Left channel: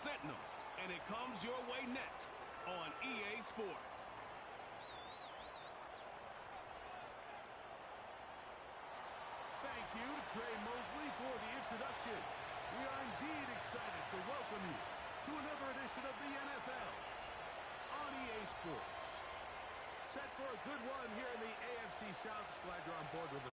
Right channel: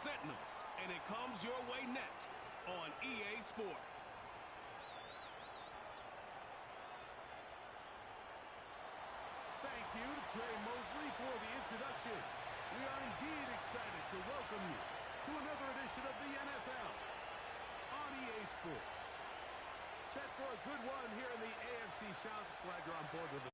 Sentinels, and it comes your way next on EA Sports. Thank you to Trey Mosley for the introduction. We are indeed excited to welcome you to another edition of the NFL on EA Sports. Set for a good one here in the AFC South. Glad you're on board with us.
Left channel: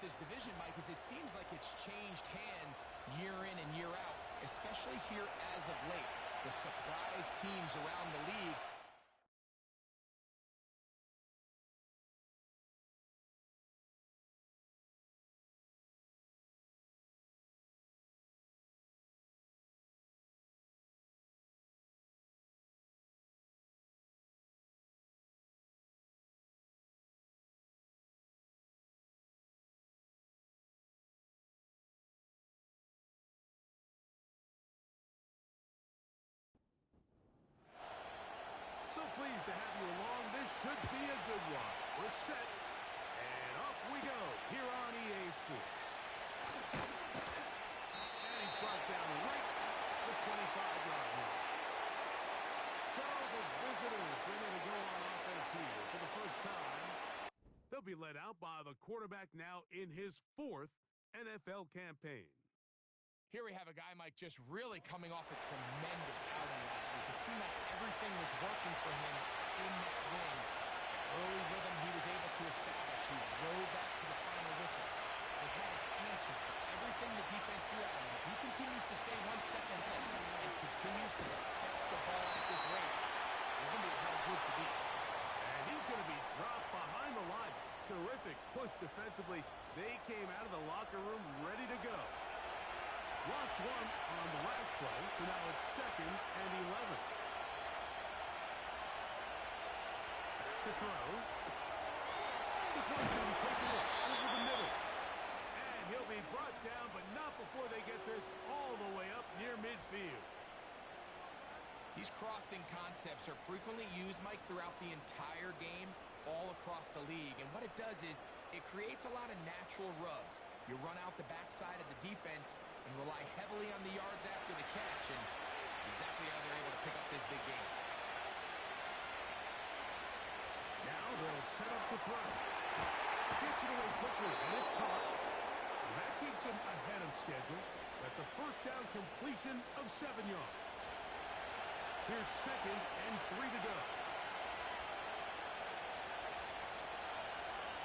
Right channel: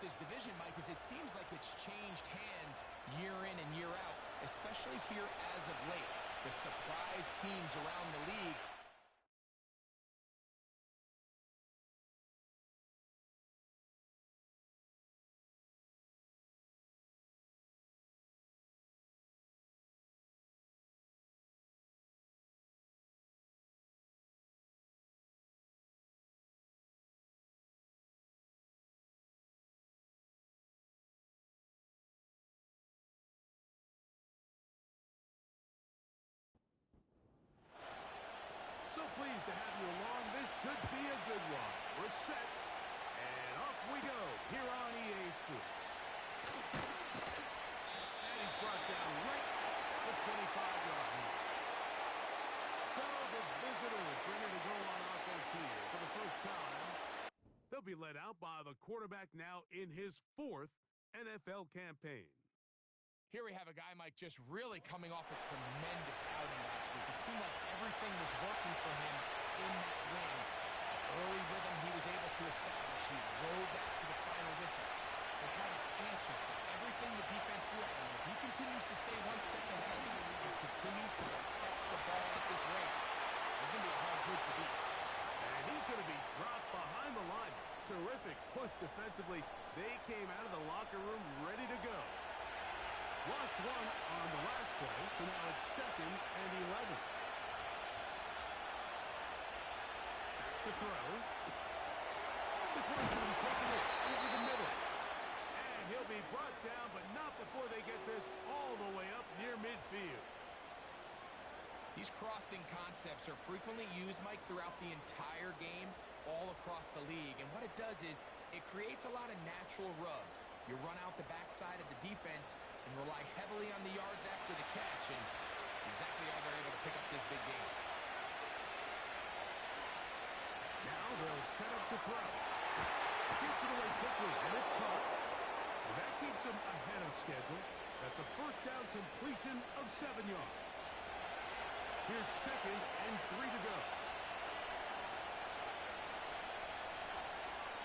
This division, Mike, is it seems like it's changed hands year in and year out, especially here as of late. The surprise teams around the league. So pleased to have you along. This should be a good one. We're set, and off we go here on EA Sports. And he's brought down right at the 25-yard line. So the visitors ready to go on offense here for the first time. They'll be led out by the quarterback now in his 4th NFL campaign. Here we have a guy, Mike, just really coming off a tremendous outing last week. It seemed like everything was working for him in that win. The early rhythm he was able to establish, he rode that to the final whistle. They had an answer for everything the defense threw at him. If he continues to stay one step ahead and continues to protect the ball at this rate, there's going to be a hard group to beat. And he's going to be dropped behind the line. Terrific push defensively. They came out of the locker room ready to go. Lost one on the last play, so now it's 2nd and 11. Back to throw. This one's going to be taken in over the middle. And he'll be brought down, but not before they get this all the way up near midfield. These crossing concepts are frequently used, Mike, throughout the entire game, all across the league. And what it does is it creates a lot of natural rubs. You run out the backside of the defense and rely heavily on the yards after the catch, and it's exactly how they're able to pick up this big game. Now they'll set up to throw. Gets it away quickly, and it's caught. And that keeps him ahead of schedule. That's a first down completion of 7 yards. Here's 2nd and 3 to go.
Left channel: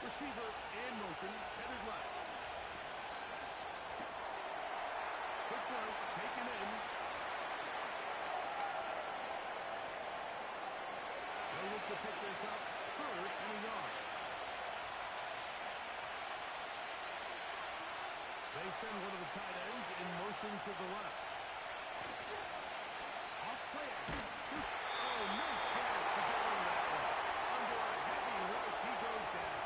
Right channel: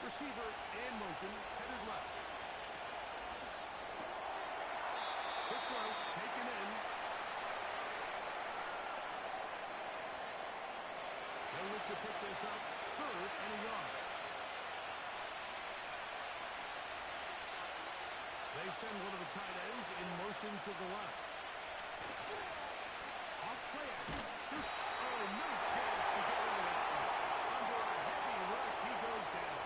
Receiver in motion, headed left. Quick throw, taken in. They'll look to pick this up, 3rd and a yard. They send one of the tight ends in motion to the left. Off play action. Oh, no chance to get rid of that one. Under a heavy rush, he goes down.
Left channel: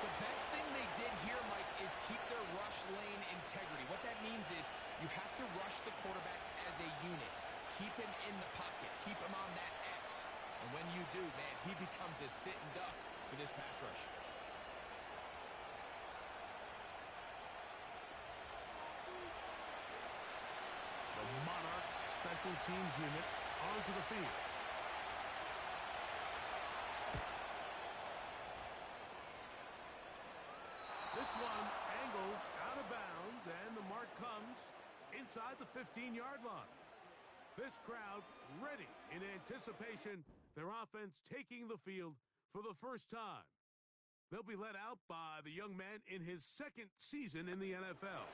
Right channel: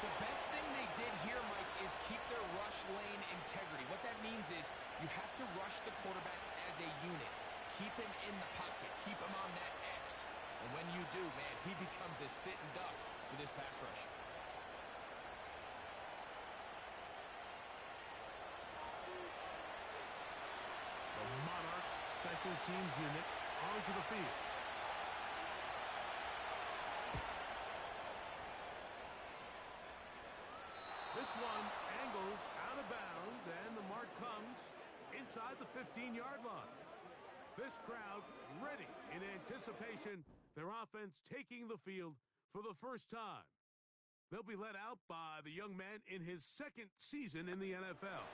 The best thing they did here, Mike, is keep their rush lane integrity. What that means is you have to rush the quarterback as a unit. Keep him in the pocket. Keep him on that X. And when you do, man, he becomes a sitting duck for this pass rush. The Monarchs special teams unit onto the field. This one angles out of bounds, and the mark comes inside the 15-yard line. This crowd ready in anticipation, their offense taking the field for the first time. They'll be led out by the young man in his 2nd season in the NFL.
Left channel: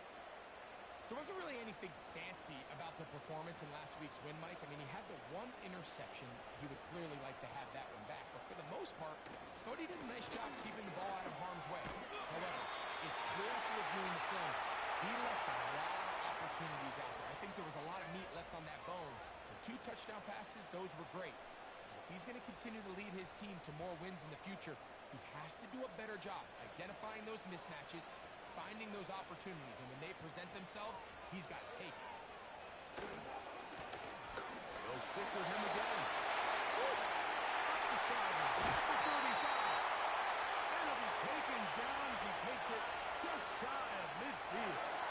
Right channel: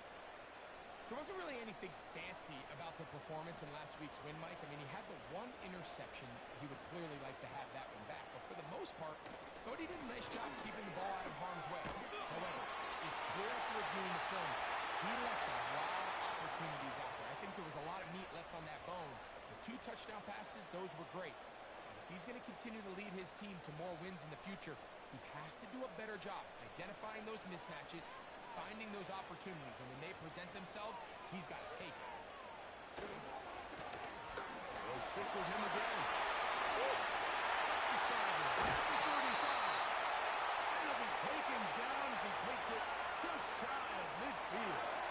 There wasn't really anything fancy about the performance in last week's win, Mike. I mean, he had the one interception. He would clearly like to have that one back. But for the most part, I thought he did a nice job keeping the ball out of harm's way. However, it's clear after reviewing the film, he left a lot of opportunities out there. I think there was a lot of meat left on that bone. The 2 touchdown passes, those were great. And if he's going to continue to lead his team to more wins in the future, he has to do a better job identifying those mismatches, finding those opportunities, and when they present themselves, he's got to take it. They'll stick with him again. Up the sideline at the 35. And he'll be taken down as he takes it just shy of midfield.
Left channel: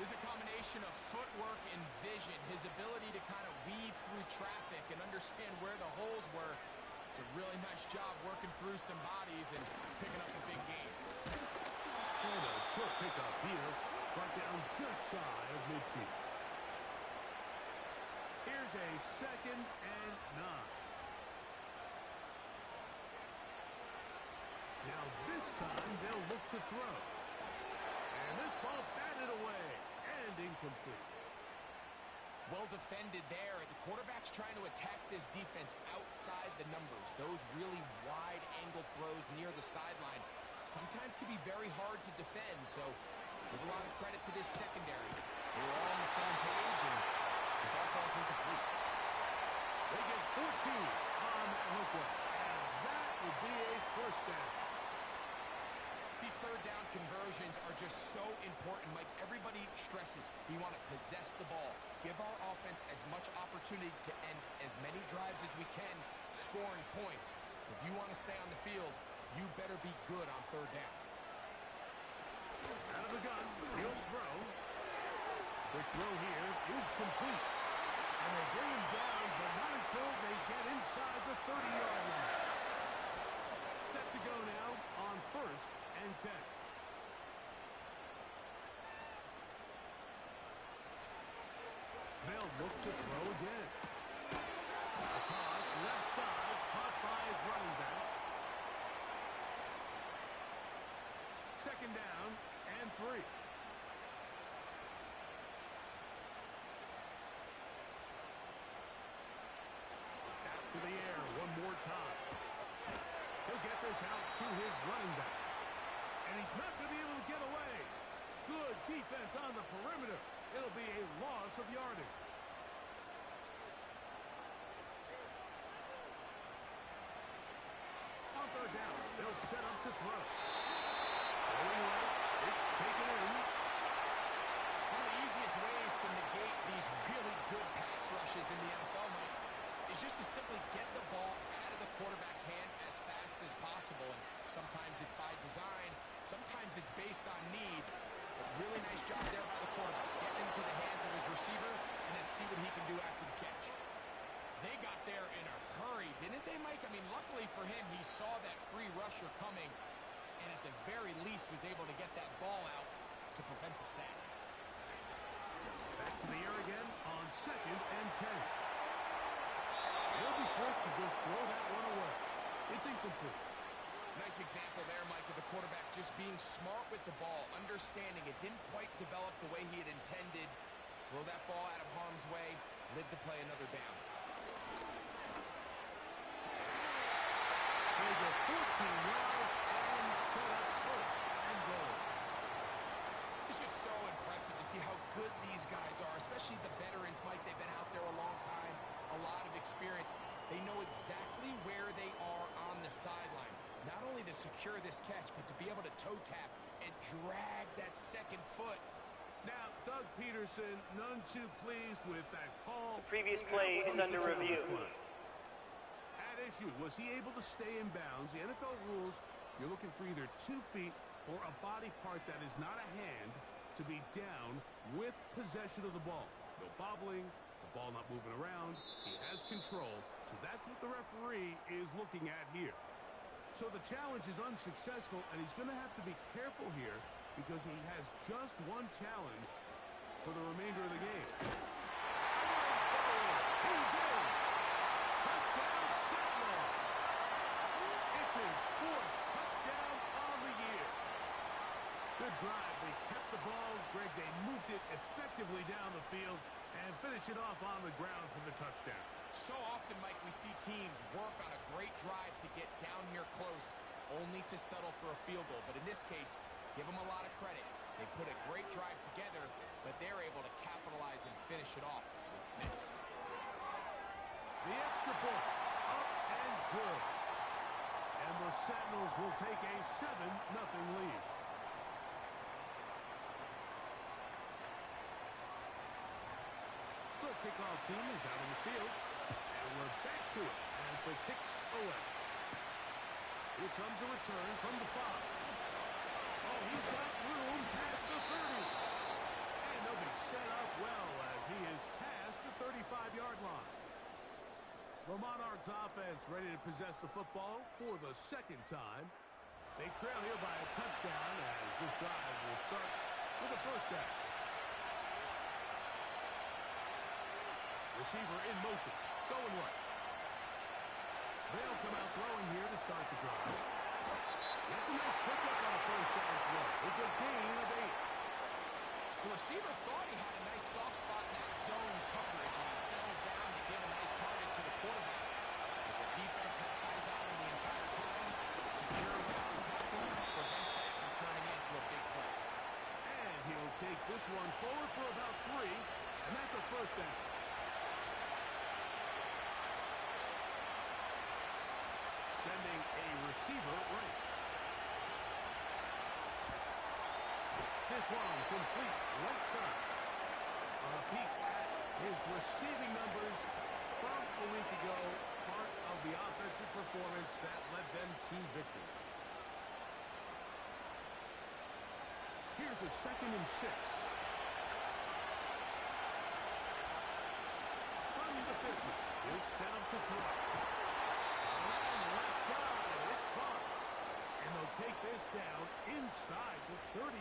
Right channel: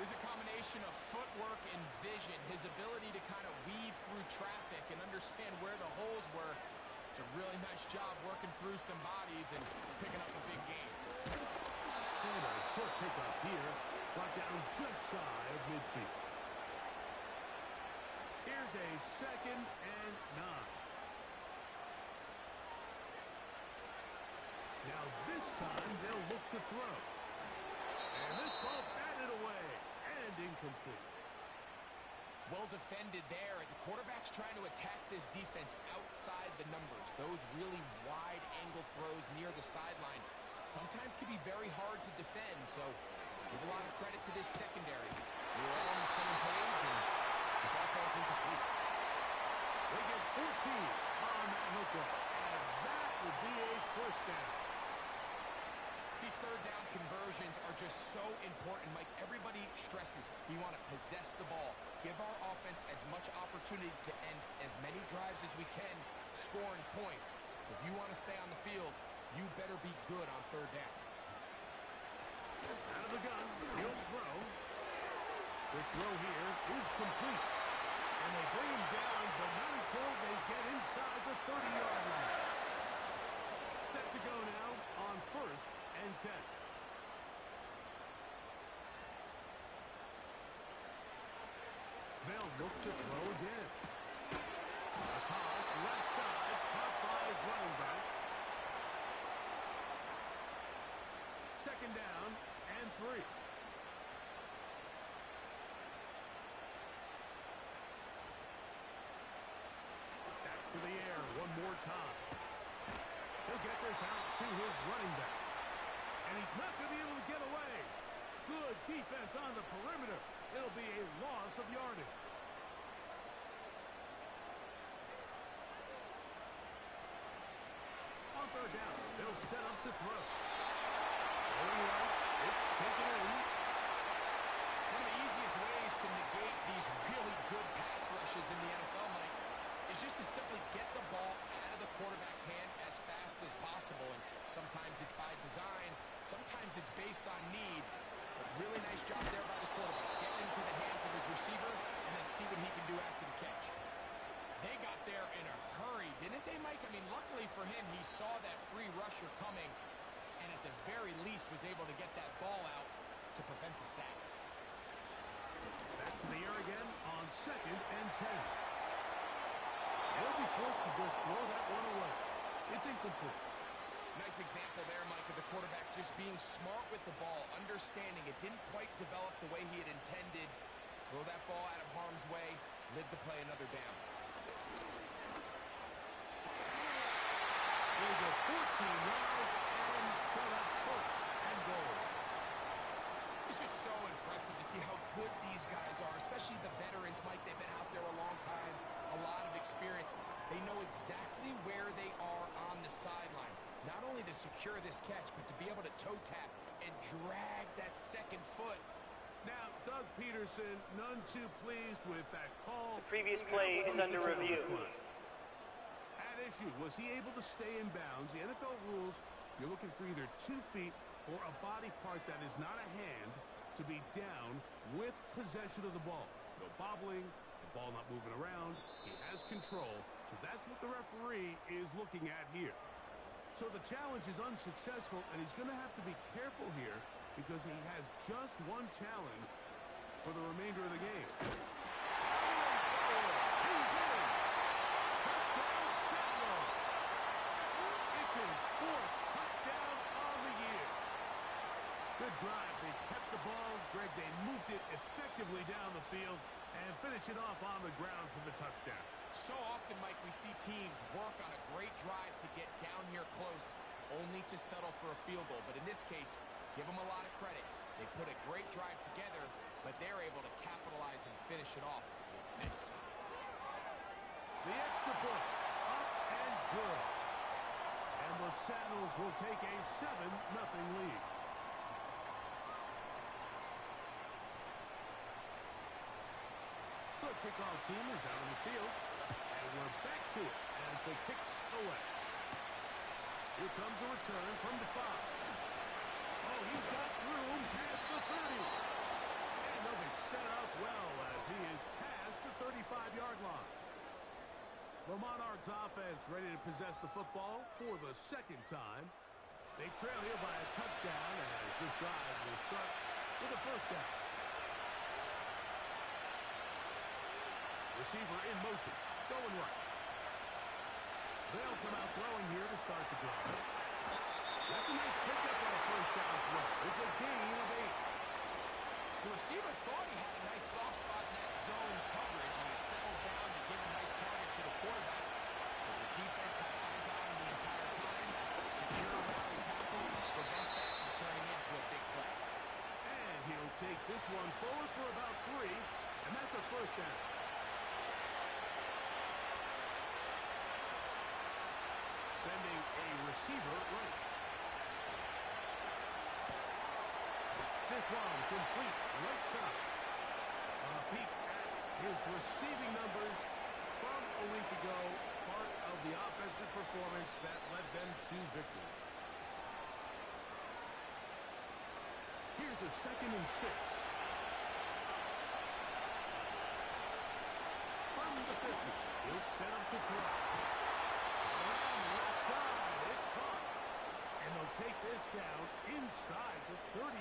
There's a combination of footwork and vision, his ability to kind of weave through traffic and understand where the holes were. It's a really nice job working through some bodies and picking up a big gain. And a short pickup here, brought down just shy of midfield. Here's a 2nd and 9. Now this time they'll look to throw. And this ball batted away and incomplete. Well defended there. The quarterback's trying to attack this defense outside the numbers. Those really wide angle throws near the sideline sometimes can be very hard to defend. So give a lot of credit to this secondary. They were all on the same page, and the ball falls incomplete. They get 14 on that hook run. And that will be a 1st down. These 3rd down conversions are just so important, Mike. Everybody stresses we want to possess the ball, give our offense as much opportunity to end as many drives as we can, scoring points. So if you want to stay on the field, you better be good on 3rd down. Out of the gun, he'll throw. Quick throw here is complete. And they bring him down, but not until they get inside the 30-yard line. Set to go now on 1st and 10. They'll look to throw again. A toss left side, caught by his running back. 2nd down and 3. Back to the air one more time. He'll get this out to his running back. And he's not going to be able to get away. Good defense on the perimeter. It'll be a loss of yardage. On 3rd down, they'll set up to throw. Going right, it's taken in. One of the easiest ways to negate these really good pass rushes in the NFL, Mike, is just to simply get the ball out of the quarterback's hand as fast as possible. And sometimes it's by design, sometimes it's based on need. But really nice job there by the quarterback, getting into the hands of his receiver and then see what he can do after the catch. They got there in a hurry, didn't they, Mike? I mean, luckily for him, he saw that free rusher coming and at the very least was able to get that ball out to prevent the sack. Back to the air again on 2nd and 10. He'll be forced to just throw that one away. It's incomplete. Nice example there, Mike, of the quarterback just being smart with the ball, understanding it didn't quite develop the way he had intended. Throw that ball out of harm's way, live to play another down. They go 14 yards and set up 1st and goal. It's just so impressive to see how good these guys are, especially the veterans, Mike. They've been out there a long time, a lot of experience. They know exactly where they are on the sideline, not only to secure this catch, but to be able to toe tap and drag that 2nd foot. Now, Doug Peterson, none too pleased with that call. The previous play is under review. At issue, was he able to stay in bounds? The NFL rules, you're looking for either 2 feet or a body part that is not a hand to be down with possession of the ball. No bobbling, the ball not moving around. He has control, so that's what the referee is looking at here. So the challenge is unsuccessful, and he's going to have to be careful here because he has just one challenge for the remainder of the game. Powering forward. He's in. Touchdown, Sentinels. It's his 4th touchdown on the year. Good drive. They kept the ball. Greg, they moved it effectively down the field and finish it off on the ground for the touchdown. So often, Mike, we see teams work on a great drive to get down here close, only to settle for a field goal. But in this case, give them a lot of credit. They put a great drive together, but they're able to capitalize and finish it off with 6. The extra point, up and good. And the Sentinels will take a 7-0 lead. kickoff team is out on the field. And we're back to it as the kick's away. Here comes a return from the 5. Oh, he's got room past the 30. And they'll be set up well as he is past the 35-yard line. The Monarchs offense ready to possess the football for the second time. They trail here by a touchdown as this drive will start with a first down. Receiver in motion, going right. They'll come out throwing here to start the drive. That's a nice pickup on a first down throw. It's a gain of 8. The receiver thought he had a nice soft spot in that zone coverage, and he settles down to give a nice target to the quarterback. But the defense had eyes on him the entire time. Secure rally tackle prevents that from turning into a big play. And he'll take this one forward for about 3, and that's a first down. Sending a receiver right. This one complete right side. A peek at his receiving numbers from a week ago. Part of the offensive performance that led them to victory. Here's a 2nd and 6. From the 50. He'll set up to throw. Around left side. It's caught. And they'll take this down inside the 35.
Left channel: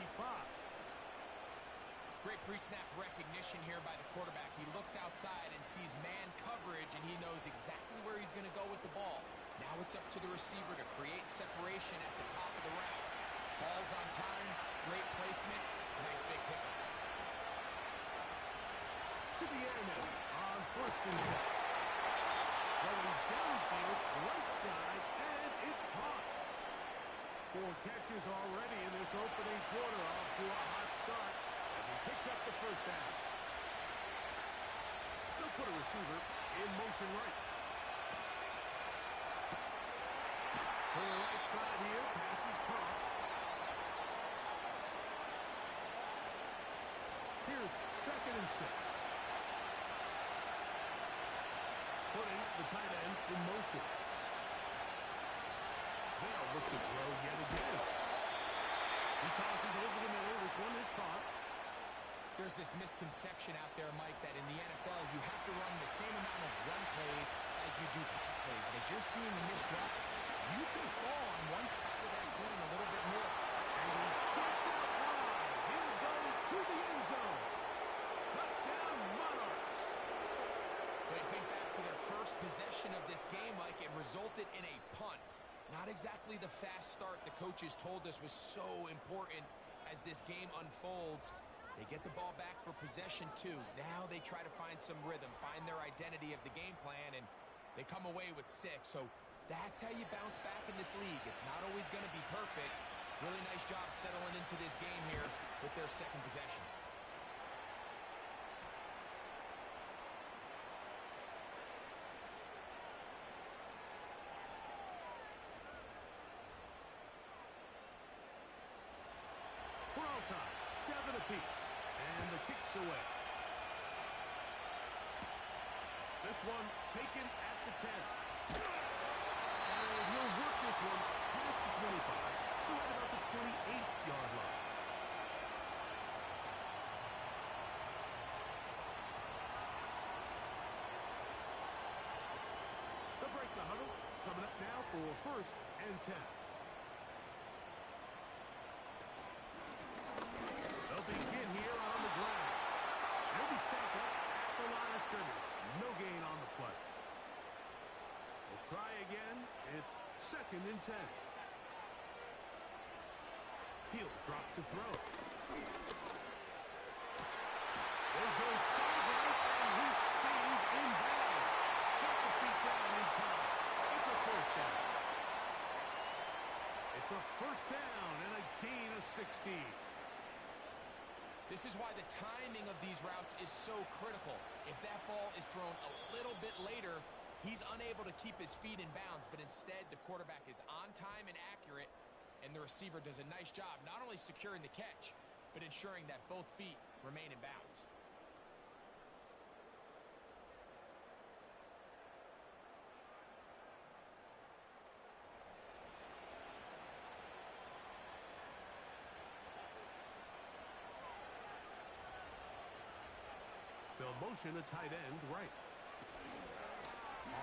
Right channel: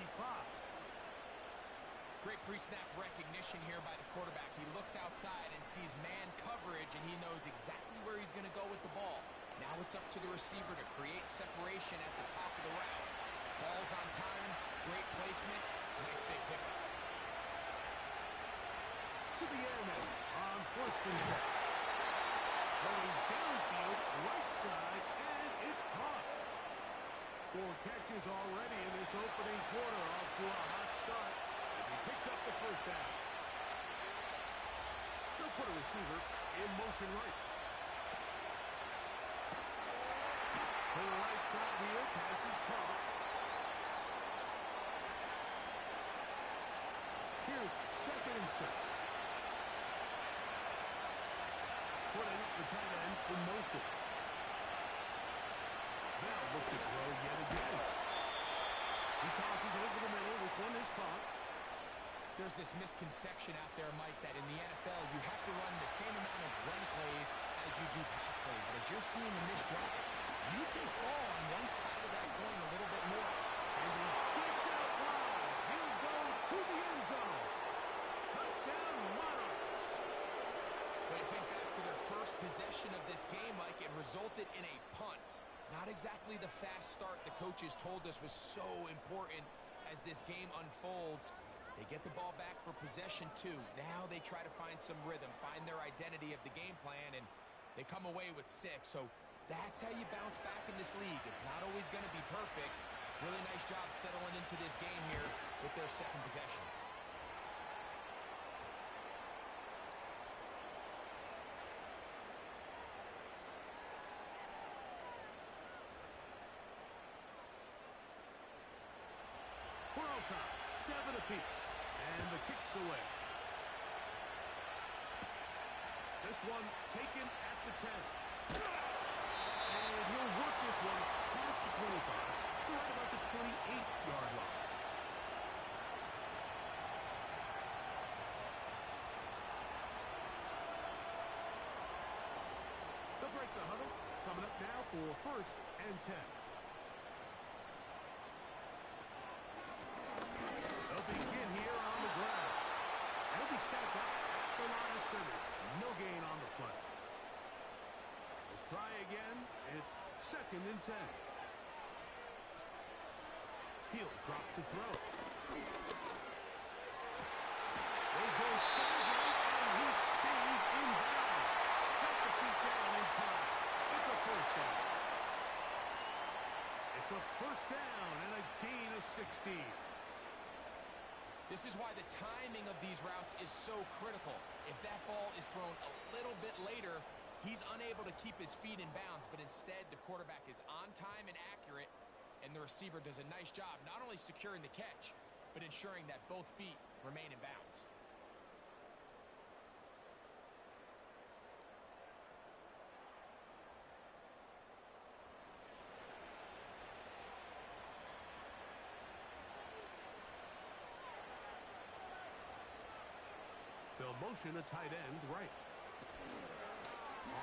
Great pre-snap recognition here by the quarterback. He looks outside and sees man coverage, and he knows exactly where he's going to go with the ball. Now it's up to the receiver to create separation at the top of the route. Ball's on time, great placement, nice big pickup. To the air now on 1st and 10. Going downfield, right side, and it's caught. 4 catches already in this opening quarter, off to a hot start. As he picks up the first down. They'll put a receiver in motion right. To the right side here, pass is caught. Here's 2nd and 6. Putting the tight end in motion. They'll look to throw yet again. He tosses over the middle. This one is caught. There's this misconception out there, Mike, that in the NFL you have to run the same amount of run plays as you do pass plays. And as you're seeing in this drive, you can fall on one side of that coin a little bit more. And he gets out wide. He'll go to the end zone. Touchdown, Monarchs. When you think back to their first possession of this game, Mike, it resulted in a punt. Not exactly the fast start the coaches told us was so important as this game unfolds. They get the ball back for possession 2. Now they try to find some rhythm, find their identity of the game plan, and they come away with 6. So that's how you bounce back in this league. It's not always going to be perfect. Really nice job settling into this game here with their 2nd possession. For all time, 7 apiece. And the kick's away. This one taken at the 10. And he'll work this one past the 25 to right about the 28-yard line. They'll break the huddle. Coming up now for 1st and 10. They'll begin here on the ground. They'll be stacked up at the line of scrimmage. No gain on the play. They'll try again. It's 2nd and 10. He'll drop to throw. They go side right, and he stays in bounds. Got the feet down in time. It's a first down. It's a first down and a gain of 16. This is why the timing of these routes is so critical. If that ball is thrown a little bit later, he's unable to keep his feet in bounds, but instead the quarterback is on time and accurate, and the receiver does a nice job not only securing the catch, but ensuring that both feet remain in bounds. They'll motion a tight end right.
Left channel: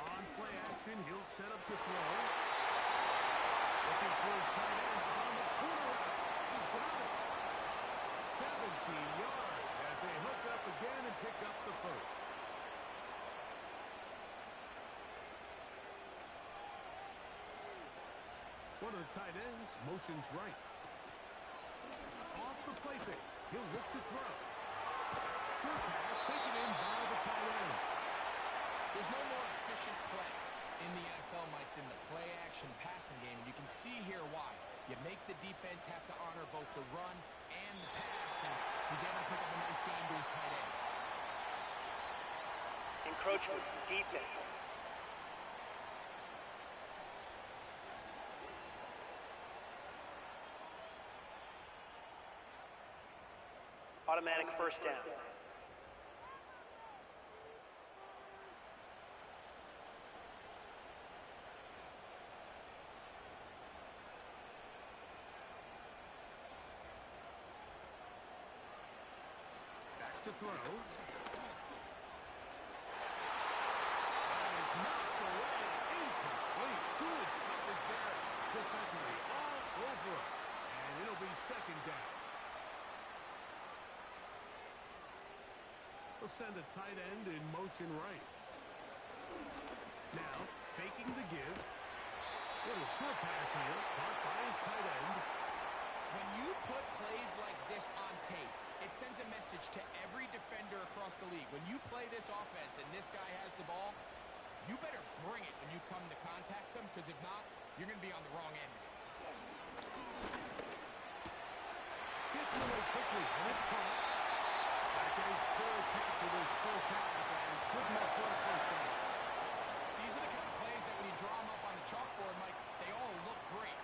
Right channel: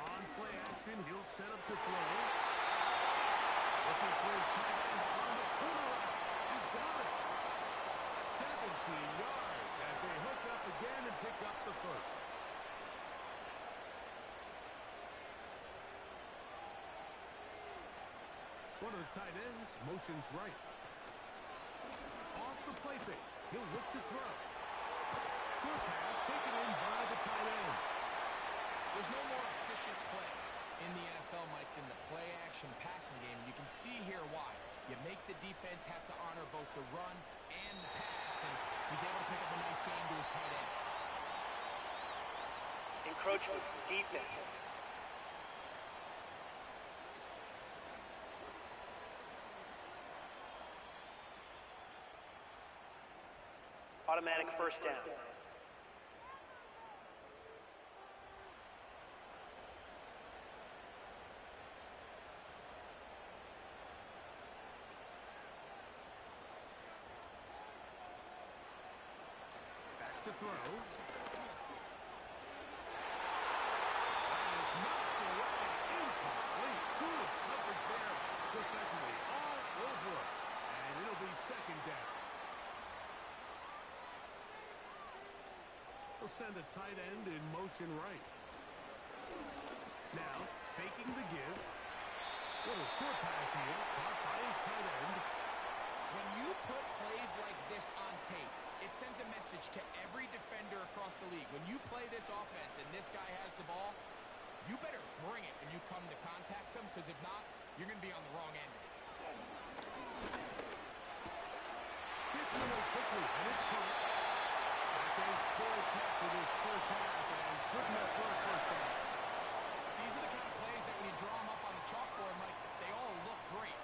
On play action, he'll set up to throw. Looking for his tight end on the corner route. He's got it. 17 yards as they hook up again and pick up the first. One of the tight ends motions right. Off the play fake. He'll look to throw. Short pass taken in by the tight end. There's no more efficient play in the NFL, Mike, than the play-action passing game. You can see here why. You make the defense have to honor both the run and the pass, and he's able to pick up a nice gain to his tight end. Encroachment defense. Automatic first down. Back to throw. That is knocked away. Incomplete. Good coverage there defensively. All over him. And it'll be second down. They'll send a tight end in motion right. Now, faking the give. Little short pass here, caught by his tight end. When you put plays like this on tape, it sends a message to every defender across the league. When you play this offense and this guy has the ball, you better bring it when you come to contact him, because if not, you're going to be on the wrong end of it. Gets it away quickly, and it's caught. That's a third catch for this first half, and good enough for a first down. These are the kind of plays that when you draw them up on the chalkboard, Mike, they all look great.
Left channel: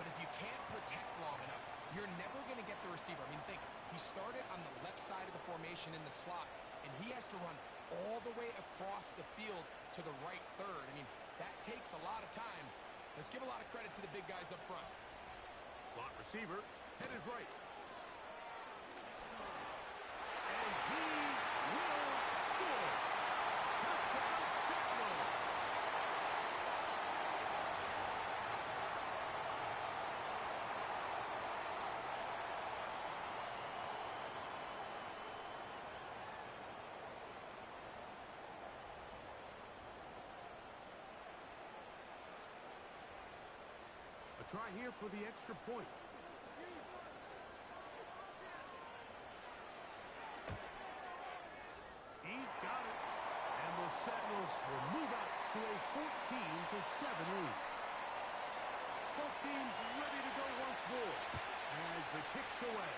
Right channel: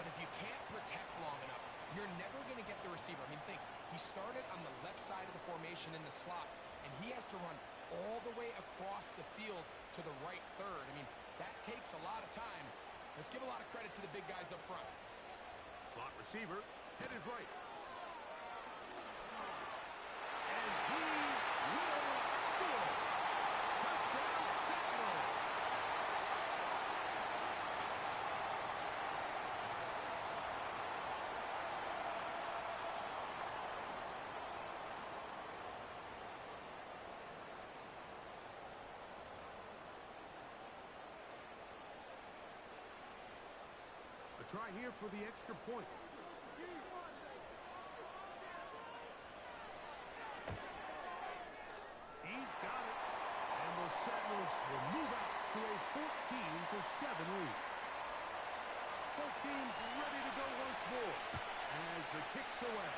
But if you can't protect long enough, you're never going to get the receiver. I mean, think, he started on the left side of the formation in the slot, and he has to run all the way across the field to the right third. I mean, that takes a lot of time. Let's give a lot of credit to the big guys up front. Slot receiver, headed right. And he will score. Touchdown, Sentinels. A try here for the extra point. He's got it. And the Sentinels will move out to a 14-7 lead. Both teams ready to go once more as the kick's away.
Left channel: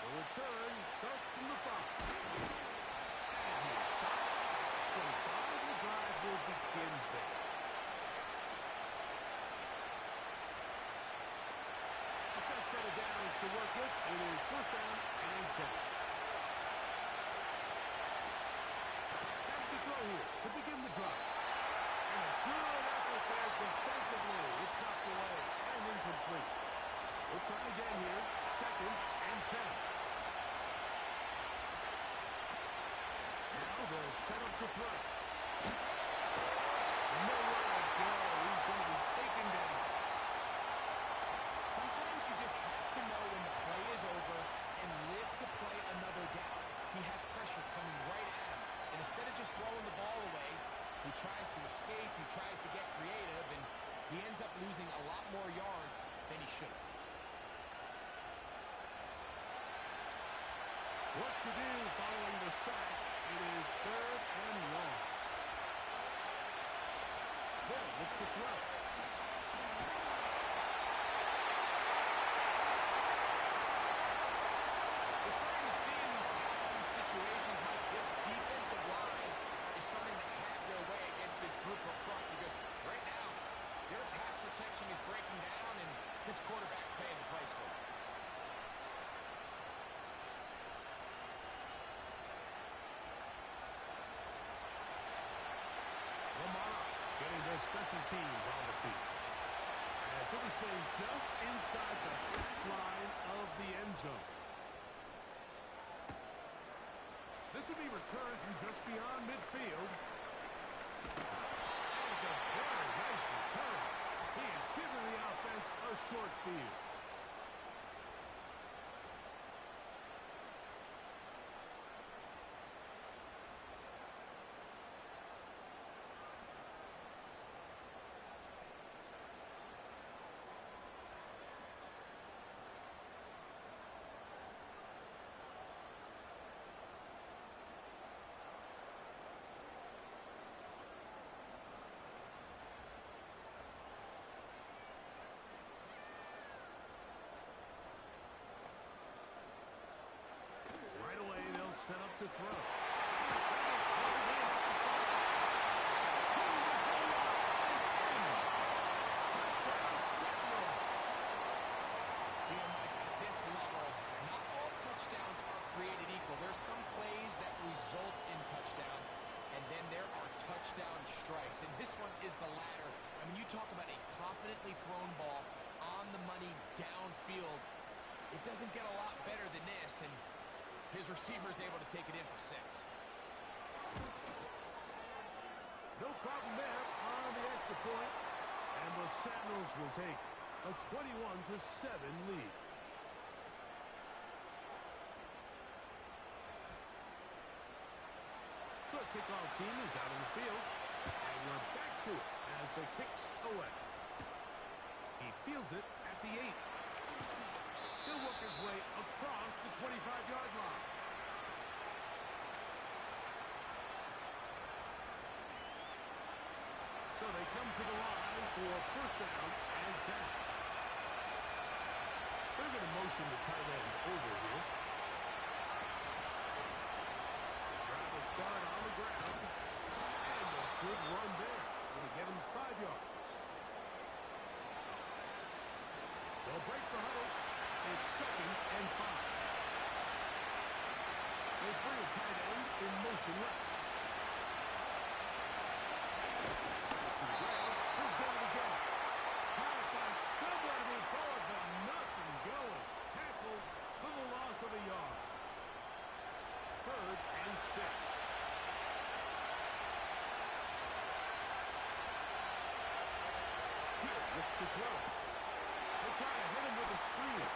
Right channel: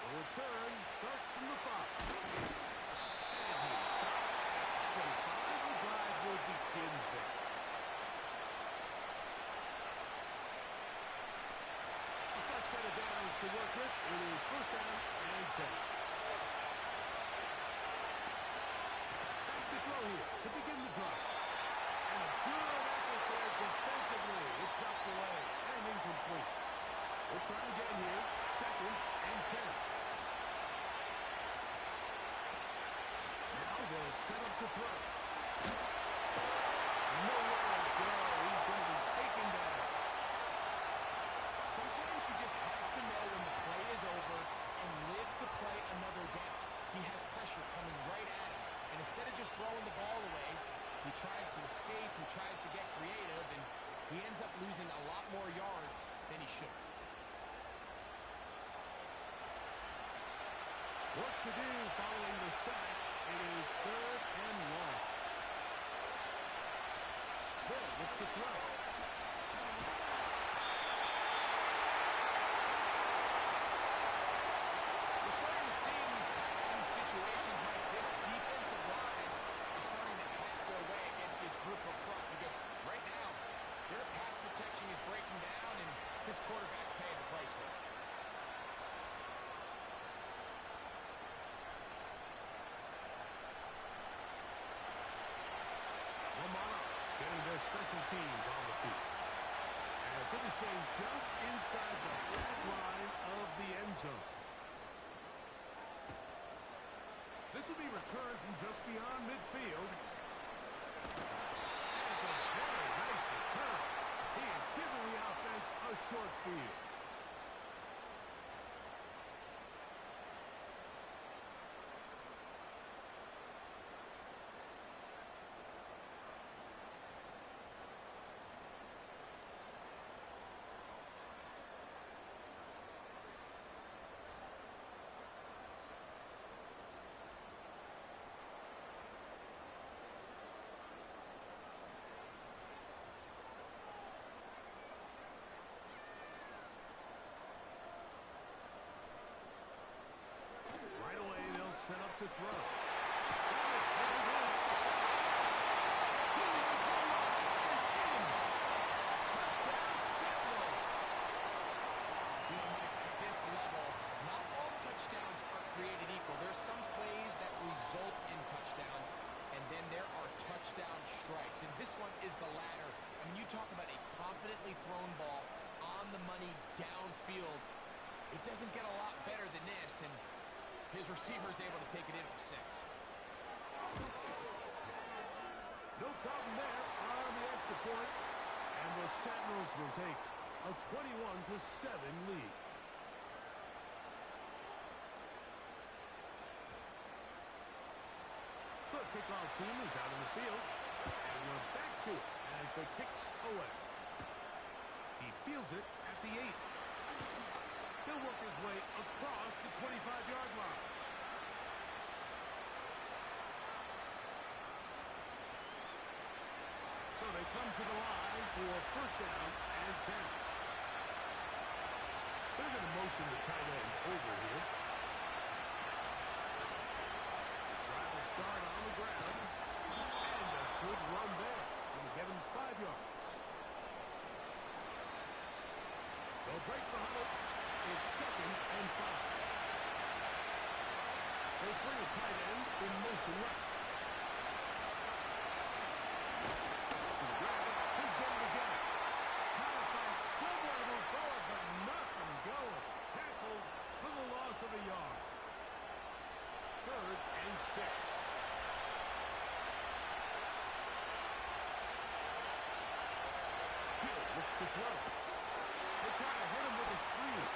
The return starts from the 5. And he's stopped at 25. The drive will begin there. A fresh set of downs to work with. It is first down and 10. Back to throw here to begin the drive. And a good effort there defensively. It's knocked away and incomplete. We'll try again here. Second and 10. Now they'll set up to throw. Nowhere to go. He's going to be taken down. Sometimes you just have to know when the play is over and live to play another down. He has pressure coming right at him, and instead of just throwing the ball away, he tries to escape, he tries to get creative, and he ends up losing a lot more yards than he should have. Work to do following the sack. It is third and long. They'll look to throw. We're starting to see in these passing situations, Mike, this defensive line is starting to have their way against this group up front, because right now, their pass protection is breaking down, and this quarterback's paying the price for it. The Monarchs getting their special teams on the field. As it is staying just inside the back line of the end zone. This will be returned from just beyond midfield. And it's a very nice return. He has given the offense a short field. Set up to throw. That is pulled in at the 5. To the goal line and in. Touchdown, Sentinels. You know, Mike, at this level, not all touchdowns are created equal. There's some plays that result in touchdowns, and then there are touchdown strikes. And this one is the latter. I mean, you talk about a confidently thrown ball on the money downfield. It doesn't get a lot better than this, and his receiver is able to take it in for 6. No problem there on the extra point. And the Sentinels will take a 21-7 lead. The kickoff team is out in the field. And we're back to it as the kick's away. He fields it at the 8. He'll work his way across the 25-yard line. So they come to the line for first down and 10. They're going to motion the tight end over here. The drive will start on the ground. And a good run there. Going to get him 5 yards. They'll break the huddle. It's 2nd and 5. They bring a tight end in motion left. To the ground. He'll get it again. Trying to find somewhere to move forward, but nothing going. Tackled for the loss of a yard. 3rd and 6. He'll look to throw. They try to hit him with a screen.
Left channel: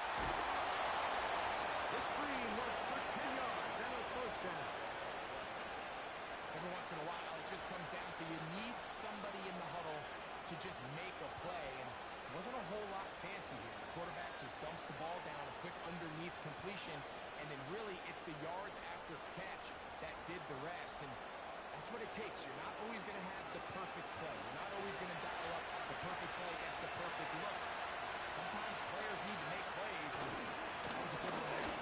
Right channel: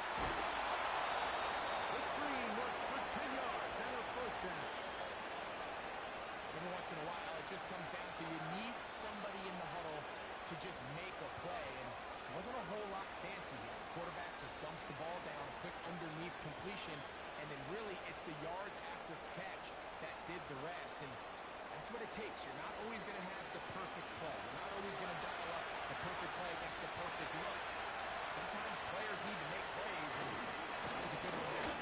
The screen works for 10 yards and a first down. Every once in a while, it just comes down to you need somebody in the huddle to just make a play. And it wasn't a whole lot fancy here. The quarterback just dumps the ball down, a quick underneath completion, and then really it's the yards after catch that did the rest. And that's what it takes. You're not always going to have the perfect play. You're not always going to dial up the perfect play against the perfect look. Sometimes players need to make plays, and that was a good one there.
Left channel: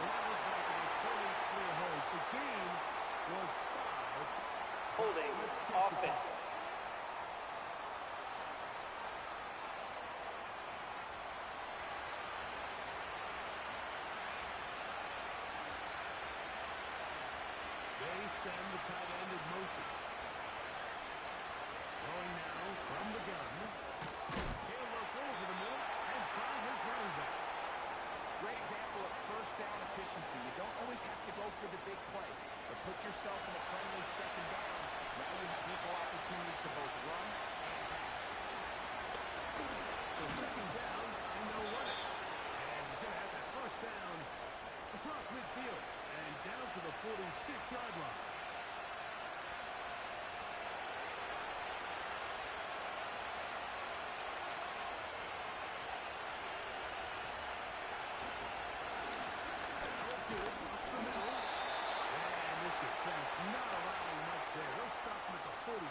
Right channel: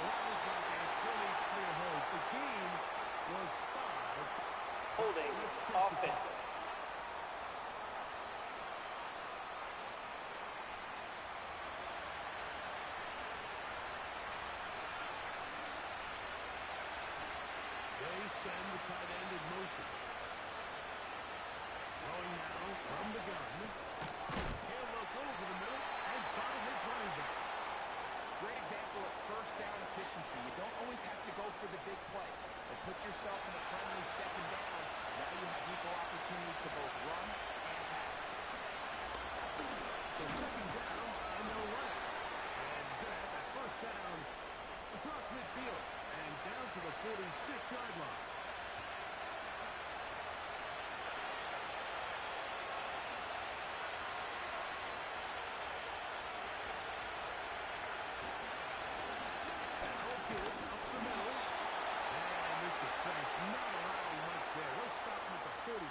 Well, that looked like a pretty clear hold. The gain was 5. Holding offense. They send the tight end in motion. Throwing now from the gun. He'll look over the middle and find his running back. Great example of first down efficiency. You don't always have to go for the big play, but put yourself in a friendly 2nd down. Now you have equal opportunity to both run and pass. So 2nd down and no running. And he's going to have that first down across midfield and down to the 46-yard line. Defense not allowing much there. They'll stop him at the 45.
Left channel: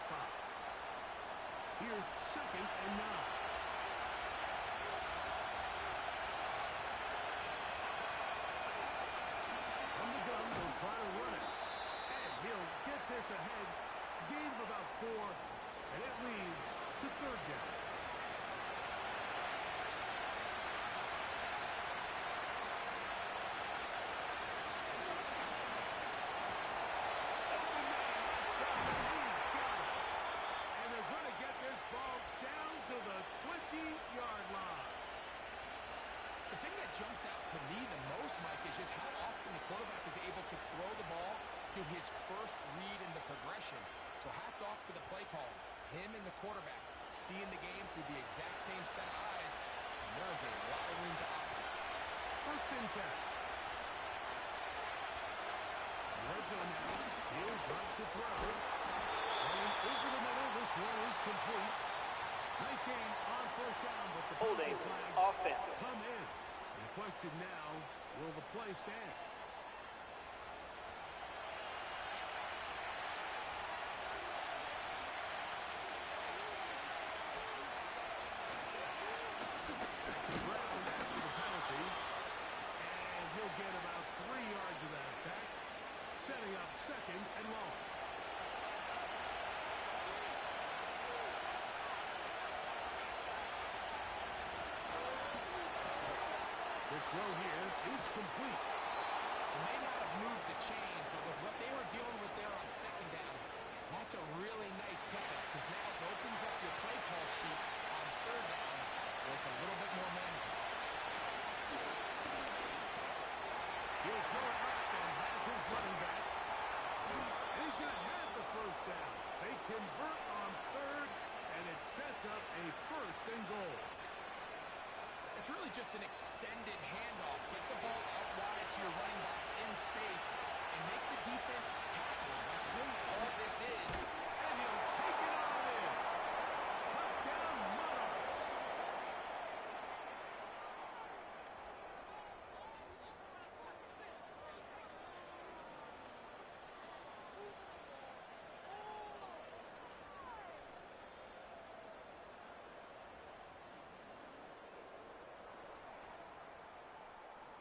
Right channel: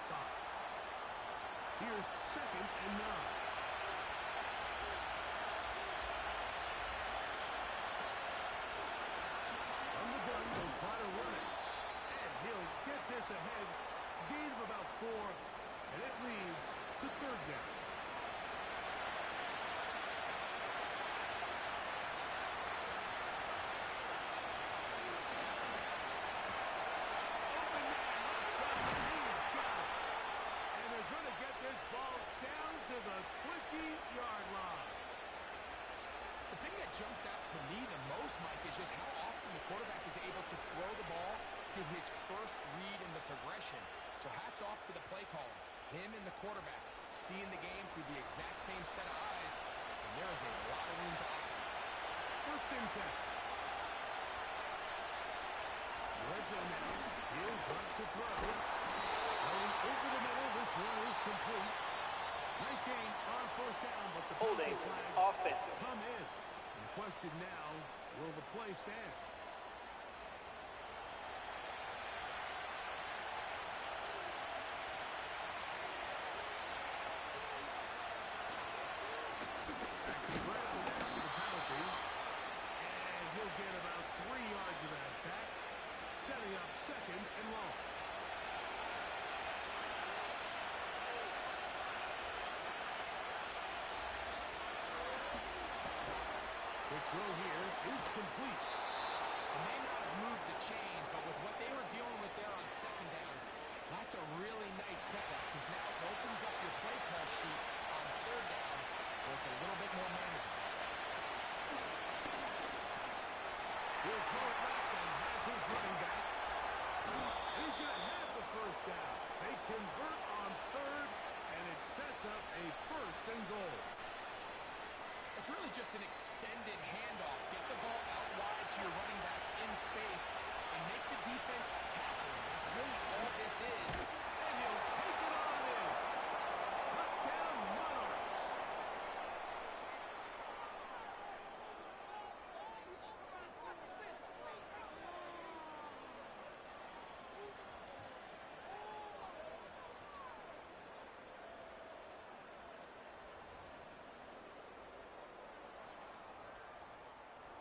Here's 2nd and 9. From the gun, they'll try to run it. And he'll get this ahead. Gain of about 4. And it leads to 3rd down. jumps out to me the most, Mike, is just how often the quarterback is able to throw the ball to his first read in the progression. So hats off to the play caller. Him and the quarterback seeing the game through the exact same set of eyes, and there is a lot of room to operate. First and 10. Red zone now. He'll drop to throw. Going over the middle. This one is complete. Nice game on first down, but the holding flags offense come in. And the question now, will the play stand? Back to the ground after the penalty. And he'll get about 3 yards of that back, setting up second and long. The throw here is complete. They may not have moved the chains, but with what they were dealing with there on second down, that's a really nice pickup because now it opens up your play call sheet on third down where it's a little bit more manageable. He'll throw it left and has his running back. And he's going to have the first down. They convert on third, and it sets up a first and goal. It's really just an extended handoff. Get the ball out wide to your running back in space and make the defense tackle him. That's really all this is. And he'll take it on in. Touchdown, Monarchs.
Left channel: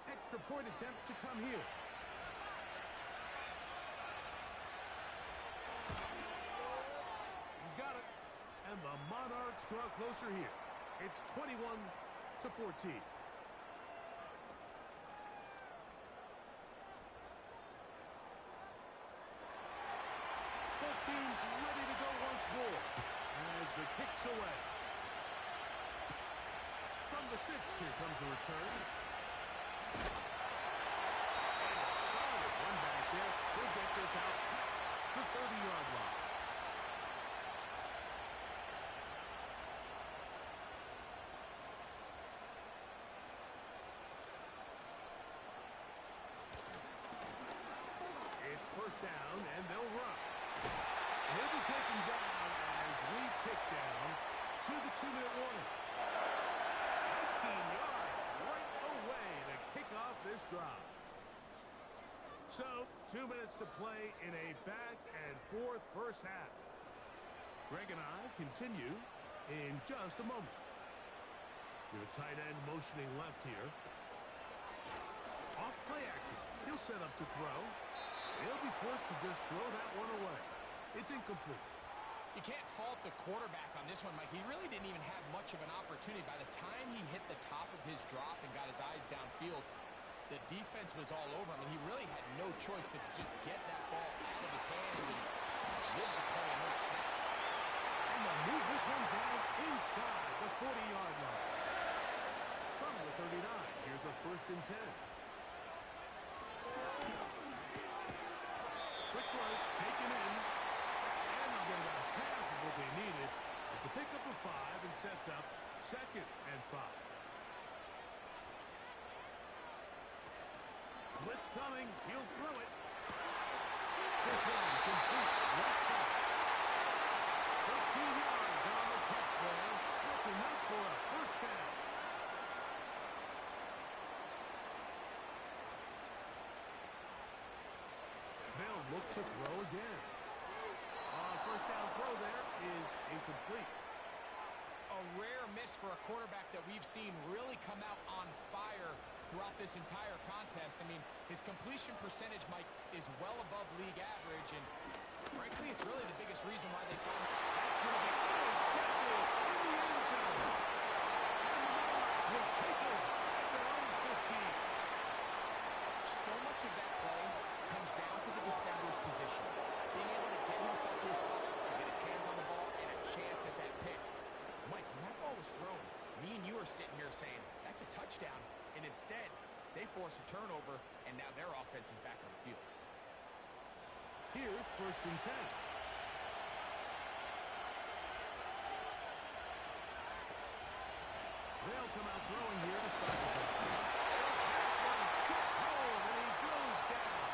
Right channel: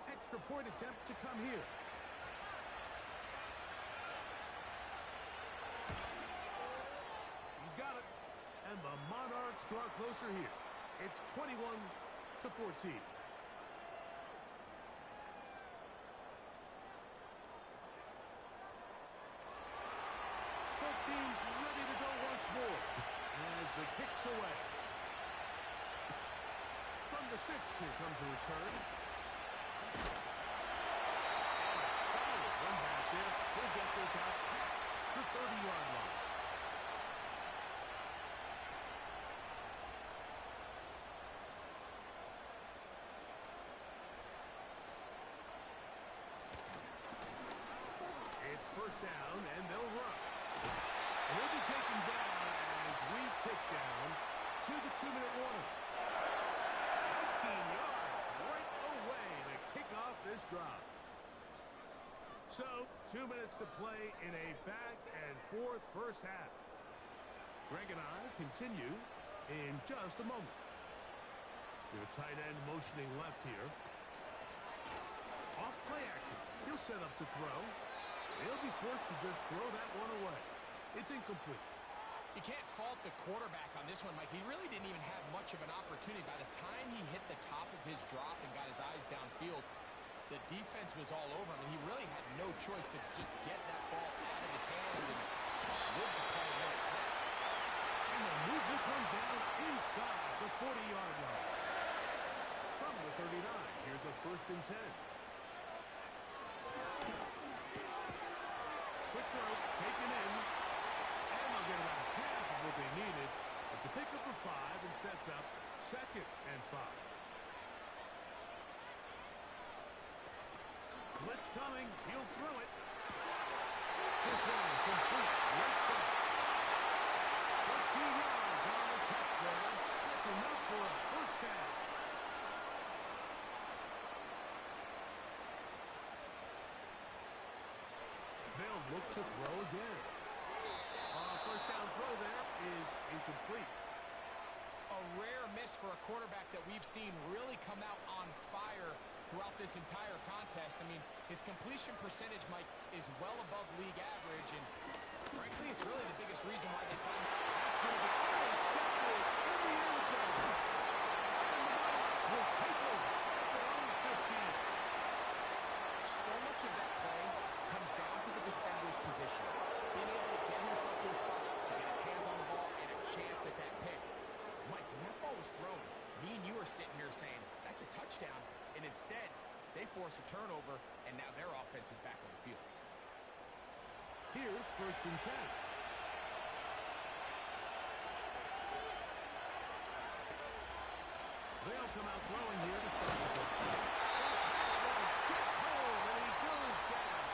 Extra point attempt to come here. He's got it. And the Monarchs draw closer here. It's 21-14. Both teams ready to go once more as the kick's away. From the 6, here comes a return. And a solid one back there. He'll get this out past the 30-yard line. It's first down, and they'll run. And he'll be taken down as we tick down to the 2-minute warning. 19 yards right away to kick off this drive. So, 2 minutes to play in a back-and-forth first half. Greg and I continue in just a moment. We have a tight end motioning left here. Off play action. He'll set up to throw. He'll be forced to just throw that one away. It's incomplete. You can't fault the quarterback on this one, Mike. He really didn't even have much of an opportunity. By the time he hit the top of his drop and got his eyes downfield, the defense was all over him, and he really had no choice but to just get that ball out of his hand and live the play and let it snap. And they'll move this one down inside the 40-yard line. From the 39, here's a first and 10. Quick throw, taken in. And they'll get about half of what they needed. It's a pickup of 5 and sets up second and 5. Blitz coming. He'll throw it. This one complete. Right side. 13 yards on the catch there. That's enough for a first down. They'll look to throw again. First down throw there is incomplete. A rare miss for a quarterback that we've seen really come out on fire throughout this entire contest. I mean, his completion percentage, Mike, is well above league average, and frankly, it's really the biggest reason why they find that's going to be intercepted in the end zone. And the Monarchs will take over at their own 15. So much of that play comes down to the defender's position. Being able to get himself to a spot to get his hands on the ball and a chance at that pick. Mike, when that ball was thrown, me and you are sitting here saying, that's a touchdown. and instead, they force a turnover, and now their offense is back on the field. Here's 1st and 10. They'll come out throwing here to start the drive. Gets home, and he goes down.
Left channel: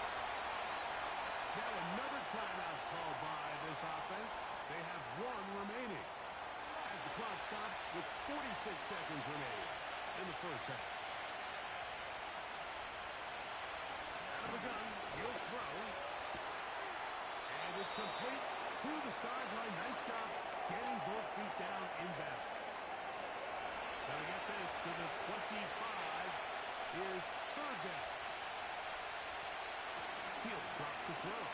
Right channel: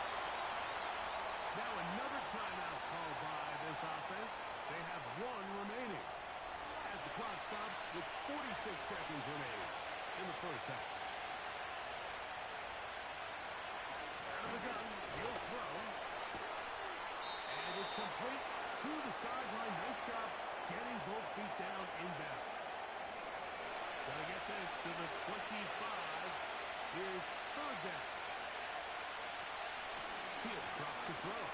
Now another timeout called by this offense. They have 1 remaining as the clock stops with 46 seconds remaining in the first half. Out of the gun, he'll throw. And it's complete to the sideline. Nice job getting both feet down in bounds. Gonna get this to the 25. Here's 3rd down. He'll drop the throw.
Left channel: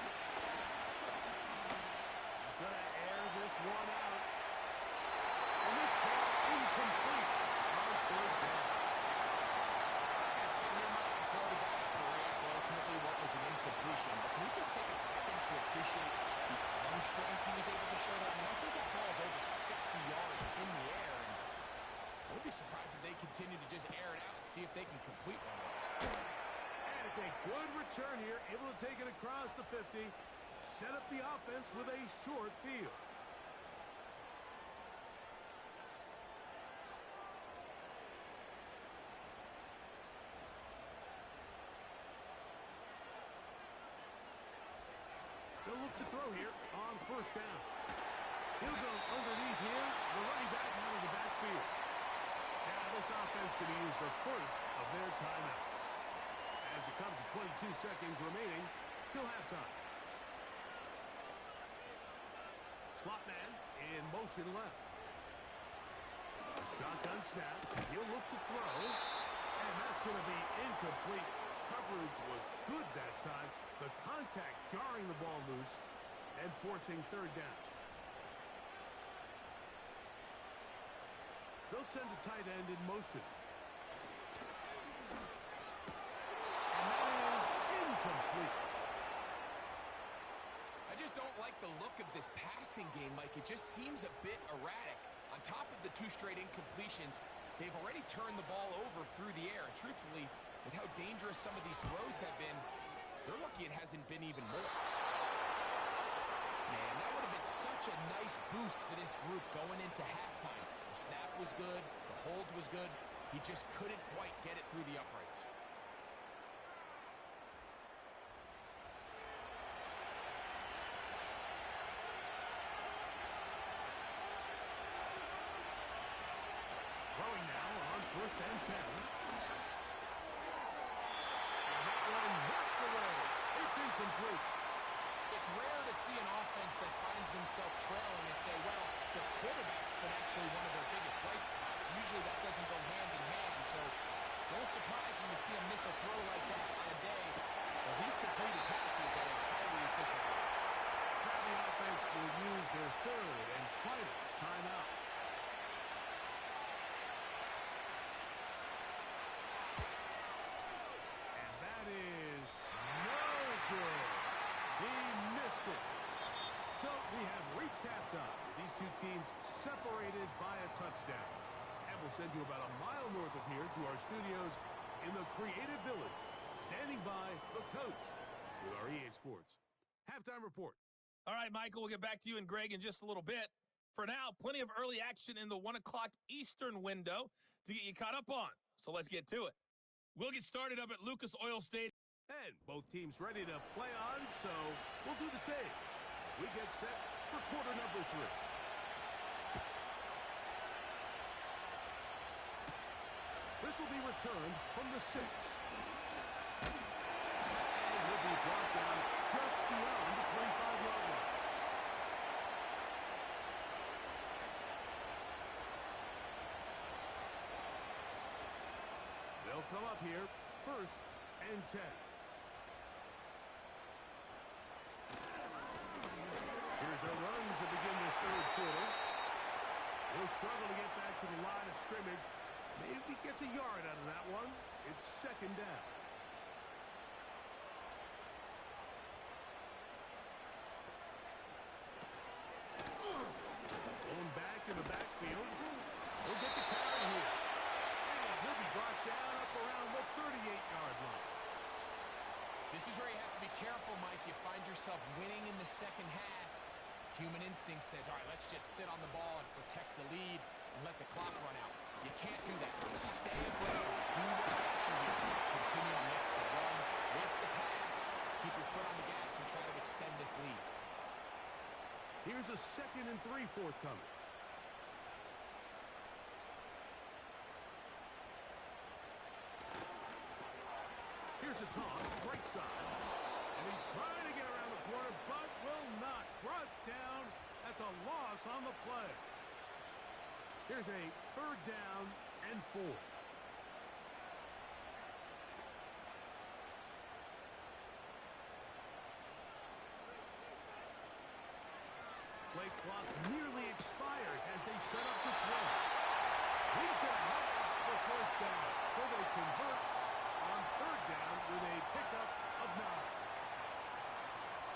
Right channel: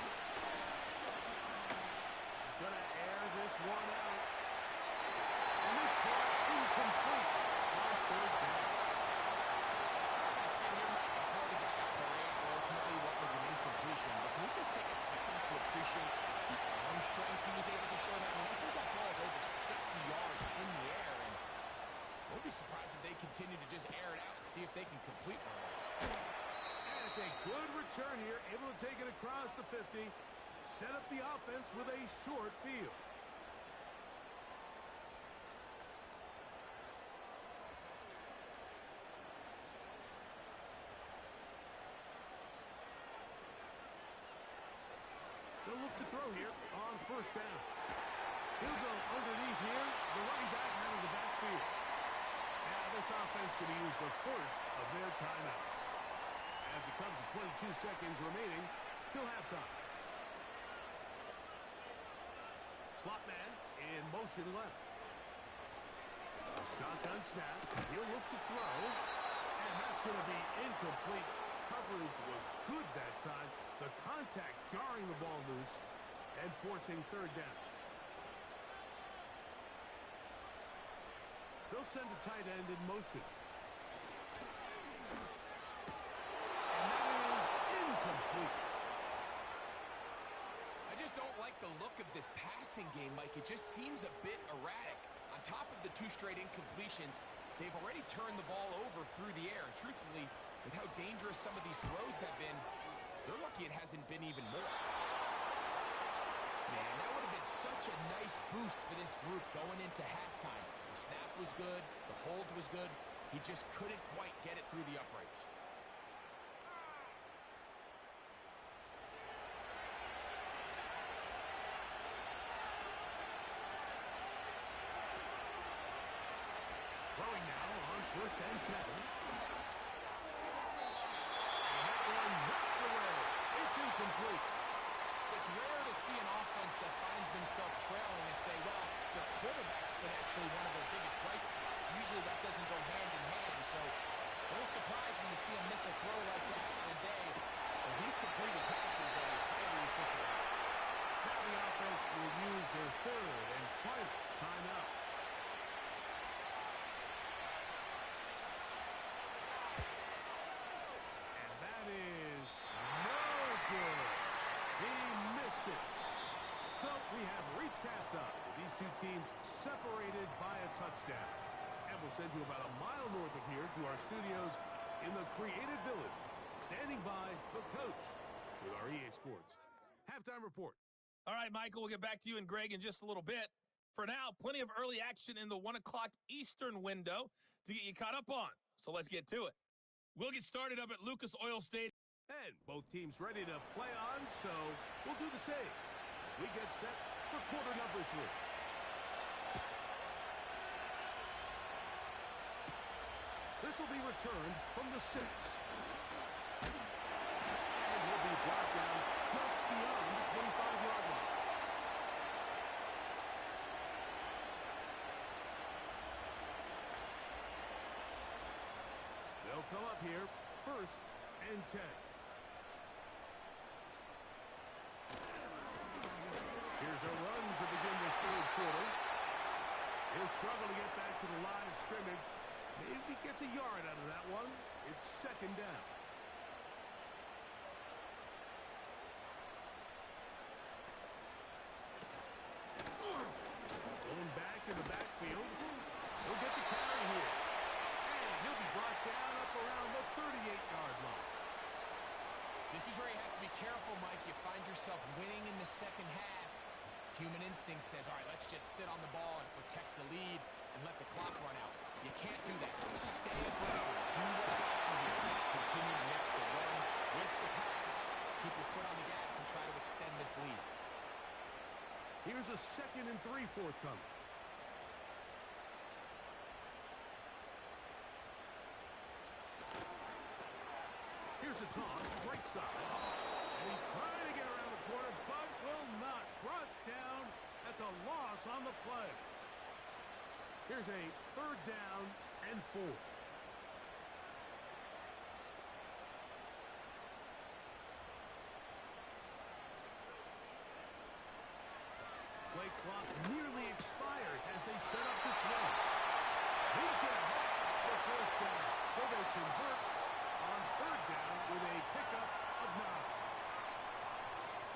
He's gonna air this one out. And this ball incomplete on 3rd down. I'm going to sit here, Mike, and throw the guy a parade for ultimately what was an incompletion. But can we just take a second to appreciate the arm strength he was able to show there? I mean, I think that ball is over 60 yards in the air. And I won't be surprised if they continue to just air it out and see if they can complete one of those. And it's a good return here, able to take it across the 50, set up the offense with a short field. They'll look to throw here on 1st down. He'll go underneath here, the running back out of the backfield. Now this offense going to use the first of their timeouts as it comes to 22 seconds remaining till halftime. Slot man in motion left. A shotgun snap. He'll look to throw. And that's going to be incomplete. Coverage was good that time. The contact jarring the ball loose and forcing 3rd down. They'll send a tight end in motion. And that is incomplete. I just don't like the look of this passing game, Mike. It just seems a bit erratic. On top of the 2 straight incompletions, they've already turned the ball over through the air. And truthfully, with how dangerous some of these throws have been, they're lucky it hasn't been even more. Man, that would have been such a nice boost for this group going into halftime. The snap was good. The hold was good. He just couldn't quite get it through the uprights. Throwing now on 1st and 10. And that one knocked away. It's incomplete. It's rare to see an offense that finds themselves trailing and say, well, their quarterback's been actually one of their biggest bright spots. Usually that doesn't go hand in hand, so it's a little surprising to see him miss a throw like that on a day where he's completed passes at a highly efficient rate. Now the offense will use their 3rd and final timeout. And that is no good. He missed it. So we have reached halftime with these 2 teams separated by a touchdown. And we'll send you about a mile north of here to our studios in the Creative Village, standing by the coach with our EA Sports halftime report. All right, Michael, we'll get back to you and Greg in just a little bit. For now, plenty of early action in the 1 o'clock Eastern window to get you caught up on. So let's get to it. We'll get started up at Lucas Oil Stadium. And both teams ready to play on, so we'll do the same as we get set for quarter number 3. This will be returned from the 6. And he'll be brought down just beyond the 25-yard line. They'll come up here, 1st and 10. Here's a run to begin this 3rd quarter. He'll struggle to get back to the line of scrimmage. Maybe gets a yard out of that one. It's 2nd down. Going back in the backfield. He'll get the carry here. And he'll be brought down up around This is where you have to be careful, Mike. You find yourself winning in the second half. Human instinct says, all right, let's just sit on the ball and protect the lead and let the clock run out. You can't do that. Stay aggressive. Do what got you here. Continue to mix the run with the pass. Keep your foot on the gas and try to extend this lead. Here's a 2nd and 3 forthcoming. Here's a toss, right side. And he's trying to get around the corner, but will not. Brought down. That's a loss on the play. Here's a 3rd down and 4. Play clock nearly expires as they set up to throw. He's going to have the 1st down, so they convert on 3rd down with a pickup of 9.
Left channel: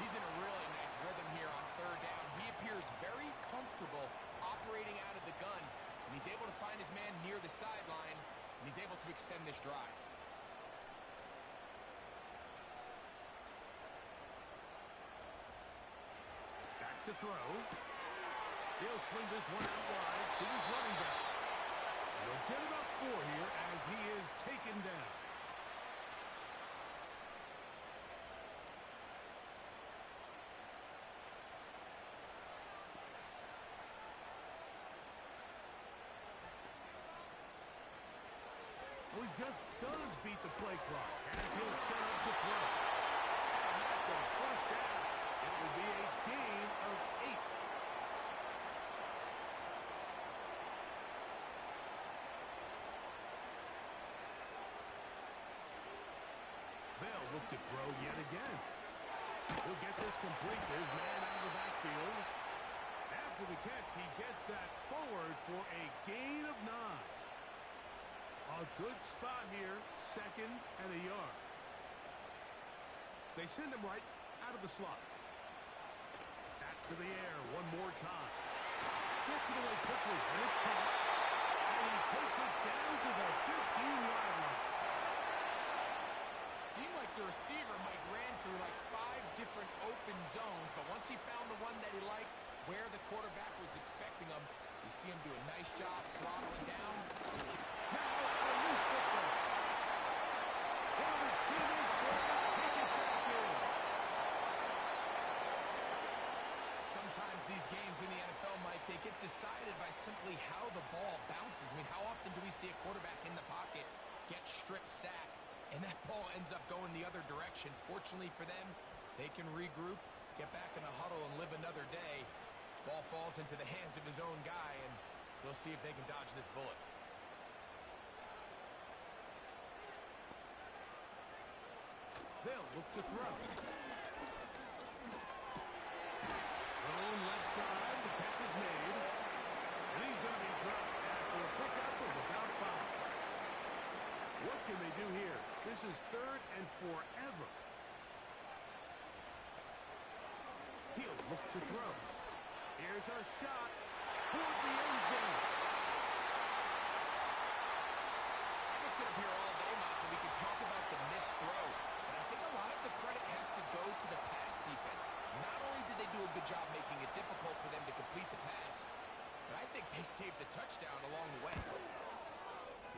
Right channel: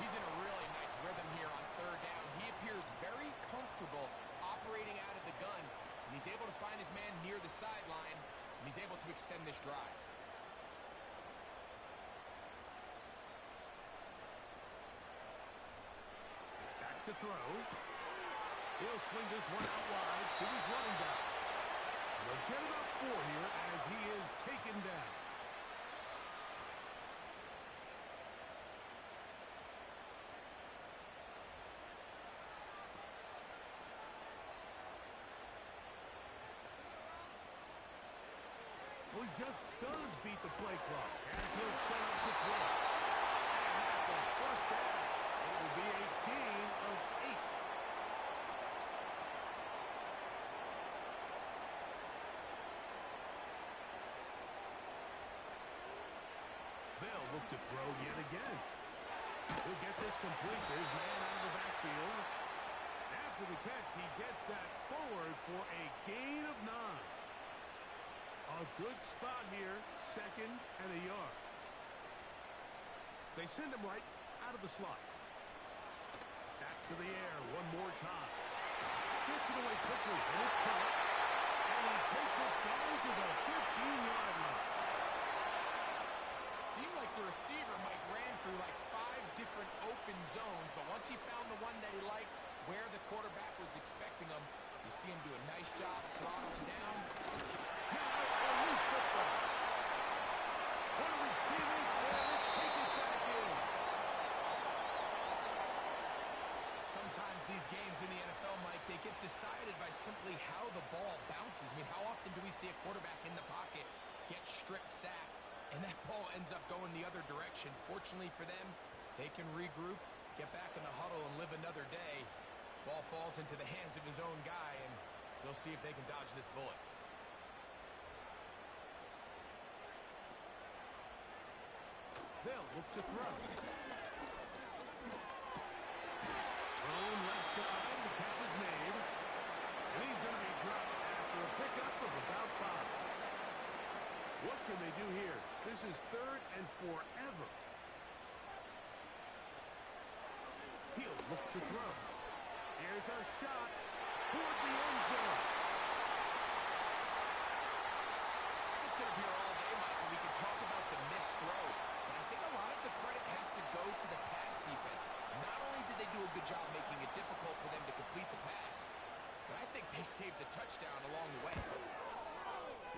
He's in a really nice rhythm here on 3rd down. He appears very comfortable operating out of the gun, and he's able to find his man near the sideline, and he's able to extend this drive. Back to throw. He'll swing this one out wide to his running back. And he'll get about 4 here as he is taken down. Well, he just does beat the play clock as he'll set up to throw. And that's a 1st down. It will be a gain of 8. They'll look to throw yet again. He'll get this complete to his man out of the backfield. After the catch, he gets that forward for a gain of 9. A good spot here, 2nd and a yard. They send him right out of the slot. Back to the air one more time. Gets it away quickly, and it's caught. And he takes it down to the 15-yard line. Seemed like the receiver, Mike, ran through like 5 different open zones, but once he found the one that he liked, where the quarterback was expecting him, you see him do a nice job throttling down. Now a loose football. One of his teammates there to take it back in. Sometimes these games in the NFL, Mike, they get decided by simply how the ball bounces. I mean, how often do we see a quarterback in the pocket get stripped sack, and that ball ends up going the other direction? Fortunately for them, they can regroup, get back in the huddle, and live another day. Ball falls into the hands of his own guy, and they'll see if they can dodge this bullet. They'll look to throw. Thrown left side, the catch is made. And he's going to be dropped after a pickup of about 5. What can they do here? This is 3rd and forever. He'll look to throw. Here's a shot toward the end zone. I can sit up here all day, Mike, and we can talk about the missed throw. But I think a lot of the credit has to go to the pass defense. Not only did they do a good job making it difficult for them to complete the pass, but I think they saved the touchdown along the way.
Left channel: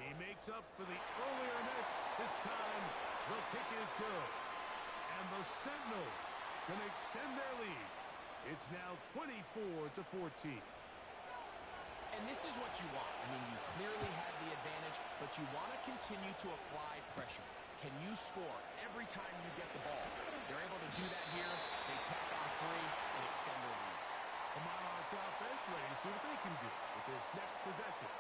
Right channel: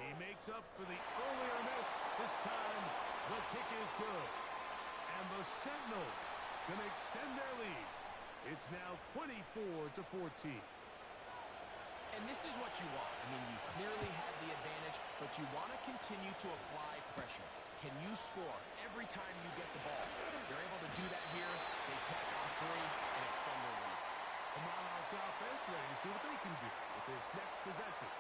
He makes up for the earlier miss. This time, the kick is good. And the Sentinels going to extend their lead. It's now 24-14. And this is what you want. I mean, you clearly have the advantage, but you want to continue to apply pressure. Can you score every time you get the ball? They're able to do that here. They tack on 3 and extend their lead. The Monarchs offense ready to see what they can do with this next possession.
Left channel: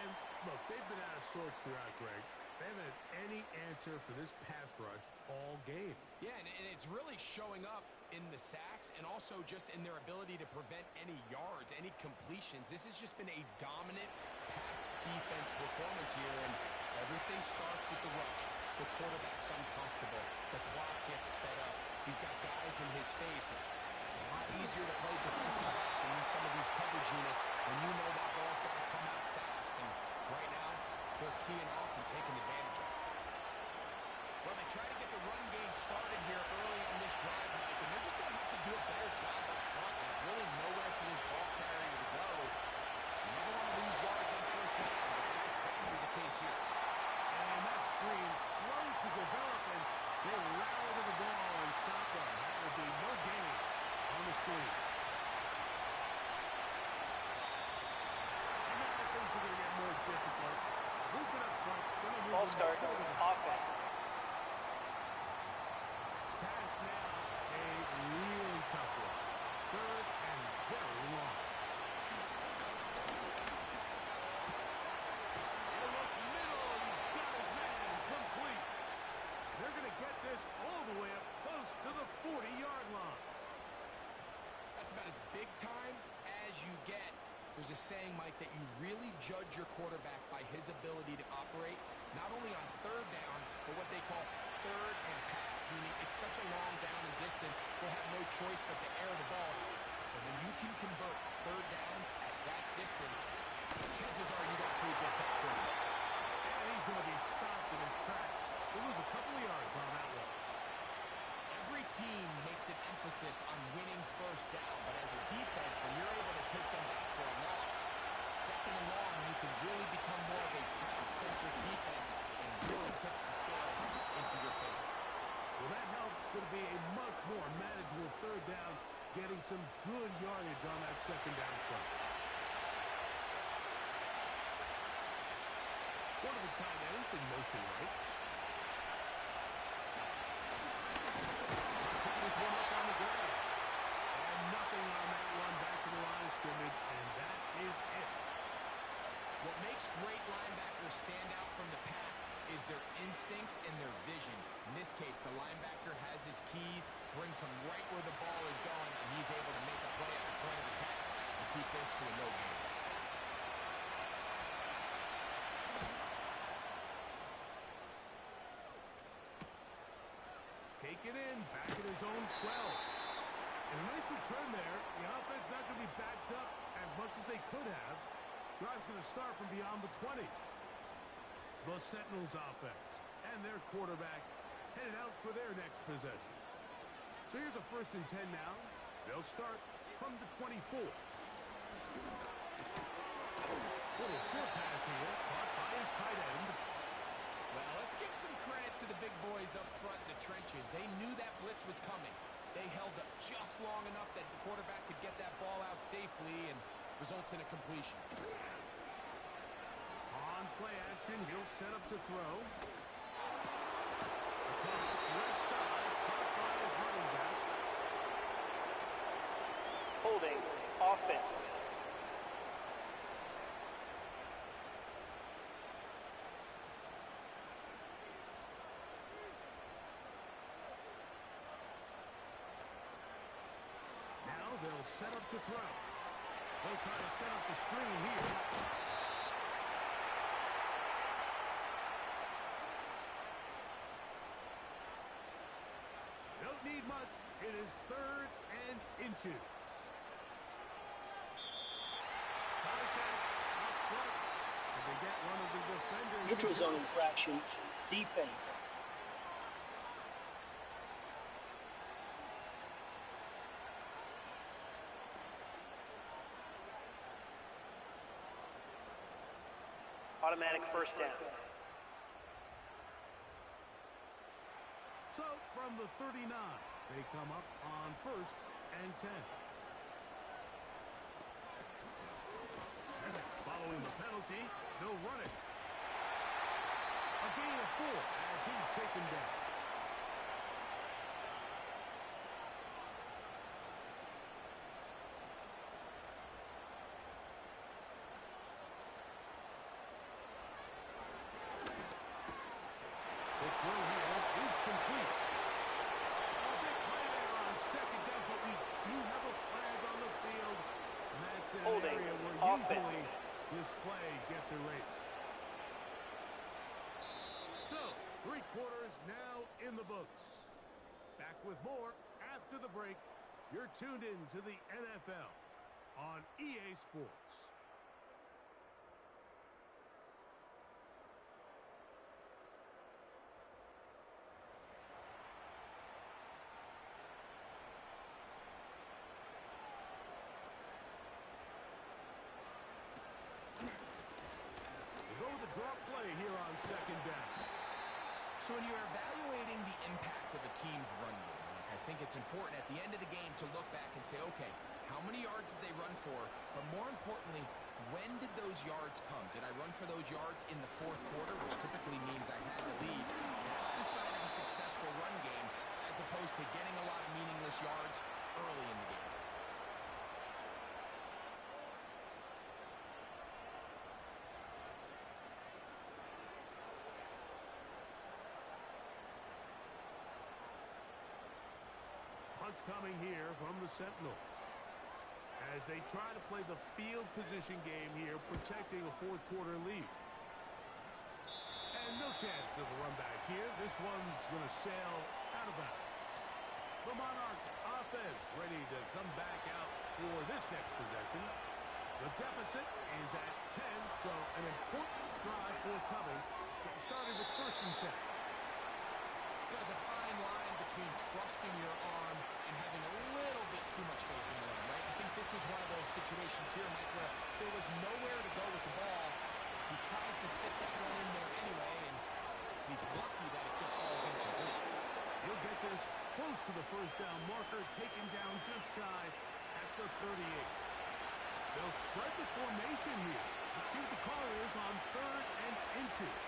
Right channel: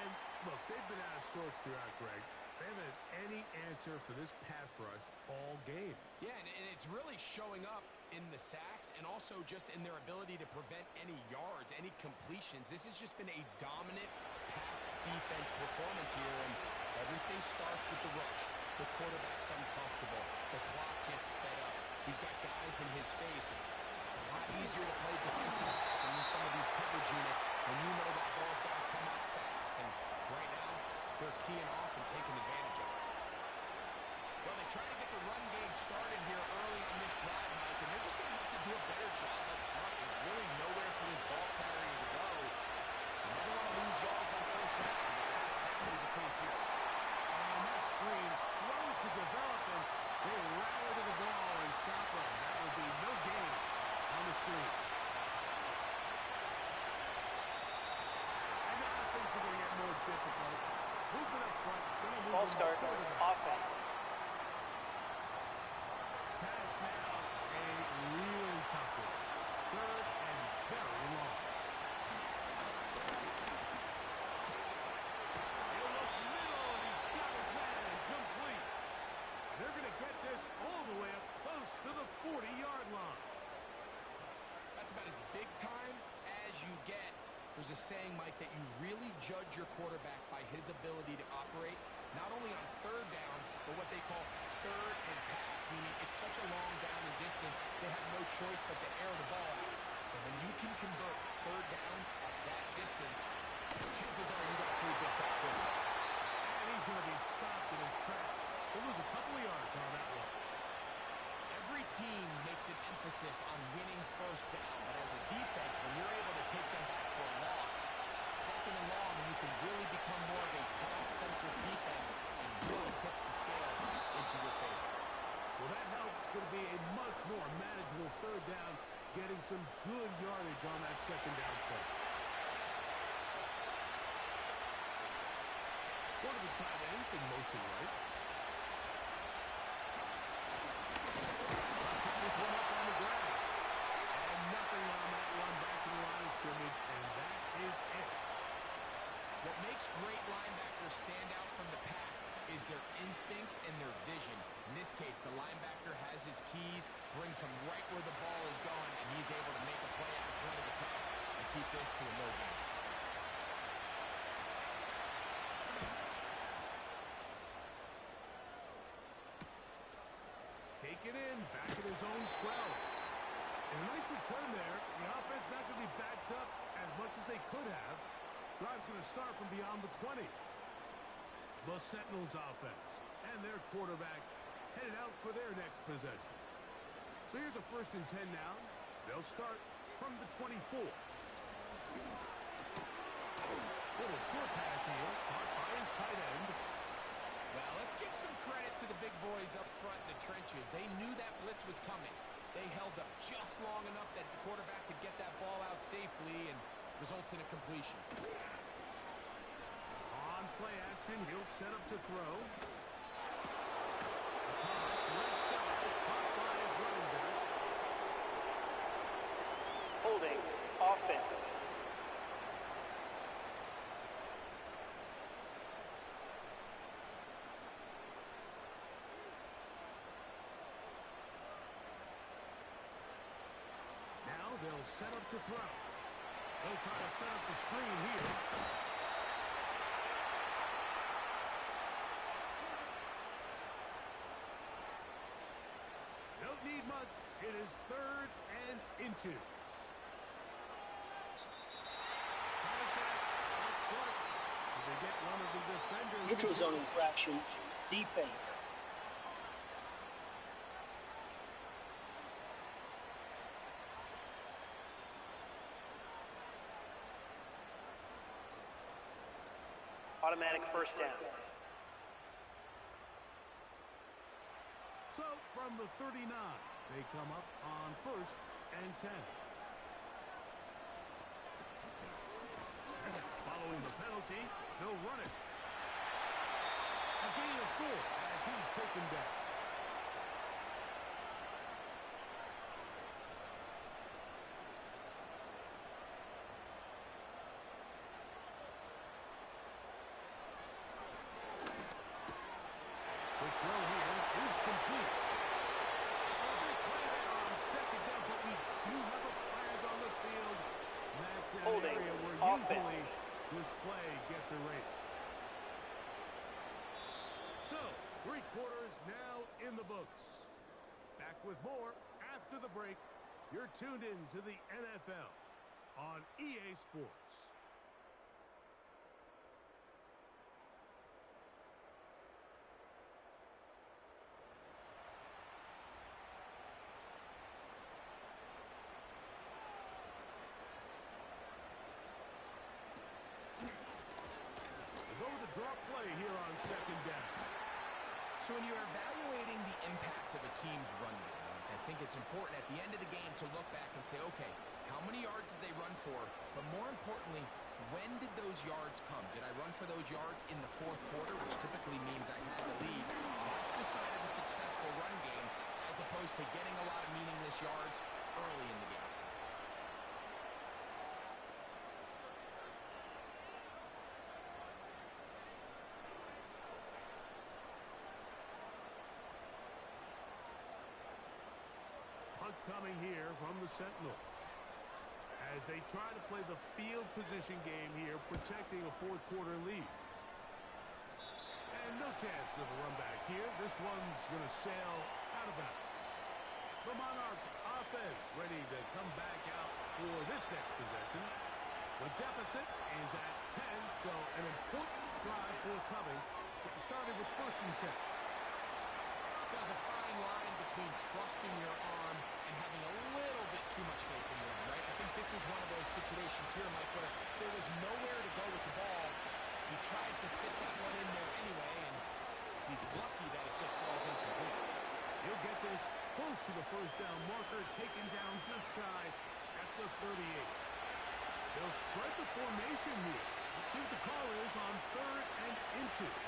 And look, they've been out of sorts throughout, Greg. They haven't had any answer for this pass rush all game. Yeah, and it's really showing up in the sacks and also just in their ability to prevent any yards, any completions. This has just been a dominant pass defense performance here, and everything starts with the rush. The quarterback's uncomfortable. The clock gets sped up. He's got guys in his face. It's a lot easier to play defensive back than in some of these coverage units when you know that ball's got to come out fast. And right now, they're teeing off and taking advantage of it. Well, they trying to get the run game started here early on this drive, Mike, and they're just going to have to do a better job up front. There's really nowhere for this ball carrier to go. You never want to lose yards on first down, but that's exactly the case here. And that screen slow to develop, and they rally to the ball and stop them. That will be no gain on the screen. And now things are going to get more difficult. Movement up front. Ball start, offense. Task now, a really tough one. Third and very long. He'll look middle, and he's got his man complete. And they're going to get this all the way up close to the 40-yard line. That's about as big time as you get. There's a saying, Mike, that you really judge your quarterback by his ability to operate not only on third down, but what they call third and pass, meaning it's such a long down and distance, they have no choice but to air the ball out. And when you can convert third downs at that distance, chances are you got a pretty good top quarterback. And he's going to be stopped in his tracks. He'll lose a couple of yards on that one. Every team makes an emphasis on winning first down, but as a defense, when you're able to take them back for a loss, second and long, you can really become more of a pass-centric defense and really tips the scales into your favor. Well, that helps. It's going to be a much more manageable third down, getting some good yardage on that second down play. One of the tight ends in motion right. This one up on the ground. And nothing on that one. Back to the line of scrimmage, and that is it. What makes great linebackers stand out from the pack is their instincts and their vision. In this case, the linebacker has his keys, brings him right where the ball is going, and he's able to make a play at the point of attack and keep this to a no gain. Take it in, back at his own 12. And a nice return there. The offense not going to be backed up as much as they could have. Drive's going to start from beyond the 20. The Sentinels offense and their quarterback headed out for their next possession. So here's a 1st and 10 now. They'll start from the 24. Little short pass here, caught by his tight end. Well, let's give some credit to the big boys up front in the trenches. They knew that blitz was coming. They held up just long enough that the quarterback could get that ball out safely and results in a completion. On play action, he'll set up to throw. A toss, left side, caught by his running back. Holding, offense. They'll set up to throw. They'll try to set up the screen here. Don't need much. It is 3rd and inches. Contact up front. Did they get one of the defenders? Neutral zone infraction. Defense. Automatic 1st down. So, from the 39, they come up on 1st and 10. Following the penalty, they'll run it. A gain of 4 as he's taken down. The throw here is complete. A big play there on 2nd down, but we do have a flag on the field. And that's in an area where usually this play gets erased. So, 3 quarters now in the books. Back with more after the break. You're tuned in to the NFL on EA Sports. draw play here on second down. So when you're evaluating the impact of a team's run game, I think it's important at the end of the game to look back and say, okay, how many yards did they run for? But more importantly, when did those yards come? Did I run for those yards in the fourth quarter, which typically means I had the lead? That's the sign of a successful run game, as opposed to getting a lot of meaningless yards early in the game. Punt coming here from the Sentinels as they try to play the field position game here, protecting a fourth quarter lead. And no chance of a run back here. This one's going to sail out of bounds. The Monarchs offense ready to come back out for this next possession. The deficit is at 10, so an important drive forthcoming, starting with 1st and 10. There's a fine line between trusting your arm and having a little bit too much faith in your arm, right? I think this is one of those situations here, Mike, where there was nowhere to go with the ball. He tries to fit that one in there anyway, and he's lucky that it just falls incomplete. He'll get this close to the first down marker, taken down just shy at the 38. They'll spread the formation here. Let's see what the call is on 3rd and inches.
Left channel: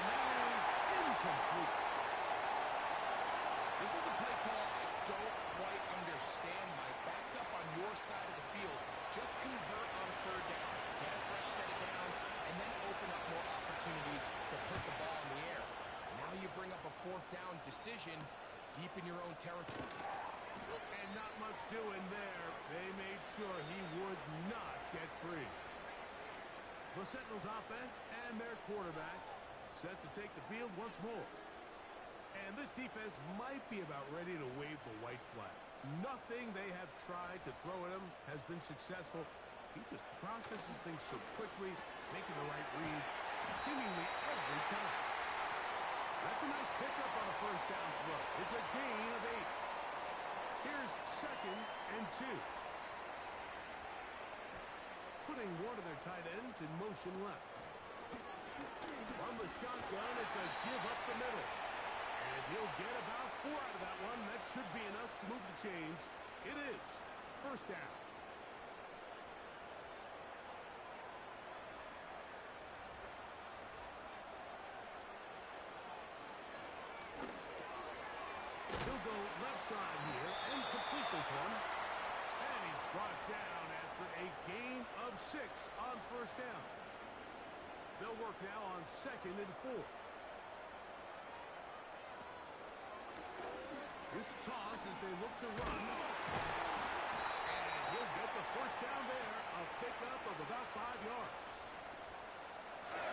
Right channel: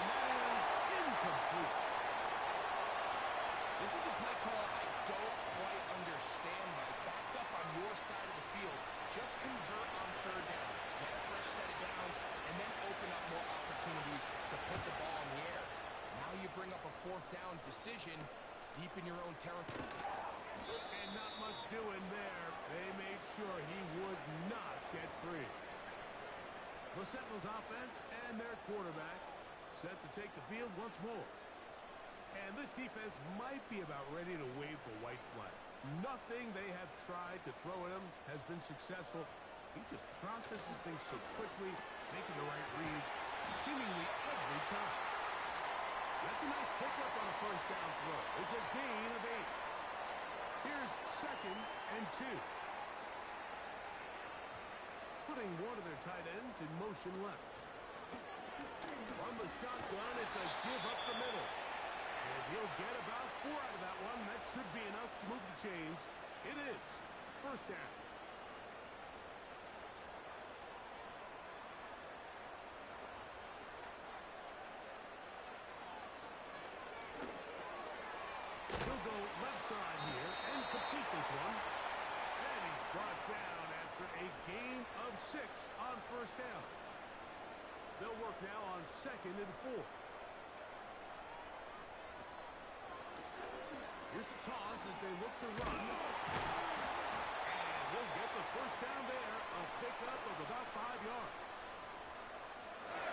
And that is incomplete. This is a play call I don't quite understand, Mike. Backed up on your side of the field. Just convert on 3rd down. Get a fresh set of downs, and then open up more opportunities to put the ball in the air. Now you bring up a 4th down decision deep in your own territory. And not much doing there. They made sure he would not get free. The Sentinels offense and their quarterback set to take the field once more. And this defense might be about ready to wave the white flag. Nothing they have tried to throw at him has been successful. He just processes things so quickly, making the right read seemingly every time. That's a nice pickup on a 1st down throw. It's a gain of 8. Here's 2nd and 2. Putting one of their tight ends in motion left. From the shotgun, it's a give up the middle. And he'll get about 4 out of that one. That should be enough to move the chains. It is 1st down. He'll go left side here and complete this one. And he's brought down after a gain of 6 on 1st down. They'll work now on 2nd and 4. Here's a toss as they look to run. And he'll get the 1st down there. A pickup of about 5 yards.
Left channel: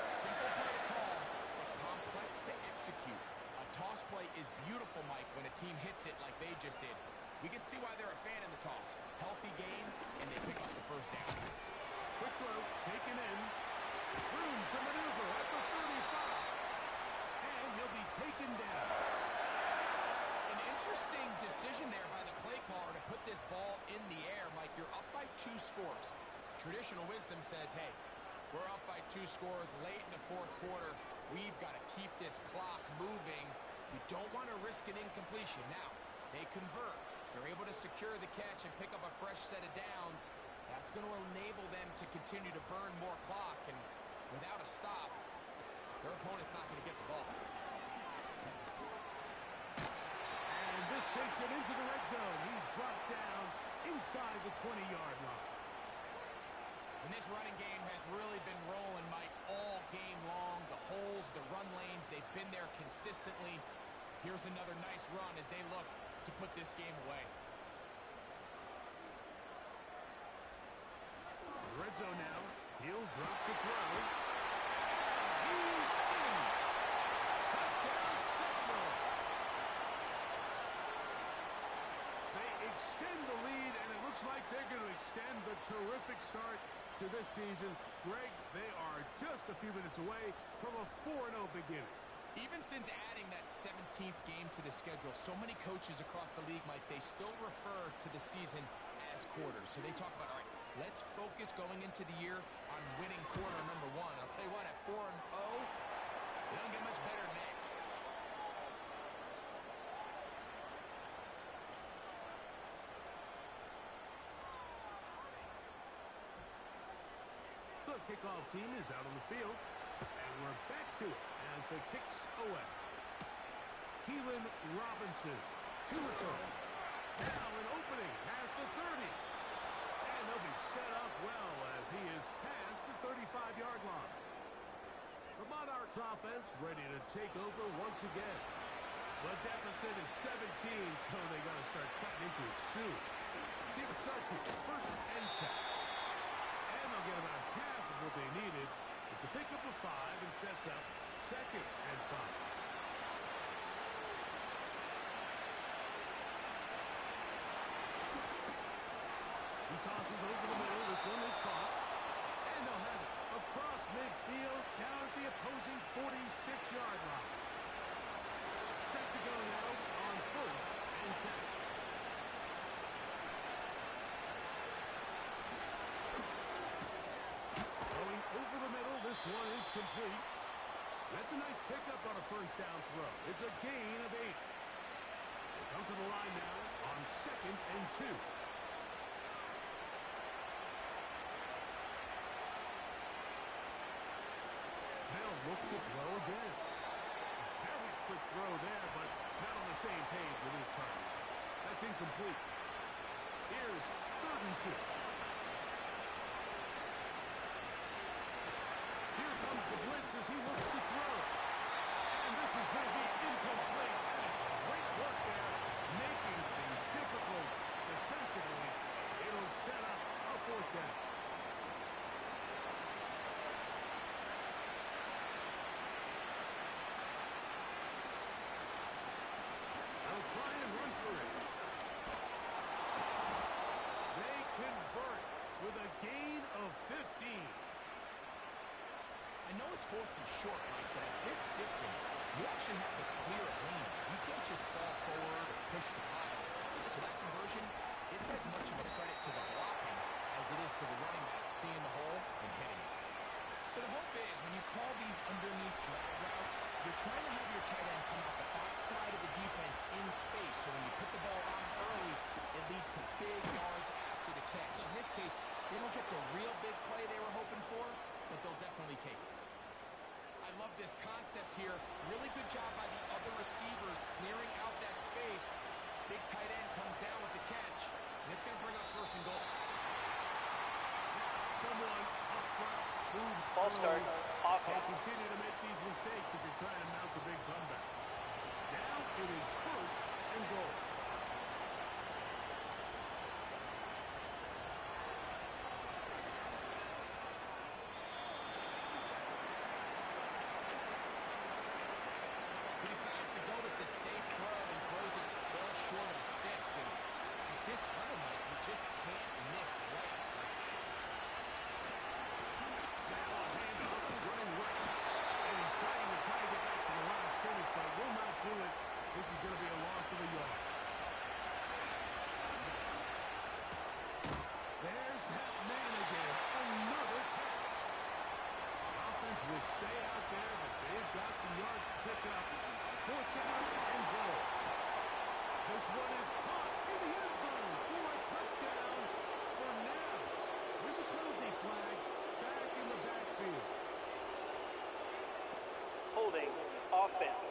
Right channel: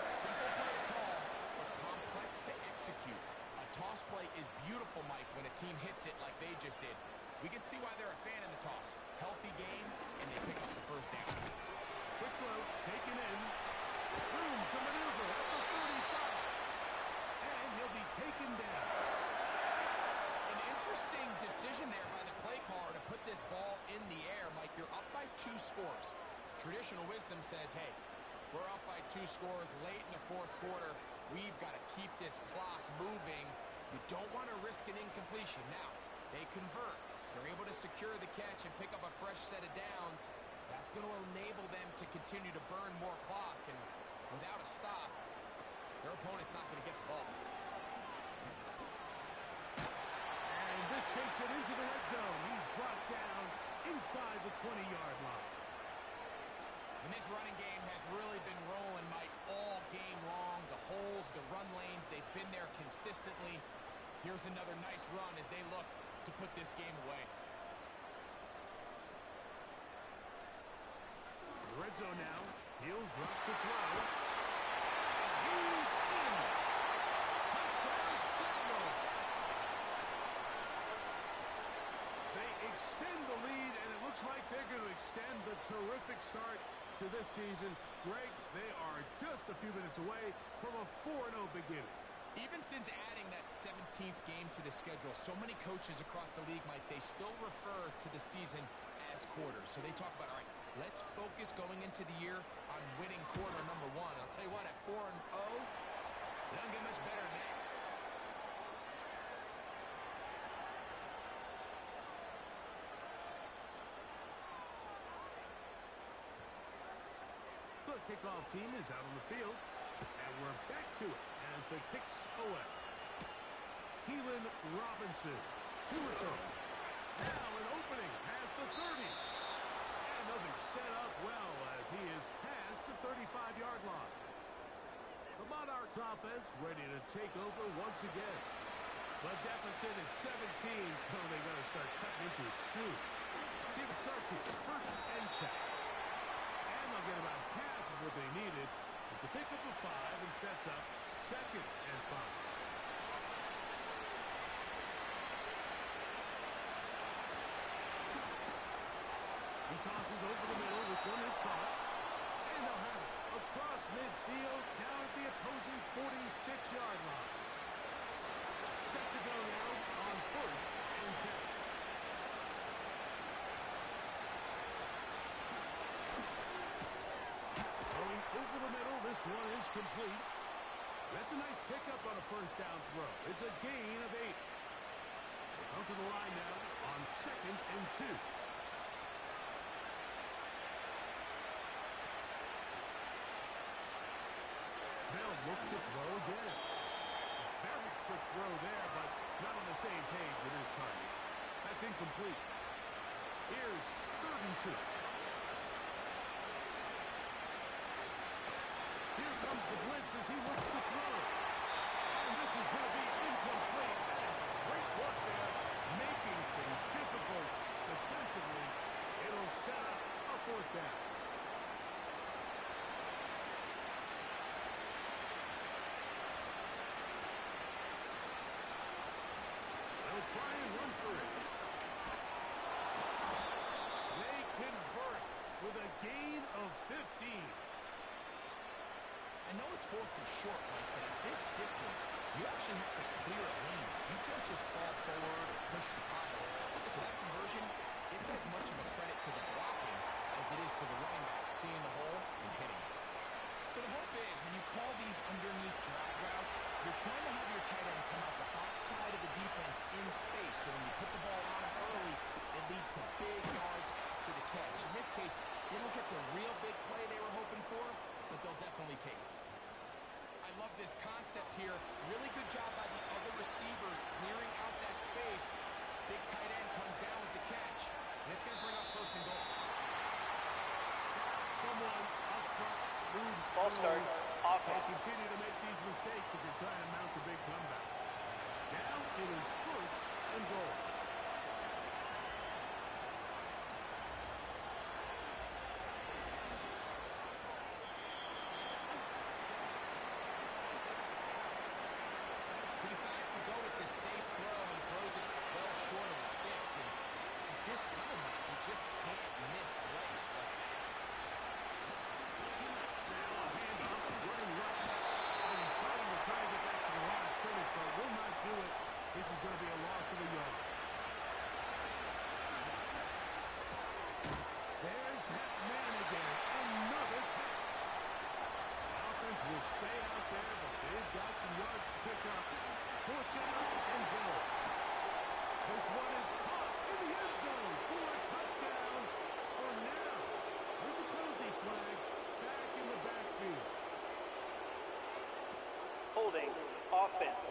Simple play to call, but complex to execute. A toss play is beautiful, Mike, when a team hits it like they just did. We can see why they're a fan in the toss. Healthy game, and they pick up the 1st down. Quick throw, taken in. Room to maneuver at the 35. And he'll be taken down. An interesting decision there by the play caller to put this ball in the air. Mike, you're up by 2 scores. Traditional wisdom says, hey, we're up by 2 scores late in the 4th quarter. We've got to keep this clock moving. You don't want to risk an incompletion. Now, they convert. They're able to secure the catch and pick up a fresh set of downs. That's going to enable them to continue to burn more clock. And without a stop, their opponent's not going to get the ball. And this takes it into the red zone. He's brought down inside the 20-yard line. And this running game has really been rolling, Mike, all game long. The holes, the run lanes, they've been there consistently. Here's another nice run as they look to put this game away. The red zone now. He'll drop to throw. And he's in. Touchdown, Sentinels. They extend the lead, and it looks like they're going to extend the terrific start to this season. Greg, they are just a few minutes away from a 4-0 beginning. Even since adding that 17th game to the schedule, so many coaches across the league, Mike, they still refer to the season as quarters. So they talk about, all right, let's focus going into the year on winning quarter number 1. I'll tell you what, at 4-0, it don't get much better than that. The kickoff team is out on the field, and we're back to it as the kicks away. Keelan Robinson to return. Now an opening past the 30. And they'll be set up well as he is past the 35-yard line. The Monarchs offense ready to take over once again. The deficit is 17, so they got to start cutting into it soon. See if it starts here. First and 10. And they'll get about half of what they needed. It's a pickup of 5 and sets up second and 5. He tosses over the middle. This one is caught. And they'll have it across midfield down at the opposing 46-yard line. Set to go now on first and 10. Going over the middle. This one is complete. That's a nice pickup on a first down throw. It's a gain of 8. They come to the line now on second and 2. They'll look to throw again. Very quick throw there, but not on the same page with his target. That's incomplete. Here's third and 2. Here comes the blitz as he looks to throw. And this is going to be incomplete. That is great work there, making things difficult defensively. It'll set up a fourth down. They'll try and run for it. They convert with a gain of 15. I know it's 4th and short like that. This distance, you actually have to clear a lane. You can't just fall forward or push the pile. So that conversion, it's as much of a credit to the blocking as it is to the running back seeing the hole and hitting it. So the hope is when you call these underneath drag routes, you're trying to have your tight end come out the backside of the defense in space. So when you put the ball on him early, it leads to big yards after the catch. In this case, they don't get the real big play they were hoping for, but they'll definitely take it. I love this concept here. Really good job by the other receivers clearing out that space. Big tight end comes down with the catch, and it's going to bring up first and goal. Someone up front moves. Ball start. Offense. They continue to make these mistakes if you're trying to mount a big comeback. Now it is first and goal. He decides to go with this safe throw and throws it well short of the sticks. And at this level, Mike, you just can't miss layups like that. Now a handoff, running right. And he's fighting to try to get back to the line of scrimmage, but will not do it. This is going to be a loss of a yard. There's that man again. Another catch. The offense will stay out there, but they've got some yards to pick up. Fourth down and goal. This one is caught in the end zone for a touchdown for now. There's a penalty flag back in the backfield. Holding. Offense.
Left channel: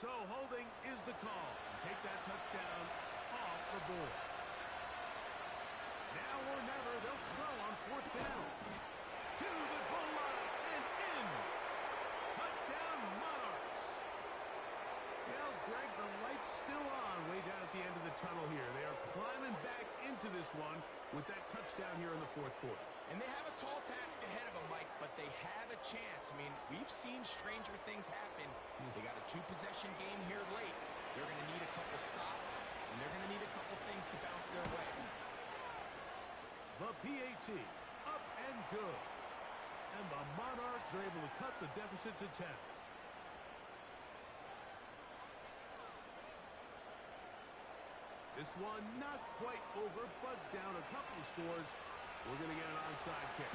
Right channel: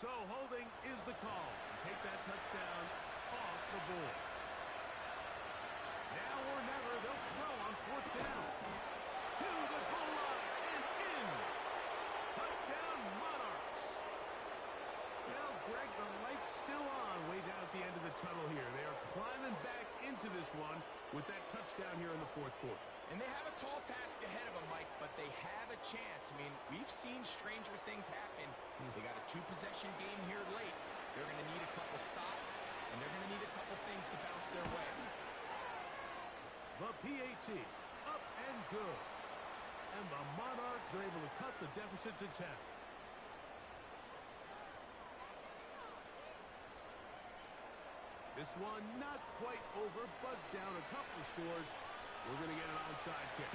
So holding is the call. Take that touchdown off the board. Now or never, they'll throw on fourth down. To the goal line and in. Touchdown, Monarchs. Well, Greg, the light's still on way down at the end of the tunnel here. They are climbing back into this one with that touchdown here in the fourth quarter. And they have a tall task ahead of them, Mike, but they have a chance. I mean, we've seen stranger things happen. They got a 2-possession game here late. They're going to need a couple stops, and they're going to need a couple things to bounce their way. The PAT, up and good. And the Monarchs are able to cut the deficit to 10. This one not quite over, but down a couple of scores. We're going to get an onside kick.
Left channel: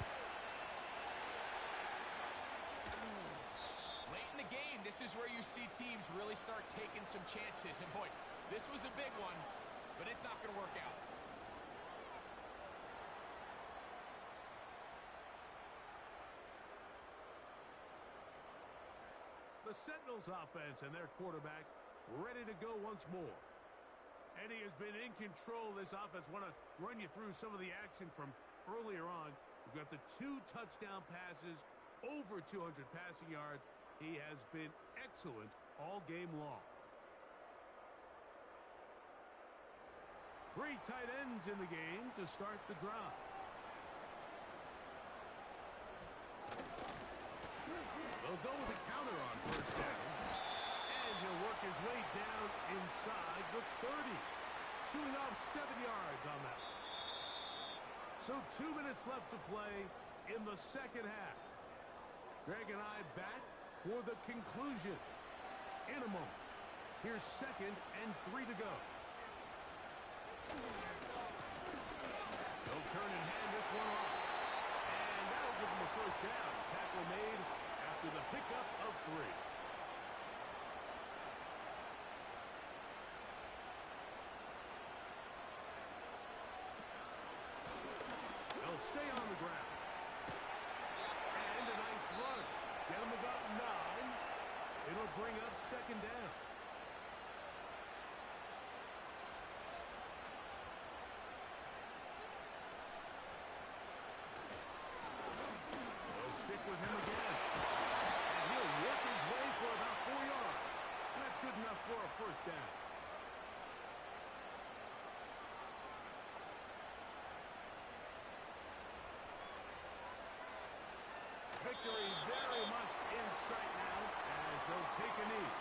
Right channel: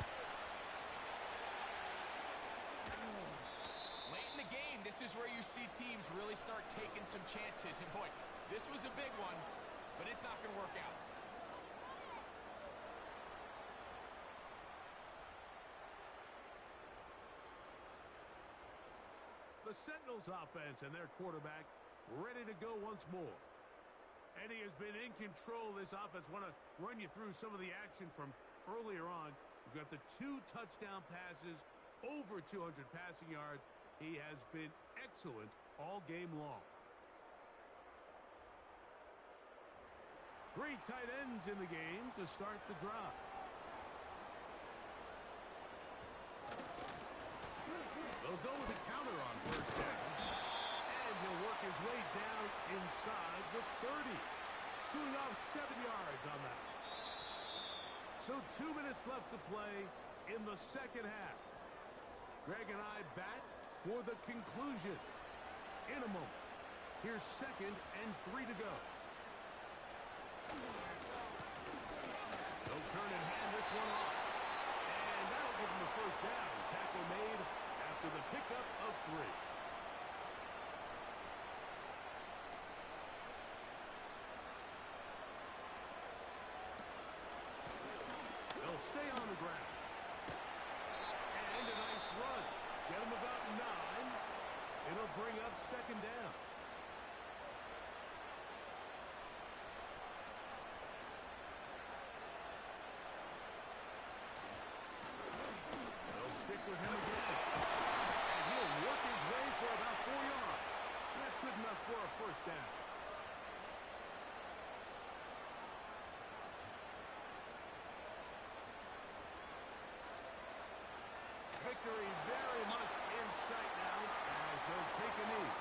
Late in the game, this is where you see teams really start taking some chances. And boy, this was a big one, but it's not going to work out. The Sentinels offense and their quarterback ready to go once more. Eddie has been in control of this offense. Want to run you through some of the action from earlier on. You've got the 2 touchdown passes, over 200 passing yards. He has been excellent all game long. 3 tight ends in the game to start the drive. They'll go with a counter on first down. And he'll work his way down inside the 30. Shooting off 7 yards on that one. So 2 minutes left to play in the second half. Greg and I back for the conclusion in a moment. Here's 2nd and 3 to go. They'll turn and hand this one off. And that'll give him a first down. Tackle made after the pickup of 3. They'll stay on the ground. And a nice run. Get them about 9. It'll bring up 2nd down. They'll stick with him again. And he'll work his way for about 4 yards. And that's good enough for a first down. Victory very much in sight now as they'll take a knee.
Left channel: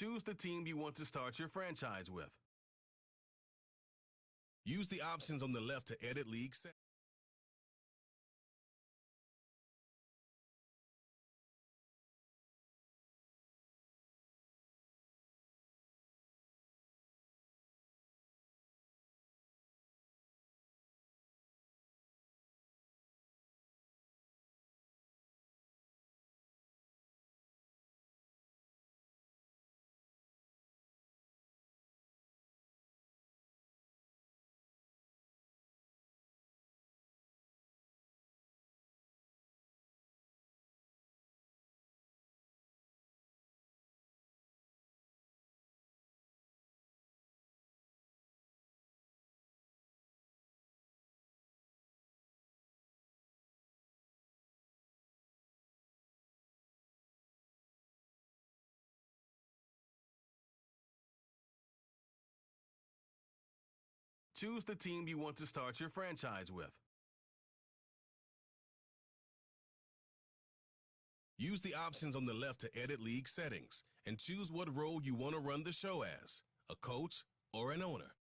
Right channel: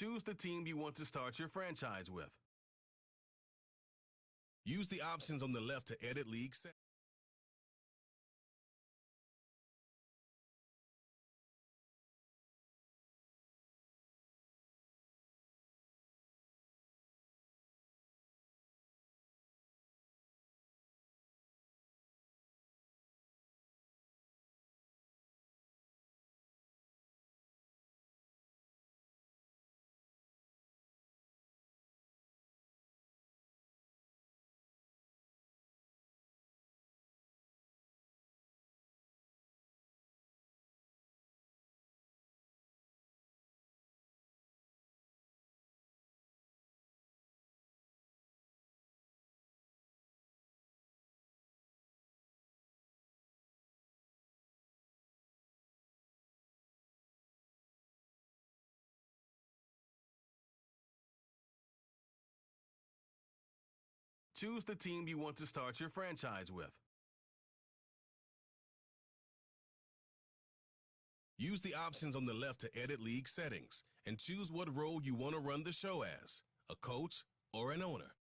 Choose the team you want to start your franchise with. Use the options on the left to edit league settings. Choose the team you want to start your franchise with. Use the options on the left to edit league settings and choose what role you want to run the show as, a coach or an owner.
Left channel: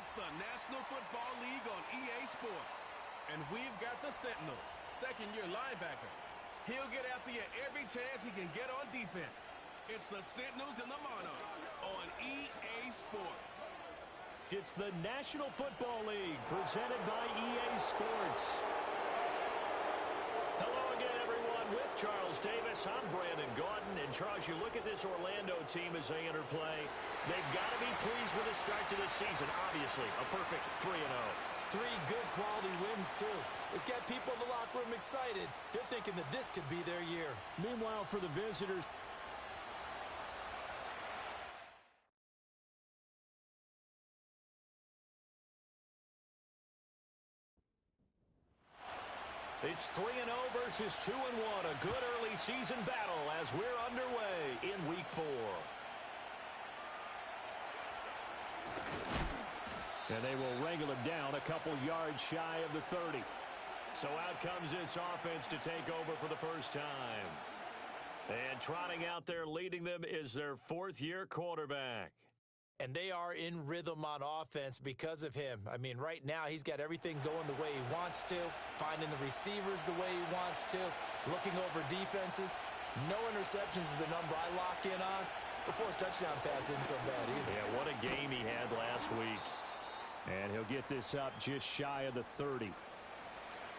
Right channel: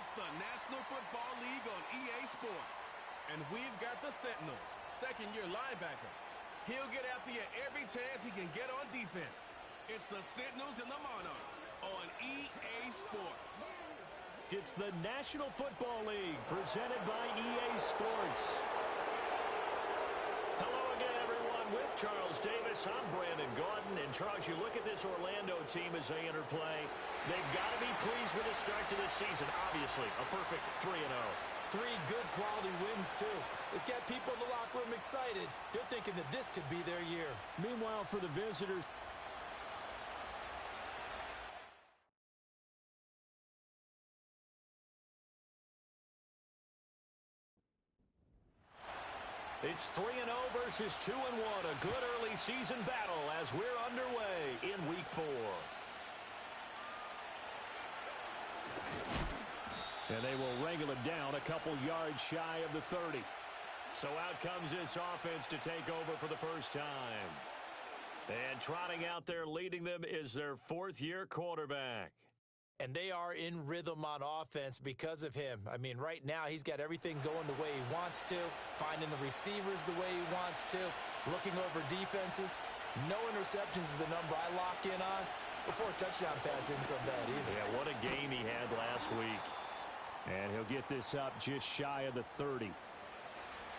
It's the National Football League on EA Sports. And we've got the Sentinels, second-year linebacker. He'll get after you every chance he can get on defense. It's the Sentinels and the Monarchs on EA Sports. It's the National Football League presented by EA Sports. Hello again, everyone. With Charles Davis, I'm Brandon Gaudin. And Charles, you look at this Orlando team as they enter play. They've got to be pleased with the start to this season. Obviously, a perfect 3-0. 3 good quality wins, too. It's got people in the locker room excited. They're thinking that this could be their year. Meanwhile, for the visitors, it's 3-0 versus 2-1. A good early season battle as we're underway in Week 4. And they will wrangle it down a couple yards shy of the 30. So out comes this offense to take over for the first time. And trotting out there leading them is their 4th-year quarterback. And they are in rhythm on offense because of him. I mean, right now, he's got everything going the way he wants to, finding the receivers the way he wants to, looking over defenses. No interceptions is the number I lock in on. Before a touchdown pass isn't so bad either. Yeah, what a game he had last week. And he'll get this up just shy of the 30.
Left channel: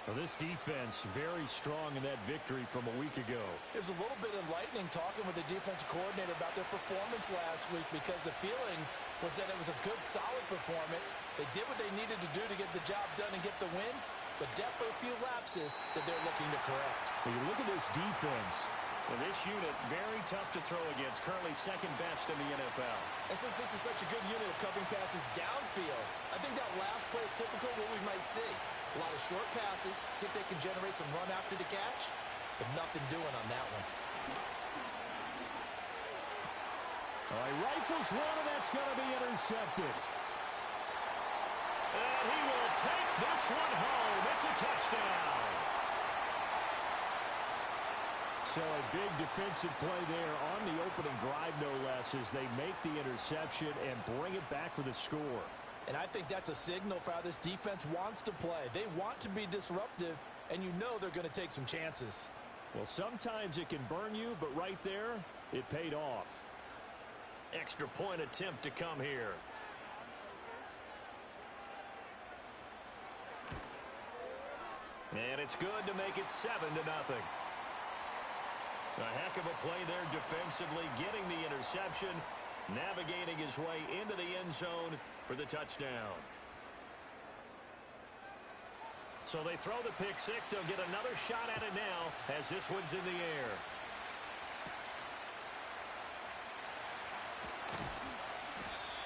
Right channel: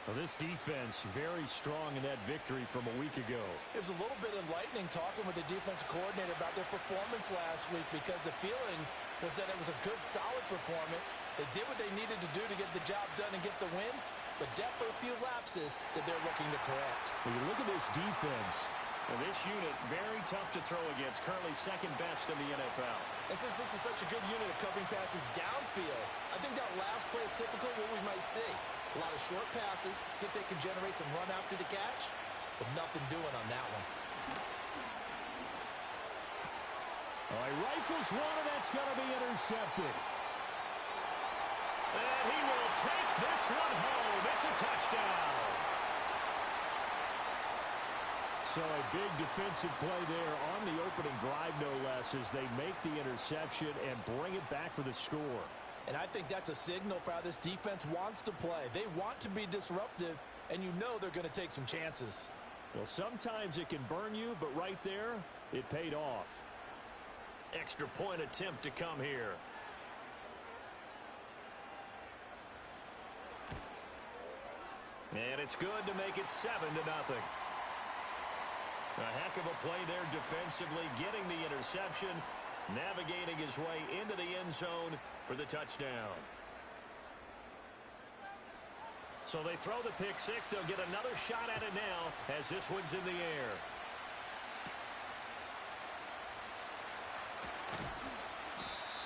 Well, this defense very strong in that victory from a week ago. It was a little bit enlightening talking with the defensive coordinator about their performance last week because the feeling was that it was a good, solid performance. They did what they needed to do to get the job done and get the win, but definitely a few lapses that they're looking to correct. When you look at this defense, and this unit very tough to throw against, currently second best in the NFL. And since this is such a good unit of covering passes downfield, I think that last play is typical of what we might see. A lot of short passes, see if they can generate some run after the catch, but nothing doing on that one. All right, rifles one, and that's going to be intercepted. And he will take this one home. It's a touchdown. So a big defensive play there on the opening drive, no less, as they make the interception and bring it back for the score. And I think that's a signal for how this defense wants to play. They want to be disruptive, and you know they're going to take some chances. Well, sometimes it can burn you, but right there, it paid off. Extra point attempt to come here. And it's good to make it 7-0. A heck of a play there defensively, getting the interception, navigating his way into the end zone for the touchdown. So they throw the pick six. They'll get another shot at it now as this one's in the air.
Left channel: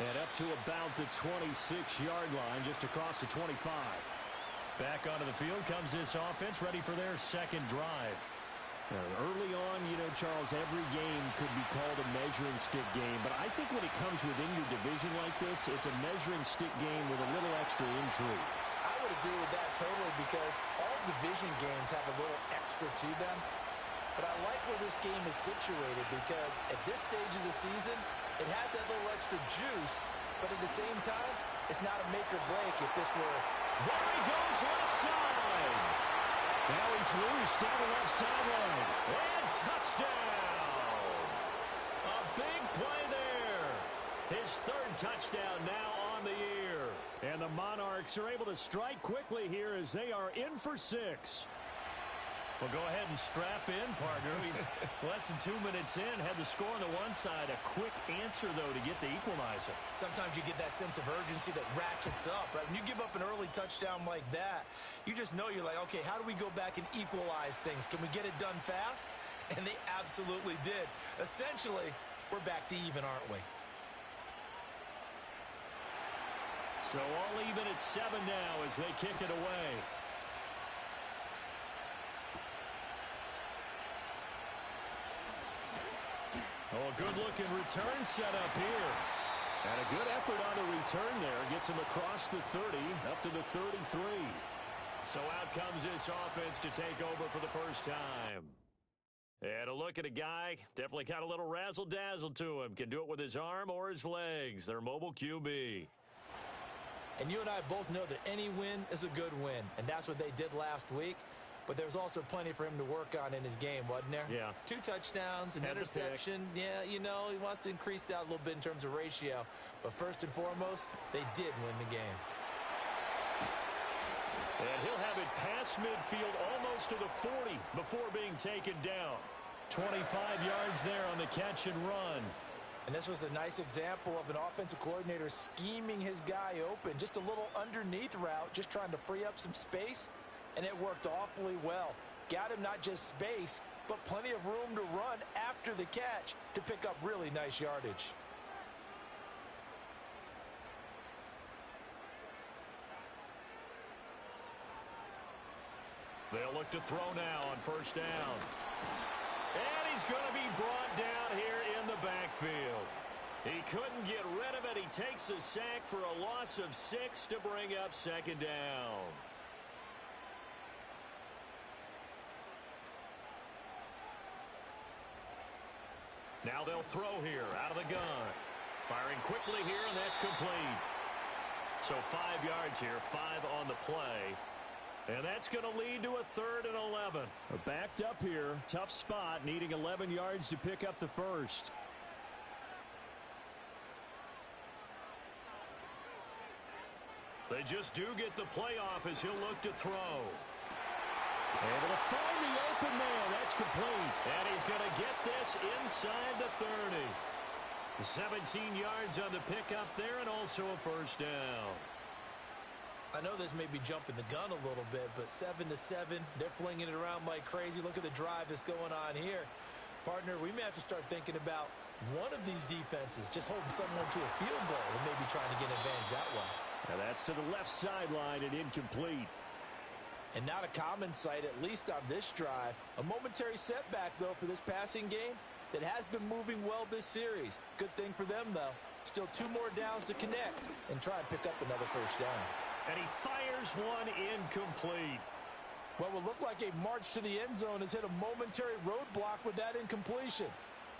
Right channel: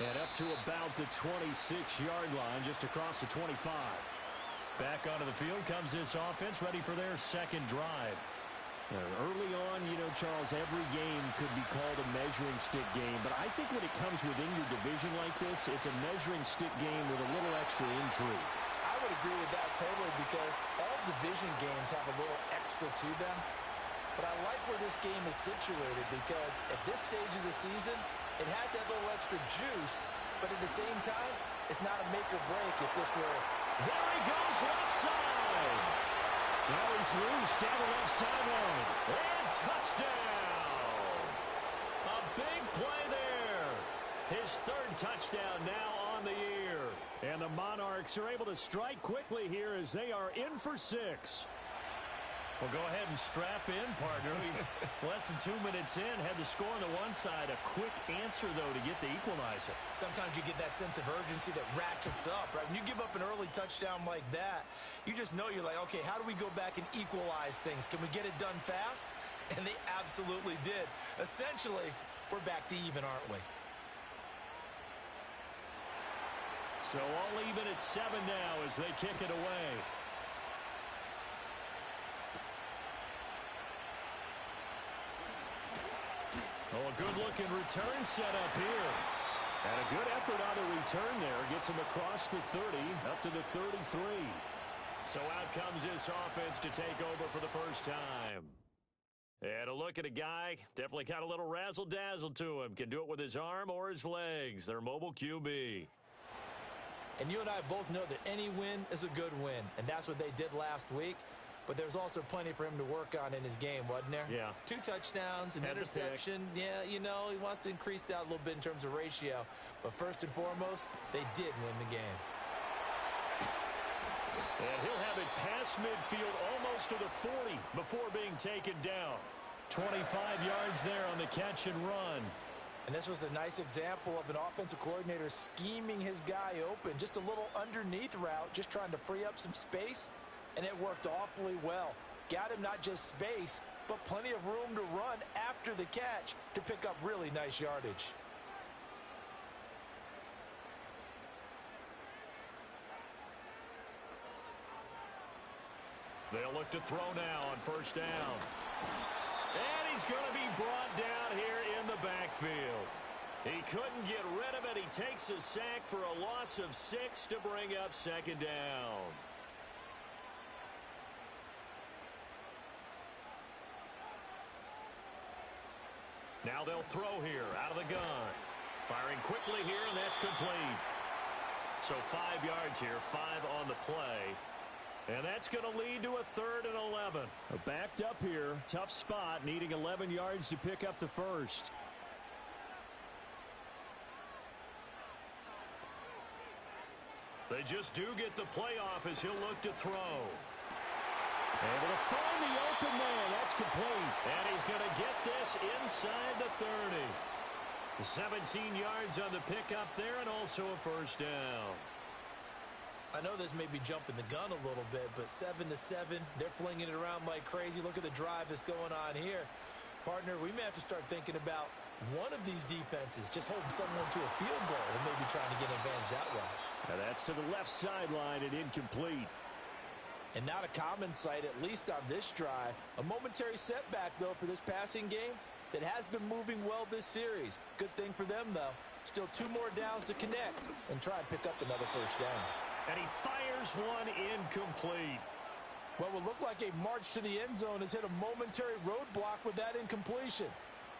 And up to about the 26-yard line, just across the 25. Back onto the field comes this offense, ready for their second drive. Early on, you know, Charles, every game could be called a measuring stick game, but I think when it comes within your division like this, it's a measuring stick game with a little extra intrigue. I would agree with that totally because all division games have a little extra to them, but I like where this game is situated because at this stage of the season, it has that little extra juice, but at the same time, it's not a make or break if this were... There he goes, left side! Now he's loose down the left sideline. And touchdown! A big play there. His 3rd touchdown now on the year. And the Monarchs are able to strike quickly here as they are in for 6. Well, go ahead and strap in, partner. Less than 2 minutes in, had the score on the one side. A quick answer, though, to get the equalizer. Sometimes you get that sense of urgency that ratchets up, right? When you give up an early touchdown like that, you just know you're like, okay, how do we go back and equalize things? Can we get it done fast? And they absolutely did. Essentially, we're back to even, aren't we? So all even at 7 now as they kick it away. Oh, a good-looking return set up here. And a good effort on the return there. Gets him across the 30, up to the 33. So out comes this offense to take over for the first time. And a look at a guy, definitely got a little razzle-dazzle to him. Can do it with his arm or his legs. Their mobile QB. And you and I both know that any win is a good win, and that's what they did last week. But there was also plenty for him to work on in his game, wasn't there? Yeah. 2 touchdowns, an interception. Yeah, you know, he wants to increase that a little bit in terms of ratio. But first and foremost, they did win the game. And he'll have it past midfield almost to the 40 before being taken down. 25 yards there on the catch and run. And this was a nice example of an offensive coordinator scheming his guy open. Just a little underneath route, just trying to free up some space. And it worked awfully well. Got him not just space, but plenty of room to run after the catch to pick up really nice yardage. They'll look to throw now on first down. And he's going to be brought down here in the backfield. He couldn't get rid of it. He takes a sack for a loss of 6 to bring up second down. Now they'll throw here out of the gun. Firing quickly here, and that's complete. So 5 yards here, 5 on the play. And that's going to lead to a 3rd and 11. Backed up here. Tough spot, needing 11 yards to pick up the first. They just do get the playoff as he'll look to throw. Able to find the open man. That's complete. And he's going to get this inside the 30. 17 yards on the pickup there, and also a first down. I know this may be jumping the gun a little bit, but 7-7, they're flinging it around like crazy. Look at the drive that's going on here. Partner, we may have to start thinking about one of these defenses just holding someone to a field goal and maybe trying to get an advantage that way. Now that's to the left sideline and incomplete. And not a common sight, at least on this drive. A momentary setback, though, for this passing game that has been moving well this series. Good thing for them, though. Still 2 more downs to connect and try and pick up another first down. And he fires one incomplete. What will look like a march to the end zone has hit a momentary roadblock with that incompletion.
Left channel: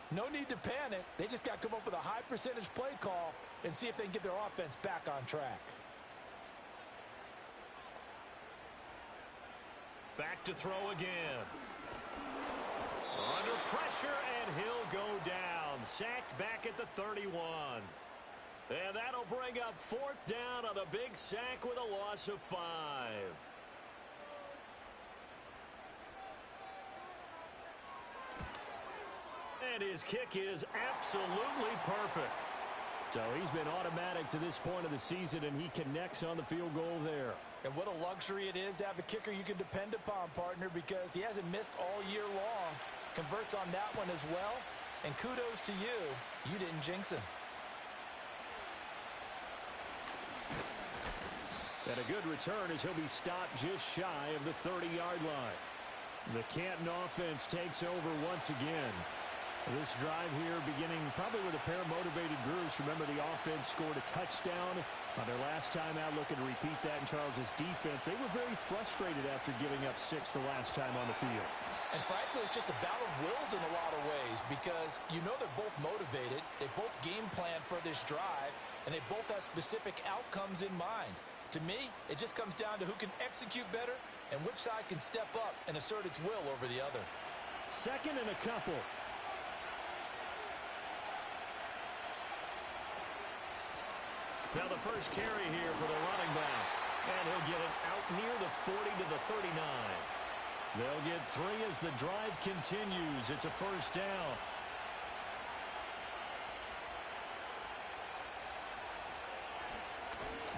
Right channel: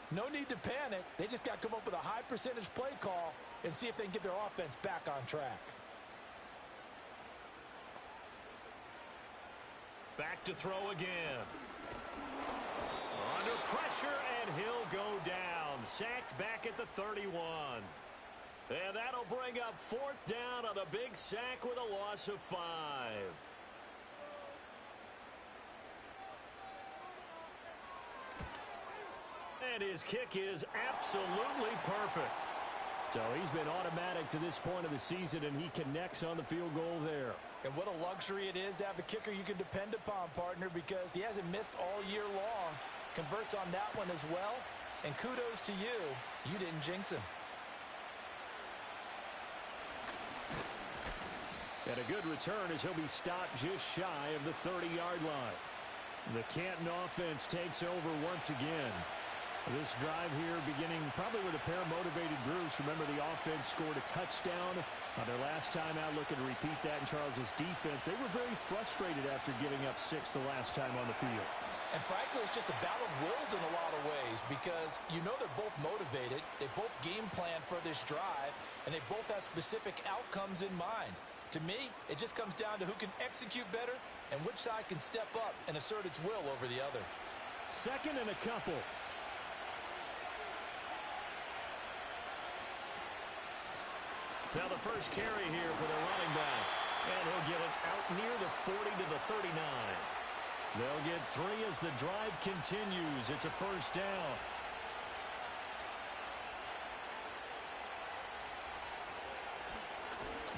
No need to panic. They just got to come up with a high percentage play call and see if they can get their offense back on track. Back to throw again. Under pressure, and he'll go down. Sacked back at the 31. And that'll bring up 4th down on a big sack with a loss of 5. And his kick is absolutely perfect. So he's been automatic to this point of the season, and he connects on the field goal there. And what a luxury it is to have a kicker you can depend upon, partner, because he hasn't missed all year long. Converts on that one as well. And kudos to you. You didn't jinx him. And a good return as he'll be stopped just shy of the 30-yard line. The Canton offense takes over once again. This drive here beginning probably with a pair of motivated groups. Remember, the offense scored a touchdown on their last time out, looking to repeat that in Charles's defense. They were very frustrated after giving up 6 the last time on the field. And frankly, it's just a battle of wills in a lot of ways because you know they're both motivated. They both game plan for this drive, and they both have specific outcomes in mind. To me, it just comes down to who can execute better and which side can step up and assert its will over the other. 2nd and a couple. Now the first carry here for the running back. And he'll get it out near the 40 to the 39. They'll get 3 as the drive continues. It's a first down.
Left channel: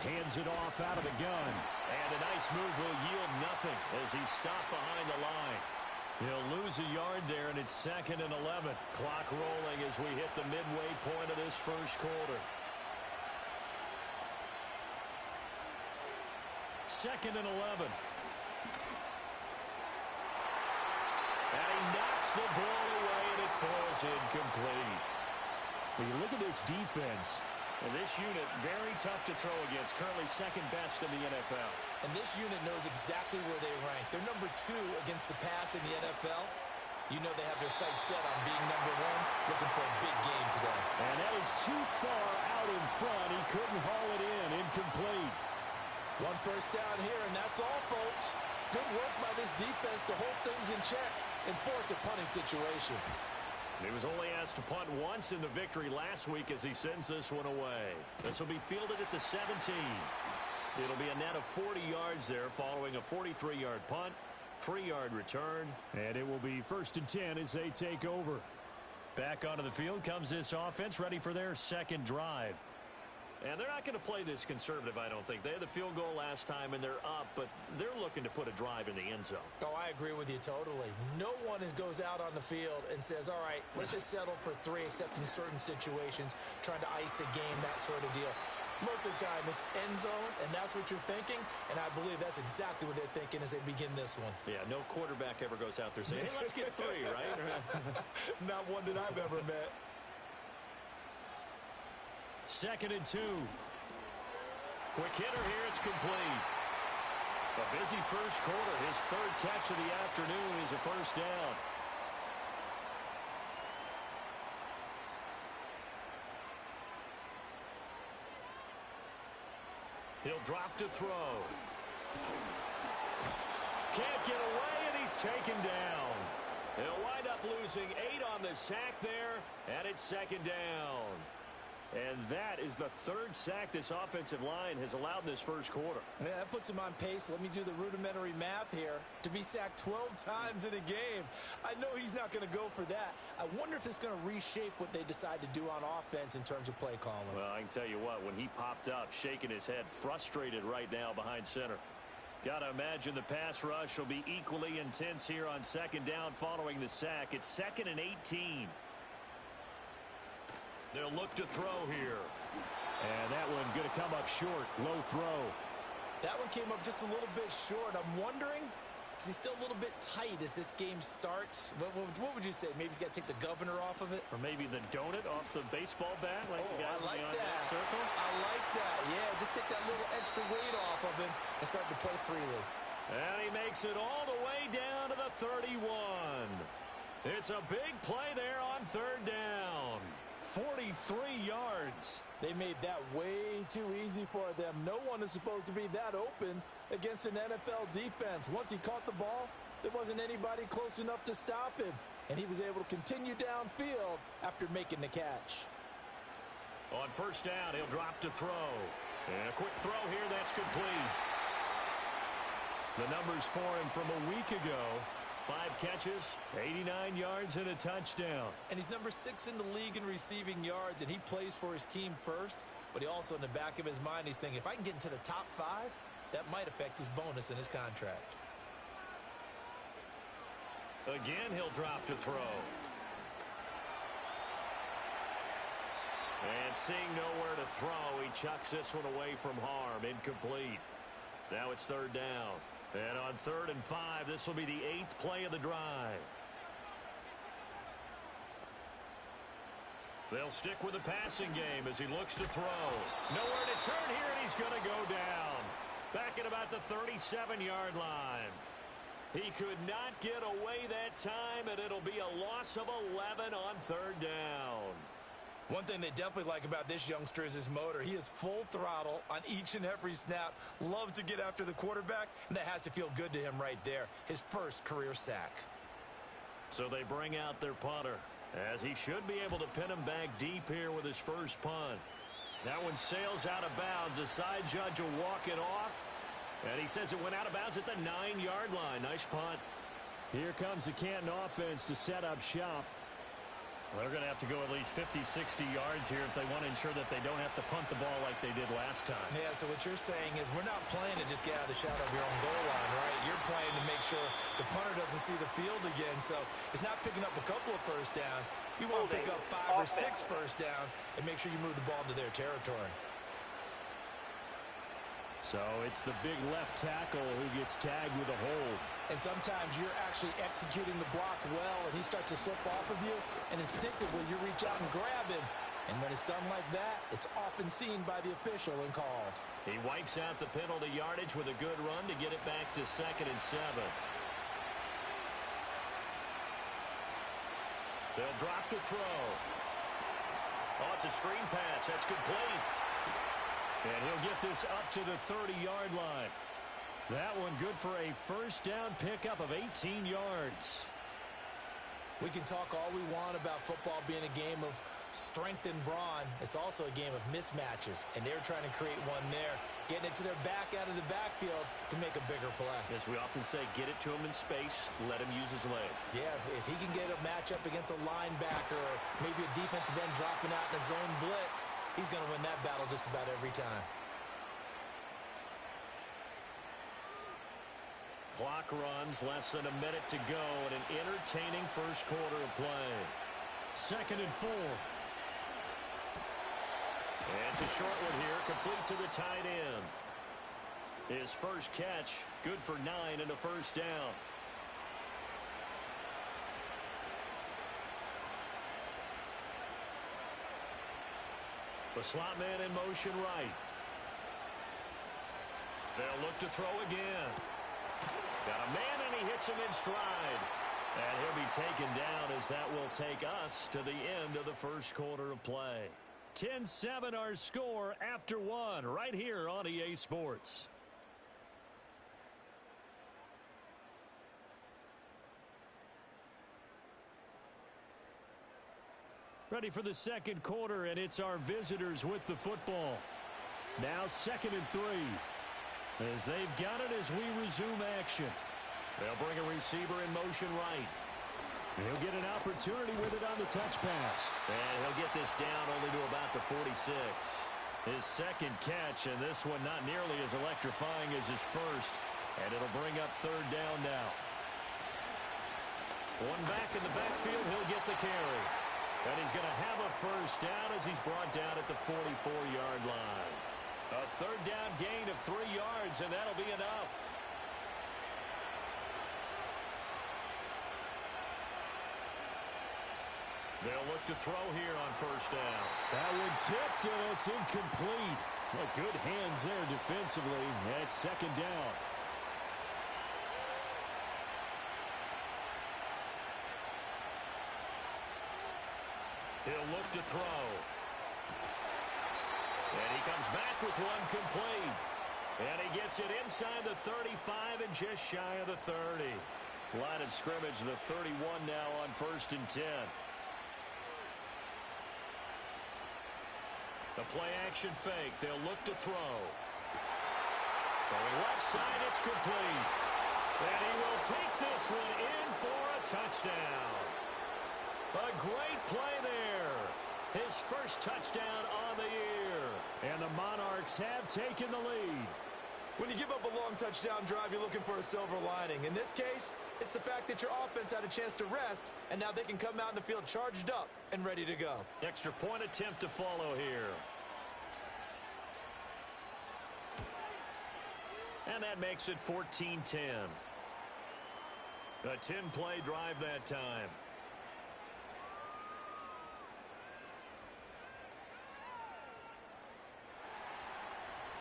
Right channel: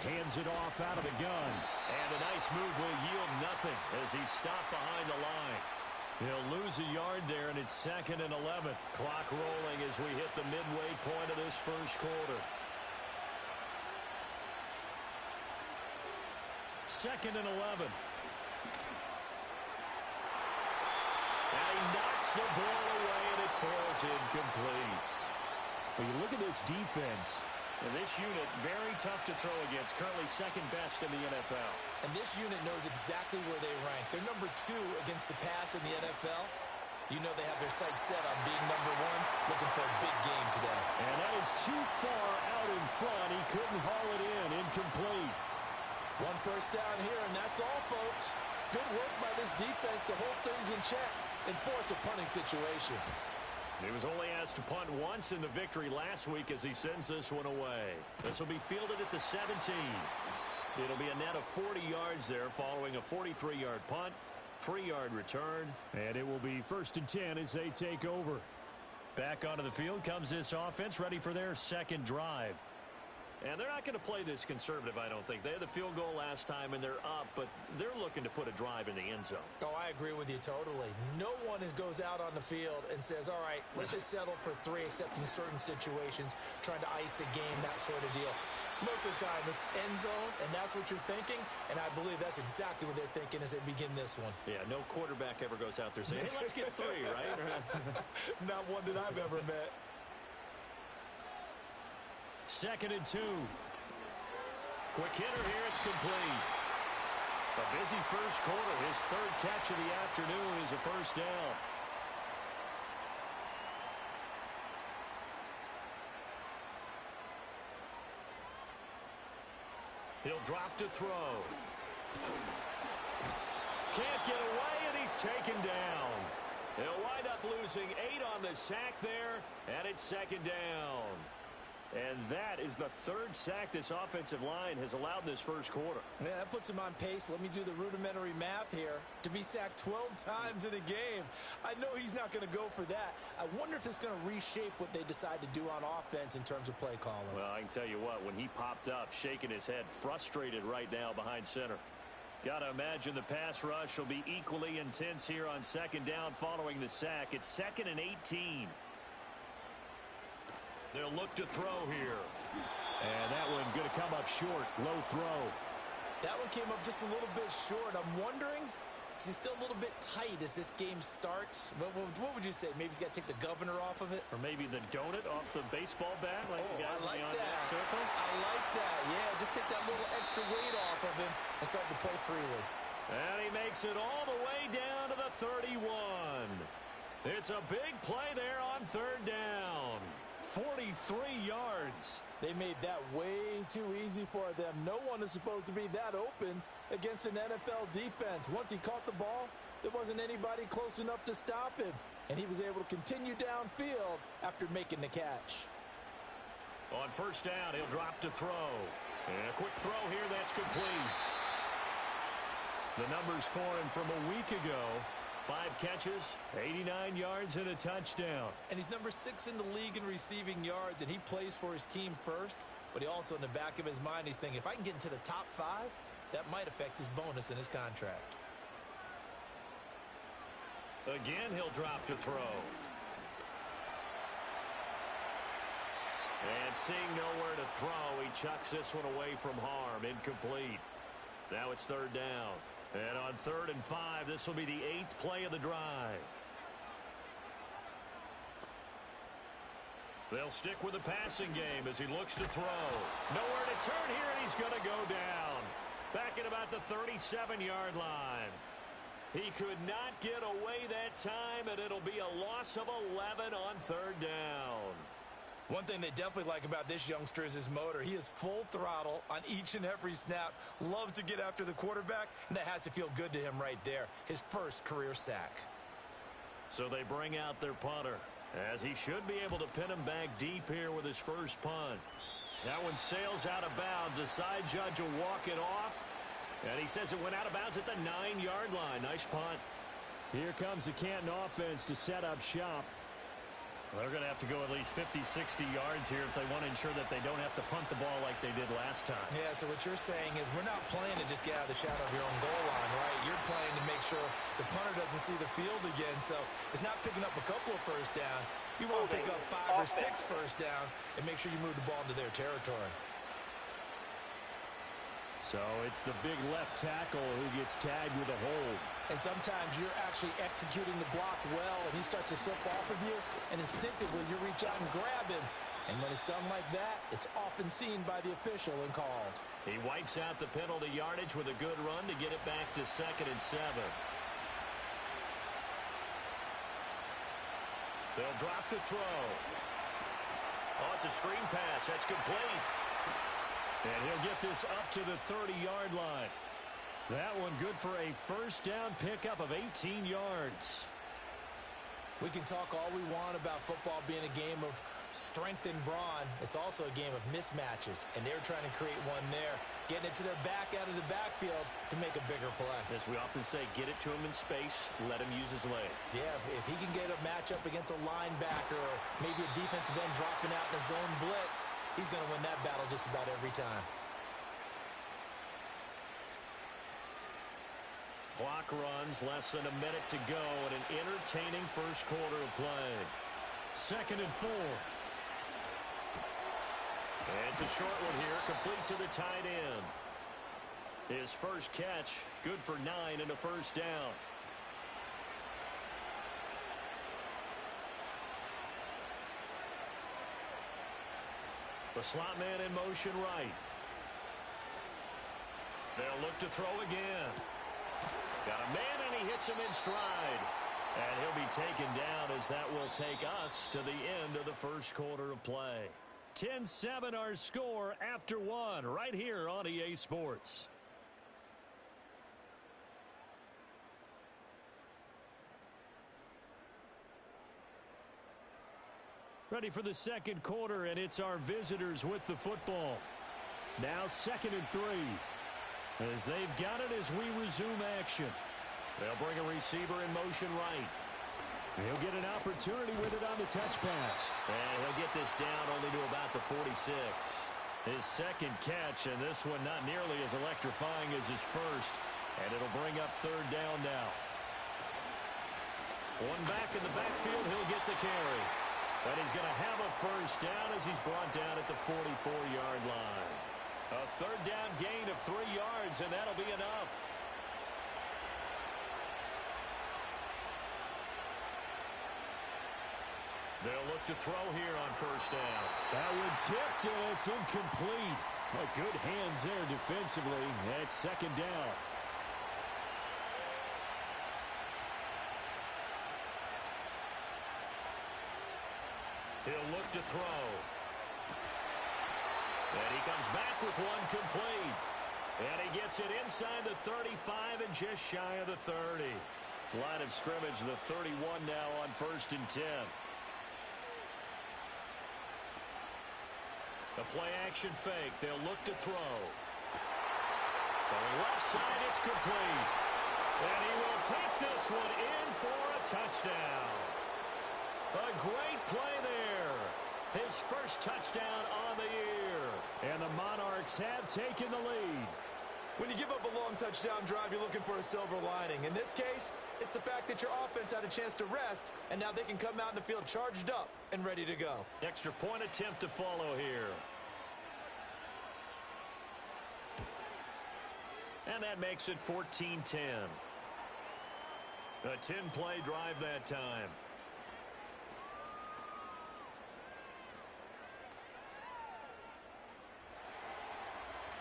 Hands it off out of the gun. And a nice move will yield nothing as he's stopped behind the line. He'll lose a yard there, and it's 2nd and 11. Clock rolling as we hit the midway point of this first quarter. 2nd and 11. And he knocks the ball away, and it falls incomplete. When you look at this defense, and this unit, very tough to throw against, currently 2nd best in the NFL. And this unit knows exactly where they rank. They're number 2 against the pass in the NFL. You know they have their sights set on being number one, looking for a big game today. And that is too far out in front. He couldn't haul it in. Incomplete. One first down here, and that's all, folks. Good work by this defense to hold things in check and force a punting situation. He was only asked to punt once in the victory last week as he sends this one away. This will be fielded at the 17. It'll be a net of 40 yards there following a 43-yard punt, 3-yard return, and it will be 1st and 10 as they take over. Back onto the field comes this offense ready for their second drive. And they're not going to play this conservative, I don't think. They had the field goal last time, and they're up, but they're looking to put a drive in the end zone. Oh, I agree with you totally. No one goes out on the field and says, all right, let's just settle for 3, except in certain situations, trying to ice a game, that sort of deal. Most of the time, it's end zone, and that's what you're thinking, and I believe that's exactly what they're thinking as they begin this one. Yeah, no quarterback ever goes out there saying, hey, let's get 3, right? Not one that I've ever met. 2nd and 2. Quick hitter here, it's complete. A busy first quarter. His 3rd catch of the afternoon is a first down. He'll drop to throw. Can't get away, and he's taken down. He'll wind up losing 8 on the sack there, and it's 2nd down. And that is the 3rd sack this offensive line has allowed in this first quarter. Yeah, that puts him on pace. Let me do the rudimentary math here. To be sacked 12 times in a game. I know he's not going to go for that. I wonder if it's going to reshape what they decide to do on offense in terms of play calling. Well, I can tell you what, when he popped up, shaking his head, frustrated right now behind center. Got to imagine the pass rush will be equally intense here on 2nd down following the sack. It's 2nd and 18. They'll look to throw here. And that one going to come up short. Low throw. That one came up just a little bit short. I'm wondering, is he still a little bit tight as this game starts? What would you say? Maybe he's got to take the governor off of it? Or maybe the donut off the baseball bat like the guys I like in the on-deck circle? I like that. Yeah, just take that little extra weight off of him and start to play freely. And he makes it all the way down to the 31. It's a big play there on 3rd down. 43 yards. They made that way too easy for them. No one is supposed to be that open against an NFL defense. Once he caught the ball, there wasn't anybody close enough to stop him. And he was able to continue downfield after making the catch. On 1st down, he'll drop to throw. And a quick throw here, that's complete. The numbers for him from a week ago. 5 catches, 89 yards, and a touchdown. And he's number 6 in the league in receiving yards, and he plays for his team first. But he also, in the back of his mind, he's thinking, if I can get into the top 5, that might affect his bonus in his contract. Again, he'll drop to throw. And seeing nowhere to throw, he chucks this one away from harm. Incomplete. Now it's 3rd down. And on 3rd and 5, this will be the 8th play of the drive. They'll stick with the passing game as he looks to throw. Nowhere to turn here, and he's going to go down. Back at about the 37-yard line. He could not get away that time, and it'll be a loss of 11 on 3rd down. One thing they definitely like about this youngster is his motor. He is full throttle on each and every snap. Loves to get after the quarterback, and that has to feel good to him right there. His first career sack. So they bring out their punter, as he should be able to pin him back deep here with his first punt. That one sails out of bounds. The side judge will walk it off, and he says it went out of bounds at the 9-yard line. Nice punt. Here comes the Canton offense to set up shop. They're going to have to go at least 50, 60 yards here if they want to ensure that they don't have to punt the ball like they did last time. Yeah, so what you're saying is we're not playing to just get out of the shadow of your own goal line, right? You're playing to make sure the punter doesn't see the field again. So it's not picking up a couple of first downs. You want to pick up 5 or 6 first downs and make sure you move the ball into their territory. So it's the big left tackle who gets tagged with a hold. And sometimes you're actually executing the block well, and he starts to slip off of you, and instinctively you reach out and grab him. And when it's done like that, it's often seen by the official and called. He wipes out the penalty yardage with a good run to get it back to 2nd and 7. They'll drop to throw. Oh, it's a screen pass. That's complete. And he'll get this up to the 30-yard line. That one good for a first down pickup of 18 yards. We can talk all we want about football being a game of strength and brawn. It's also a game of mismatches, and they're trying to create one there, getting it to their back out of the backfield to make a bigger play. As we often say, get it to him in space, let him use his leg. Yeah, if he can get a matchup against a linebacker or maybe a defensive end dropping out in a zone blitz, he's going to win that battle just about every time. Clock runs, less than a minute to go in an entertaining first quarter of play. 2nd and 4. And it's a short one here, complete to the tight end. His first catch, good for 9 and a first down. The slot man in motion right. They'll look to throw again. Got a man, and he hits him in stride. And he'll be taken down as that will take us to the end of the first quarter of play. 10-7 our score after 1 right here on EA Sports. Ready for the second quarter, and it's our visitors with the football. Now 2nd and 3. As they've got it as we resume action. They'll bring a receiver in motion right. He'll get an opportunity with it on the touch pass. And he'll get this down only to about the 46. His second catch, and this one not nearly as electrifying as his first. And it'll bring up 3rd down now. One back in the backfield, he'll get the carry. And he's going to have a first down as he's brought down at the 44-yard line. A 3rd down gain of 3 yards, and that'll be enough. They'll look to throw here on first down. That one tipped, and it's incomplete. What good hands there defensively at 2nd down. He'll look to throw. And he comes back with one complete. And he gets it inside the 35 and just shy of the 30. Line of scrimmage, the 31 now on 1st and 10. The play action fake. They'll look to throw. Throwing left side, it's complete. And he will take this one in for a touchdown. A great play there. His first touchdown on the year. And the Monarchs have taken the lead. When you give up a long touchdown drive, you're looking for a silver lining. In this case, it's the fact that your offense had a chance to rest, and now they can come out in the field charged up and ready to go. Extra point attempt to follow here. And that makes it 14-10. A 10-play drive that time.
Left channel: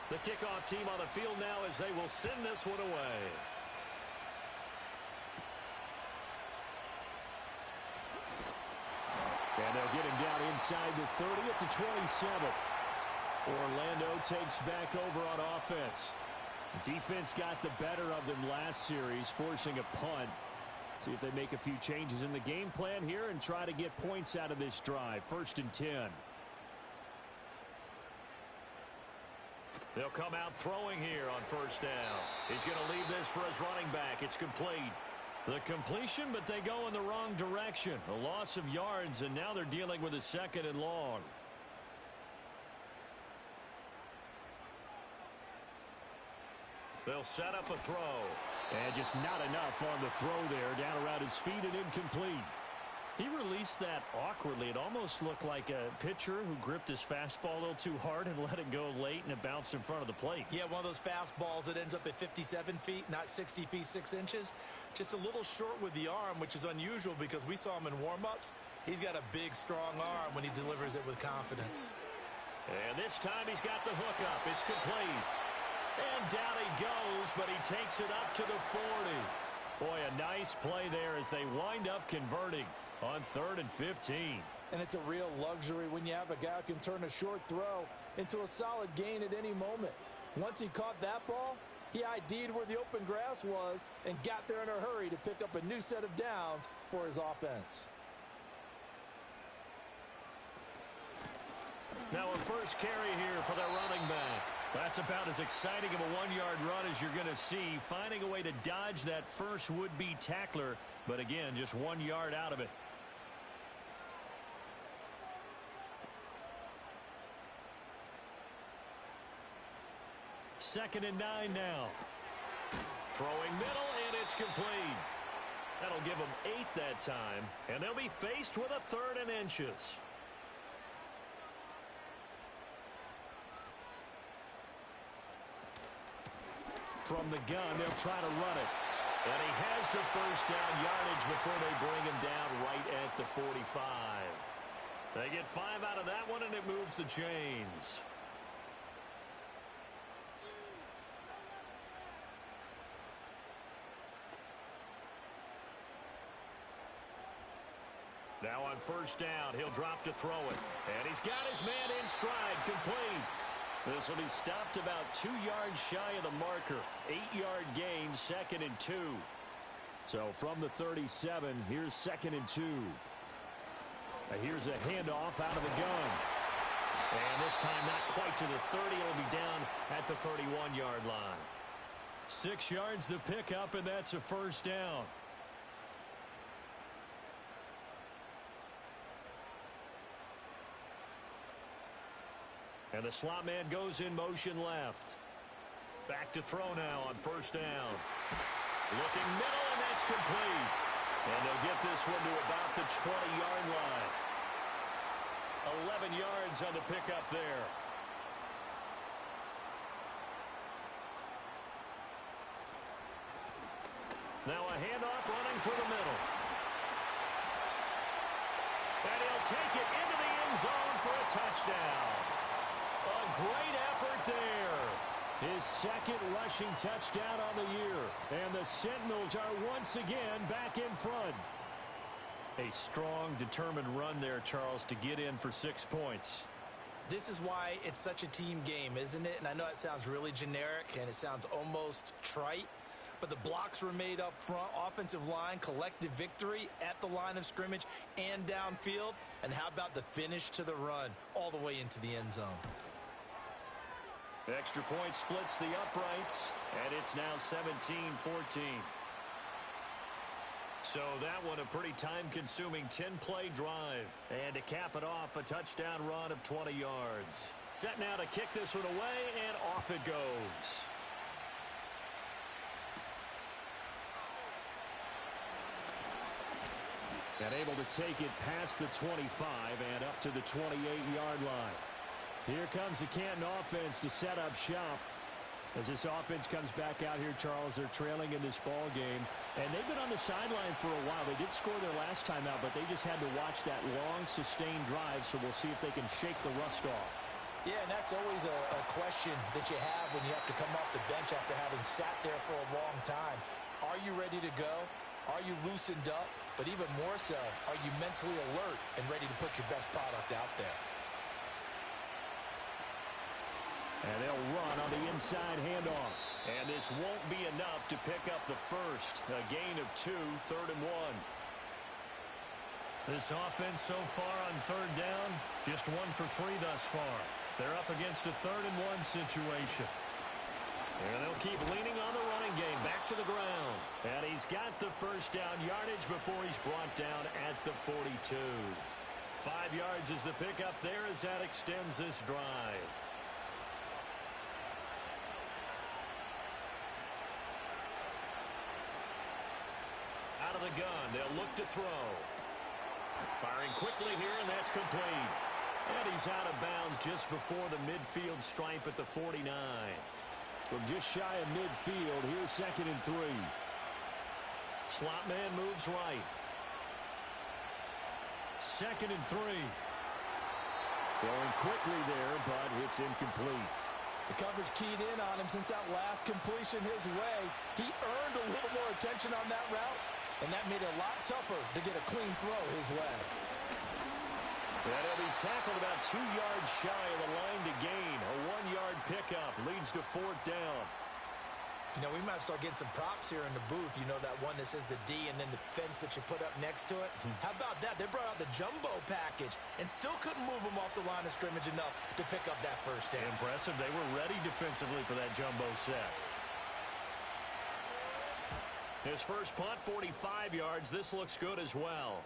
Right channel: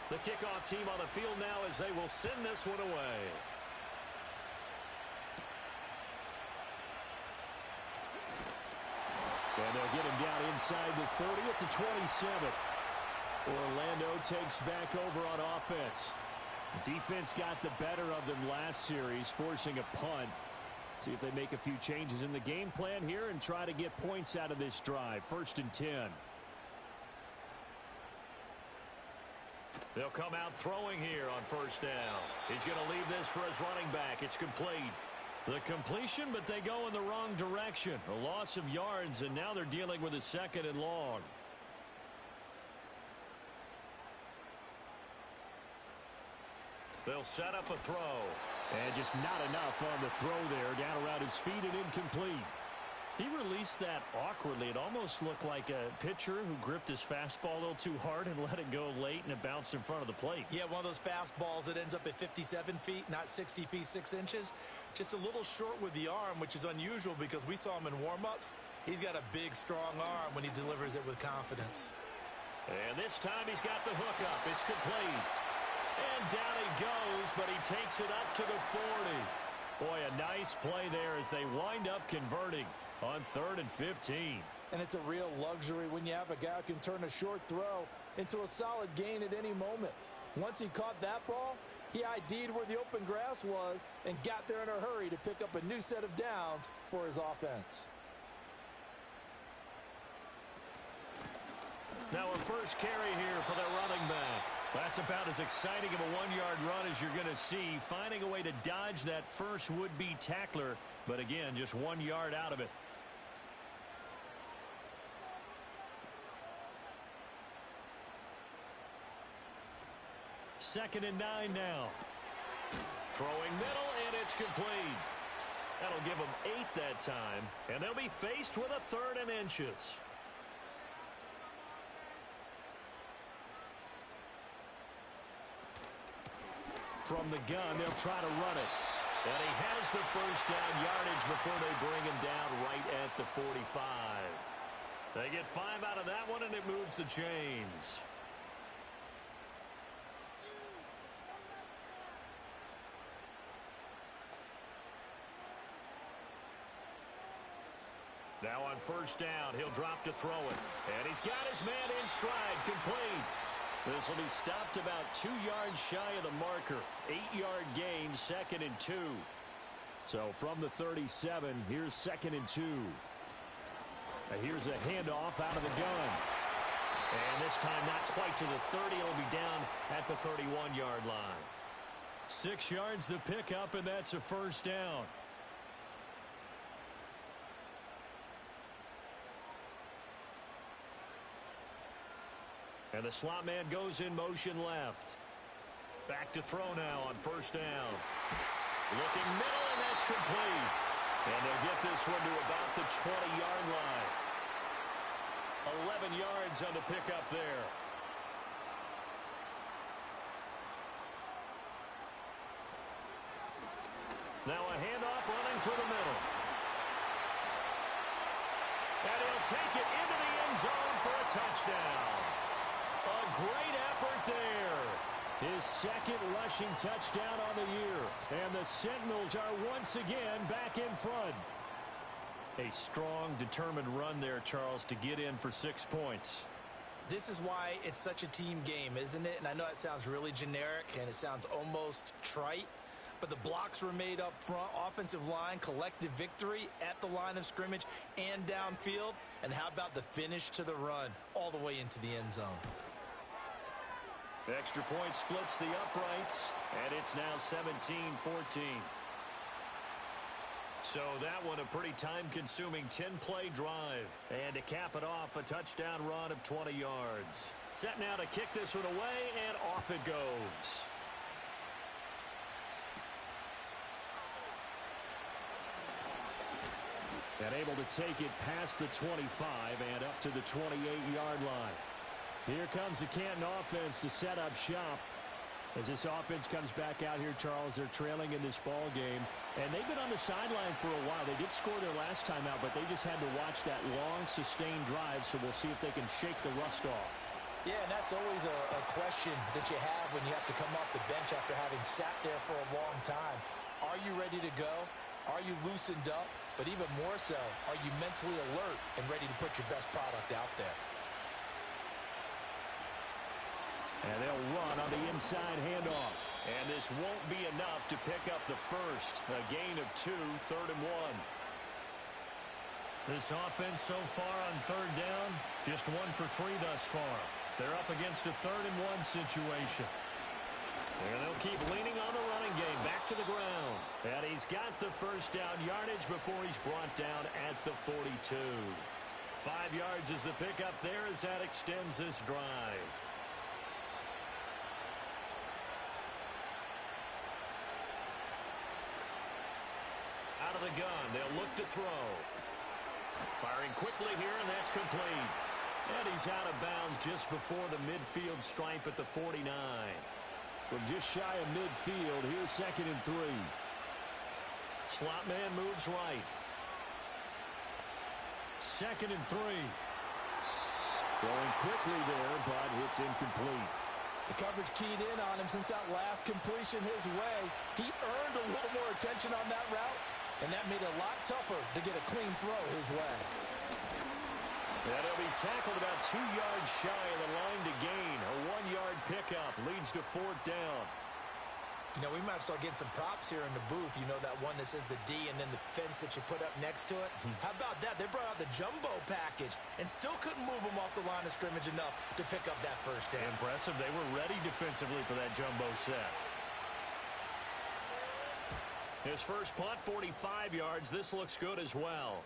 The kickoff team on the field now as they will send this one away. And they'll get him down inside the 30 at the 27. Orlando takes back over on offense. Defense got the better of them last series, forcing a punt. See if they make a few changes in the game plan here and try to get points out of this drive. 1st and 10. They'll come out throwing here on first down. He's going to leave this for his running back. It's complete. The completion, but they go in the wrong direction. A loss of yards, and now they're dealing with a 2nd and long. They'll set up a throw. And just not enough on the throw there. Down around his feet and incomplete. He released that awkwardly. It almost looked like a pitcher who gripped his fastball a little too hard and let it go late, and it bounced in front of the plate. Yeah, one of those fastballs that ends up at 57 feet, not 60 feet, 6 inches. Just a little short with the arm, which is unusual because we saw him in warm-ups. He's got a big, strong arm when he delivers it with confidence. And this time he's got the hook up. It's complete. And down he goes, but he takes it up to the 40. Boy, a nice play there as they wind up converting. on 3rd and 15. And it's a real luxury when you have a guy who can turn a short throw into a solid gain at any moment. Once he caught that ball, he ID'd where the open grass was and got there in a hurry to pick up a new set of downs for his offense. Now a first carry here for their running back. That's about as exciting of a 1-yard run as you're going to see, finding a way to dodge that first would-be tackler, but again, just 1 yard out of it. Second and 9 now. Throwing middle, and it's complete. That'll give them 8 that time, and they'll be faced with a 3rd and inches. From the gun, they'll try to run it. And he has the first down yardage before they bring him down right at the 45. They get 5 out of that one, and it moves the chains. Now on first down, he'll drop to throw it. And he's got his man in stride, complete. This will be stopped about 2 yards shy of the marker. 8-yard gain, 2nd and 2. So from the 37, here's 2nd and 2. Here's a handoff out of the gun. And this time not quite to the 30. It'll be down at the 31-yard line. 6 yards the pickup, and that's a first down. And the slot man goes in motion left. Back to throw now on first down. Looking middle, and that's complete. And they'll get this one to about the 20-yard line. 11 yards on the pickup there. Now a handoff running through the middle. And he'll take it into the end zone for a touchdown. A great effort there. His 2nd rushing touchdown on the year. And the Sentinels are once again back in front. A strong, determined run there, Charles, to get in for 6 points. This is why it's such a team game, isn't it? And I know it sounds really generic and it sounds almost trite, but the blocks were made up front, offensive line, collective victory at the line of scrimmage and downfield. And how about the finish to the run all the way into the end zone? Extra point splits the uprights, and it's now 17-14. So that one a pretty time-consuming 10-play drive. And to cap it off, a touchdown run of 20 yards. Set now to kick this one away, and off it goes. And able to take it past the 25 and up to the 28-yard line. Here comes the Canton offense to set up shop. As this offense comes back out here, Charles, they're trailing in this ball game. And they've been on the sideline for a while. They did score their last time out, but they just had to watch that long, sustained drive. So we'll see if they can shake the rust off. Yeah, and that's always a question that you have when you have to come off the bench after having sat there for a long time. Are you ready to go? Are you loosened up? But even more so, are you mentally alert and ready to put your best product out there? And they'll run on the inside handoff. And this won't be enough to pick up the first. A gain of 2, 3rd and 1. This offense so far on 3rd down, just 1 for 3 thus far. They're up against a 3rd and 1 situation. And they'll keep leaning on the running game, back to the ground. And he's got the first down yardage before he's brought down at the 42. 5 yards is the pickup there as that extends this drive. Out of the gun, they'll look to throw. Firing quickly here, and that's complete. And he's out of bounds just before the midfield stripe at the 49. From just shy of midfield, here's 2nd and 3. Slot man moves right. 2nd and 3. Throwing quickly there, but it's incomplete. The coverage keyed in on him since that last completion his way. He earned a little more attention on that route, and that made it a lot tougher to get a clean throw his way. And he'll be tackled about 2 yards shy of the line to gain. A 1-yard pickup leads to 4th down. You know, we might start getting some props here in the booth. You know, that one that says the D and then the fence that you put up next to it? How about that? They brought out the jumbo package and still couldn't move them off the line of scrimmage enough to pick up that first down. Impressive. They were ready defensively for that jumbo set. His first punt, 45 yards. This looks good as well.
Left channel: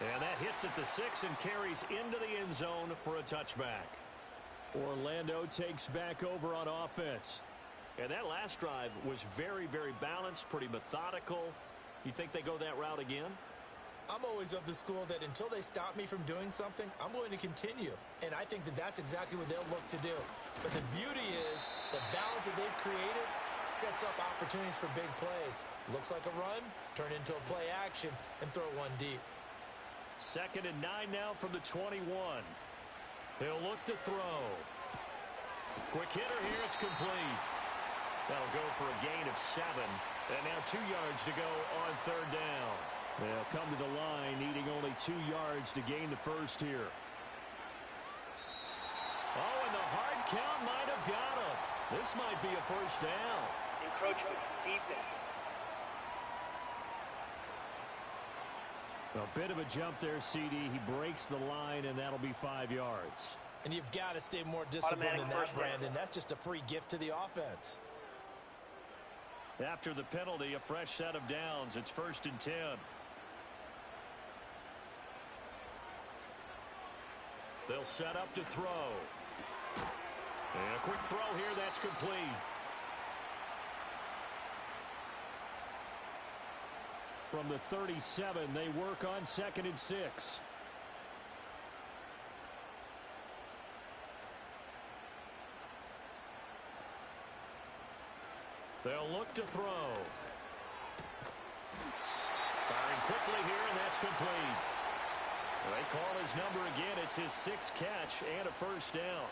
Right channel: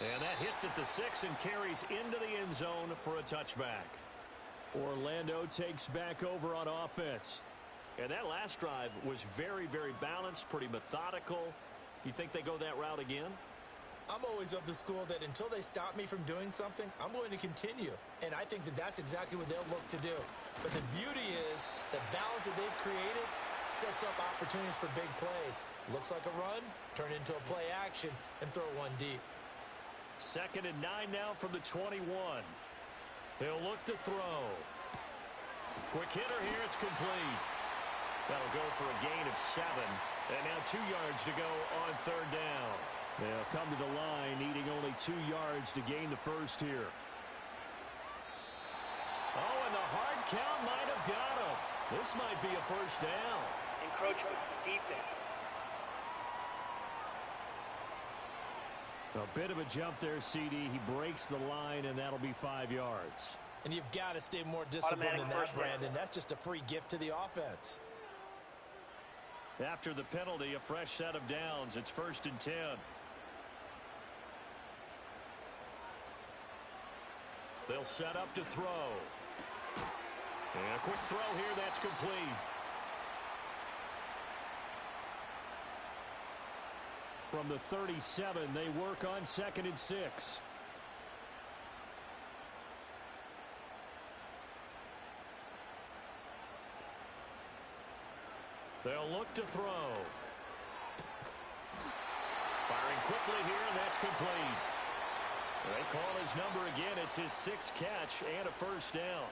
And that hits at the 6 and carries into the end zone for a touchback. Orlando takes back over on offense. And that last drive was very, very balanced, pretty methodical. You think they go that route again? I'm always of the school that until they stop me from doing something, I'm going to continue. And I think that that's exactly what they'll look to do. But the beauty is the balance that they've created sets up opportunities for big plays. Looks like a run, turn into a play action, and throw one deep. 2nd and 9 now from the 21. He'll look to throw. Quick hitter here, it's complete. That'll go for a gain of 7. And now 2 yards to go on 3rd down. They'll come to the line, needing only 2 yards to gain the first here. Oh, and the hard count might have got him. This might be a first down. Encroachment, defense. A bit of a jump there, CD. He breaks the line, and that'll be 5 yards. And you've got to stay more disciplined than that, Brandon. That's just a free gift to the offense. After the penalty, a fresh set of downs. It's 1st and 10. They'll set up to throw. And a quick throw here, that's complete. From the 37, they work on 2nd and 6. They'll look to throw. Firing quickly here, and that's complete. They call his number again. It's his 6th catch and a first down.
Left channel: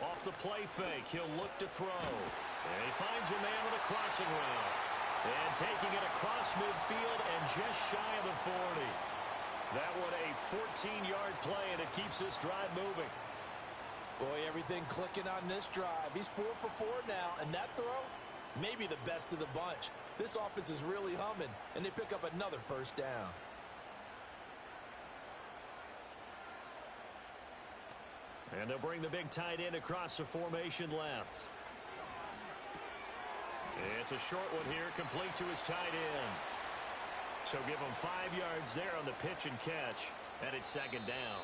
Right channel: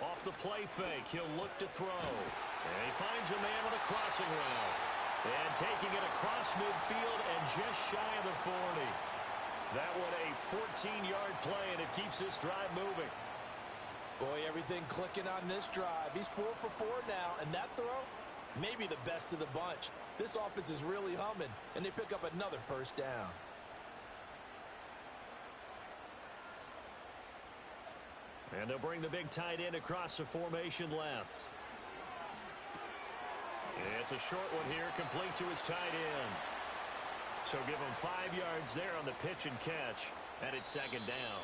Off the play fake, he'll look to throw. And he finds a man with a crossing route. And taking it across midfield and just shy of the 40. That one a 14-yard play, and it keeps this drive moving. Boy, everything clicking on this drive. He's 4 for 4 now, and that throw, maybe the best of the bunch. This offense is really humming, and they pick up another first down. And they'll bring the big tight end across the formation left. It's a short one here, complete to his tight end. So give them 5 yards there on the pitch and catch, and it's 2nd down.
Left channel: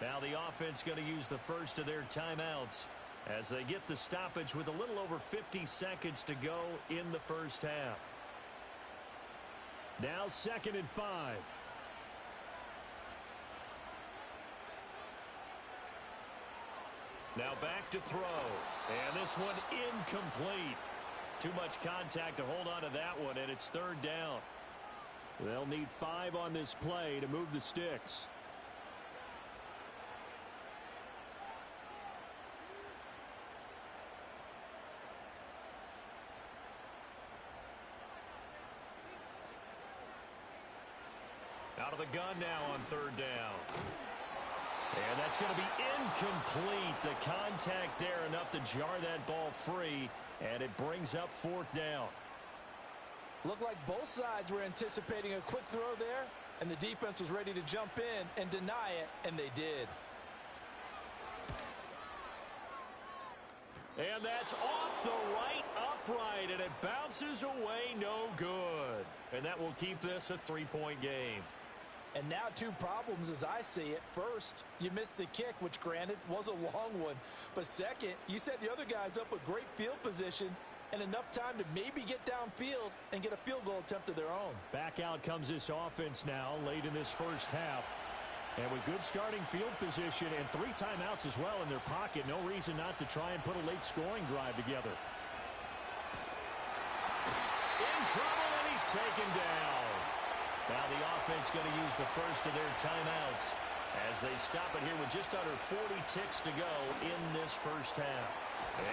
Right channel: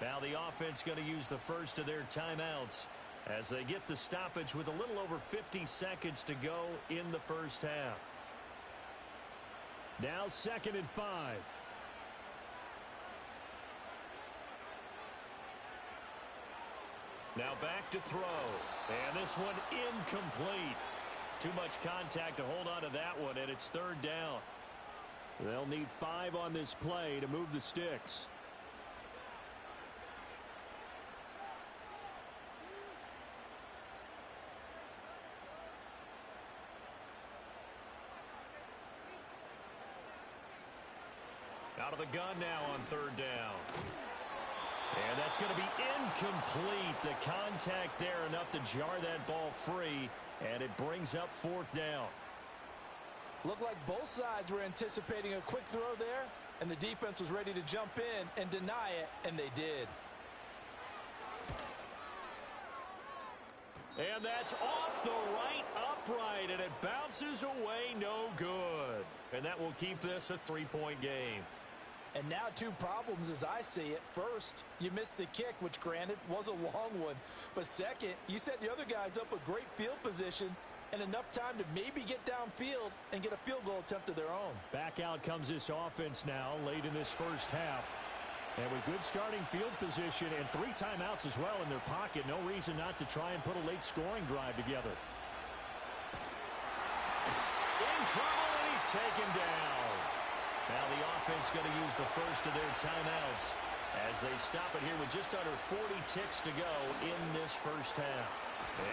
Now the offense going to use the first of their timeouts as they get the stoppage with a little over 50 seconds to go in the first half. Now 2nd and 5. Now back to throw. And this one incomplete. Too much contact to hold on to that one, and it's 3rd down. They'll need 5 on this play to move the sticks. Out of the gun now on 3rd down. And that's going to be incomplete. The contact there enough to jar that ball free, and it brings up 4th down. Looked like both sides were anticipating a quick throw there, and the defense was ready to jump in and deny it, and they did. And that's off the right upright, and it bounces away no good. And that will keep this a 3-point game. And now 2 problems as I see it. First, you missed the kick, which granted was a long one. But second, you set the other guys up with great field position and enough time to maybe get downfield and get a field goal attempt of their own. Back out comes this offense now late in this first half. And with good starting field position and 3 timeouts as well in their pocket, no reason not to try and put a late scoring drive together. In trouble, and he's taken down. Now the offense going to use the first of their timeouts as they stop it here with just under 40 ticks to go in this first half.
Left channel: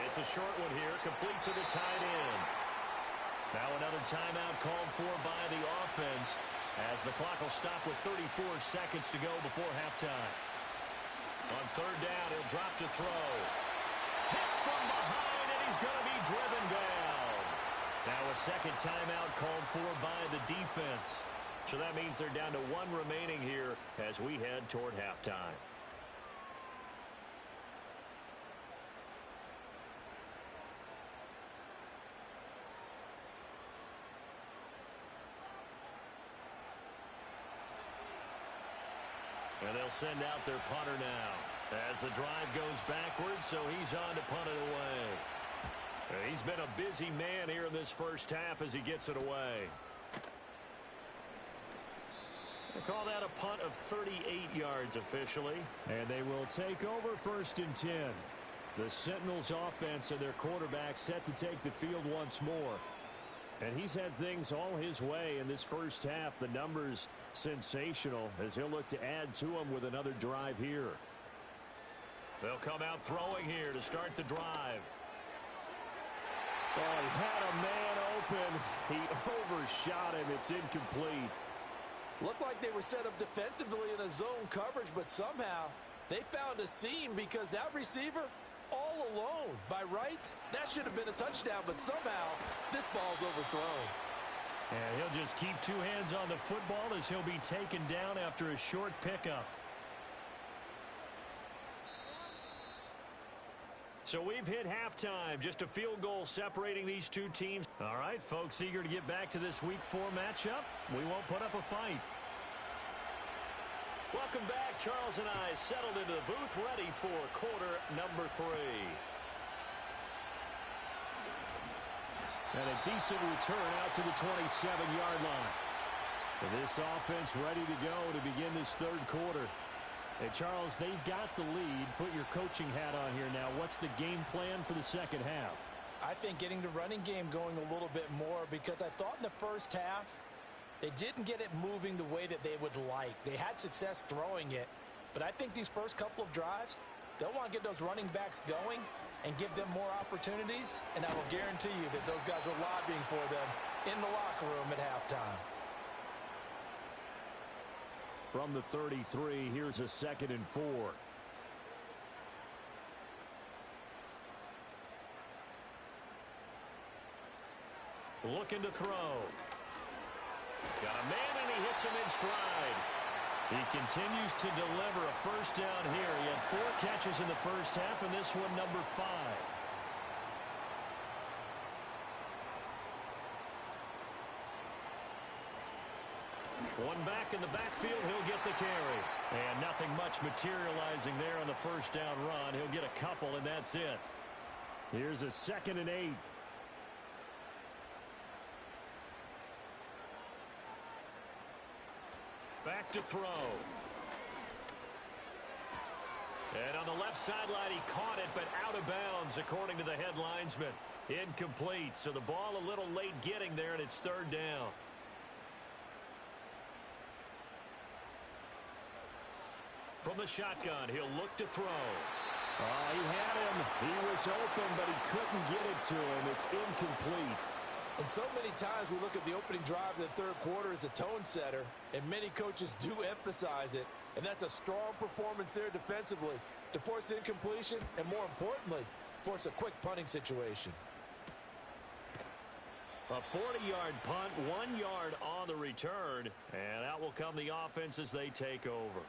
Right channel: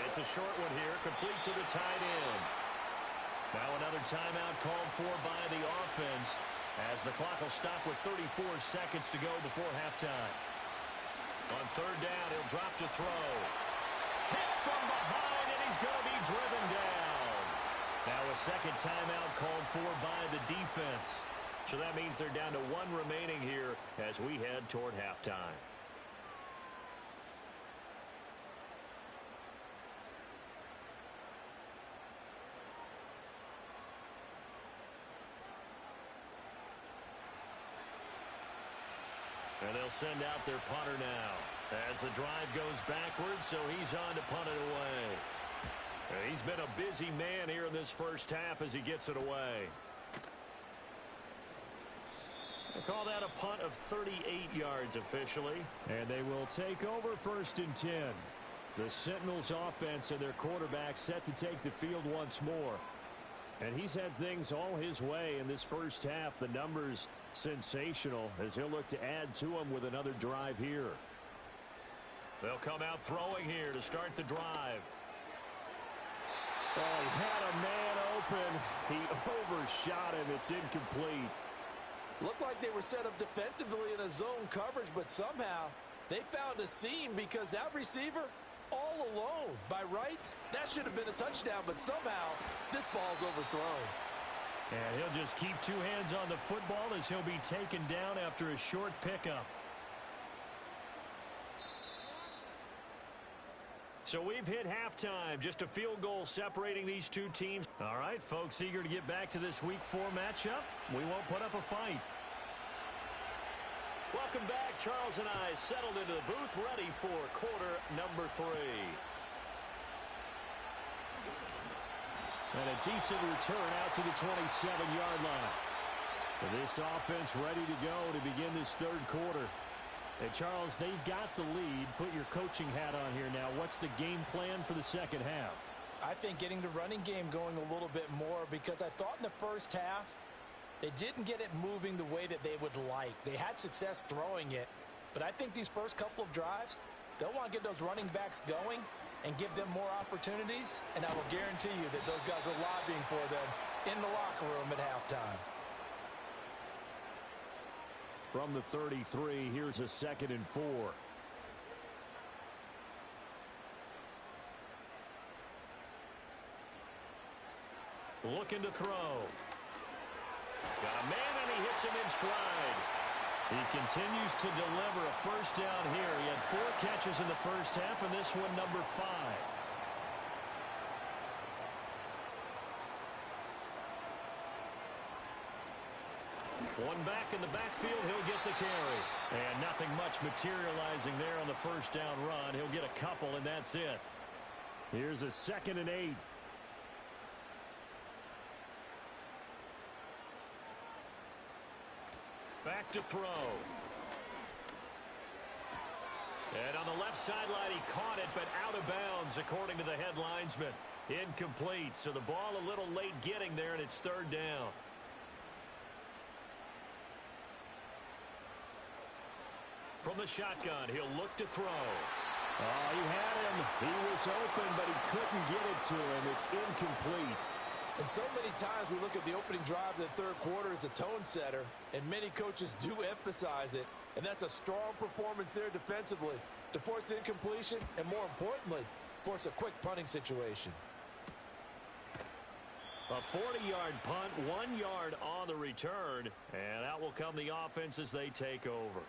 It's a short one here, complete to the tight end. Now another timeout called for by the offense as the clock will stop with 34 seconds to go before halftime. On third down, he'll drop to throw. Hit from behind, and he's going to be driven down. Now a second timeout called for by the defense. So that means they're down to one remaining here as we head toward halftime. And they'll send out their punter now as the drive goes backwards, so he's on to punt it away. And he's been a busy man here in this first half as he gets it away. They call that a punt of 38 yards officially. And they will take over 1st and 10. The Sentinels offense and their quarterback set to take the field once more. And he's had things all his way in this first half. The numbers sensational as he'll look to add to them with another drive here. They'll come out throwing here to start the drive. Oh, he had a man open. He overshot him. It's incomplete. Looked like they were set up defensively in a zone coverage, but somehow they found a seam because that receiver all alone. By rights, that should have been a touchdown, but somehow this ball's overthrown. And he'll just keep two hands on the football as he'll be taken down after a short pickup. So we've hit halftime. Just a field goal separating these two teams. All right, folks, eager to get back to this Week 4 matchup. We won't put up a fight. Welcome back. Charles and I settled into the booth, ready for quarter number 3. And a decent return out to the 27-yard line. For this offense ready to go to begin this third quarter. Hey, Charles, they've got the lead. Put your coaching hat on here now. What's the game plan for the second half? I think getting the running game going a little bit more because I thought in the first half they didn't get it moving the way that they would like. They had success throwing it, but I think these first couple of drives, they'll want to get those running backs going and give them more opportunities, and I will guarantee you that those guys were lobbying for them in the locker room at halftime. From the 33, here's a 2nd and 4. Looking to throw. Got a man, and he hits him in stride. He continues to deliver a first down here. He had 4 catches in the first half, and this one number 5. One back in the backfield, he'll get the carry. And nothing much materializing there on the first down run. He'll get a couple, and that's it. Here's a 2nd and 8. Back to throw. And on the left sideline, he caught it, but out of bounds, according to the head linesman. Incomplete, so the ball a little late getting there, and it's 3rd down. From the shotgun, he'll look to throw. Oh, he had him. He was open, but he couldn't get it to him. It's incomplete. And so many times we look at the opening drive of the third quarter as a tone setter, and many coaches do emphasize it, and that's a strong performance there defensively to force incompletion and, more importantly, force a quick punting situation. A 40-yard punt, 1 yard on the return, and out will come the offense as they take over.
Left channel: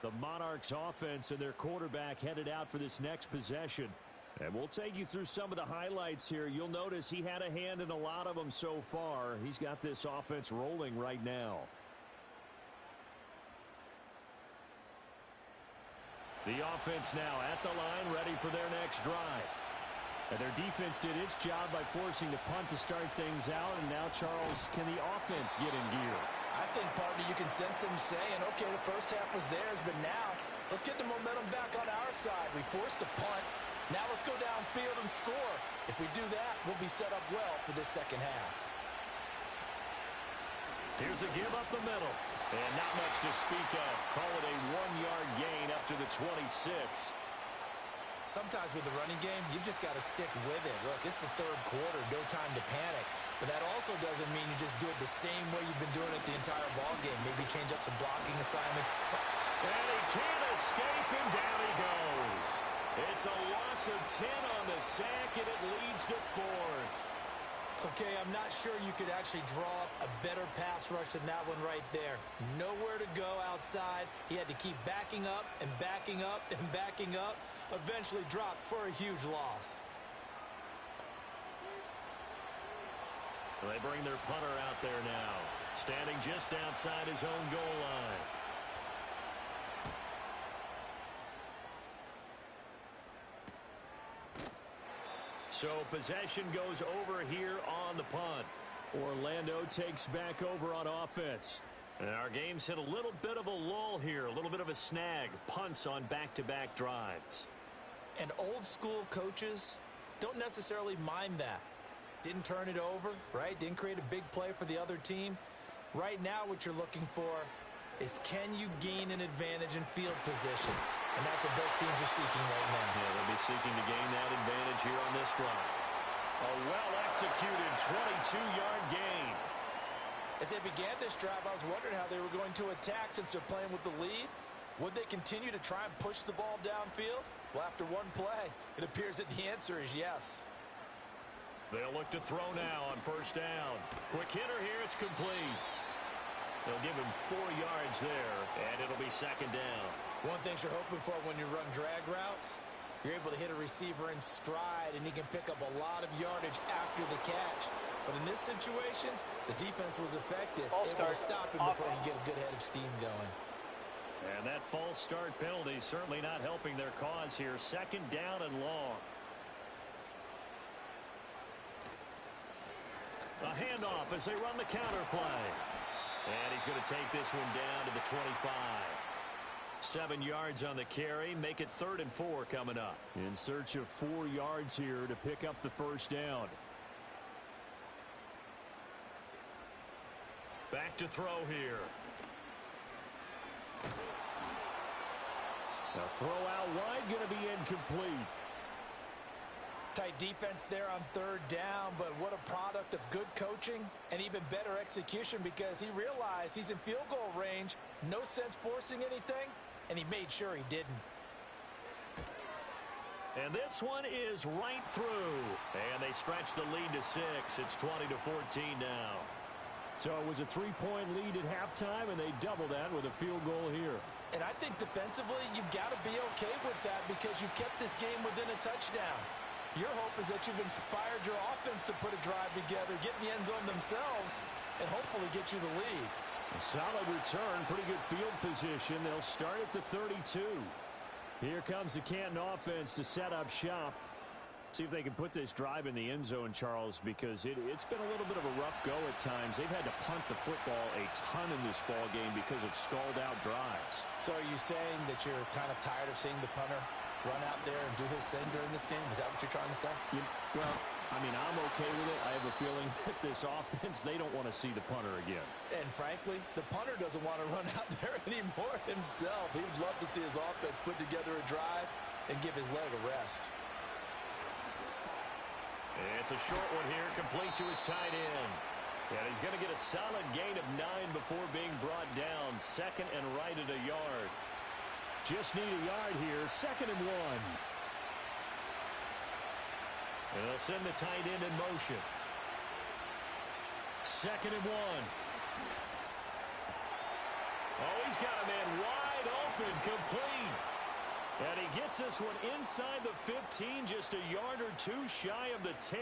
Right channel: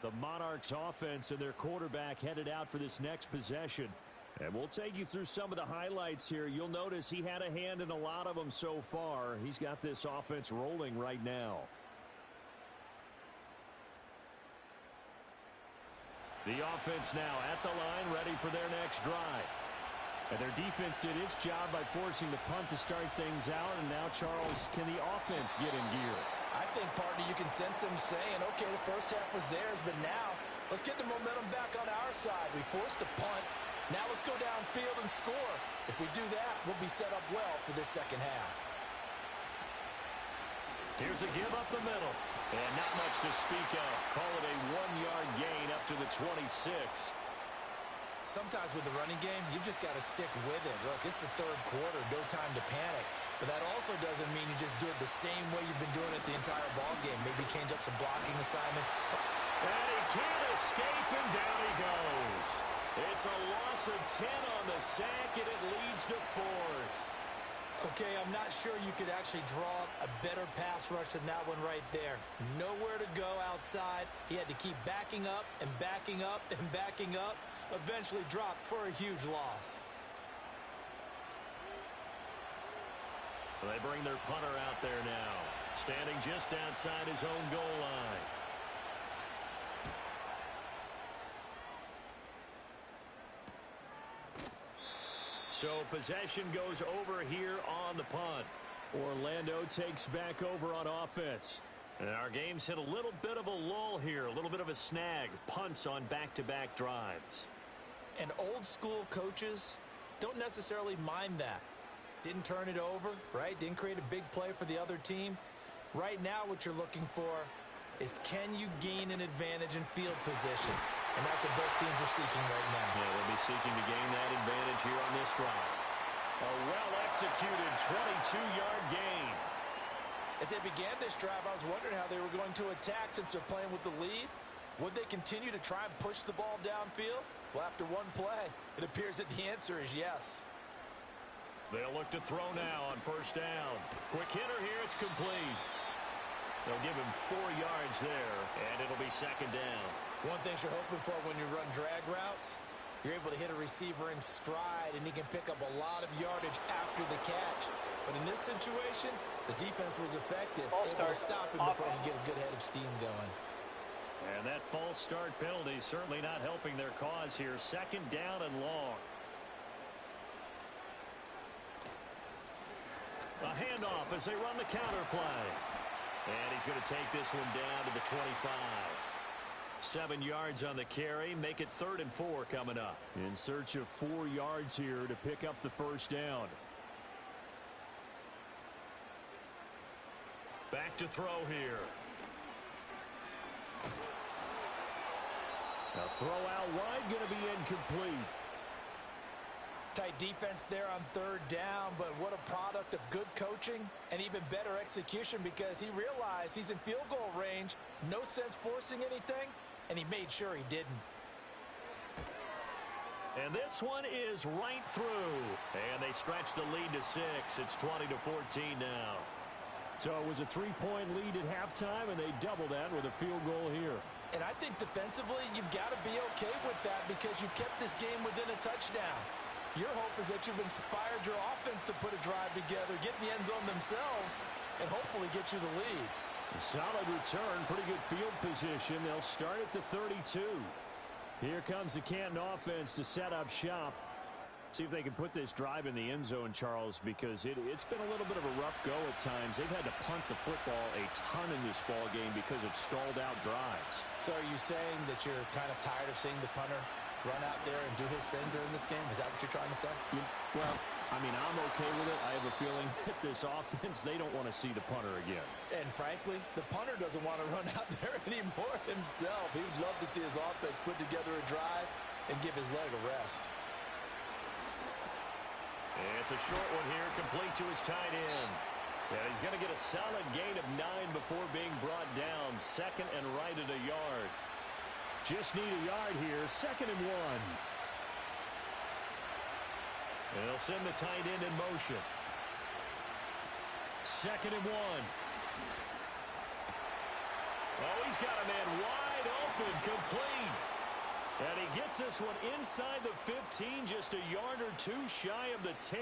The Monarchs offense and their quarterback headed out for this next possession. And we'll take you through some of the highlights here. You'll notice he had a hand in a lot of them so far. He's got this offense rolling right now. The offense now at the line, ready for their next drive. And their defense did its job by forcing the punt to start things out. And now, Charles, can the offense get in gear? I think, partner, you can sense them saying, okay, the first half was theirs, but now let's get the momentum back on our side. We forced a punt. Now let's go downfield and score. If we do that, we'll be set up well for this second half. Here's a give up the middle. And not much to speak of. Call it a 1-yard gain up to the 26. Sometimes with the running game, you've just got to stick with it. Look, it's the third quarter, no time to panic. But that also doesn't mean you just do it the same way you've been doing it the entire ball game. Maybe change up some blocking assignments. And he can't escape, and down he goes. It's a loss of 10 on the sack, and it leads to 4th. Okay, I'm not sure you could actually draw up a better pass rush than that one right there. Nowhere to go outside. He had to keep backing up and backing up and backing up. Eventually dropped for a huge loss. They bring their punter out there now, standing just outside his own goal line. So possession goes over here on the punt. Orlando takes back over on offense. And our game's hit a little bit of a lull here, a little bit of a snag. Punts on back-to-back drives. And old school coaches don't necessarily mind that. Didn't turn it over, right? Didn't create a big play for the other team. Right now what you're looking for is, can you gain an advantage in field position? And that's what both teams are seeking right now. Yeah, they'll be seeking to gain that advantage here on this drive. A well-executed 22-yard gain. As they began this drive, I was wondering how they were going to attack since they're playing with the lead. Would they continue to try and push the ball downfield? Well, after one play, it appears that the answer is yes. They'll look to throw now on first down. Quick hitter here, it's complete. They'll give him 4 yards there, and it'll be second down. One thing you're hoping for when you run drag routes, you're able to hit a receiver in stride, and he can pick up a lot of yardage after the catch. But in this situation, the defense was effective, able to stop him before he can get a good head of steam going. And that false start penalty certainly not helping their cause here. Second down and long. A handoff as they run the counter play. And he's going to take this one down to the 25. 7 yards on the carry. Make it 3rd and 4 coming up. In search of 4 yards here to pick up the first down. Back to throw here. A throw out wide, going to be incomplete. Tight defense there on 3rd down, but what a product of good coaching and even better execution, because he realized he's in field goal range, no sense forcing anything, and he made sure he didn't. And this one is right through. And they stretch the lead to 6. It's 20-14 now. So it was a 3-point lead at halftime, and they double that with a field goal here. And I think defensively, you've got to be okay with that because you've kept this game within a touchdown. Your hope is that you've inspired your offense to put a drive together, get in the end zone themselves, and hopefully get you the lead. A solid return, pretty good field position. They'll start at the 32. Here comes the Canton offense to set up shop. See if they can put this drive in the end zone, Charles, because it's been a little bit of a rough go at times. They've had to punt the football a ton in this ball game because of stalled-out drives. So are you saying that you're kind of tired of seeing the punter run out there and do his thing during this game? Is that what you're trying to say? Well, I mean, I'm okay with it. I have a feeling that this offense, they don't want to see the punter again. And frankly, the punter doesn't want to run out there anymore himself. He would love to see his offense put together a drive and give his leg a rest. It's a short one here, complete to his tight end. And he's going to get a solid gain of 9 before being brought down. 2nd and right at a yard. Just need a yard here. 2nd and 1. And they'll send the tight end in motion. 2nd and 1. Oh, he's got a man wide open, complete. And he gets this one inside the 15, just a yard or 2 shy of the 10.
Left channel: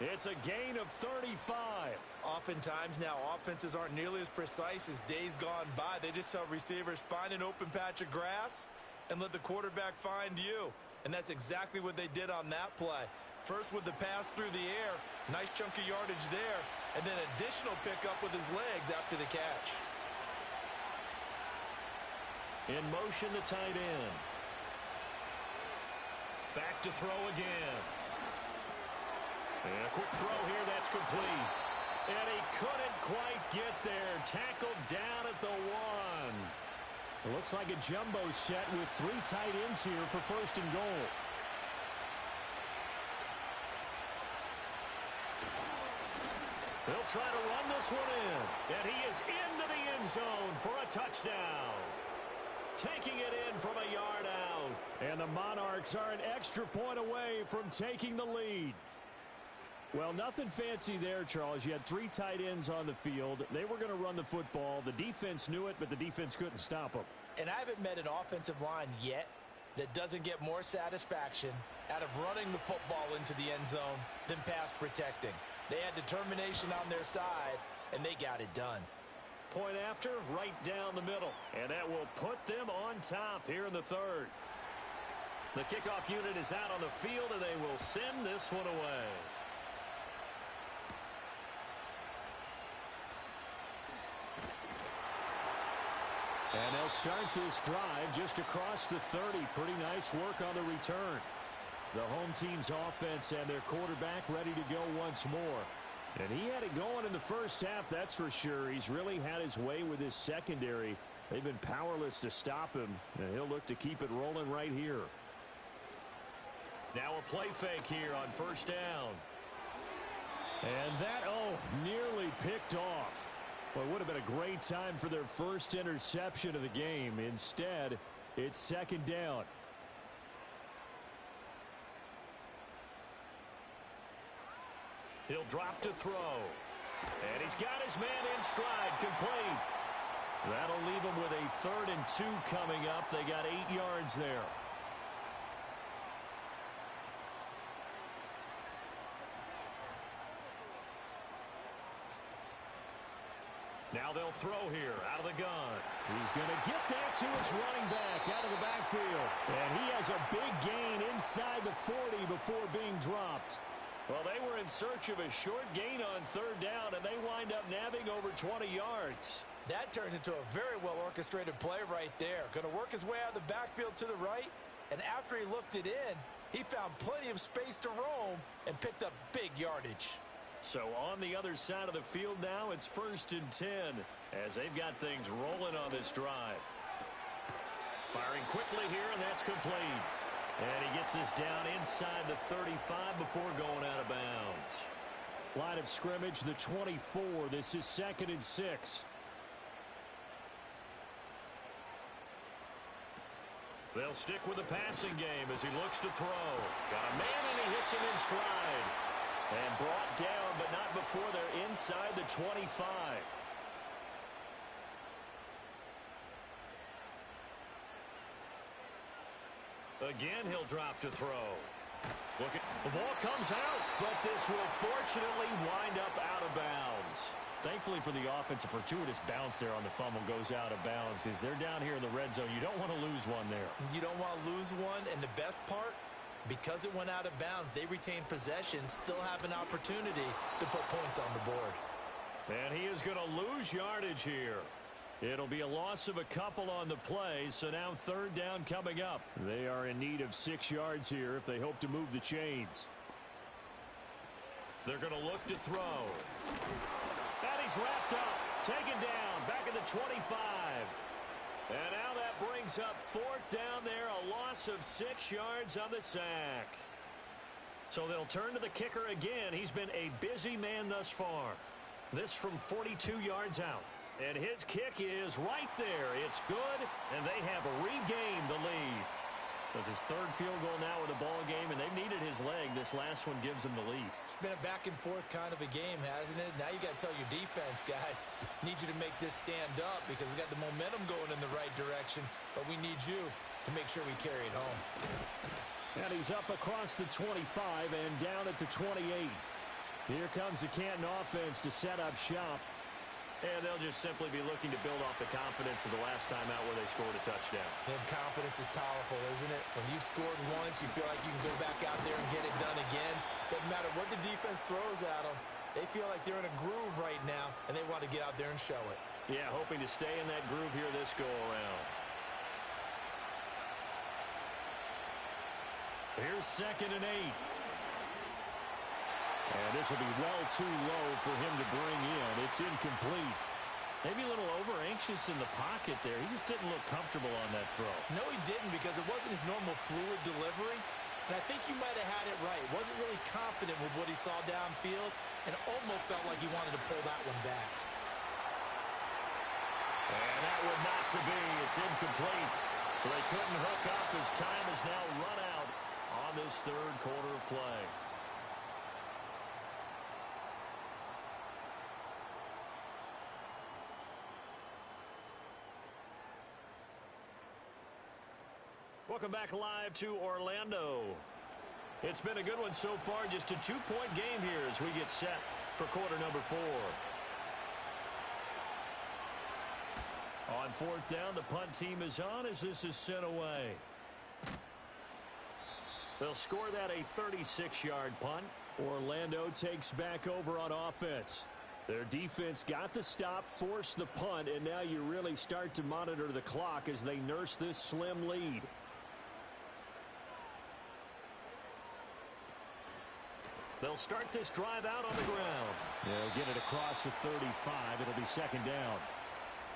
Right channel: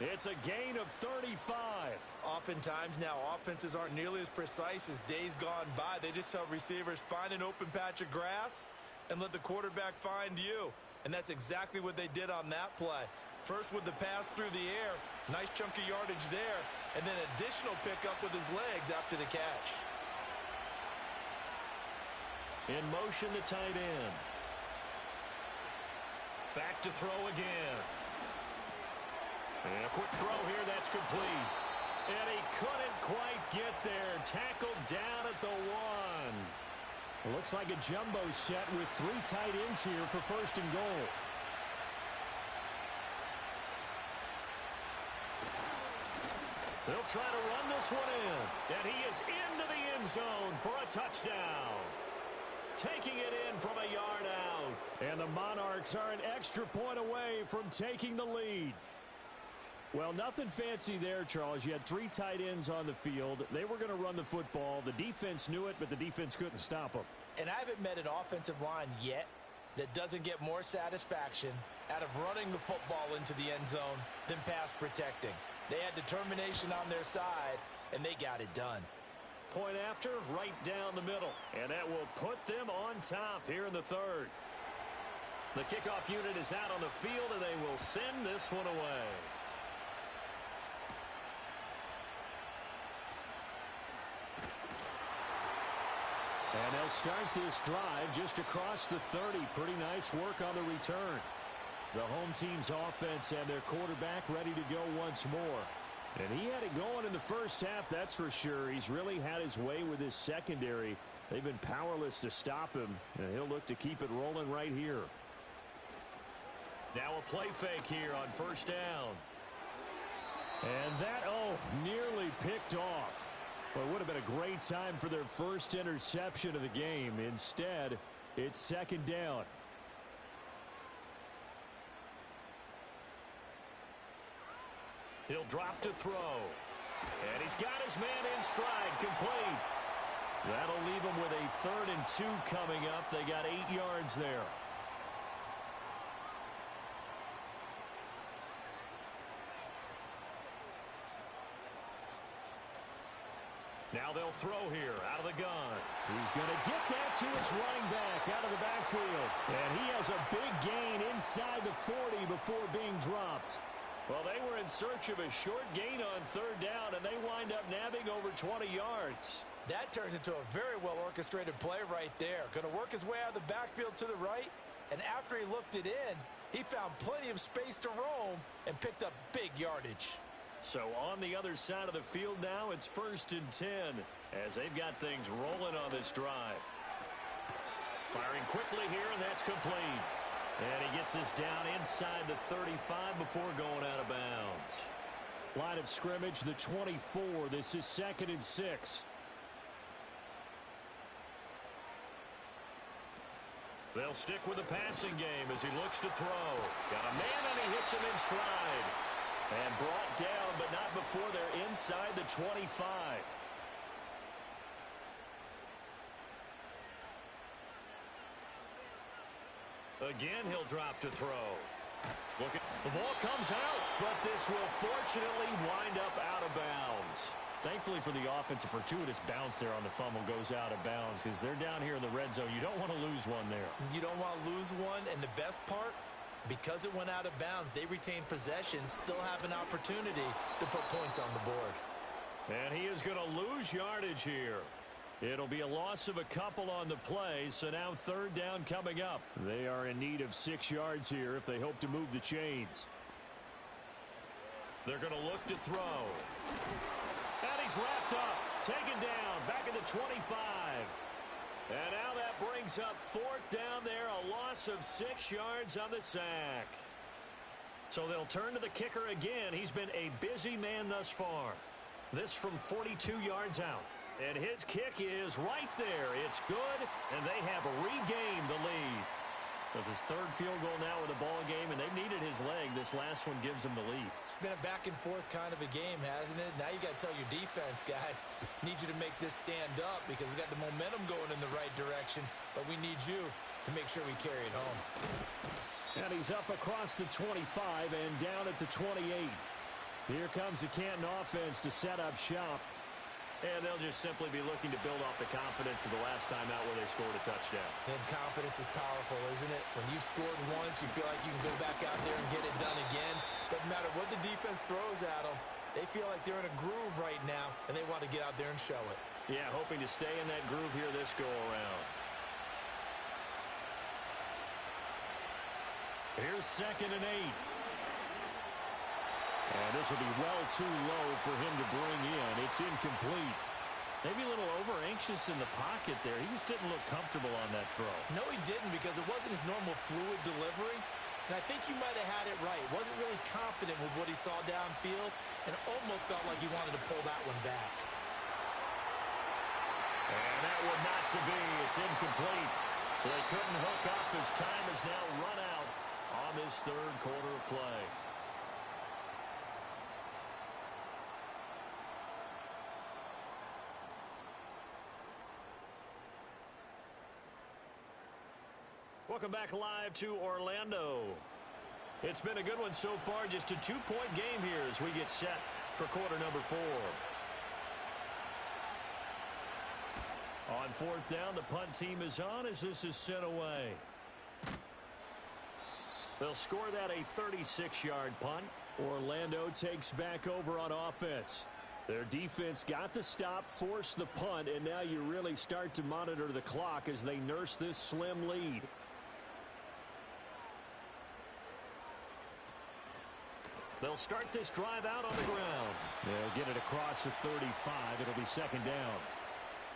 It's a gain of 35. Oftentimes now, offenses aren't nearly as precise as days gone by. They just tell receivers, find an open patch of grass and let the quarterback find you. And that's exactly what they did on that play. First with the pass through the air, nice chunk of yardage there, and then additional pickup with his legs after the catch. In motion, the tight end. Back to throw again. And a quick throw here, that's complete. And he couldn't quite get there. Tackled down at the 1. It looks like a jumbo set with 3 tight ends here for 1st and goal. They'll try to run this one in. And he is into the end zone for a touchdown. Taking it in from a yard out. And the Monarchs are an extra point away from taking the lead. Well, nothing fancy there, Charles. You had 3 tight ends on the field. They were going to run the football. The defense knew it, but the defense couldn't stop them. And I haven't met an offensive line yet that doesn't get more satisfaction out of running the football into the end zone than pass protecting. They had determination on their side, and they got it done. Point after, right down the middle. And that will put them on top here in the 3rd. The kickoff unit is out on the field, and they will send this one away. And they'll start this drive just across the 30. Pretty nice work on the return. The home team's offense and their quarterback ready to go once more. And he had it going in the first half, that's for sure. He's really had his way with his secondary. They've been powerless to stop him, and he'll look to keep it rolling right here. Now a play fake here on 1st down. And that, nearly picked off. Well, it would have been a great time for their first interception of the game. Instead, it's 2nd down. He'll drop to throw. And he's got his man in stride, complete. That'll leave him with a 3rd and 2 coming up. They got 8 yards there. Now they'll throw here out of the gun. He's going to get that to his running back out of the backfield. And he has a big gain inside the 40 before being dropped. Well, they were in search of a short gain on 3rd down, and they wind up nabbing over 20 yards. That turned into a very well-orchestrated play right there. Going to work his way out of the backfield to the right, and after he looked it in, he found plenty of space to roam and picked up big yardage. So on the other side of the field now, it's 1st and 10 as they've got things rolling on this drive. Firing quickly here, and that's complete. And he gets this down inside the 35 before going out of bounds. Line of scrimmage, the 24. This is 2nd and 6. They'll stick with the passing game as he looks to throw. Got a man, and he hits him in stride. And brought down, but not before they're inside the 25. Again, he'll drop to throw. Look at the ball comes out, but this will fortunately wind up out of bounds. Thankfully for the offense, a fortuitous bounce there on the fumble goes out of bounds because they're down here in the red zone. You don't want to lose one there. You don't want to lose one, and the best part, because it went out of bounds, they retain possession, still have an opportunity to put points on the board. And he is going to lose yardage here. It'll be a loss of a couple on the play, so now 3rd down coming up. They are in need of 6 yards here if they hope to move the chains. They're going to look to throw. And he's wrapped up, taken down, back at the 25. And now that brings up 4th down there, a loss of 6 yards on the sack. So they'll turn to the kicker again. He's been a busy man thus far. This from 42 yards out. And his kick is right there. It's good, and they have regained the lead. So it's his 3rd field goal now with the ball game, and they've needed his leg. This last one gives them the lead. It's been a back-and-forth kind of a game, hasn't it? Now you got to tell your defense, guys, need you to make this stand up because we got the momentum going in the right direction, but we need you to make sure we carry it home. And he's up across the 25 and down at the 28. Here comes the Canton offense to set up shop. And they'll just simply be looking to build off the confidence of the last time out where they scored a touchdown. And confidence is powerful, isn't it? When you've scored once, you feel like you can go back out there and get it done again. Doesn't matter what the defense throws at them. They feel like they're in a groove right now, and they want to get out there and show it. Yeah, hoping to stay in that groove here this go-around. Here's 2nd and 8. And this will be well too low for him to bring in. It's incomplete. Maybe a little over-anxious in the pocket there. He just didn't look comfortable on that throw. No, he didn't, because it wasn't his normal fluid delivery. And I think you might have had it right. Wasn't really confident with what he saw downfield and almost felt like he wanted to pull that one back. And that one not to be. It's incomplete. So they couldn't hook up as time has now run out on this third quarter of play. Welcome back live to Orlando. It's been a good one so far. Just a 2-point game here as we get set for quarter number 4. On fourth down, the punt team is on as this is sent away. They'll score that a 36-yard punt. Orlando takes back over on offense. Their defense got the stop, forced the punt, and now you really start to monitor the clock as they nurse this slim lead. They'll start this drive out on the ground. They'll get it across the 35. It'll be second down.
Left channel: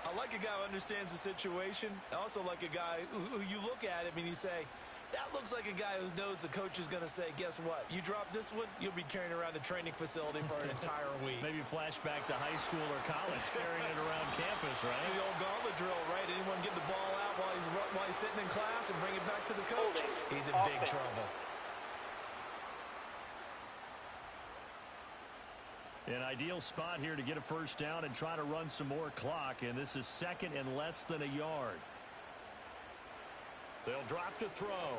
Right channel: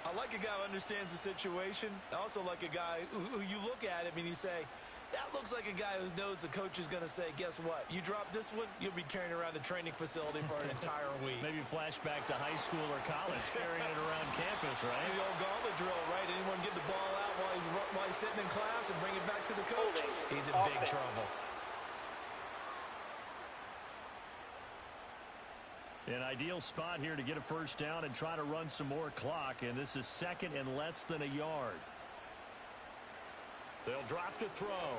I like a guy who understands the situation. I also like a guy who you look at him and you say, that looks like a guy who knows the coach is going to say, guess what? You drop this one, you'll be carrying around the training facility for an entire week. Maybe flashback to high school or college, carrying it around campus, right? The old gauntlet drill, right? Anyone get the ball out while he's sitting in class and bring it back to the coach? He's in big trouble. An ideal spot here to get a first down and try to run some more clock, and this is second and less than a yard. They'll drop to throw.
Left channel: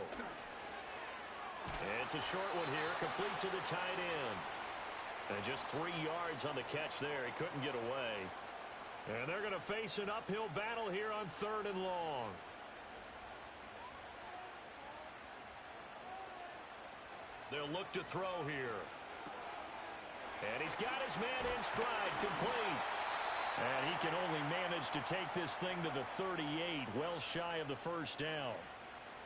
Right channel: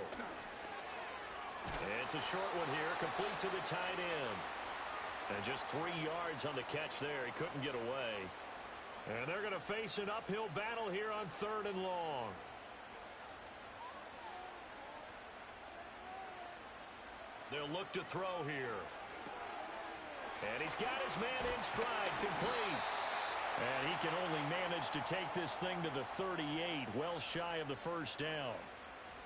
It's a short one here, complete to the tight end. And just 3 yards on the catch there. He couldn't get away. And they're going to face an uphill battle here on 3rd and long. They'll look to throw here. And he's got his man in stride, complete. And he can only manage to take this thing to the 38, well shy of the first down.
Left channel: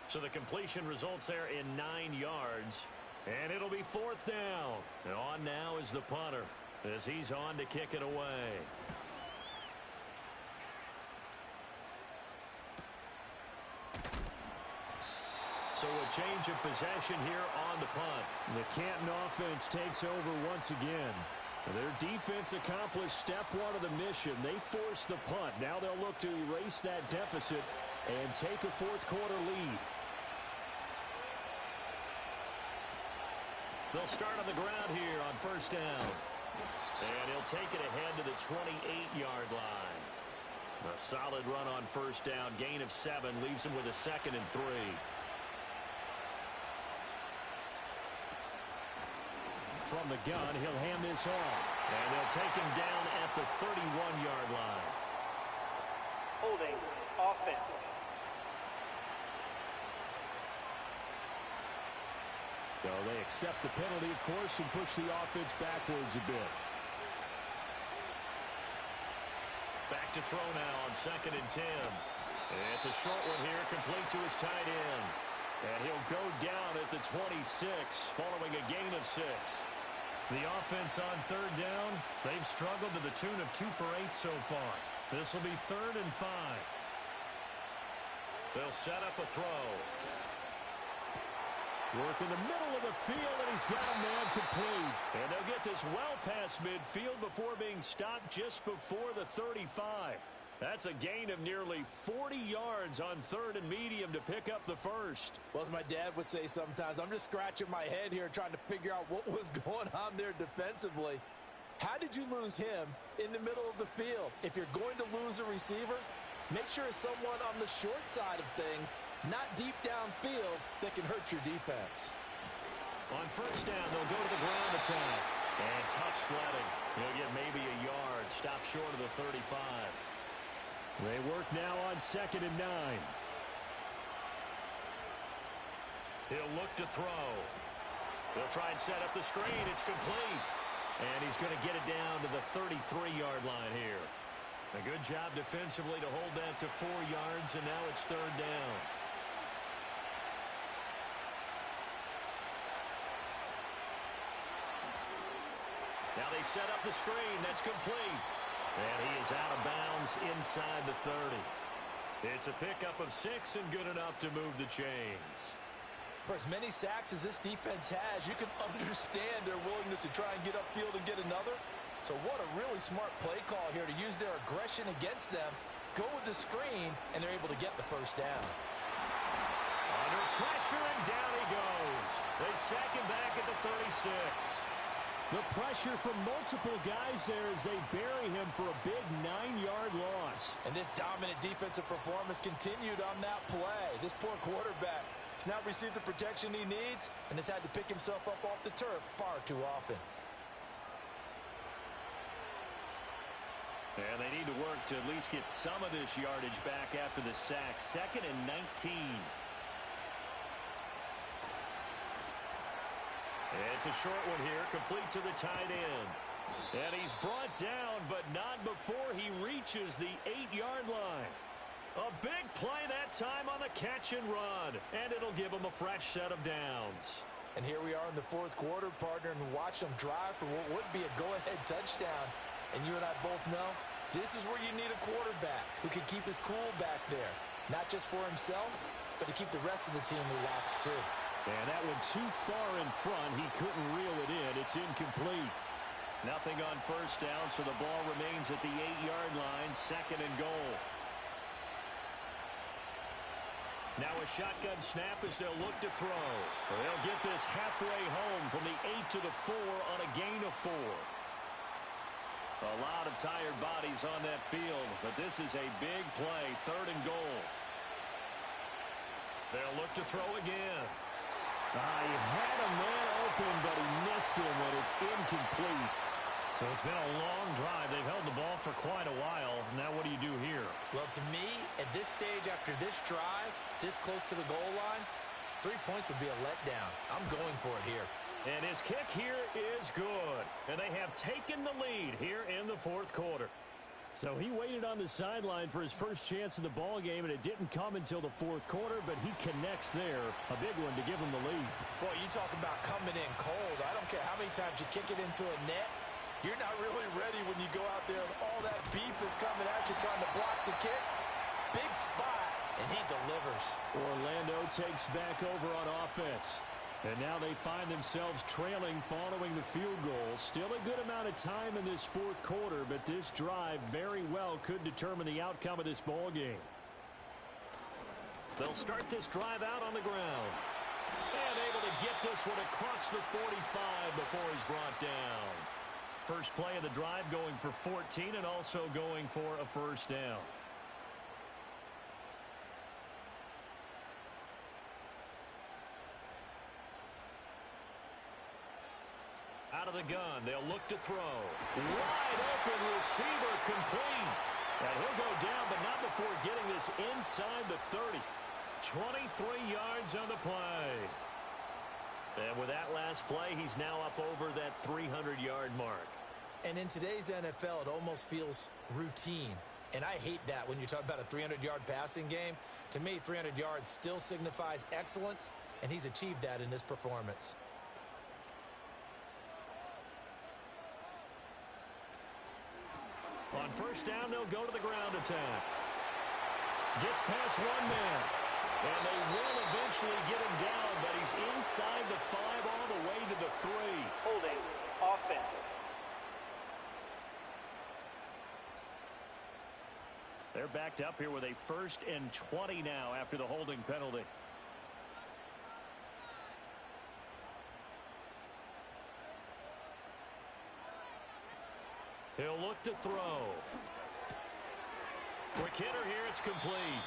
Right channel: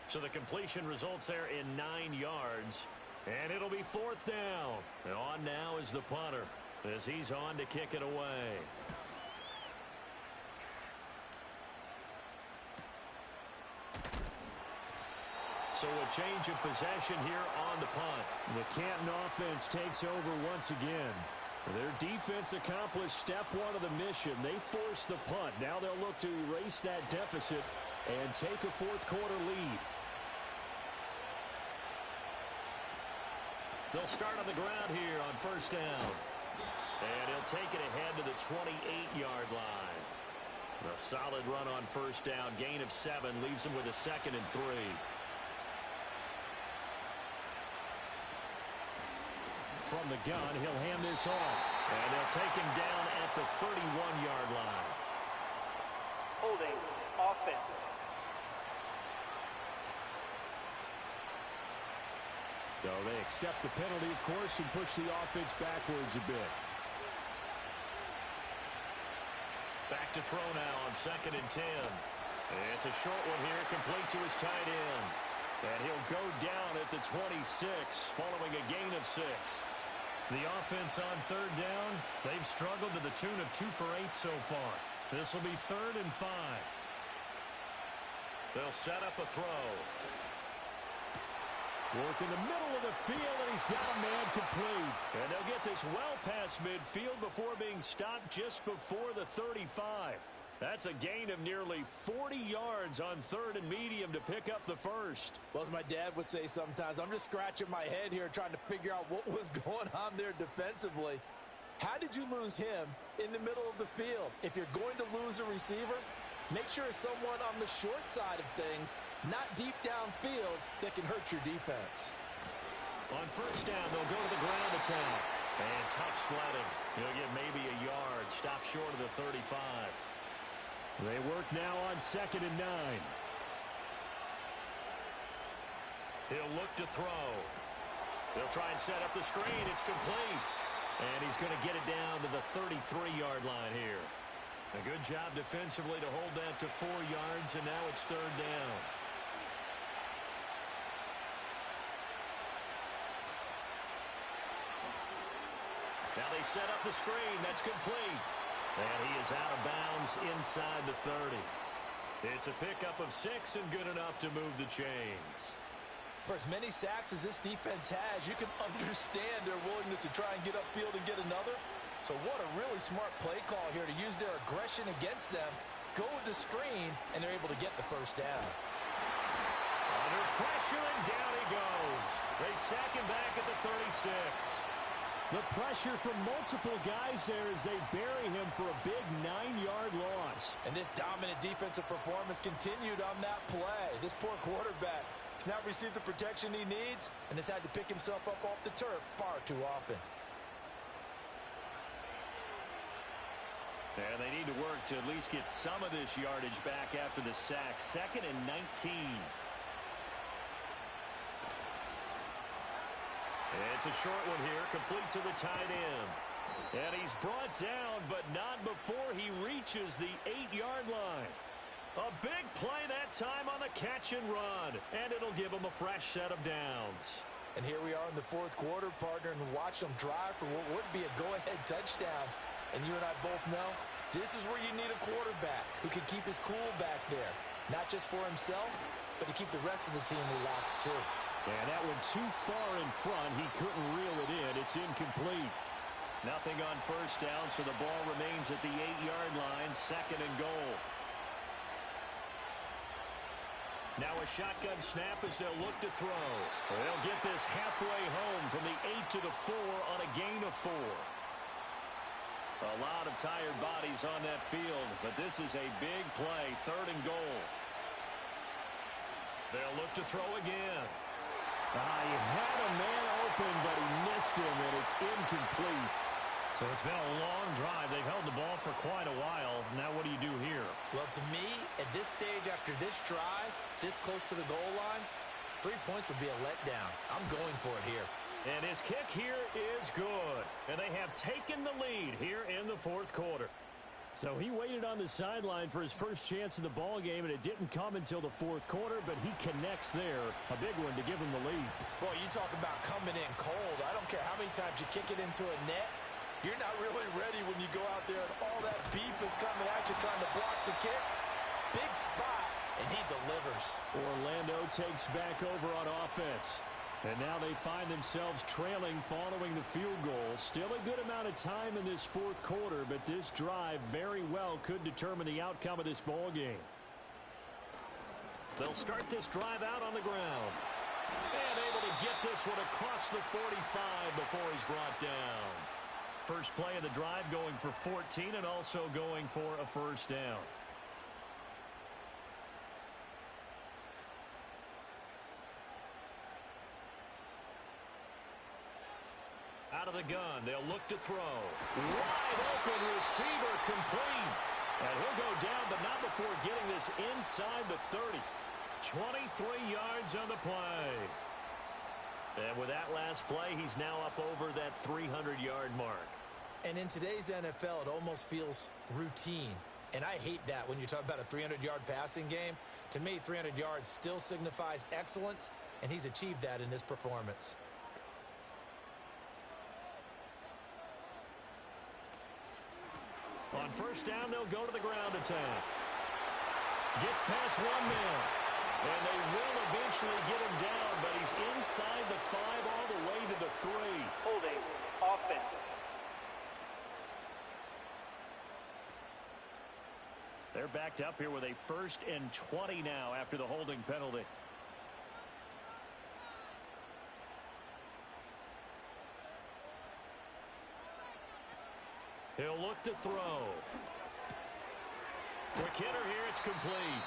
So the completion results there in 9 yards. And it'll be 4th down. And on now is the punter as he's on to kick it away. So a change of possession here on the punt. The Canton offense takes over once again. Their defense accomplished step 1 of the mission. They forced the punt. Now they'll look to erase that deficit and take a 4th quarter lead. They'll start on the ground here on first down. And he'll take it ahead to the 28-yard line. A solid run on first down. Gain of 7 leaves him with a 2nd and 3. From the gun, he'll hand this off. And they'll take him down at the 31-yard line. Holding offense. So they accept the penalty, of course, and push the offense backwards a bit. Back to throw now on 2nd and 10. It's a short one here, complete to his tight end. And he'll go down at the 26, following a gain of 6. The offense on 3rd down, they've struggled to the tune of 2 for 8 so far. This will be 3rd and 5. They'll set up a throw. Work in the middle of the field, and he's got a man complete. And they'll get this well past midfield before being stopped just before the 35. That's a gain of nearly 40 yards on 3rd and medium to pick up the first. Well, as my dad would say sometimes, I'm just scratching my head here trying to figure out what was going on there defensively. How did you lose him in the middle of the field? If you're going to lose a receiver, make sure it's someone on the short side of things, not deep downfield, that can hurt your defense. On first down, they'll go to the ground attack. And tough sledding. He'll get maybe a yard. Stop short of the 35. They work now on 2nd and 9. He'll look to throw. They'll try and set up the screen. It's complete. And he's going to get it down to the 33-yard line here. A good job defensively to hold that to 4 yards, and now it's 3rd down. Now they set up the screen. That's complete. And he is out of bounds inside the 30. It's a pickup of 6 and good enough to move the chains. For as many sacks as this defense has, you can understand their willingness to try and get upfield and get another. So what a really smart play call here to use their aggression against them, go with the screen, and they're able to get the first down. Under pressure, and down he goes. They sack him back at the 36. The pressure from multiple guys there as they bury him for a big 9-yard loss. And this dominant defensive performance continued on that play. This poor quarterback has not received the protection he needs and has had to pick himself up off the turf far too often. And they need to work to at least get some of this yardage back after the sack. 2nd and 19. It's a short one here, complete to the tight end. And he's brought down, but not before he reaches the 8-yard line. A big play that time on the catch and run, and it'll give him a fresh set of downs. And here we are in the 4th quarter, partner, and watch them drive for what would be a go-ahead touchdown. And you and I both know this is where you need a quarterback who can keep his cool back there, not just for himself, but to keep the rest of the team relaxed too. And that one too far in front. He couldn't reel it in. It's incomplete. Nothing on first down, so the ball remains at the 8-yard line, 2nd and goal. Now a shotgun snap as they'll look to throw. They'll get this halfway home from the 8 to the 4 on a gain of 4. A lot of tired bodies on that field, but this is a big play, 3rd and goal. They'll look to throw again. He had a man open, but he missed him, and it's incomplete. So it's been a long drive. They've held the ball for quite a while. Now what do you do here? Well, to me, at this stage after this drive, this close to the goal line, 3 points would be a letdown. I'm going for it here. And his kick here is good. And they have taken the lead here in the 4th quarter. So he waited on the sideline for his first chance in the ball game, and it didn't come until the 4th quarter, but he connects there. A big one to give him the lead. Boy, you talk about coming in cold. I don't care how many times you kick it into a net. You're not really ready when you go out there and all that beef is coming at you trying to block the kick. Big spot, and he delivers. Orlando takes back over on offense. And now they find themselves trailing following the field goal. Still a good amount of time in this 4th quarter, but this drive very well could determine the outcome of this ball game. They'll start this drive out on the ground. And able to get this one across the 45 before he's brought down. First play of the drive going for 14 and also going for a first down. Out of the gun, they'll look to throw. Wide open receiver complete. And he'll go down, but not before getting this inside the 30. 23 yards on the play. And with that last play, he's now up over that 300-yard mark. And in today's NFL, it almost feels routine. And I hate that when you talk about a 300-yard passing game. To me, 300 yards still signifies excellence, and he's achieved that in this performance. On first down, they'll go to the ground attack. Gets past one man. And they will eventually get him down, but he's inside the 5 all the way to the 3. Holding offense. They're backed up here with a 1st and 20 now after the holding penalty. He'll look to throw. Quick hitter here, it's complete.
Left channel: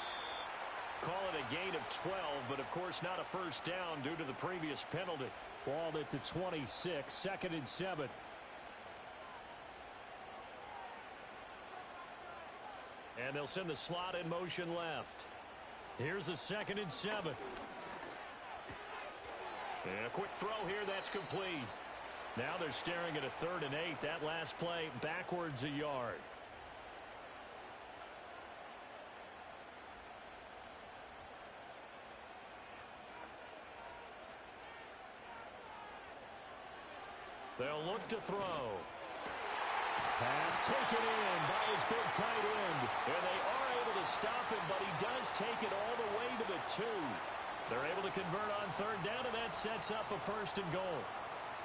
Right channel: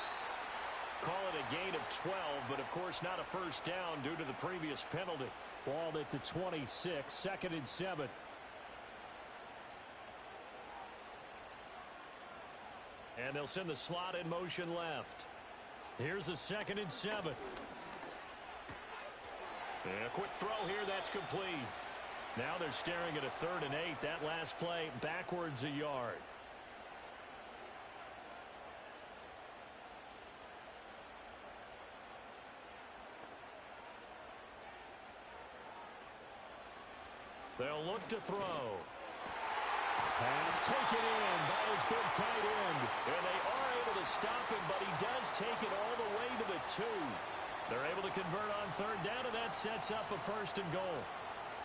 Call it a gain of 12, but of course not a first down due to the previous penalty. Ball at the 26, 2nd and 7. And they'll send the slot in motion left. Here's the 2nd and 7. And a quick throw here, that's complete. Now they're staring at a 3rd and 8. That last play backwards a yard. They'll look to throw. Pass taken in by his big tight end. And they are able to stop him, but he does take it all the way to the 2. They're able to convert on third down, and that sets up a 1st and goal.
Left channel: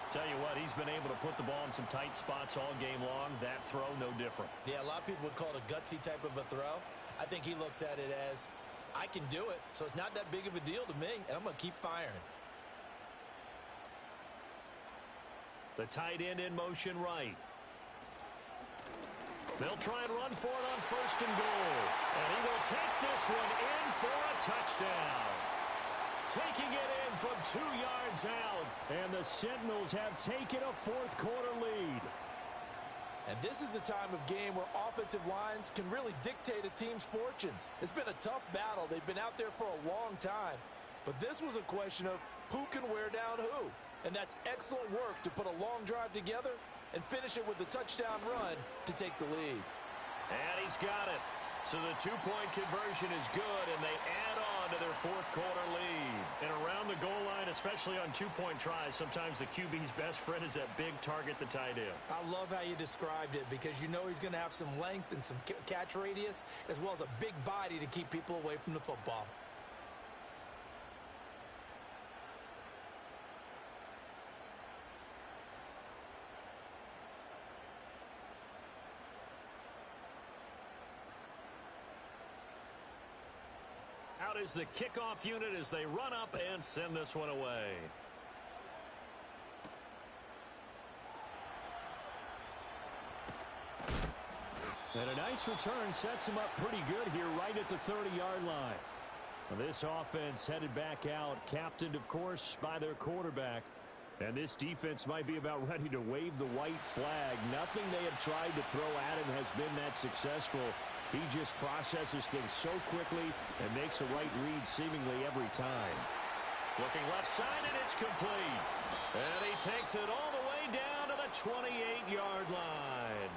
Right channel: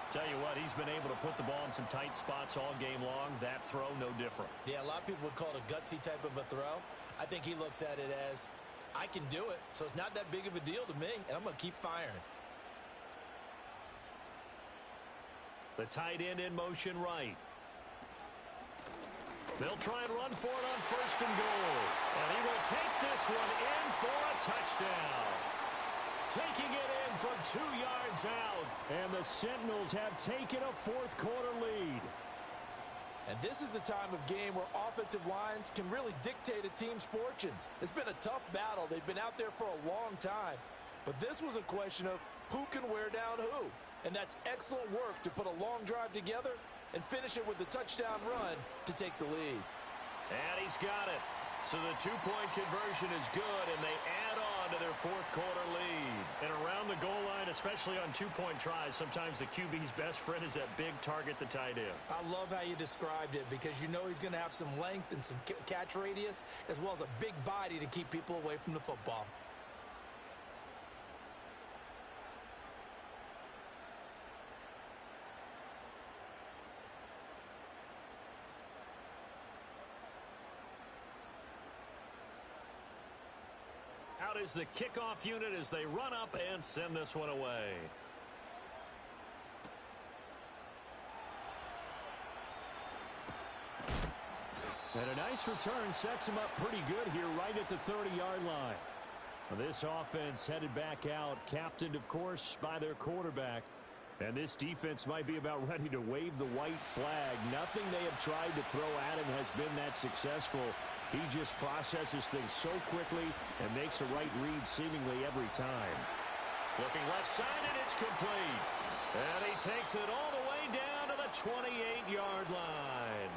Tell you what, he's been able to put the ball in some tight spots all game long. That throw, no different. Yeah, a lot of people would call it a gutsy type of a throw. I think he looks at it as, I can do it, so it's not that big of a deal to me, and I'm going to keep firing. The tight end in motion right. They'll try and run for it on 1st and goal. And he will take this one in for a touchdown. Taking it in from 2 yards out. And the Sentinels have taken a 4th quarter lead. And this is a time of game where offensive lines can really dictate a team's fortunes. It's been a tough battle. They've been out there for a long time. But this was a question of who can wear down who. And that's excellent work to put a long drive together and finish it with the touchdown run to take the lead. And he's got it. So the 2-point conversion is good, and they add on to their 4th quarter lead. And around the goal line, especially on 2-point tries, sometimes the QB's best friend is that big target, the tight end. I love how you described it because you know he's going to have some length and some catch radius as well as a big body to keep people away from the football. Out is the kickoff unit as they run up and send this one away. And a nice return sets him up pretty good here right at the 30-yard line. This offense headed back out, captained, of course, by their quarterback. And this defense might be about ready to wave the white flag. Nothing they have tried to throw at him has been that successful. He just processes things so quickly and makes a right read seemingly every time. Looking left side, and it's complete. And he takes it all the way down to the 28-yard line.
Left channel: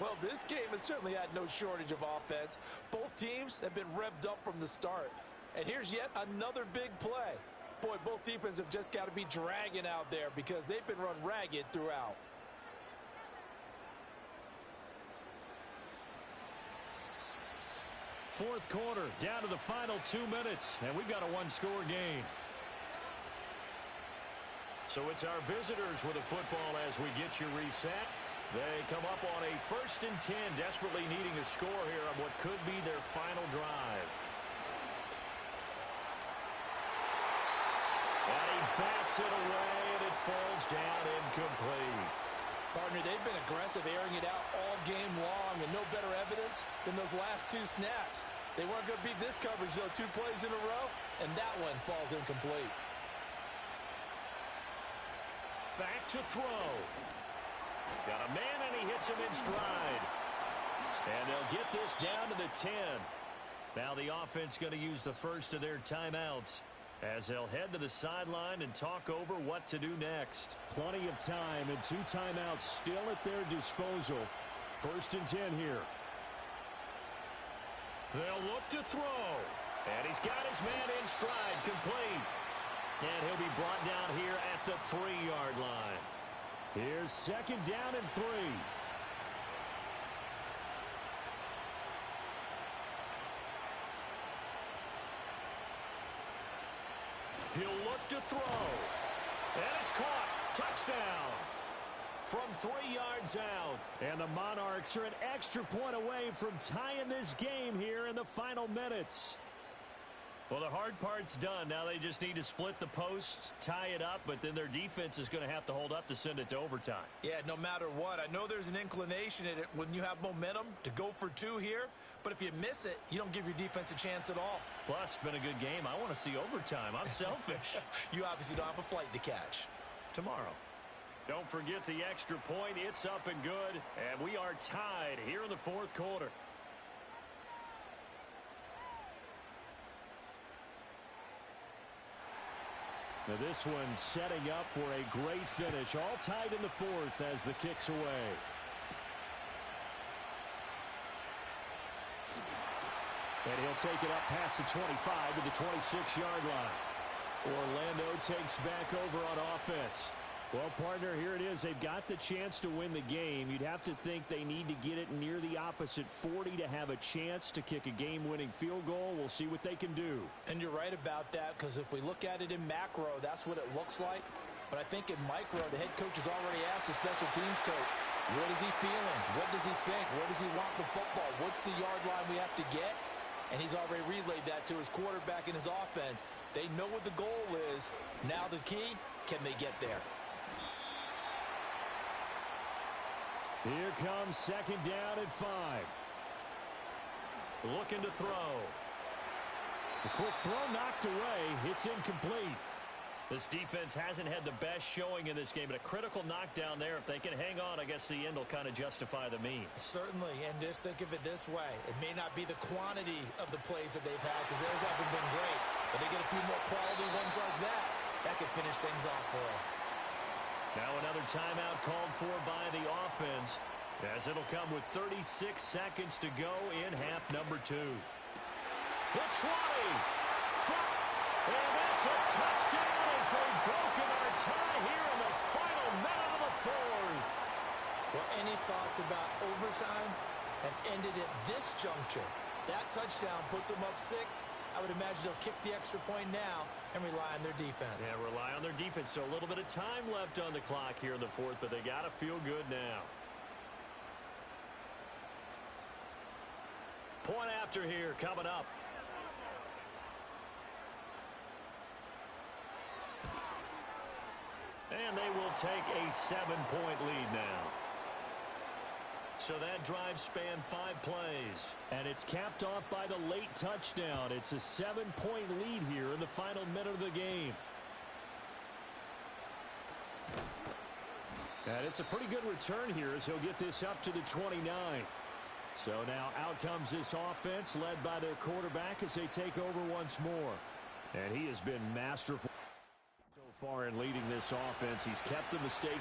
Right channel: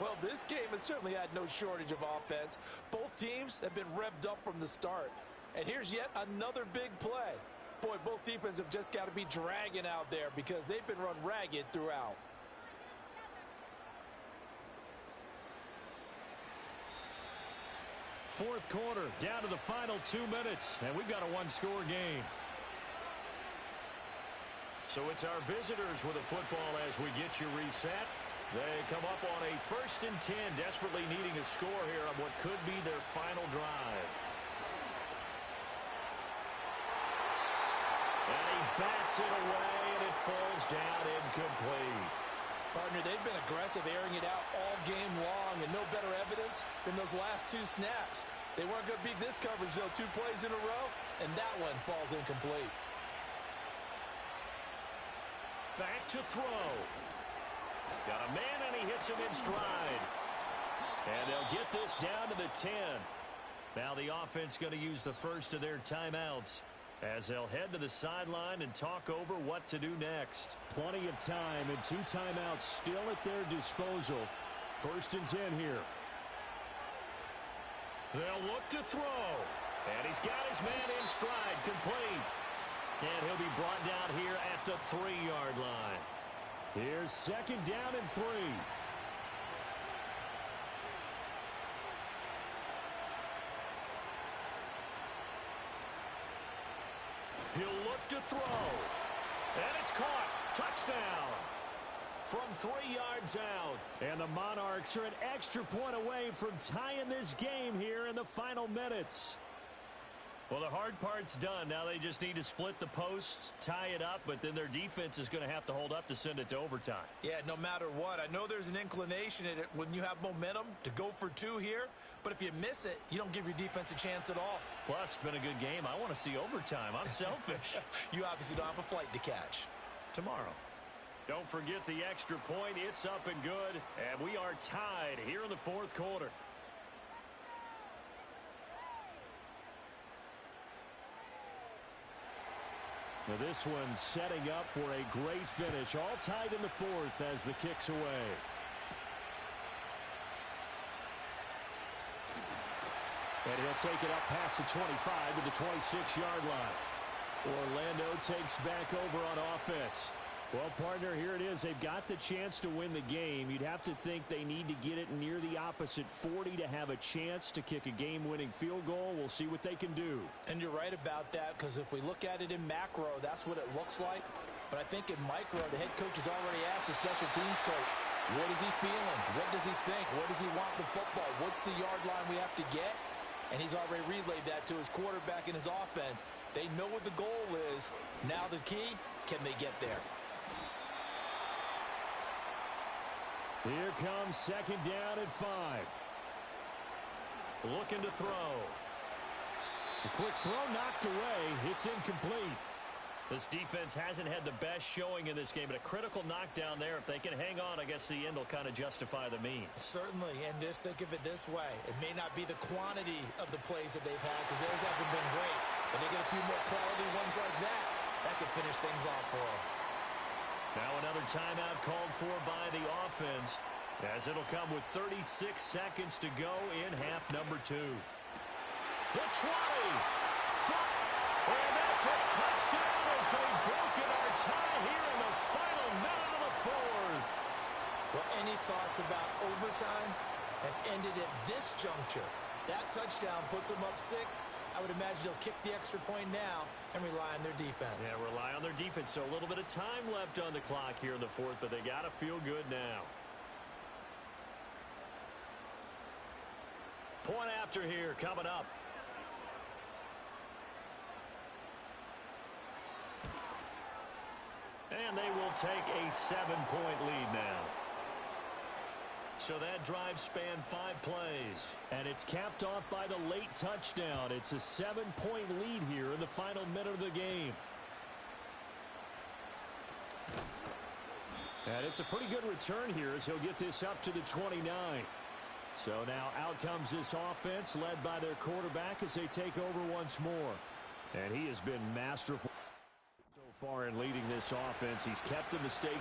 Well, this game has certainly had no shortage of offense. Both teams have been revved up from the start. And here's yet another big play. Boy, both defenses have just got to be dragging out there because they've been run ragged throughout. Fourth quarter, down to the final 2 minutes, and we've got a one-score game. So it's our visitors with a football as we get you reset. They come up on a 1st and 10, desperately needing a score here on what could be their final drive. And he bats it away, and it falls down incomplete. Partner, they've been aggressive, airing it out all game long, and no better evidence than those last 2 snaps. They weren't going to beat this coverage, though, 2 plays in a row, and that one falls incomplete. Back to throw. Got a man, and he hits him in stride. And they'll get this down to the 10. Now the offense going to use the first of their timeouts as they'll head to the sideline and talk over what to do next. Plenty of time and 2 timeouts still at their disposal. 1st and 10 here. They'll look to throw. And he's got his man in stride, complete. And he'll be brought down here at the 3-yard line. Here's 2nd down and 3. He'll look to throw. And it's caught. Touchdown. From 3 yards out. And the Monarchs are an extra point away from tying this game here in the final minutes. Well, the hard part's done. Now they just need to split the posts, tie it up, but then their defense is going to have to hold up to send it to overtime. Yeah, no matter what. I know there's an inclination in it when you have momentum to go for 2 here, but if you miss it, you don't give your defense a chance at all. Plus, it's been a good game. I want to see overtime. I'm selfish. You obviously don't have a flight to catch. Tomorrow. Don't forget the extra point. It's up and good, and we are tied here in the 4th quarter. Now this one setting up for a great finish. All tied in the 4th as the kick's away. And he'll take it up past the 25 to the 26-yard line. Orlando takes back over on offense. Well, partner, here it is. They've got the chance to win the game. You'd have to think they need to get it near the opposite 40 to have a chance to kick a game-winning field goal. We'll see what they can do. And you're right about that, because if we look at it in macro, that's what it looks like. But I think in micro, the head coach has already asked the special teams coach, what is he feeling? What does he think? Where does he want the football? What's the yard line we have to get? And he's already relayed that to his quarterback and his offense. They know what the goal is. Now the key, can they get there? Here comes second down at 5. Looking to throw. A quick throw knocked away. It's incomplete. This defense hasn't had the best showing in this game, but a critical knockdown there. If they can hang on, I guess the end will kind of justify the means. Certainly, and just think of it this way. It may not be the quantity of the plays that they've had, because theirs haven't been great, but they get a few more quality ones like that. That could finish things off for them. Now another timeout called for by the offense, as it'll come with 36 seconds to go in half number 2. The 20. And that's a touchdown as they've broken our tie here in the final minute of the 4th. Well, any thoughts about overtime have ended at this juncture? That touchdown puts them up 6. I would imagine they'll kick the extra point now and rely on their defense. Yeah, rely on their defense. So a little bit of time left on the clock here in the 4th, but they got to feel good now. Point after here coming up. And they will take a 7-point lead now. So that drive spanned 5 plays. And it's capped off by the late touchdown. It's a 7-point lead here in the final minute of the game. And it's a pretty good return here as he'll get this up to the 29. So now out comes this offense led by their quarterback as they take over once more. And he has been masterful so far in leading this offense. He's kept the mistake.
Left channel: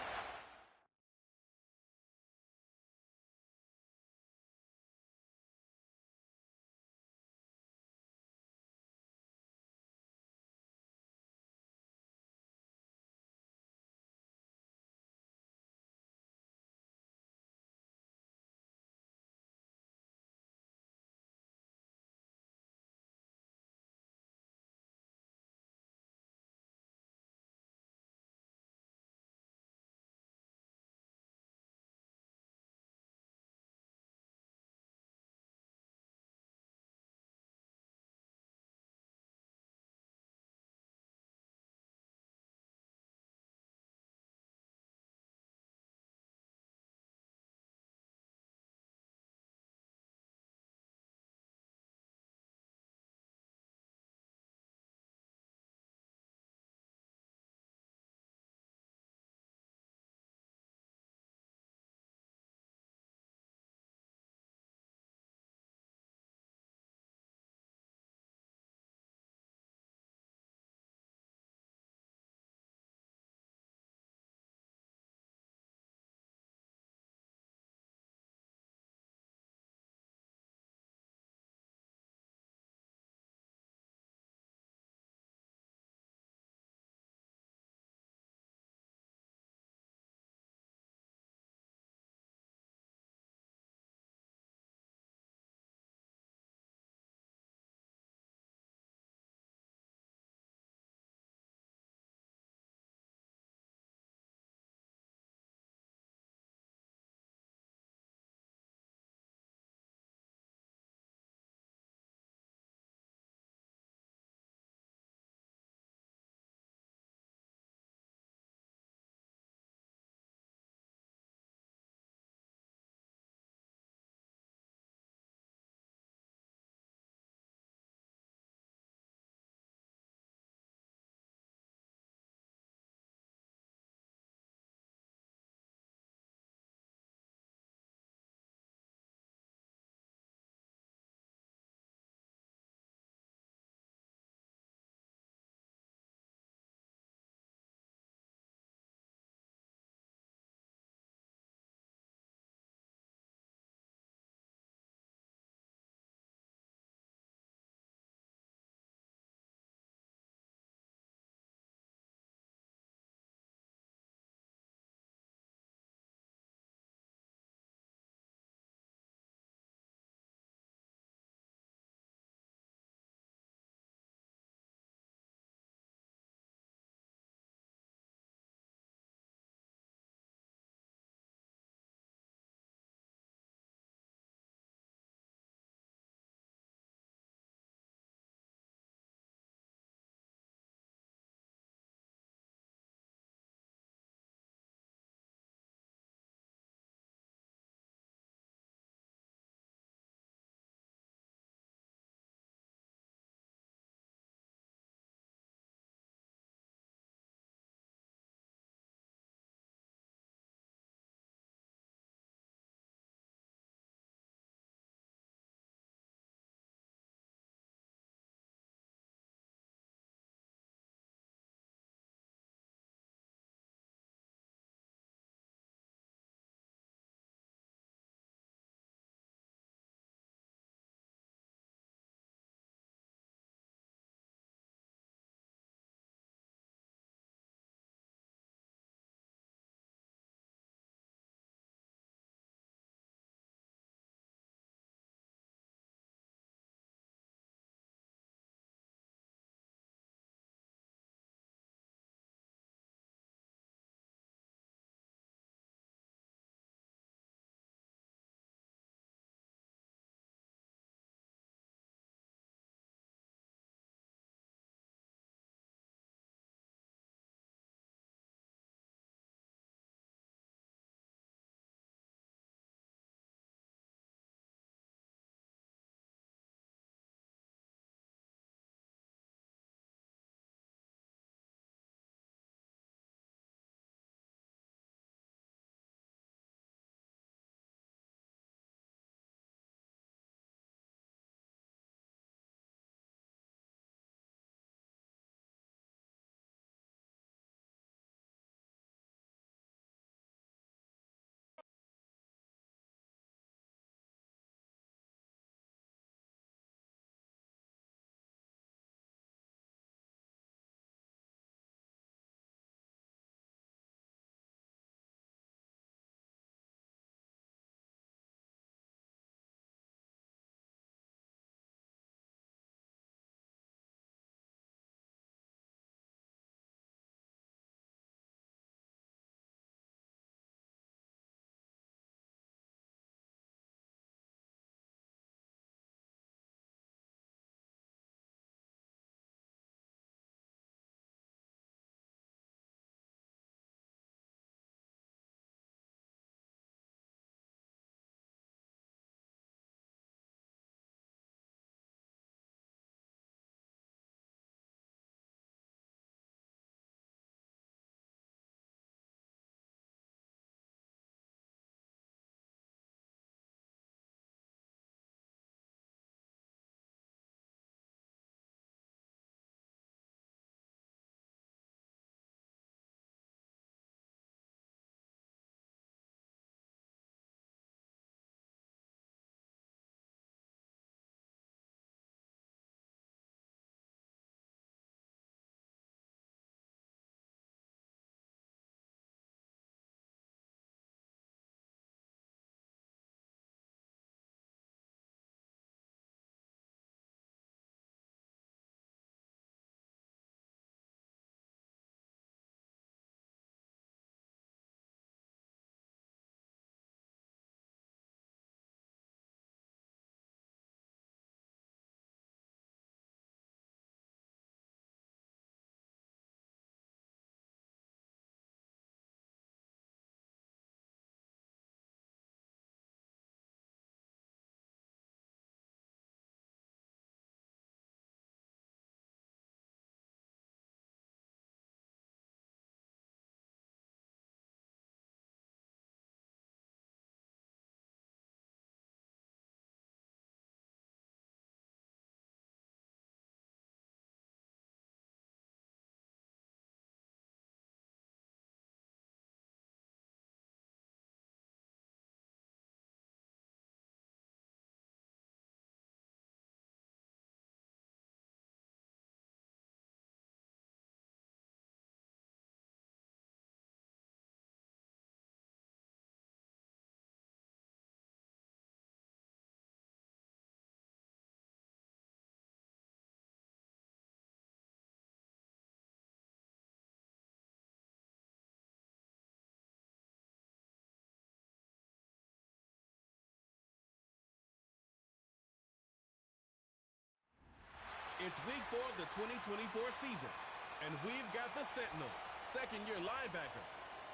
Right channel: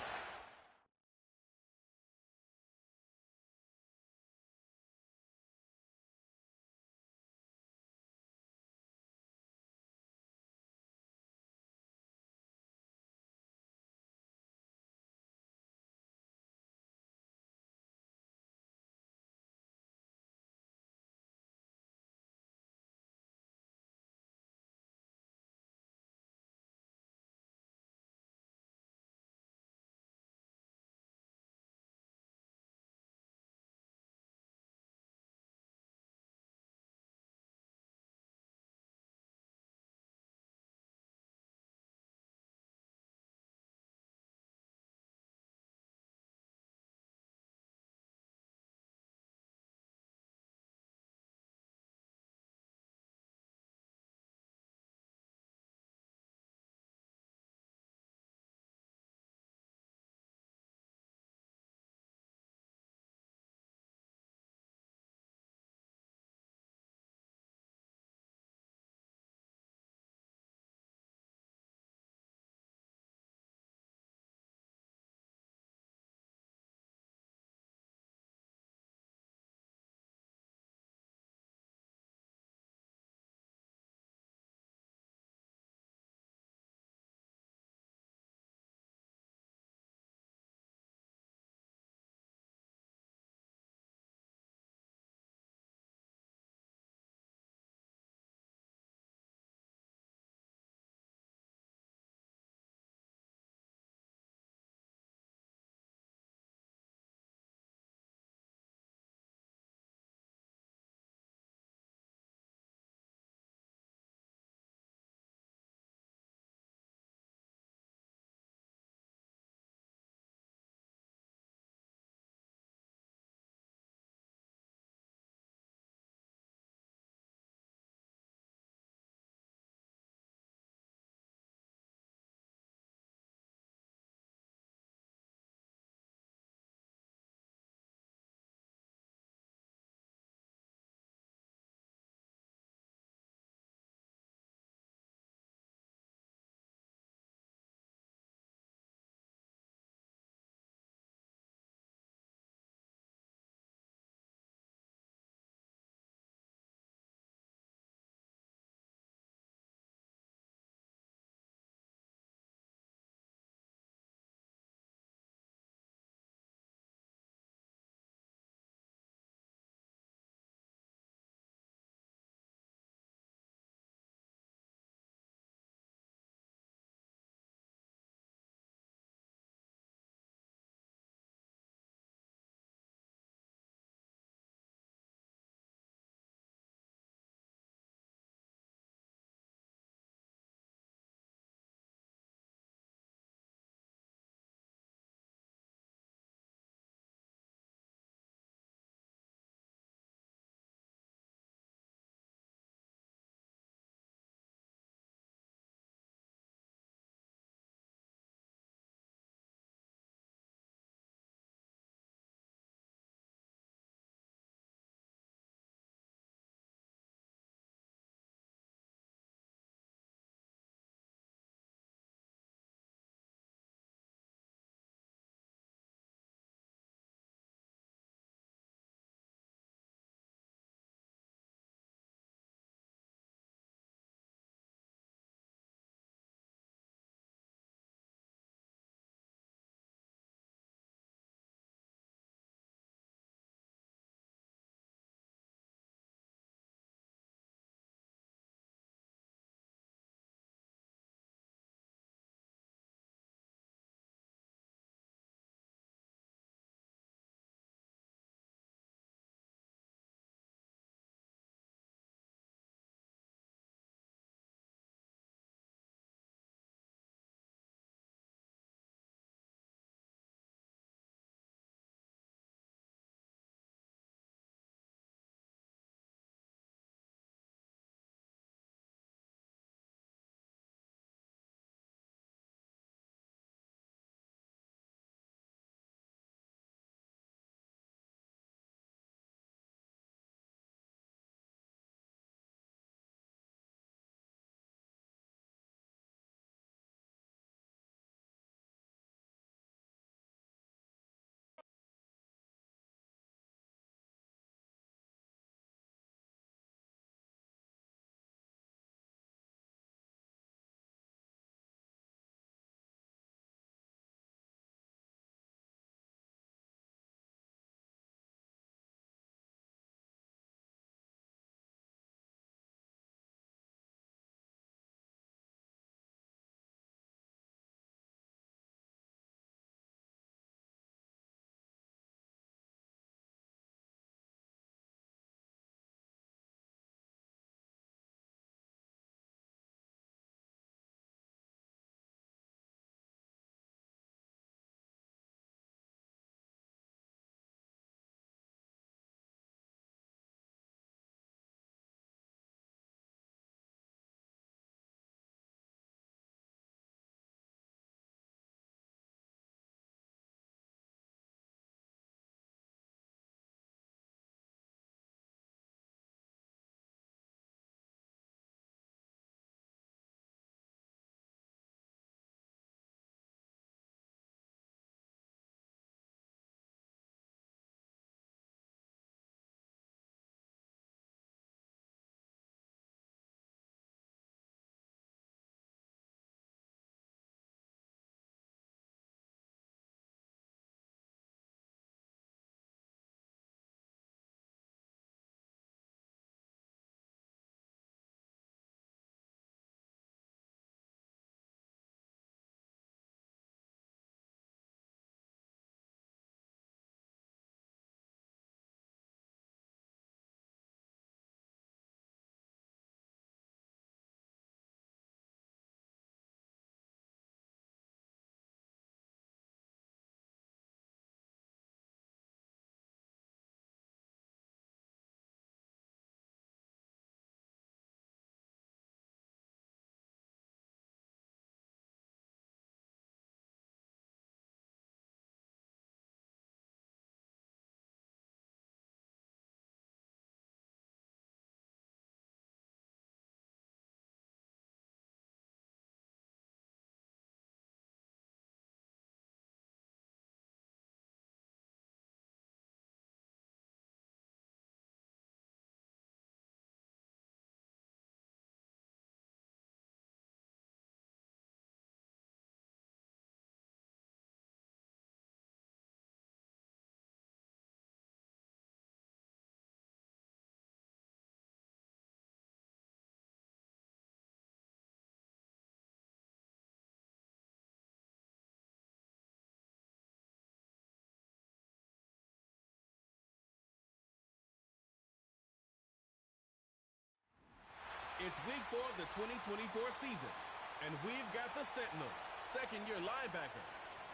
It's week 4 of the 2024 season, and we've got the Sentinels, second-year linebacker.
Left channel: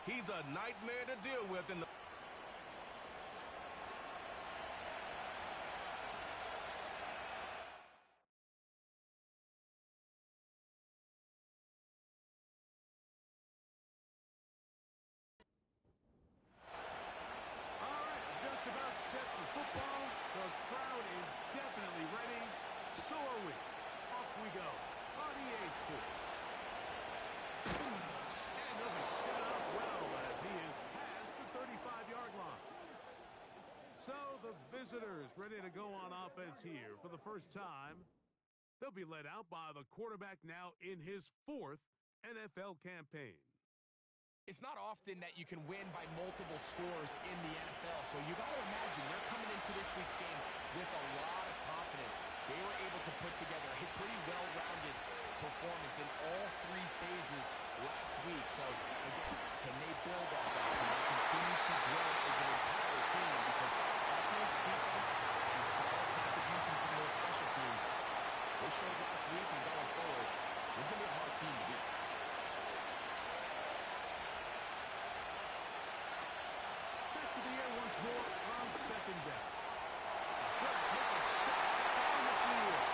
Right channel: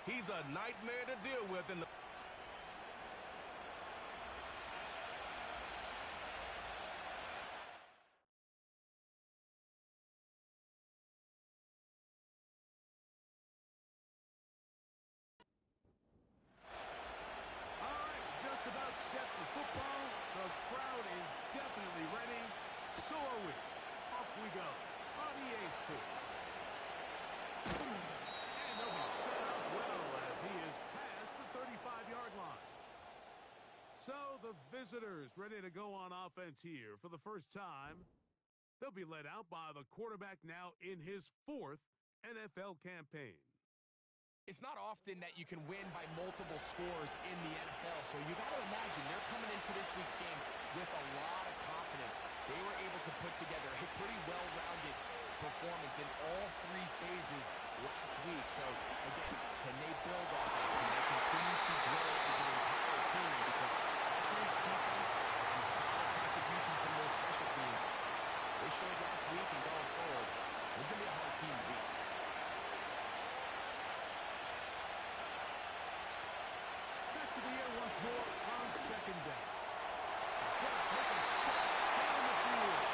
He's a nightmare to deal with in the... All right, just about set for football. The crowd is definitely ready. So are we. Off we go on EA Sports. And they'll be set up well as he is past the 35-yard line. So the visitors ready to go on offense here for the first time. They'll be led out by the quarterback now in his 4th NFL campaign. It's not often that you can win by multiple scores in the NFL, so you got to imagine they're coming into this week's game with a lot of confidence. They were able to put together a pretty well-rounded performance in all 3 phases last week. So, again, can they build off that? Can they continue to grow as an entire team? Because offense, defense, and solid contribution from their special teams, they showed last week and going forward, this is going to be a hard team to beat. Back to the air once more on second down. He's going to take a shot down the field.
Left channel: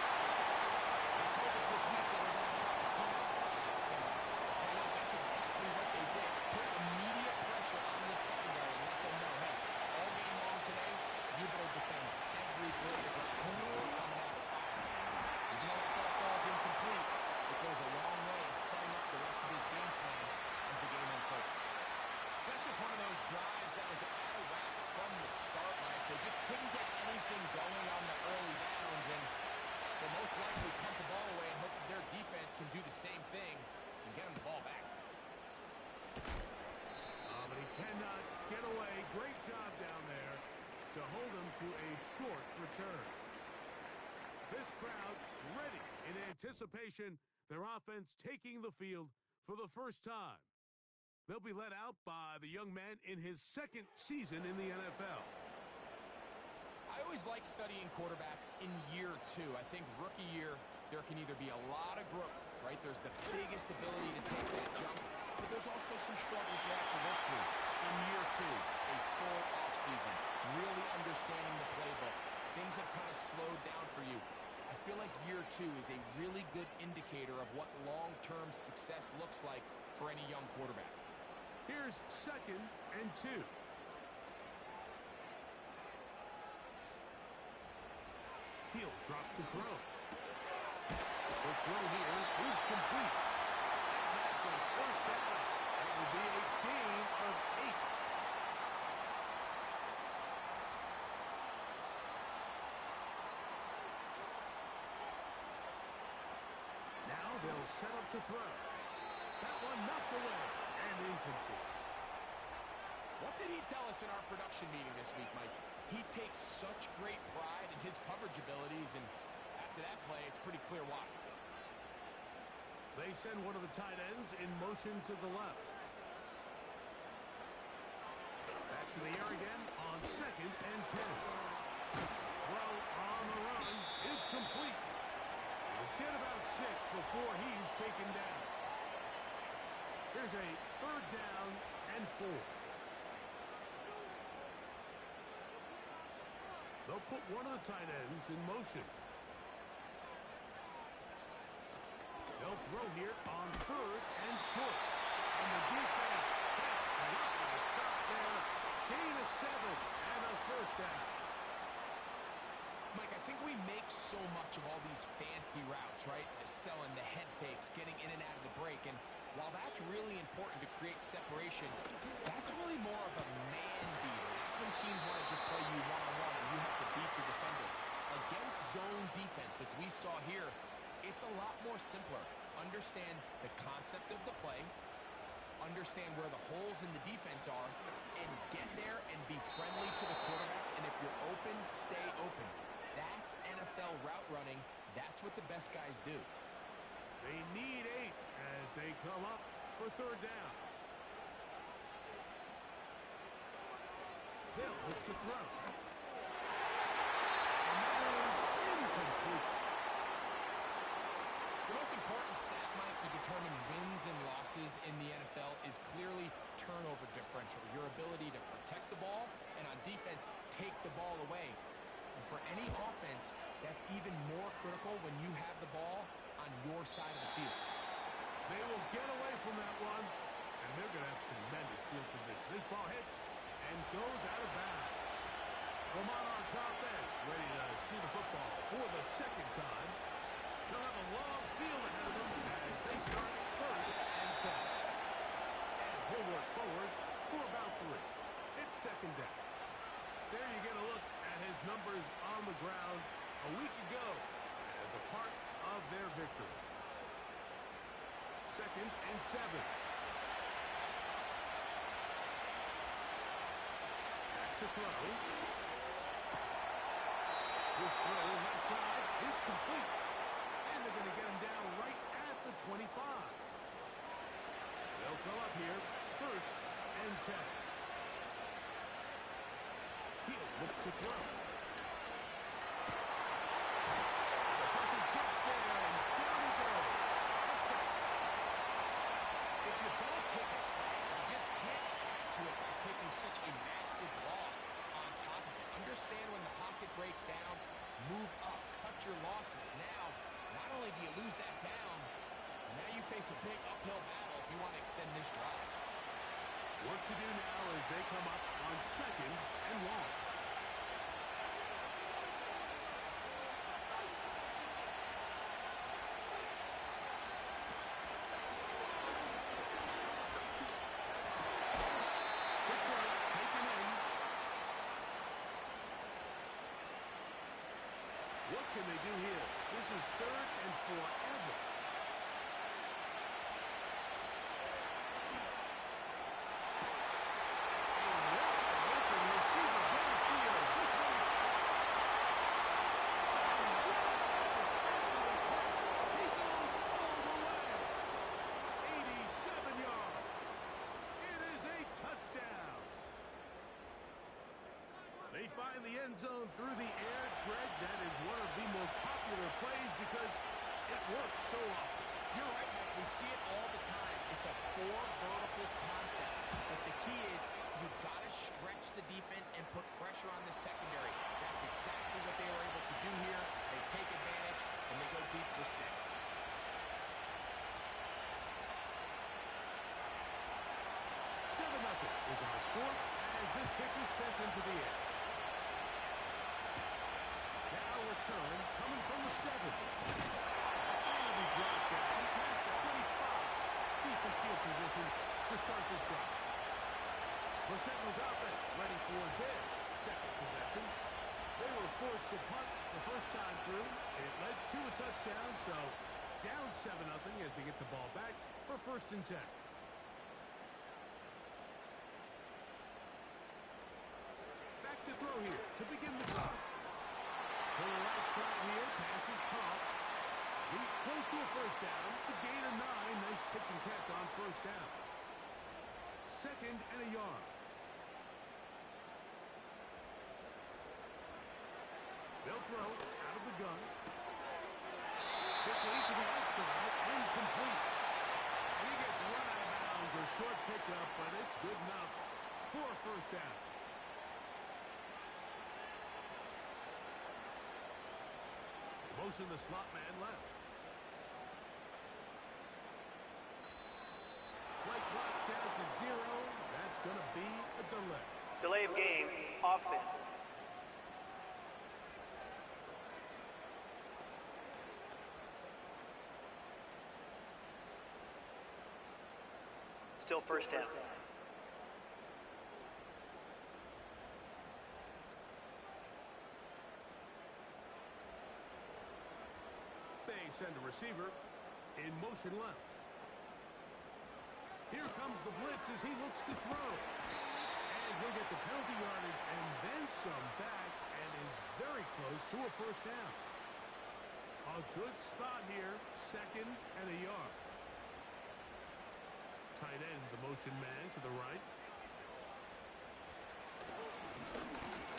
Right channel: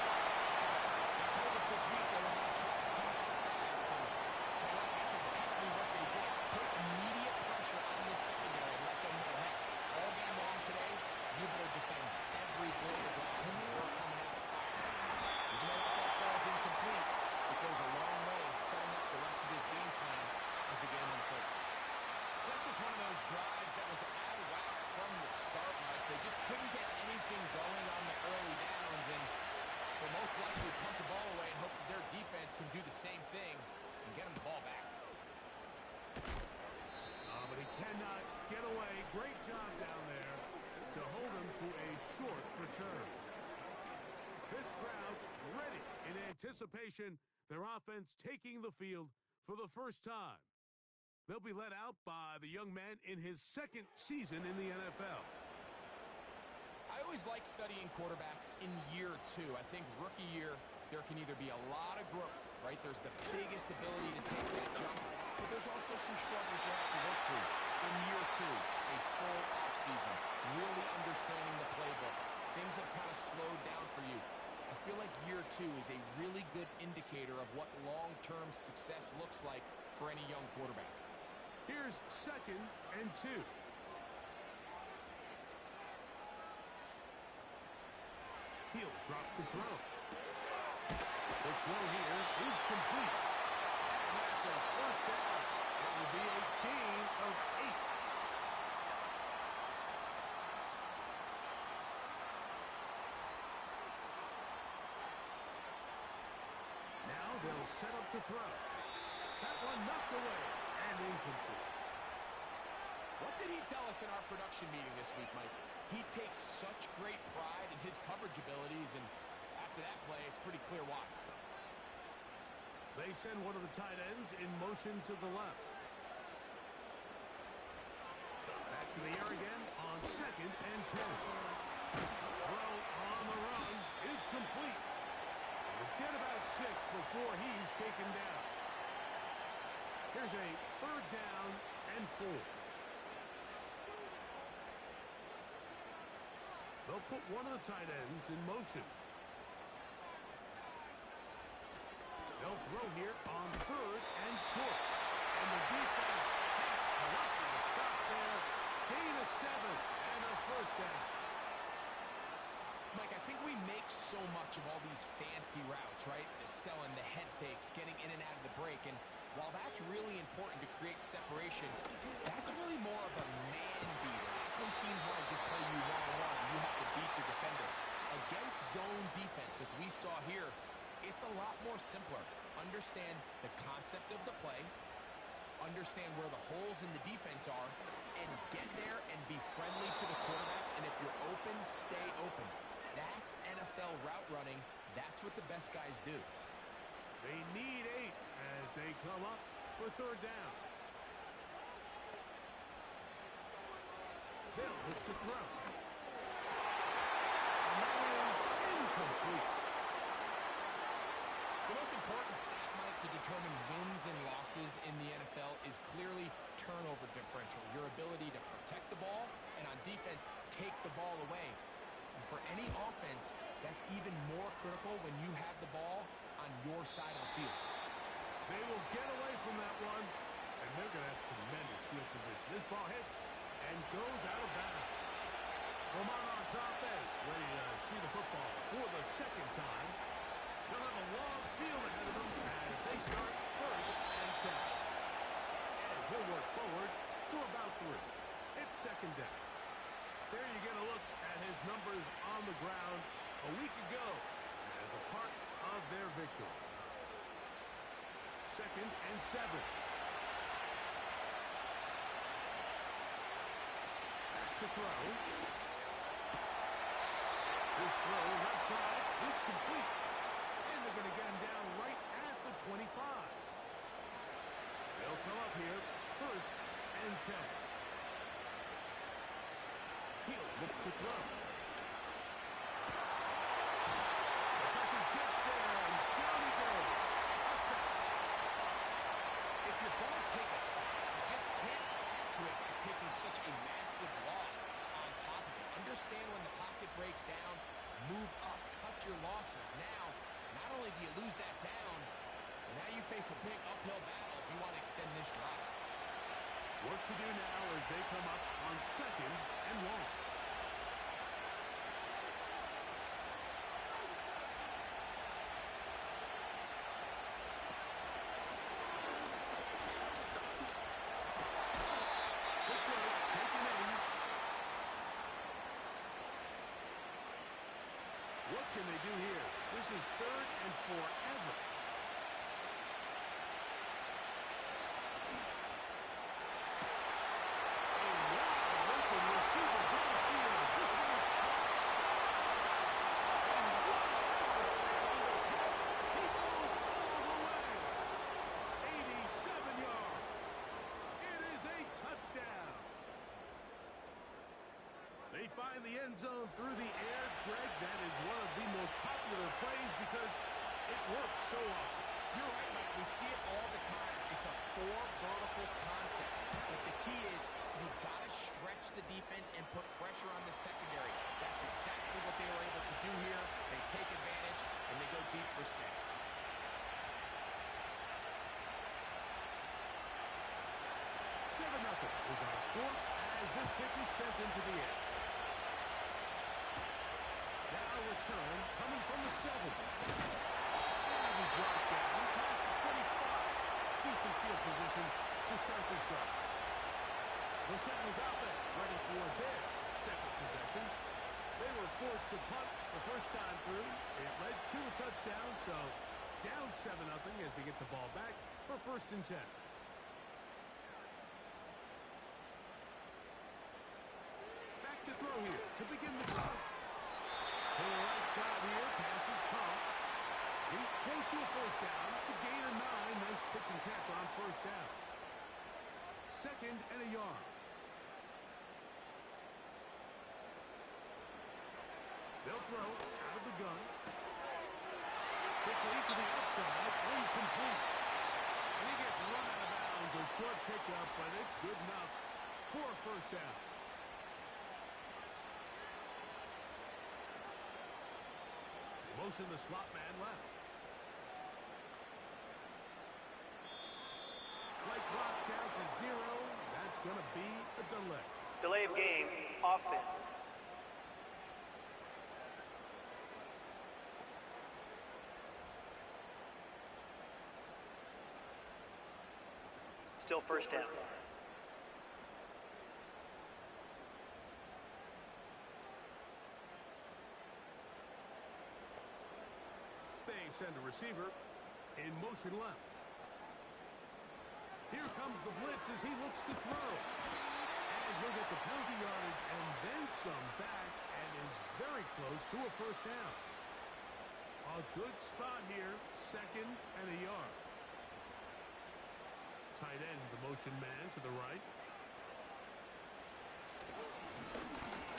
They told us this week they were going to try to come out fast. And tell you what, that's exactly what they did. Put immediate pressure on this secondary and let them know, hey, all game long today, you better defend every blade of grass because we're coming out fire. Even though that ball falls incomplete, it goes a long way in setting up the rest of this game plan as the game unfolds. That's just one of those drives that was out of whack from the start, Mike. They just couldn't get anything going on the early downs, and they'll most likely punt the ball away and hope that their defense can do the same thing and get them the ball back. But he cannot get away. Great job down there to hold him to a short return. This crowd ready in anticipation. Their offense taking the field for the first time. They'll be led out by the young man in his 2nd season in the NFL. I always like studying quarterbacks in year 2. I think rookie year, there can either be a lot of growth, right? There's the biggest ability to take that jump, but there's also some struggles you have to work through. In year 2, a full offseason, really understanding the playbook. Things have kind of slowed down for you. I feel like year 2 is a really good indicator of what long-term success looks like for any young quarterback. Here's 2nd and 2. He'll drop the throw. The throw here is complete. And that's a first down. It will be a gain of 8. Now they'll set up to throw. That one knocked away and incomplete. What did he tell us in our production meeting this week, Mike? He takes such great pride in his coverage abilities, and after that play, it's pretty clear why. They send one of the tight ends in motion to the left. Back to the air again on 2nd and 10. Throw on the run is complete. He'll get about 6 before he's taken down. Here's a 3rd down and 4. They'll put one of the tight ends in motion. They'll throw here on 3rd and short. And the defense can't come up with a stop there. Gain of 7 and a first down. Mike, I think we make so much of all these fancy routes, right? Selling the head fakes, getting in and out of the break. And while that's really important to create separation, that's really more of a man beater. That's when teams want to just play you one-on-one and you have to beat the defender. Against zone defense, like we saw here, it's a lot more simpler. Understand the concept of the play, understand where the holes in the defense are, and get there and be friendly to the quarterback. And if you're open, stay open. That's NFL route running. That's what the best guys do. They need 8 as they come up for 3rd down. They'll look to throw. And that is incomplete. The most important stat, Mike, to determine wins and losses in the NFL is clearly turnover differential, your ability to protect the ball, and on defense, take the ball away. And for any offense, that's even more critical when you have the ball on your side of the field. They will get away from that one, and they're going to have tremendous field position. This ball hits and goes out of bounds. The Monarchs offense ready to see the football for the second time. They'll have a long field ahead of them as they start 1st and 10. And he'll work forward for about 3. It's 2nd down. There you get a look at his numbers on the ground a week ago as a part of their victory. 2nd and 7. Back to throw. His throw left side is complete. And they're going to get him down right at the 25. They'll come up here 1st and 10. He'll look to throw. The pressure gets there, and down he goes. A sack. If you're going to take a sack, you just can't add to it by taking such a massive loss on top of it. Understand when the pocket breaks down, move up, cut your losses. Now, not only do you lose that down, but now you face a big uphill battle if you want to extend this drive. Work to do now as they come up on 2nd and long. Quick throw, taken in. What can they do here? This is 3rd and forever. Receiver downfield. This one is caught. And what an effort after the catch. He goes all the way. 87 yards. It is a touchdown. They find the end zone through the air. Greg, that is one of the most popular plays because it works so often. You're right, Mike. We see it all the time. It's a 4 vertical concept. But the key is you've got to stretch the defense and put pressure on the secondary. That's exactly what they were able to do here. They take advantage, and they go deep for 6. 7-0 is our score as this kick is sent into the air. Now return coming from the 7. And we brought down past the 25. Decent field position to start this drive. The Sentinels offense ready for their 2nd possession. They were forced to punt the first time through. It led to a touchdown, so down 7-0 as they get the ball back for 1st and 10. Back to throw here to begin the drive. To the right side here, pass is caught. He's close to a 1st down to gain a 9. Nice pitch and catch on 1st down. 2nd and a yard. They'll throw out of the gun. Quickly to the outside and complete. And he gets run out of bounds. A short pickup, but it's good enough for a 1st down. They motion the slot man left. Play clock down to 0. That's going to be a delay. Delay of game, offense. Still 1st down. They send a receiver in motion left. Here comes the blitz as he looks to throw. And he'll get the penalty yardage and then some back and is very close to a 1st down. A good spot here, 2nd and a yard. Tight end, the motion man to the right.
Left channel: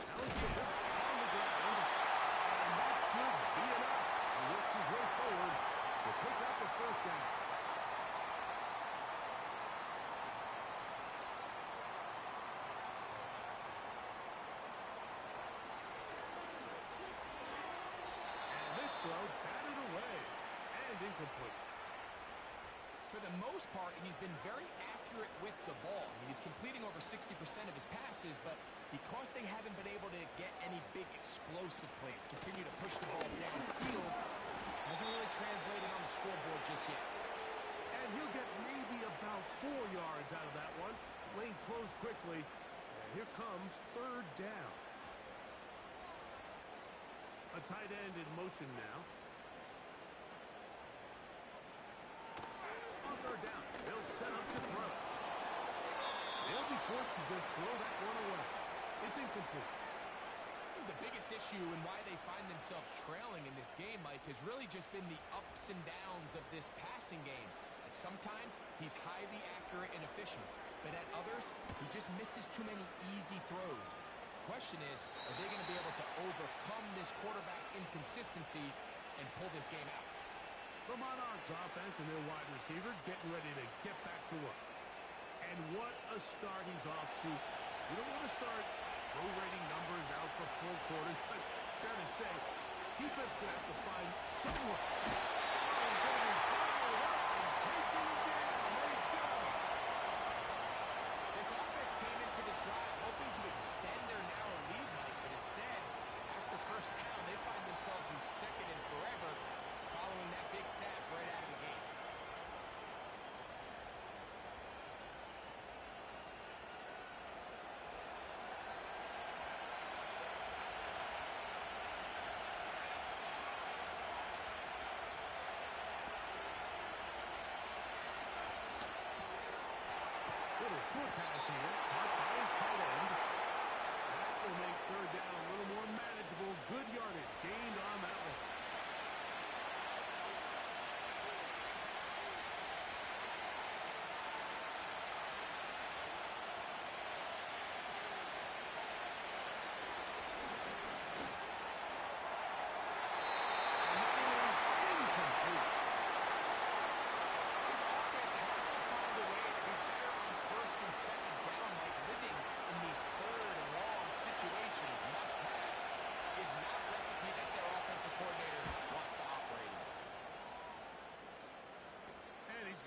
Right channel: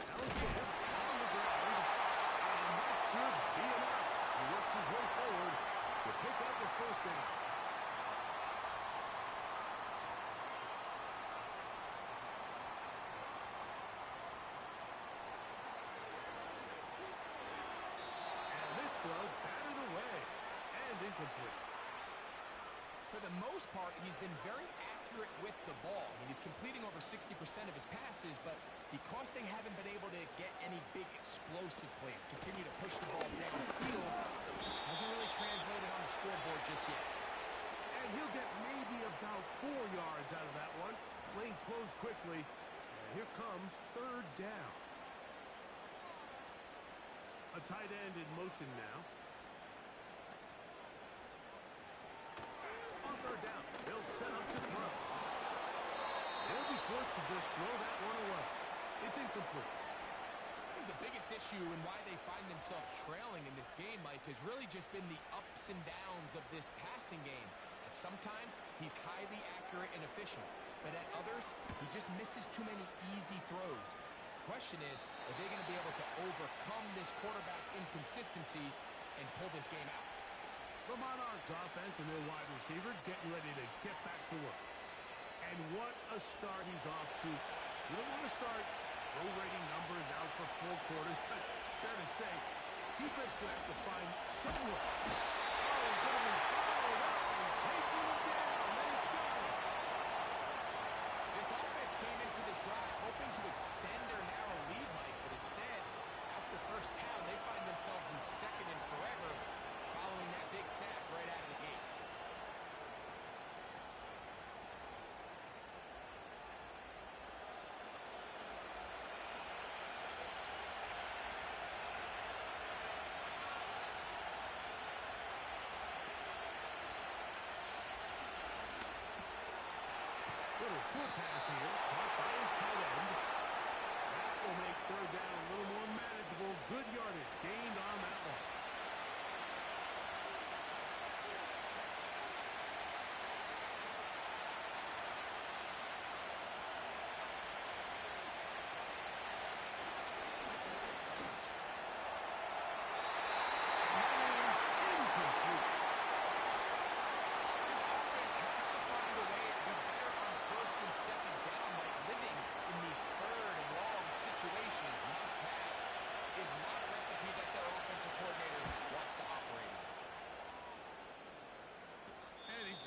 Now give on the ground, and that should be enough. He works his way forward to pick up a first down. And this throw batted away and incomplete. For the most part, he's been very accurate with the ball. I mean, he's completing over 60% of his passes, but because they haven't been able to get any big explosive plays, continue to push the ball downfield, hasn't really translated on the scoreboard just yet. And he'll get maybe about 4 yards out of that one. Lane closed quickly, and here comes third down. A tight end in motion now. On third down, they'll set up to throw. They'll be forced to just throw that one away. It's incomplete. I think the biggest issue and why they find themselves trailing in this game, Mike, has really just been the ups and downs of this passing game. At sometimes, he's highly accurate and efficient, but at others, he just misses too many easy throws. The question is, are they going to be able to overcome this quarterback inconsistency and pull this game out? The Monarchs offense and their wide receiver getting ready to get back to work. And what a start he's off to. You don't want to start prorating numbers out for full quarters, but fair to say, defense going to have to find some way. Oh, he's going to be followed up and taken down. They got him. This offense came into this drive hoping to extend their narrow lead, Mike, but instead, after first down, they find themselves in second and forever, following that big sack right out of the gate. Little short pass here, caught by his tight end. That will make third down a little more manageable. Good yardage gained on that one.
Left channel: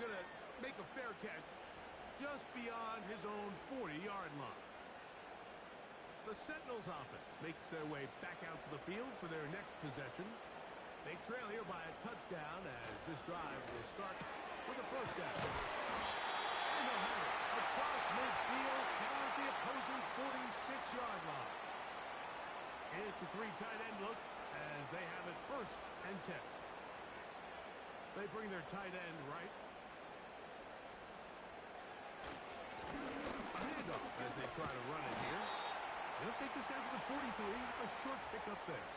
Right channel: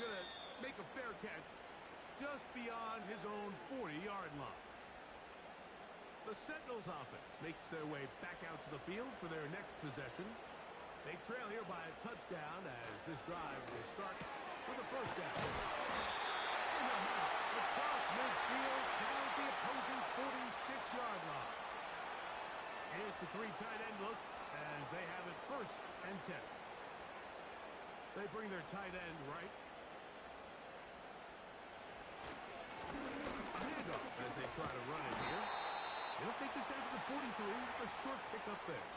Going to make a fair catch just beyond his own 40-yard line. The Sentinels offense makes their way back out to the field for their next possession. They trail here by a touchdown as this drive will start with a first down. And they'll have it across midfield down at the opposing 46-yard line. It's a 3 tight end look as they have it first and 10. They bring their tight end right. As they try to run it here. They'll take this down to the 43. A short pickup there.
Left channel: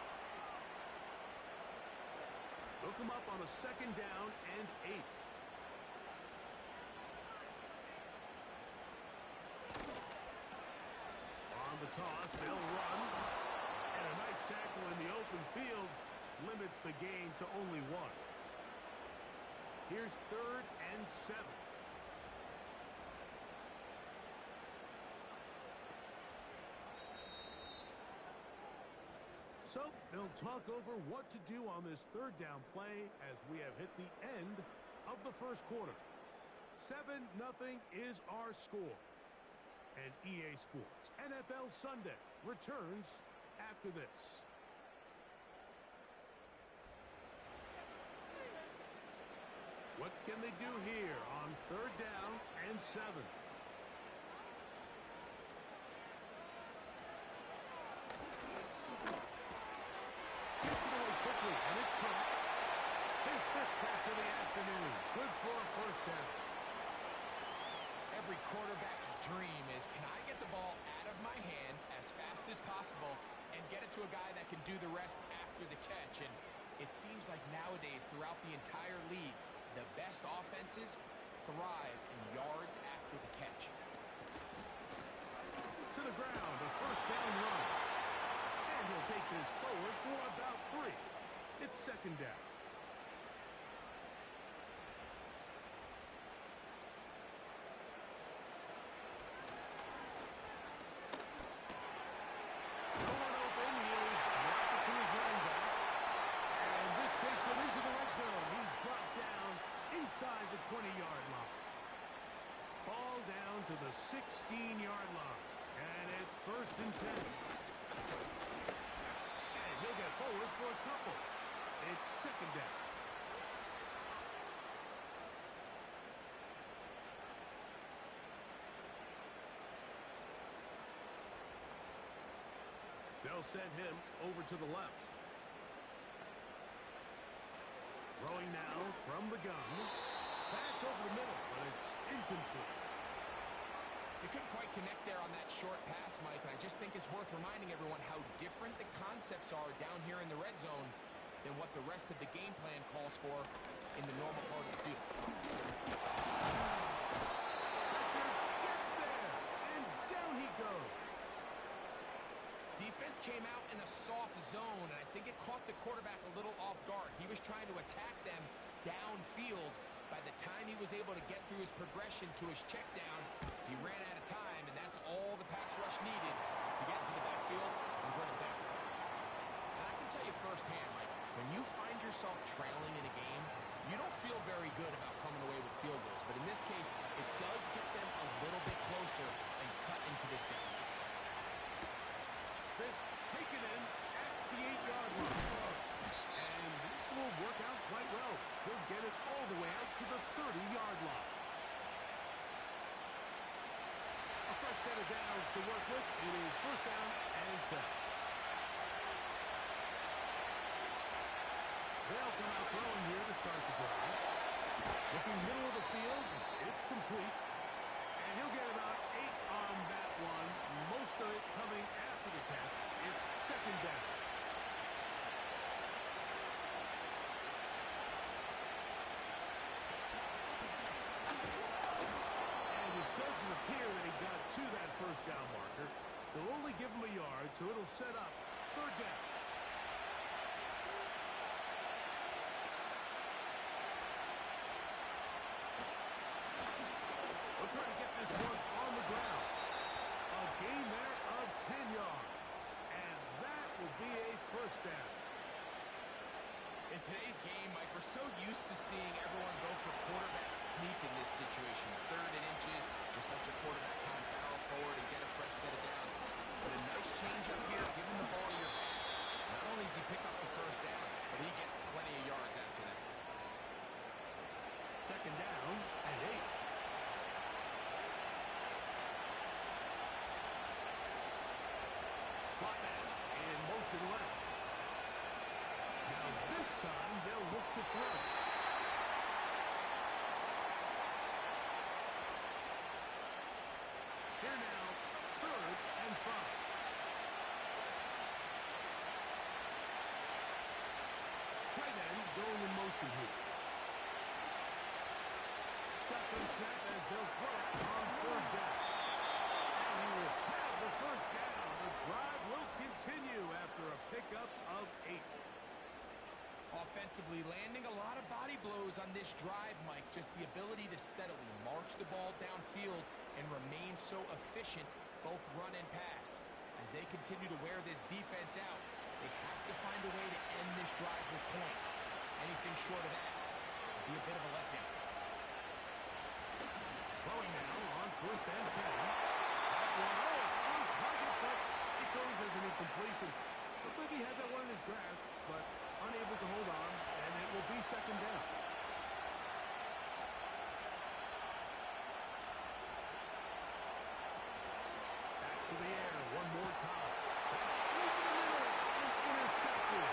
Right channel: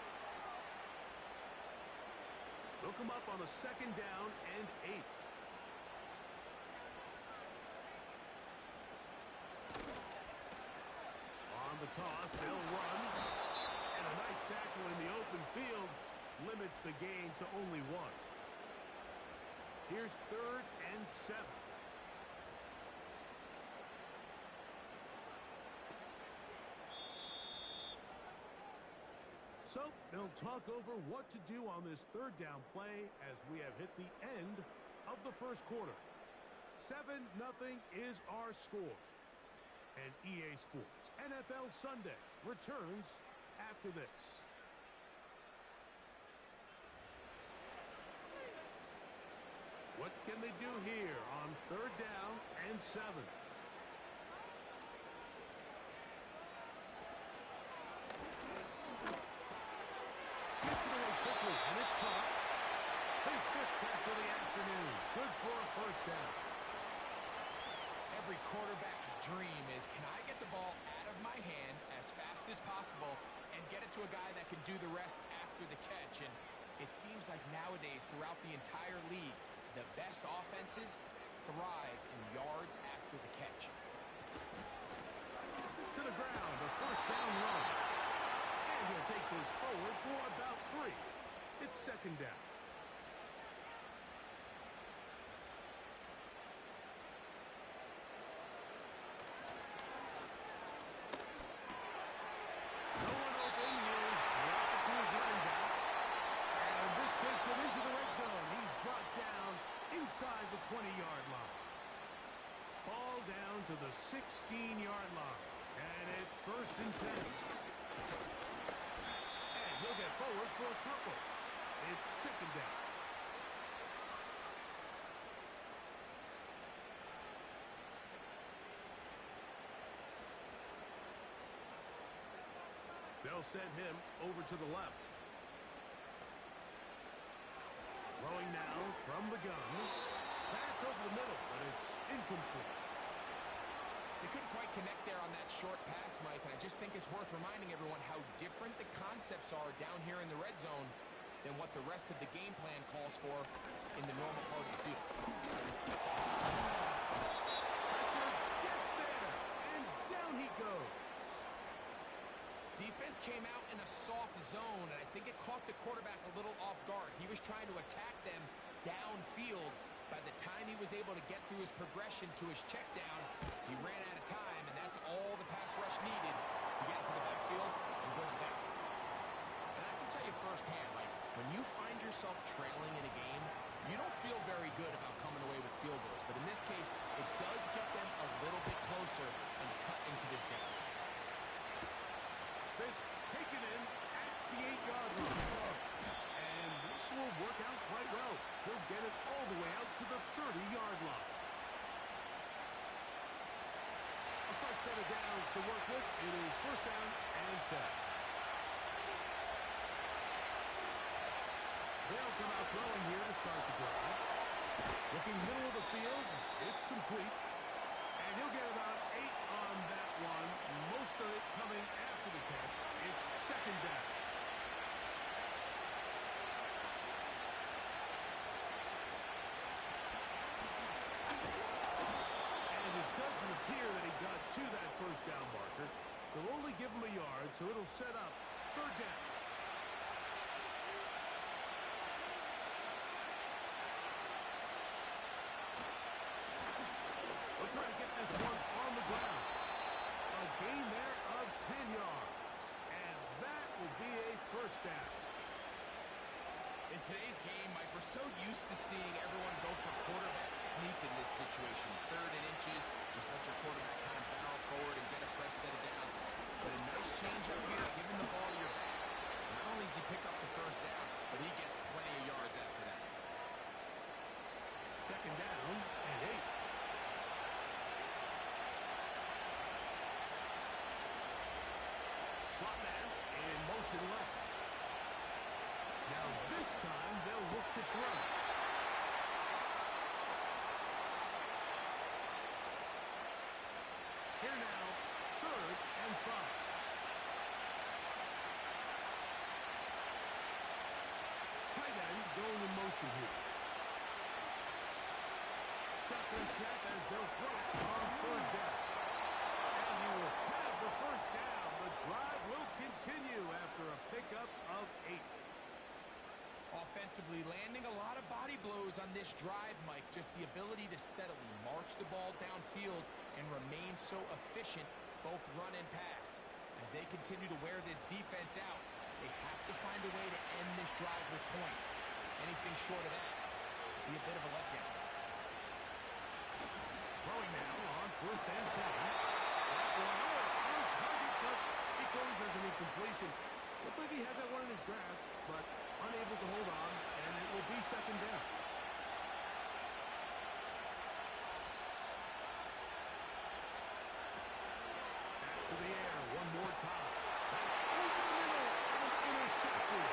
They'll come up on a second down and 8. On the toss, they'll run. And a nice tackle in the open field limits the gain to only 1. Here's third and 7. So they'll talk over what to do on this third down play as we have hit the end of the first quarter. 7-0 is our score. And EA Sports NFL Sunday returns after this. What can they do here on third down and 7? And it's caught. His 5th catch of the afternoon. Good for a first down. Every quarterback's dream is, can I get the ball out of my hand as fast as possible and get it to a guy that can do the rest after the catch? And it seems like nowadays, throughout the entire league, the best offenses thrive in yards after the catch. To the ground, a first down run. And he'll take this forward for about 3. It's second down. 20-yard line. Ball down to the 16-yard line. And it's 1st and 10. And he'll get forward for a couple. It's 2nd down. They'll send him over to the left. Throwing now from the gun. That's over the middle, but it's incomplete. They couldn't quite connect there on that short pass, Mike, and I just think it's worth reminding everyone how different the concepts are down here in the red zone than what the rest of the game plan calls for in the normal part of the field. Pressure gets there, and down he goes. Defense came out in a soft zone, and I think it caught the quarterback a little off guard. He was trying to attack them downfield. By the time he was able to get through his progression to his check down, he ran out of time, and that's all the pass rush needed to get into the backfield and bring him down. And I can tell you firsthand, Mike, when you find yourself trailing in a game, you don't feel very good about coming away with field goals. But in this case, it does get them a little bit closer and cut into this deficit. This taken in at the 8-yard line. And this will work out quite well. He'll get it all the way out to the 30-yard line. A fresh set of downs to work with. It is 1st down and 10. They'll come out throwing here to start the drive. Looking middle of the field. It's complete. And he'll get about 8 on that one. Most of it coming after the catch. It's 2nd down. And it doesn't appear that he got to that 1st down marker. They'll only give him a yard, so it'll set up 3rd down. They'll try to get this one on the ground. A gain there of 10 yards. And that will be a 1st down. In today's game, Mike, we're so used to seeing everyone go for quarterback sneak in this situation. 3rd and inches, just let your quarterback kind of barrel forward and get a fresh set of downs. But a nice change up here, giving the ball to your back. Not only does he pick up the 1st down, but he gets plenty of yards after that. 2nd down and 8. Slot man in motion left. Now this time they'll look to throw. Here now, 3rd and 5. Tight end going in motion here. Shotgun snap as they'll throw it on 3rd down. And he will have the 1st down. The drive will continue after a pickup of 8. Offensively, landing a lot of body blows on this drive, Mike. Just the ability to steadily march the ball downfield and remain so efficient, both run and pass. As they continue to wear this defense out, they have to find a way to end this drive with points. Anything short of that would be a bit of a letdown. Throwing now on 1st and 10. That one, it's on target, but it goes as an incompletion. Looked like he had that one in his grasp, but unable to hold on, and it will be 2nd down. Back to the air one more time. That's over the middle and intercepted.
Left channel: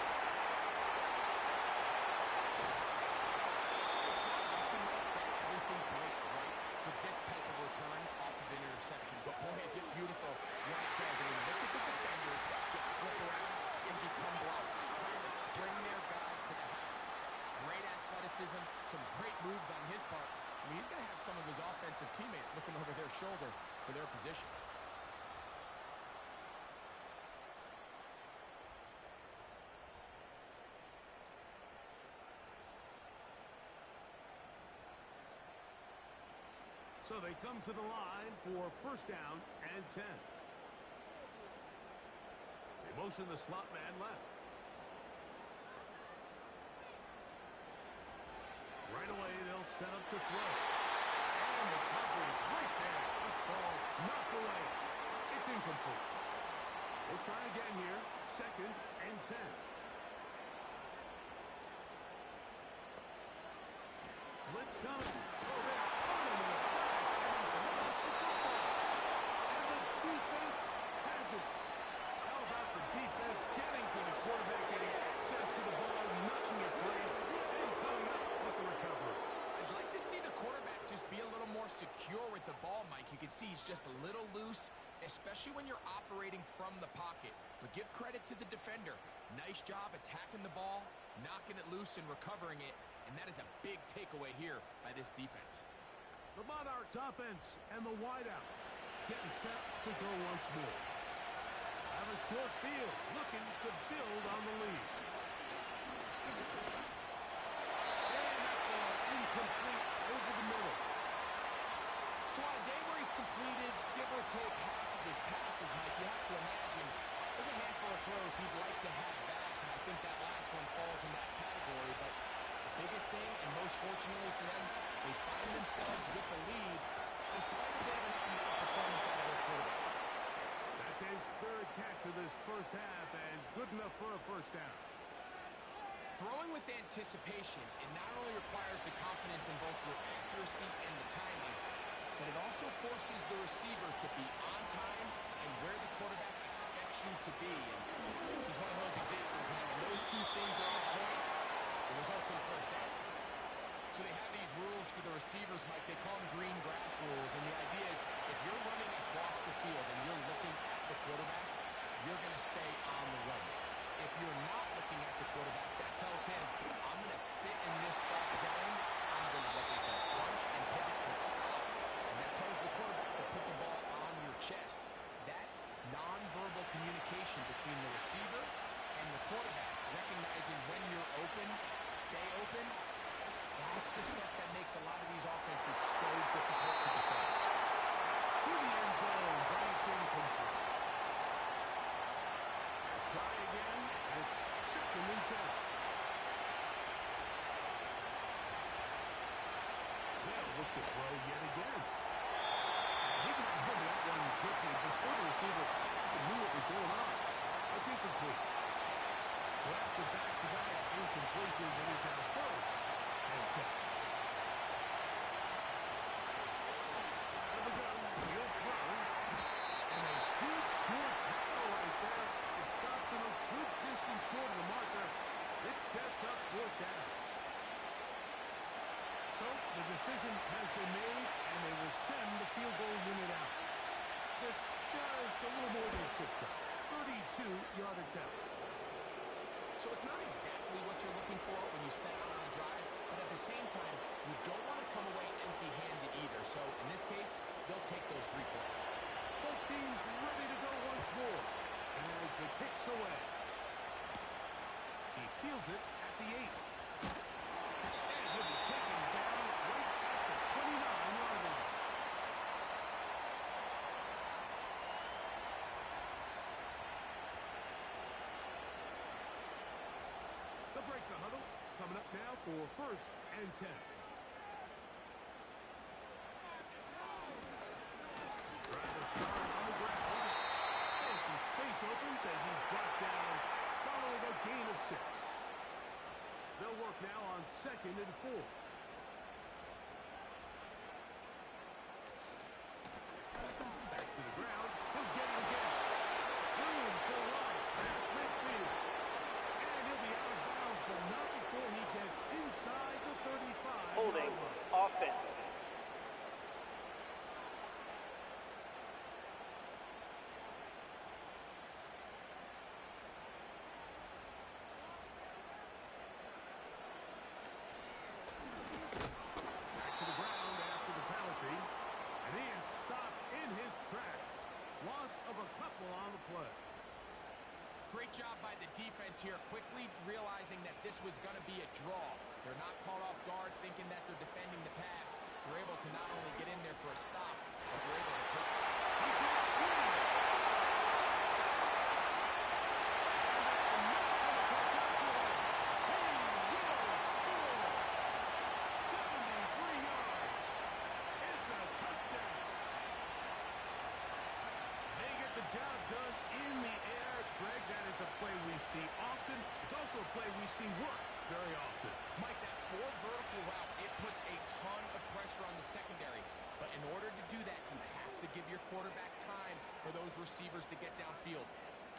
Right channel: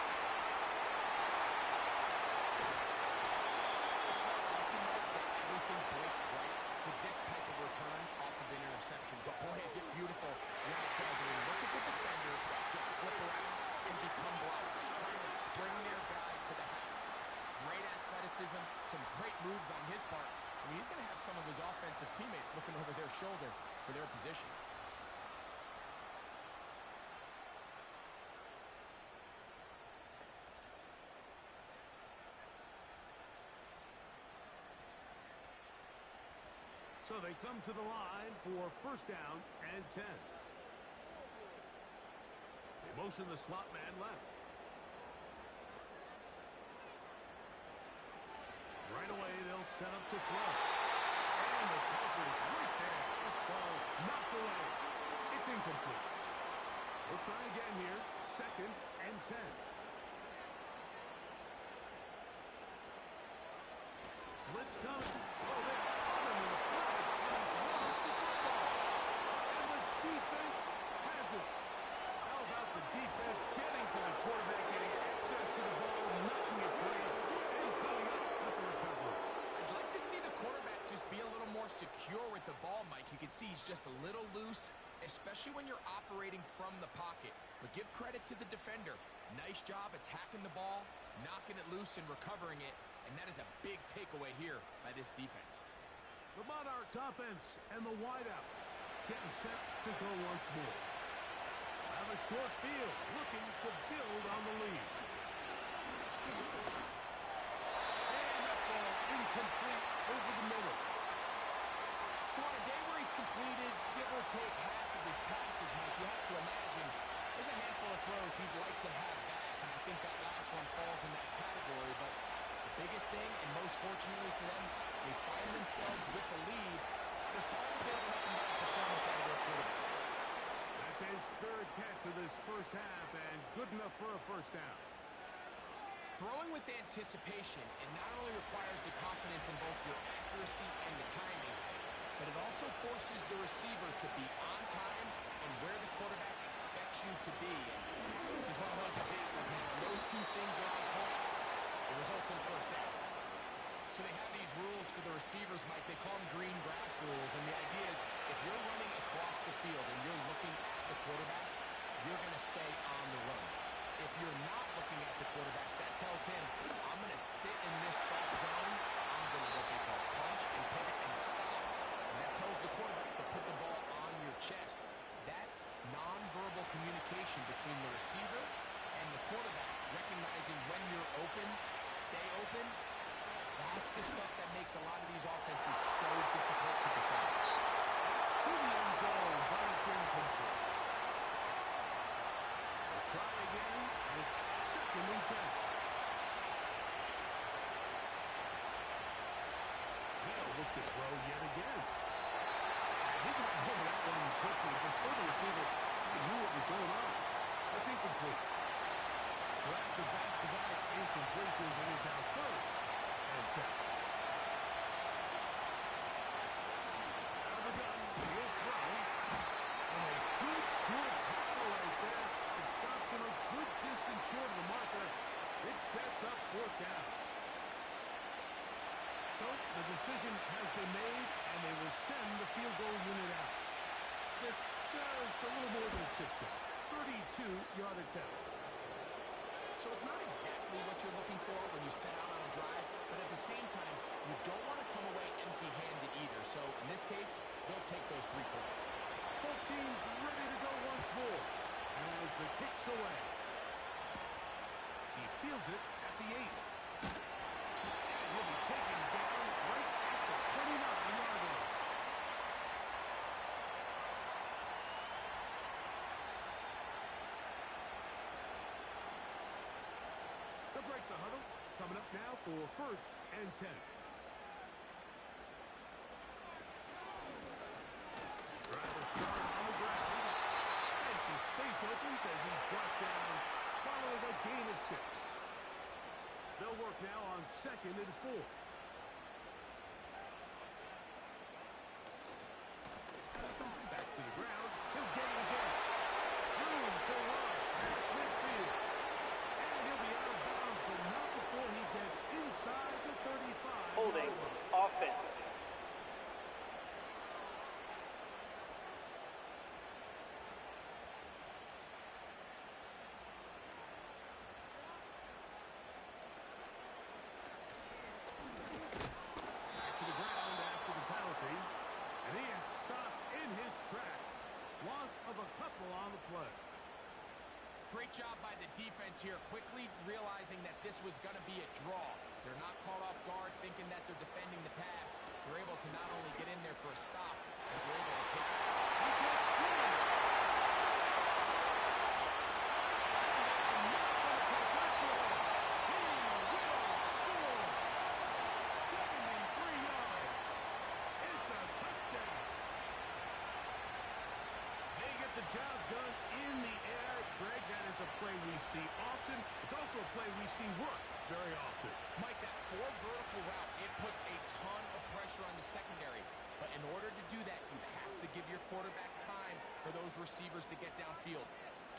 It's not often, Mike, that everything breaks right for this type of return off of an interception. But boy, is it beautiful when it does. I mean, look at the defenders just flip around and become blocked, trying to spring their guy to the house. Great athleticism, some great moves on his part. I mean, he's going to have some of his offensive teammates looking over their shoulder for their position. So they come to the line for 1st down and 10. They motion the slot man left. Right away, they'll set up to throw. And the coverage right there. This ball knocked away. It's incomplete. We'll try again here. 2nd and 10. Blitz coming. Oh, they're on him with a flag, and he's lost the football. And the defense has it. How about the defense getting to the quarterback, getting access to the ball, knocking it free, and coming up with the recovery? I'd like to see the quarterback just be a little more secure with the ball, Mike. You can see he's just a little loose, especially when you're operating from the pocket. But give credit to the defender. Nice job attacking the ball, knocking it loose, and recovering it. And that is a big takeaway here by this defense. The Monarchs offense and the wideout getting set to go once more. Have a short field, looking to build on the lead. And that ball incomplete over the middle. So on a day where he's completed, give or take half of his passes, Mike, you have to imagine there's a handful of throws he'd like to have back, and I think that last one falls in that category. But the biggest thing, and most fortunately for them, they find themselves with the lead despite a bit of an up-and-down performance out of their quarterback. That's his 3rd catch of this first half, and good enough for a first down. Throwing with anticipation, it not only requires the confidence in both your accuracy and the timing, but it also forces the receiver to be on time and where the quarterback expects you to be. And this is one of those examples, man. When those two things are on point, it results in a first down. So they have these rules for the receivers, Mike. They call them green grass rules. And the idea is if you're running across the field and you're looking at the quarterback, you're going to stay on the run. If you're not looking at the quarterback, that tells him, I'm going to sit in this soft zone. I'm going to what they call punch and pivot and stop. And that tells the quarterback to put the ball on your chest. That nonverbal communication between the receiver and the quarterback, recognizing when you're open, stay open, that's the stuff that makes a lot of these offenses so difficult to defend. To the end zone, but it's incomplete. We'll try again, and it's 2nd and 10. They'll look to throw yet again. And he got rid of that one quickly before the receiver knew what was going on. That's incomplete. So after back-to-back incompletions, it is now 3rd and 10. Out of the gun, he'll throw. And a good short tackle right there. It stops him a good distance short of the marker. It sets up 4th down. So the decision has been made, and they will send the field goal unit out. This just a little more than a chip shot. 32-yard attempt. So it's not exactly what you're looking for when you set out on a drive, but at the same time, you don't want to come away empty-handed either. So in this case, they'll take those 3 points. Both teams ready to go once more as the kick's away. He fields it at the 8. And he'll be taken down right at the 29-yard line. They'll break the huddle. Coming up now for 1st and 10. Driver start on the ground. And some space opens as he's brought down following a gain of 6. They'll work now on 2nd and 4. Back to the ground. He'll get it again. Room for run. Past midfield. And he'll be out of bounds, but not before he gets inside the 35. Holding offense. Back to the ground after the penalty. And he is stopped in his tracks. Loss of a couple on the play. Great job by the defense here, quickly realizing that this was going to be a draw. They're not caught off guard thinking that they're defending the pass. They're able to not only get in there for a stop, but they're able to take it. He gets free. And they're not going to catch up to him. He will score. 73 job done in the air. Greg, that is a play we see often. It's also a play we see work very often. Mike, that 4 vertical route, it puts a ton of pressure on the secondary. But in order to do that, you have to give your quarterback time for those receivers to get downfield.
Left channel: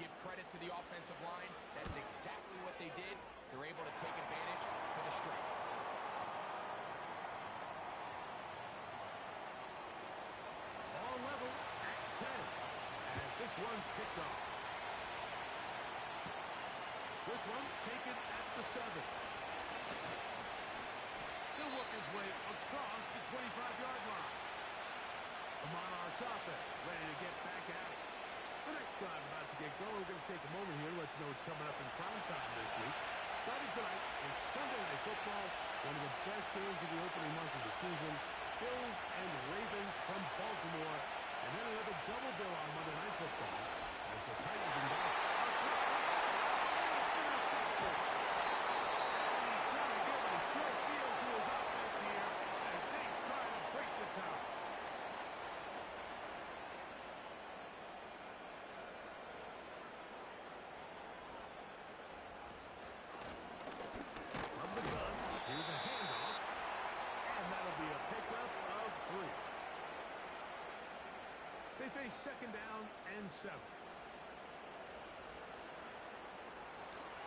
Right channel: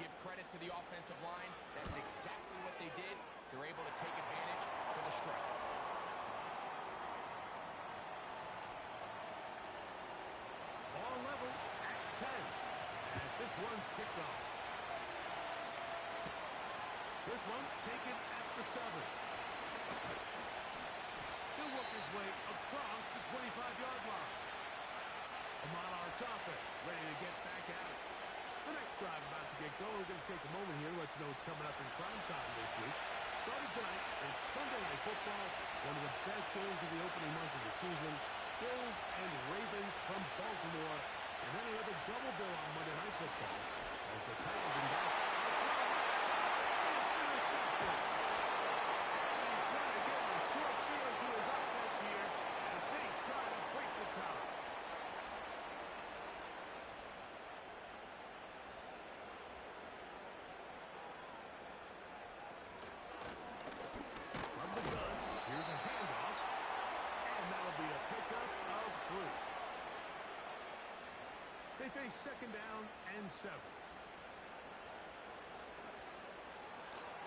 Give credit to the offensive line. That's exactly what they did. They're able to take advantage for the strike. Ball level at 10 as this one's kicked off. This one taken at the 7. He'll work his way across the 25-yard line. The Monarchs offense ready to get back at it. The next drive about to get going. We're going to take a moment here to let you know what's coming up in prime time this week. Starting tonight, it's Sunday Night Football, one of the best games of the opening month of the season. Bills and Ravens from Baltimore. And then another double bill on Monday Night Football as the Titans and Dolphins are thrown outside. It's intercepted. And he's going to give a short field to his offense here as they try to break the tie. From the gun, here's a handoff. And that'll be a pickup of 3. They face second down and 7.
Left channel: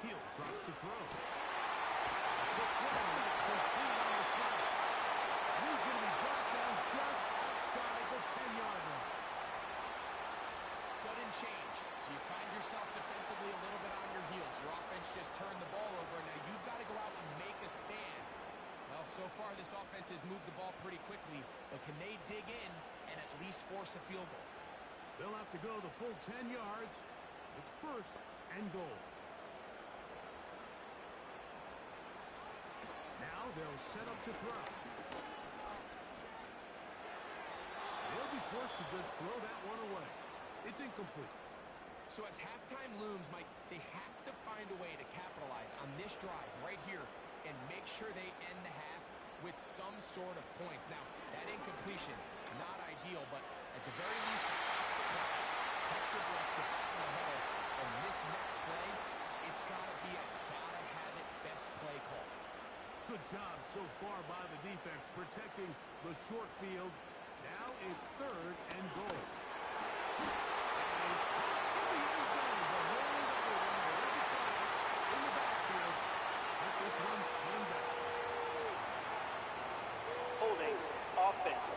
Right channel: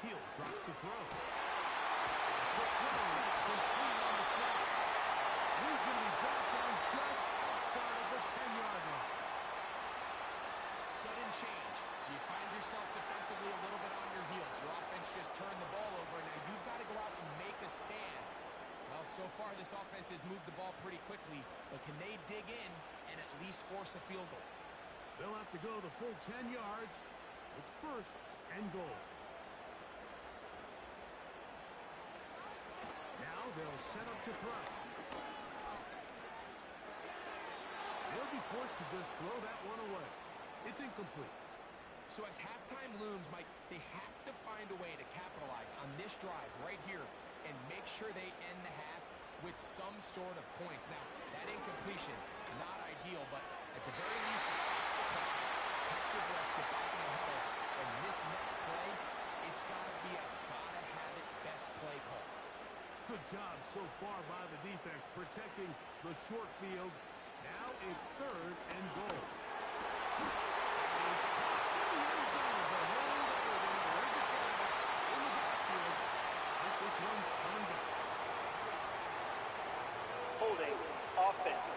He'll drop to throw. The throw that's complete on the slide. And he's going to be brought down just outside the 10-yard line. Sudden change. So you find yourself defensively a little bit on your heels. Your offense just turned the ball over. Now you've got to go out and make a stand. Well, so far this offense has moved the ball pretty quickly, but can they dig in and at least force a field goal? They'll have to go the full 10 yards. It's first and goal. Now they'll set up to throw. They'll be forced to just throw that one away. It's incomplete. So as halftime looms, Mike, they have to find a way to capitalize on this drive right here and make sure they end the half with some sort of points. Now, that incompletion, not ideal, but at the very least, it stops the clock. Catch your breath, get back in the huddle, and this next play, it's got to be a gotta-have-it best play call. Good job so far by the defense protecting the short field. Now it's third and goal. That is caught in the end zone. The hold everything. There is a flag in the backfield. But this one's spun back. Holding offense.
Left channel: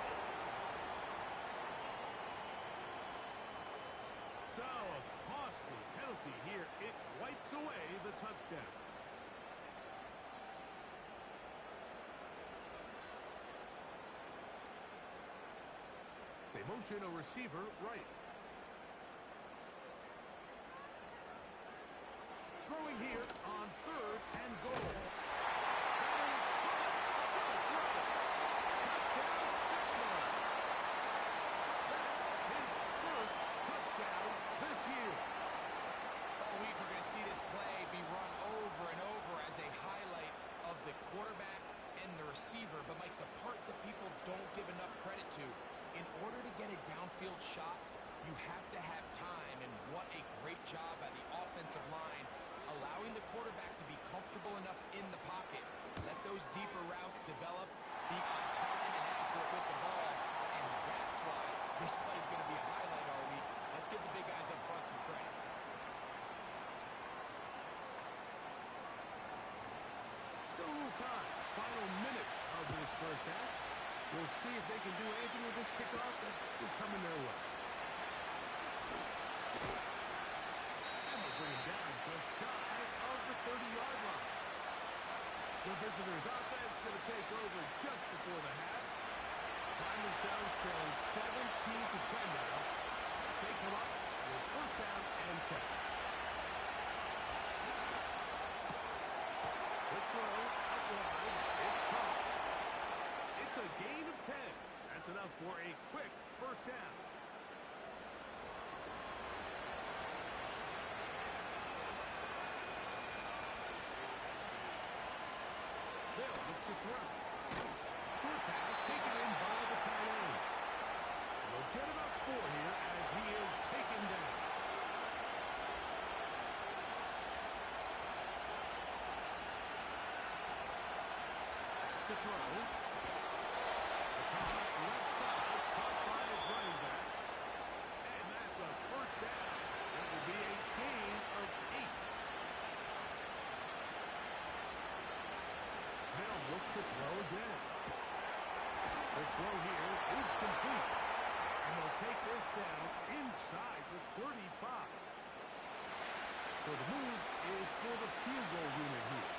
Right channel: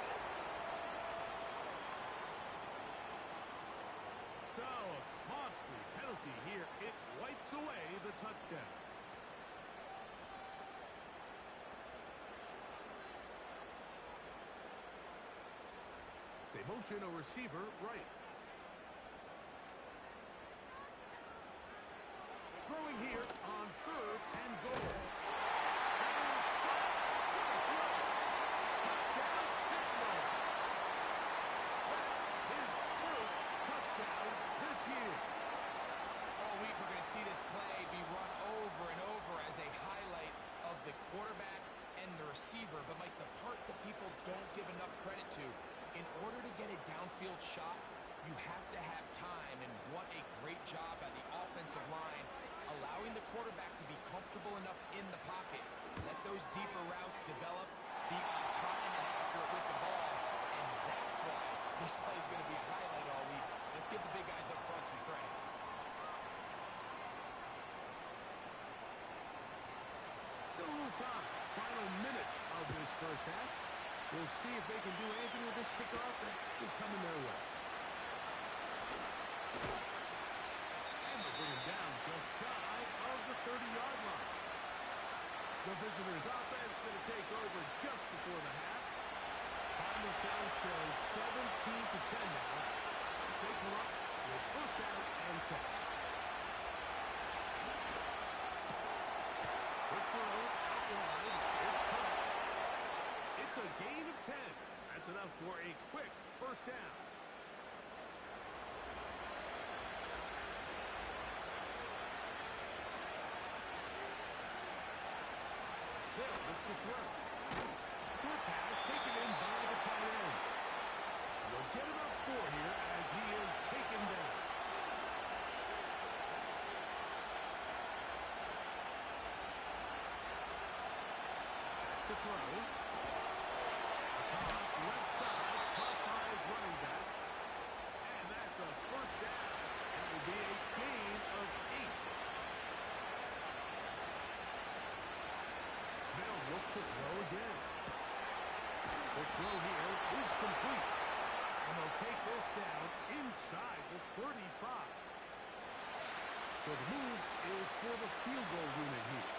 So a costly penalty here. It wipes away the touchdown. They motion a receiver right. Throwing here on third and goal. That is caught. What a throw. Touchdown Sentinels. That's his first touchdown this year. All week we're going to see this play be run over and over as a highlight of the quarterback and the receiver. But, Mike, the part that people don't give enough credit to, in order to get a downfield shot, you have to have time, and what a great job by the offensive line, allowing the quarterback to be comfortable enough in the pocket, let those deeper routes develop, be on time and accurate with the ball, and that's why this play is going to be a highlight all week. Let's give the big guys up front some credit. Still a little time. Final minute of this first half. We'll see if they can do anything with this kickoff that is coming their way. And they'll bring him down just shy of the 30-yard line. The visitors' offense going to take over just before the half. Find themselves trailing 17-10 now as they come up with first down and 10. Quick throw out wide. It's caught. It's a gain of 10. That's enough for a quick first down. They'll look to throw. Short pass taken in by the tight end. They'll get about 4 here as he is taken down. Back to throw. A toss left side, caught by his running back. And that's a first down. It will be a gain of 8. They'll look to throw again. The throw here is complete. And they'll take this down inside the 35. So the move is for the field goal unit here.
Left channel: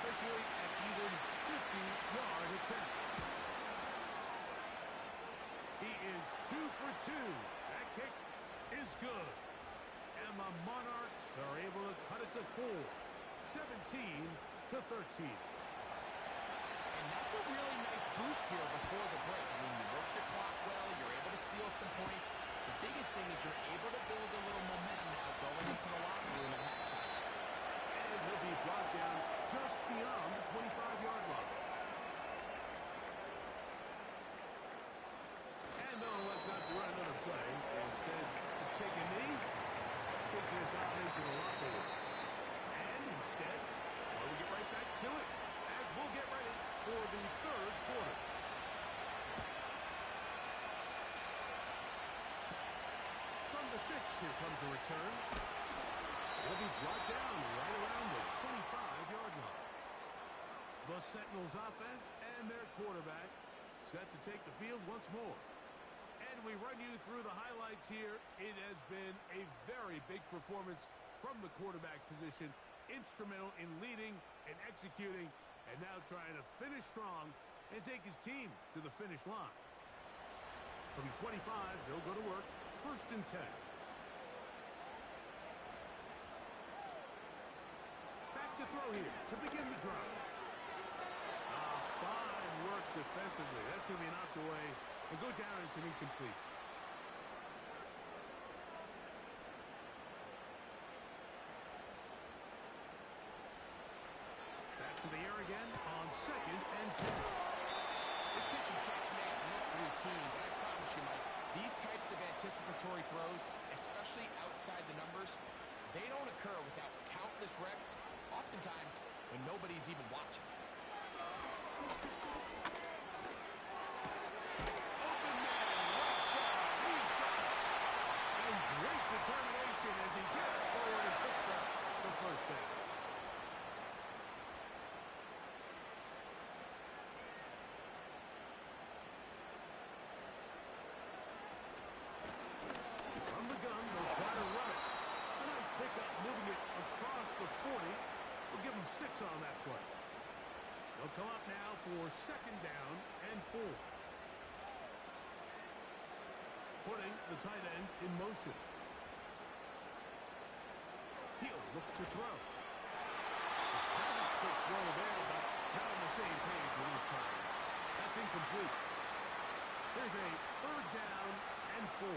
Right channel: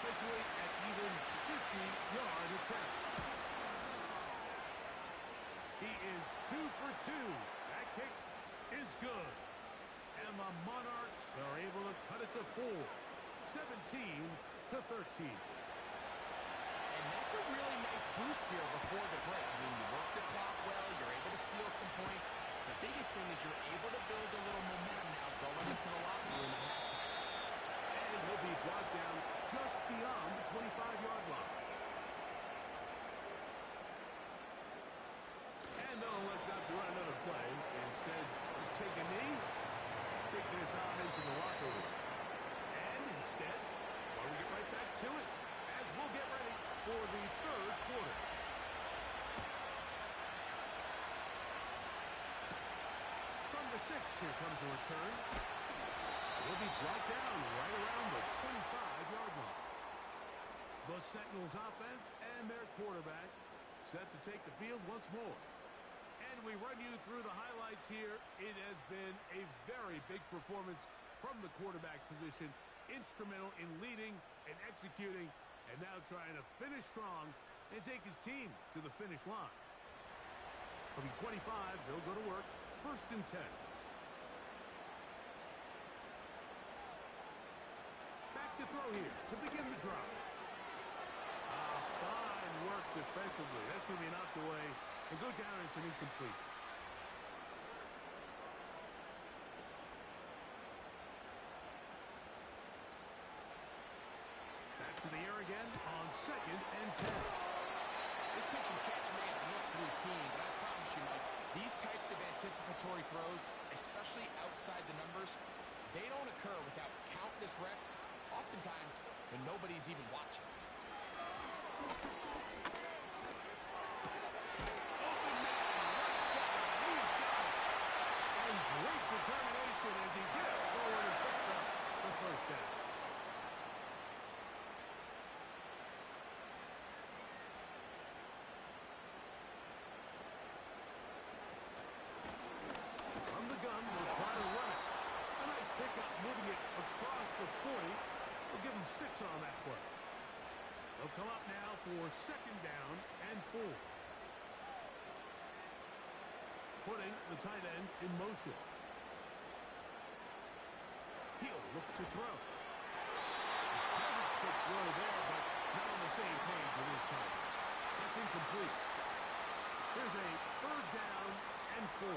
Officially at even 50-yard attempt. He is 2 for 2. That kick is good. And the Monarchs are able to cut it to 4. 17-13. And that's a really nice boost here before the break. I mean, you work the clock well, you're able to steal some points. The biggest thing is you're able to build a little momentum now going into the locker room at halftime. And he'll be brought down just beyond the 25-yard line. And they'll elect not to run another play. Instead, just take a knee, take this on into the locker room. And instead, well, we get right back to it as we'll get ready for the third quarter. From the 6, here comes a return. He'll be brought down right around the 25-yard line. The Sentinels offense and their quarterback set to take the field once more. And we run you through the highlights here. It has been a very big performance from the quarterback position. Instrumental in leading and executing, and now trying to finish strong and take his team to the finish line. From the 25, they'll go to work. 1st and 10. Back to throw here to begin the drive. Fine work defensively. That's going to be knocked away and go down as an incompletion. Back to the air again on 2nd and 10. This pitch and catch may have looked routine, but I promise you, Mike, these types of anticipatory throws, especially outside the numbers, they don't occur without countless reps, oftentimes when nobody's even watching. Open man, right side, he's got it. And great determination as he gets forward and picks up the first down. From the gun, they'll try to run it. A nice pickup, moving it across the 40. We'll give them 6 on that play. They'll come up now for 2nd down and 4. Putting the tight end in motion. He'll look to throw. Very quick throw there, but not on the same page with his target. That's incomplete. Here's a 3rd down and 4.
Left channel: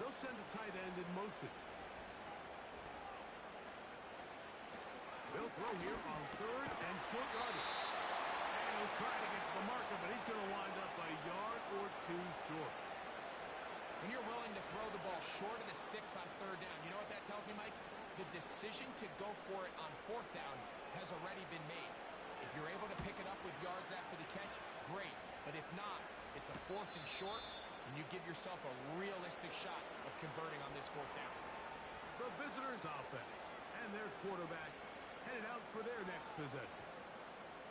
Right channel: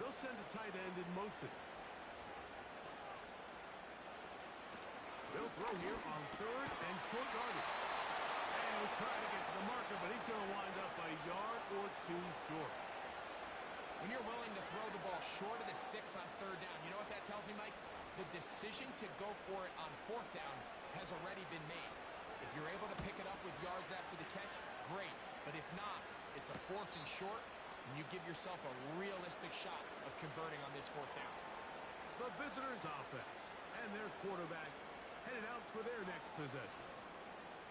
They'll send a tight end in motion. They'll throw here on 3rd and short yardage. And he'll try to get to the marker, but he's going to wind up a yard or 2 short. When you're willing to throw the ball short of the sticks on 3rd down, you know what that tells me, Mike? The decision to go for it on 4th down has already been made. If you're able to pick it up with yards after the catch, great. But if not, it's a 4th and short, and you give yourself a realistic shot of converting on this 4th down. The visitors' offense and their quarterback headed out for their next possession.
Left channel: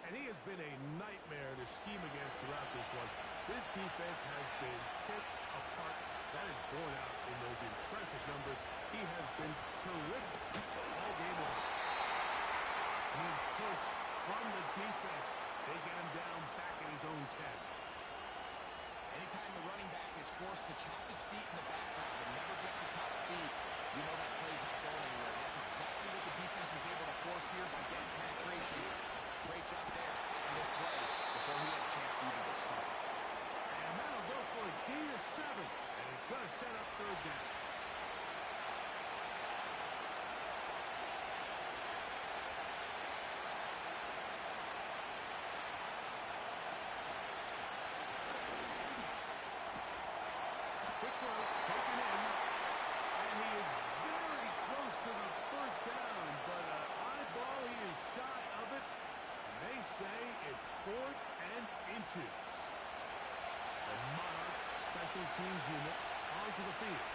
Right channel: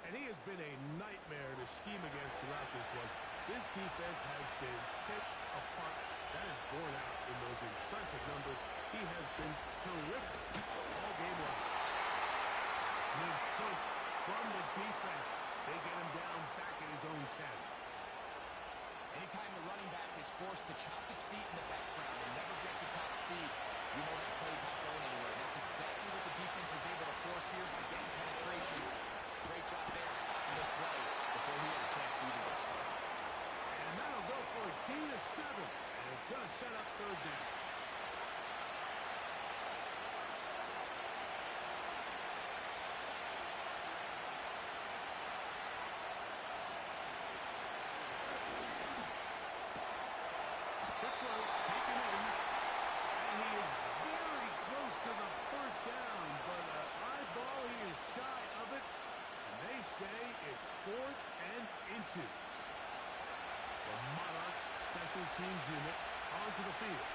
And he has been a nightmare to scheme against throughout this one. This defense has been picked apart. That is borne out in those impressive numbers. He has been terrific all game long. Good push from the defense. They get him down back at his own 10. Anytime the running back is forced to chop his feet in the background and never get to top speed, you know that play's not going anywhere. That's exactly what the defense was able to force here by getting penetration. Great job there stopping this play before he had a chance to even get started. And that'll go for a gain of 7. And it's going to set up 3rd down. choose. The Monarchs special teams unit onto the field.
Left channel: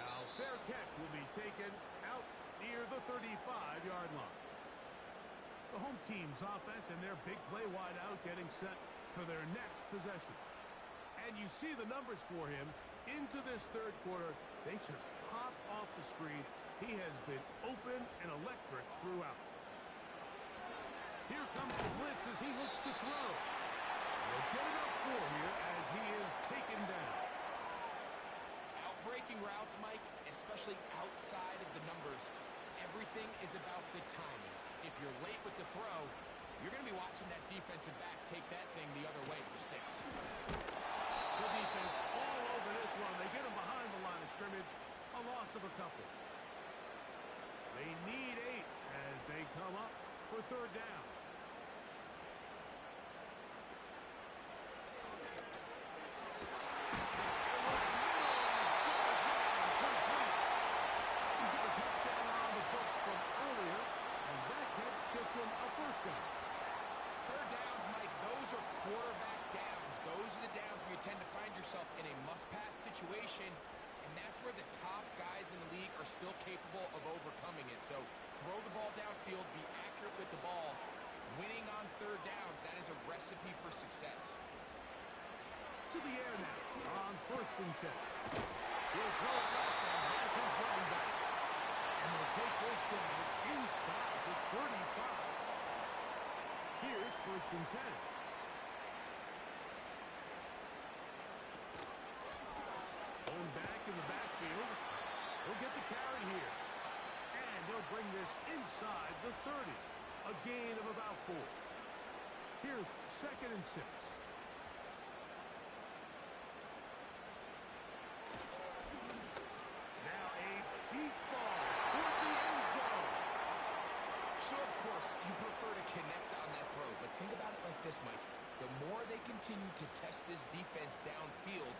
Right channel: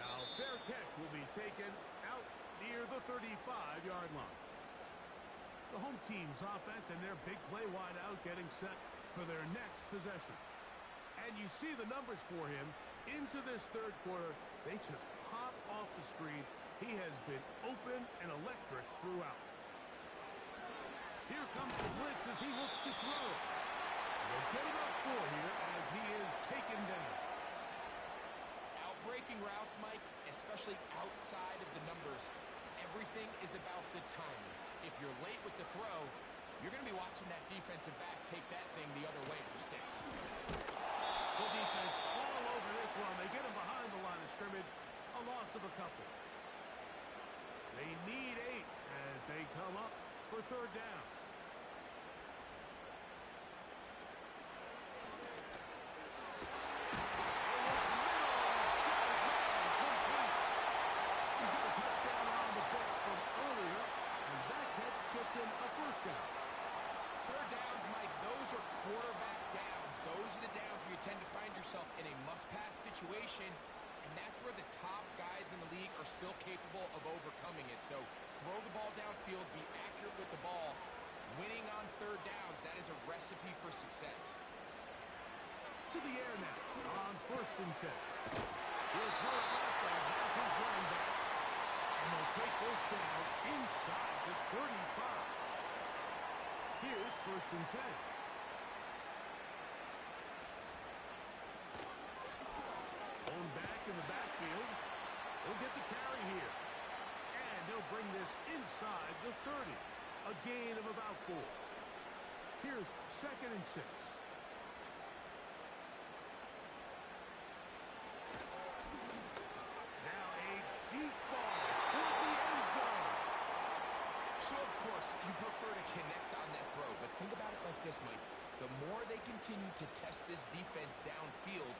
Now, fair catch will be taken out near the 35-yard line. The home team's offense and their big play wideout getting set for their next possession. And you see the numbers for him into this third quarter. They just pop off the screen. He has been open and electric throughout. Here comes the blitz as he looks to throw. They'll get about 4 here as he is taken down. Outbreaking routes, Mike, especially outside of the numbers, everything is about the timing. If you're late with the throw, you're going to be watching that defensive back take that thing the other way for 6. The defense all over this one. They get him behind the line of scrimmage. A loss of a couple. They need 8 as they come up for third down. Him a first down. Third downs, Mike, those are quarterback downs. Those are the downs where you tend to find yourself in a must-pass situation, and that's where the top guys in the league are still capable of overcoming it. So throw the ball downfield, be accurate with the ball. Winning on third downs, that is a recipe for success. To the air now on 1st and 10. He'll throw it left and has his running back. And they'll take this down inside the 35. Here's 1st and 10. Home back in the backfield. He'll get the carry here. And he'll bring this inside the 30. A gain of about 4. Here's 2nd and 6. Now a deep ball toward the end zone. So, of course, you prefer to connect on that throw, but think about it like this, Mike. The more they continue to test this defense downfield,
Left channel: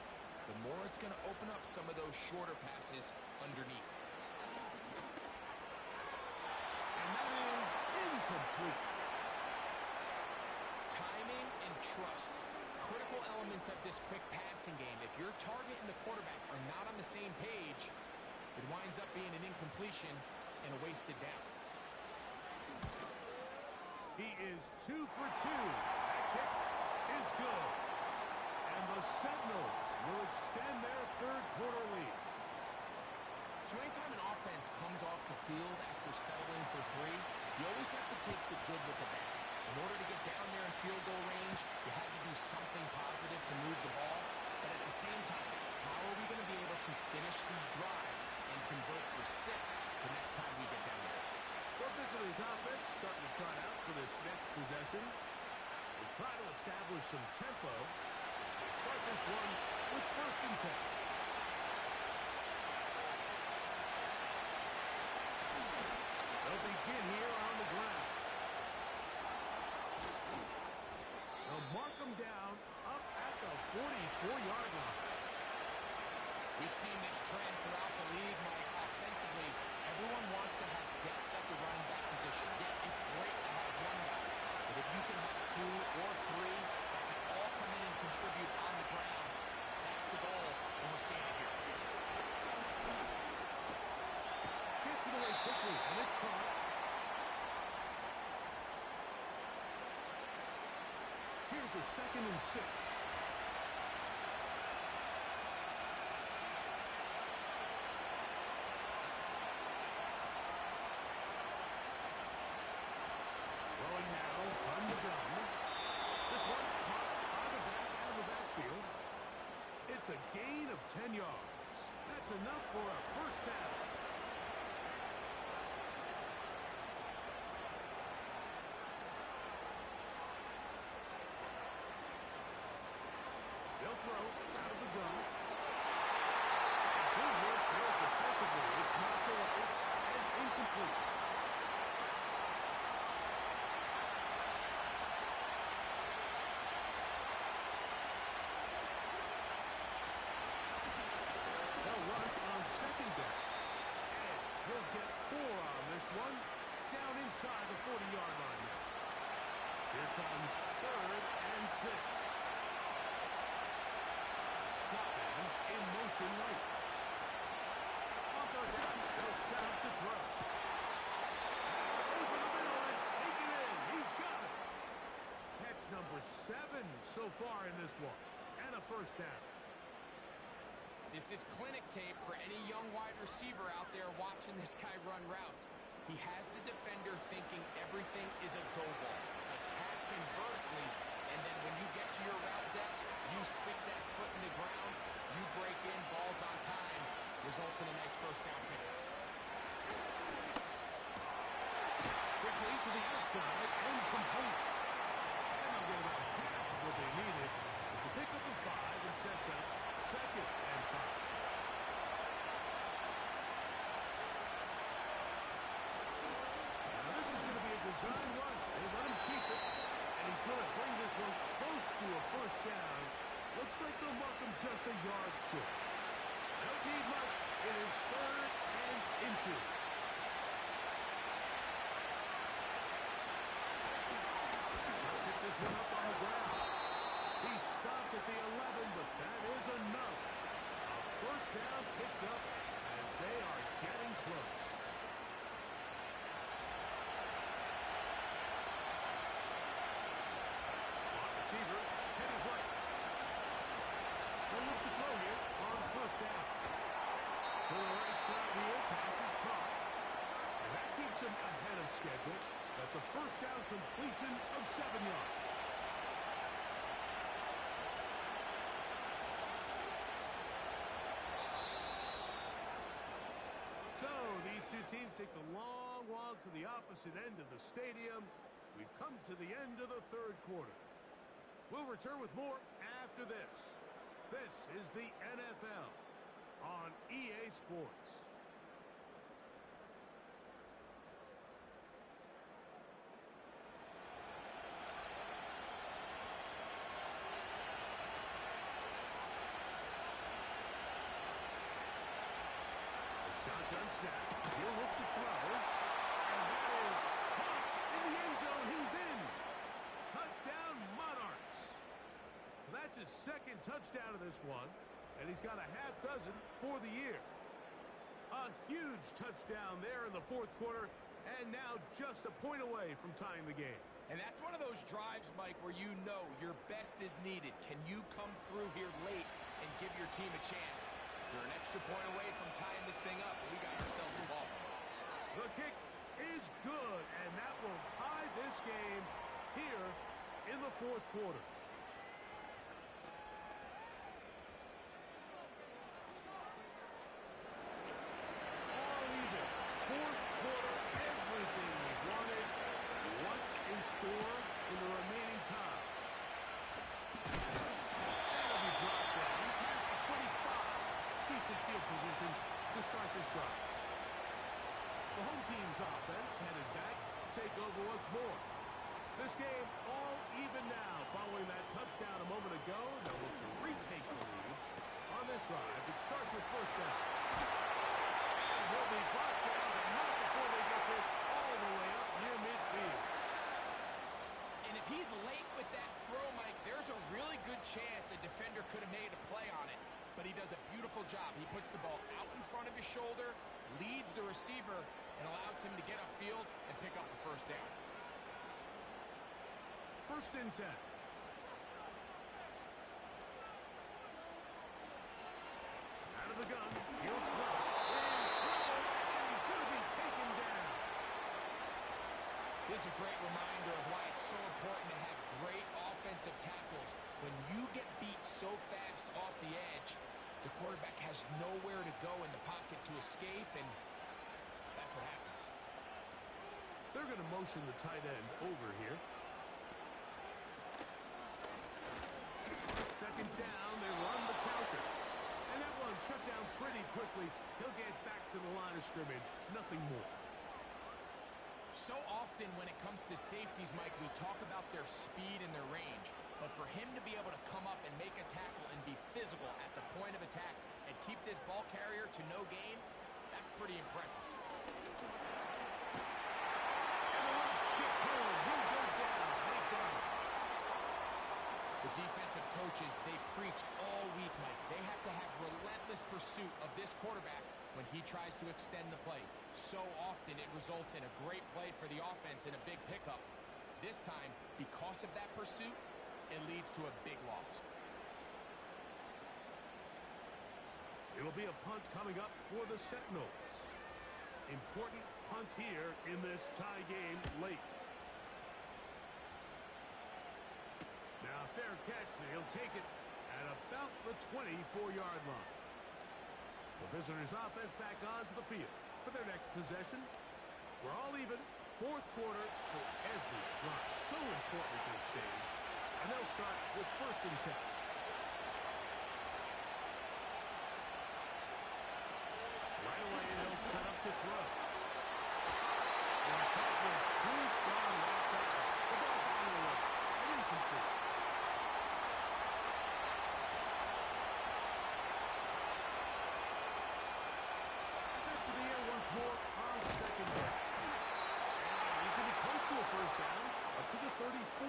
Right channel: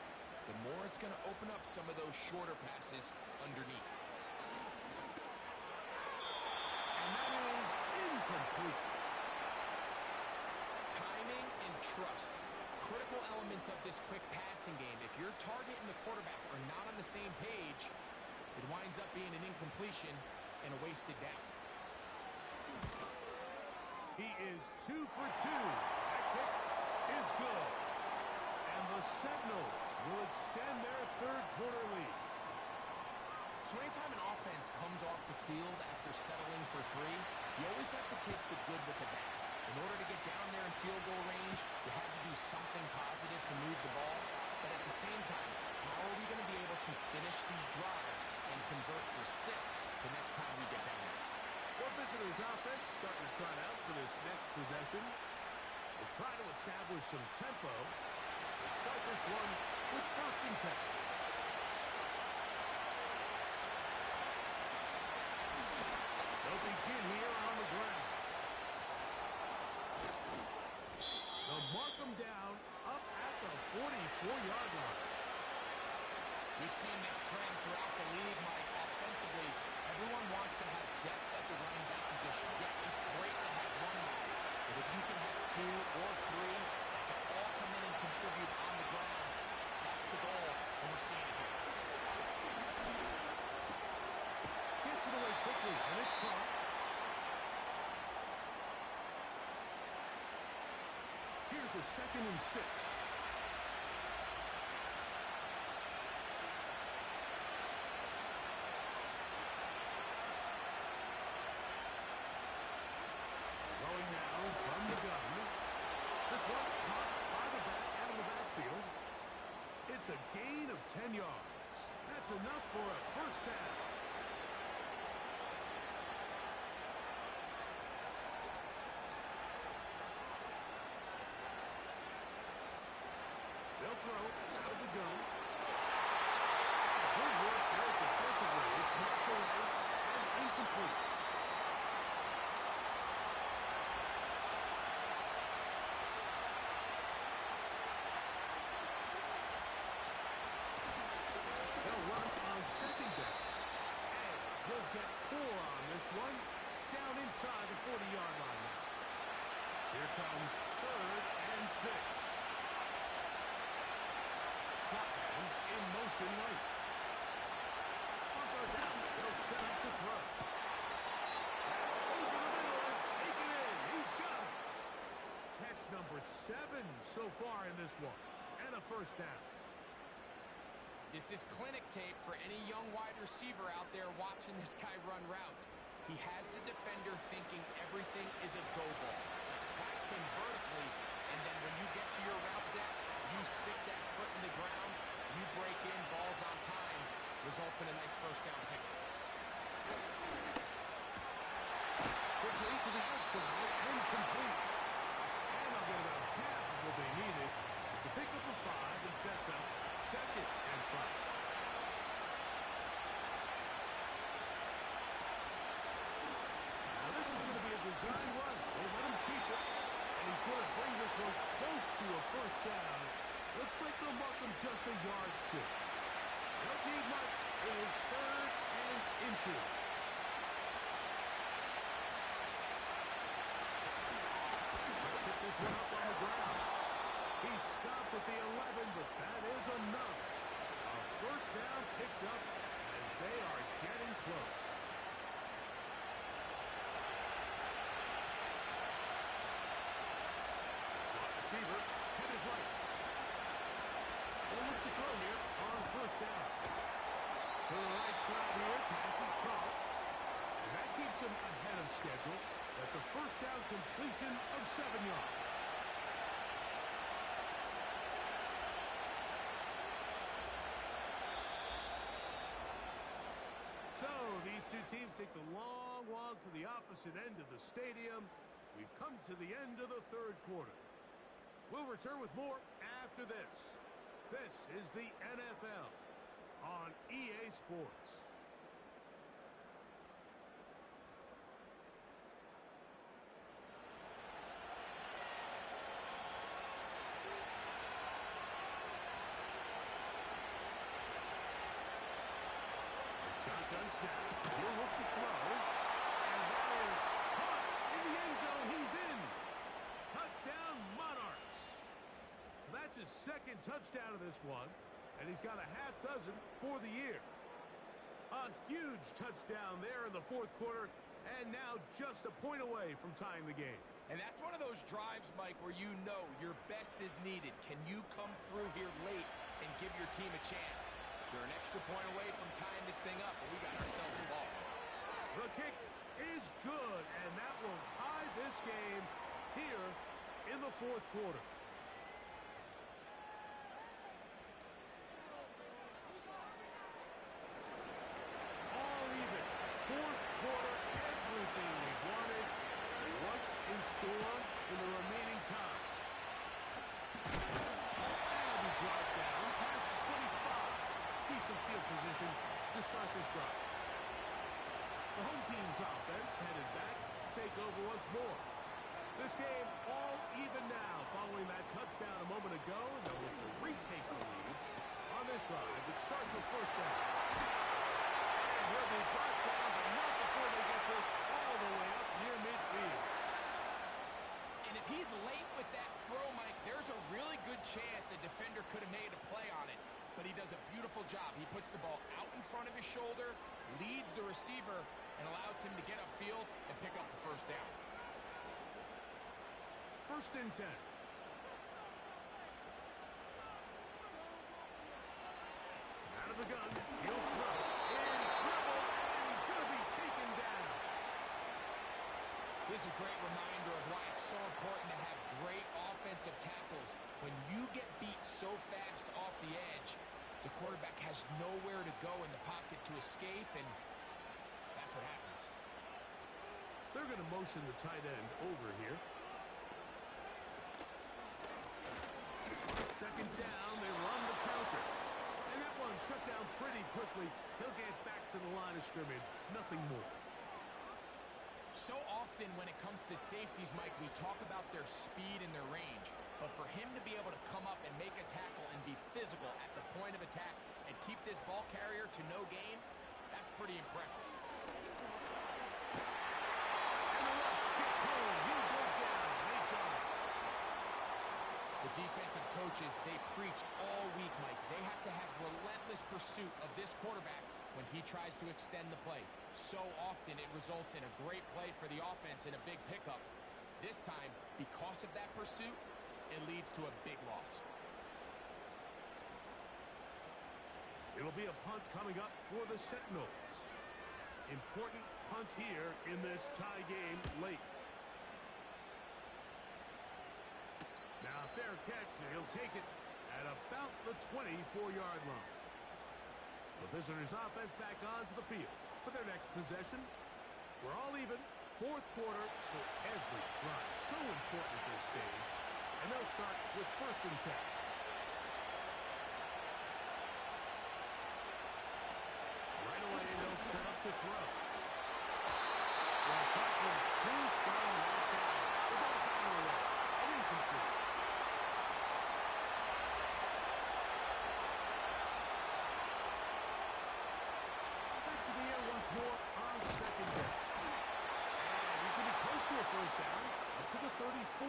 the more it's going to open up some of those shorter passes underneath. And that is incomplete. Timing and trust, critical elements of this quick passing game. If your target and the quarterback are not on the same page, it winds up being an incompletion and a wasted down. He is 2 for 2. That kick is good. And the Sentinels will extend their third quarter lead. So anytime an offense comes off the field after settling for 3, you always have to take the good with the bad. In order to get down there in field goal range, you had to do something positive to move the ball. But at the same time, how are we going to be able to finish these drives and convert for 6 the next time we get down there? Well, visitors' offense starting to trot out for this next possession. They'll try to establish some tempo as they start this one with 1st and 10. They'll begin here on the ground. They'll mark them down up at the 44-yard line. We've seen this trend throughout the league, Mike. Offensively, everyone wants to have depth at the running back position. Yeah, it's great to have one guy, but if you can have 2 or 3 that can all come in and contribute on the ground, that's the goal, and we're seeing it here. Gets it away quickly, and it's caught. Here's a 2nd and 6. Throwing now from the gun. This one caught by the back out of the backfield. It's a gain of 10 yards. That's enough for a first down. They'll throw out of the gun. Good work there defensively. It's knocked away and incomplete. They'll run on 2nd down. And he'll get 4 on this one. Down inside inside the 40-yard line now. Here comes 3rd and 6. Slot man in motion right. On 3rd down, they'll set up to throw. That's over the middle and taken in. He's got it. Catch number 7 so far in this one. And a 1st down. This is clinic tape for any young wide receiver out there watching this guy run routes. He has the defender thinking everything is a go ball. Attack him vertically, and then when you get to your route depth, you stick that foot in the ground, you break in, balls on time, results in a nice 1st down pickup. Quickly to the outside and complete. And they'll get about half of what they needed. It's a pickup of 5 and sets up 2nd and 5. Now this is going to be a design run. They let him keep it, and he's going to bring this one close to a 1st down. Looks like they'll mark him just a yard short. Don't need much. It is 3rd and inches. They'll pick this one up on the ground. He stopped at the 11, but that is enough. A 1st down picked up as they are getting close. Slot receiver headed right. They'll look to throw here on 1st down. To the right side here, pass is caught. And that keeps him ahead of schedule. That's a 1st down completion of 7 yards. So, these two teams take the long walk to the opposite end of the stadium. We've come to the end of the 3rd quarter. We'll return with more after this. This is the NFL on EA Sports. Shotgun snap. He'll look to throw. And that is caught in the end zone. He's in. Touchdown, Monarchs. So that's his 2nd touchdown of this one. And he's got a half dozen for the year. A huge touchdown there in the 4th quarter. And now just a point away from tying the game. And that's one of those drives, Mike, where you know your best is needed. Can you come through here late and give your team a chance? They're an extra point away from tying this thing up, but we got ourselves a ball. The kick is good, and that will tie this game here in the 4th quarter. All even. 4th quarter, everything we've wanted. What's in store in the remaining time? That'll be brought down past the 25. Decent field position to start this drive. The home team's offense headed back to take over once more. This game all even now following that touchdown a moment ago. They'll look to retake the lead on this drive. It starts with 1st down. And he'll be brought down, but not before they get this all the way up near midfield. And if he's late with that throw, Mike, there's a really good chance a defender could have made a play on it. But he does a beautiful job. He puts the ball out in front of his shoulder, leads the receiver, and allows him to get upfield and pick up the 1st down. 1st and 10. Out of the gun, he'll throw. In trouble, and he's going to be taken down. This is a great reminder of why it's so important to have great offensive tackles. When you get beat so fast off the edge, the quarterback has nowhere to go in the pocket to escape, and that's what happens. They're going to motion the tight end over here. 2nd down, they run the counter. And that one shut down pretty quickly. He'll get back to the line of scrimmage. Nothing more. So often when it comes to safeties, Mike, we talk about their speed and their range. But for him to be able to come up and make a tackle and be physical at the point of attack and keep this ball carrier to no gain, that's pretty impressive. And And the rush gets home. He'll go down. They got him. The defensive coaches, they preached all week, Mike. They have to have relentless pursuit of this quarterback when he tries to extend the play. So often it results in a great play for the offense and a big pickup. This time, because of that pursuit, it leads to a big loss. It'll be a punt coming up for the Sentinels. Important punt here in this tie game late. Now, fair catch, and he'll take it at about the 24-yard line. The visitors' offense back onto the field for their next possession. We're all even. Fourth quarter, so every drive so important at this stage. And they'll start with 1st and 10. Right away, they'll set up to throw. They're covering 2 strong right side. The ball down the way. And incomplete. Back to the air once more on 2nd down. And he's going to be close to a 1st down, up to the 34.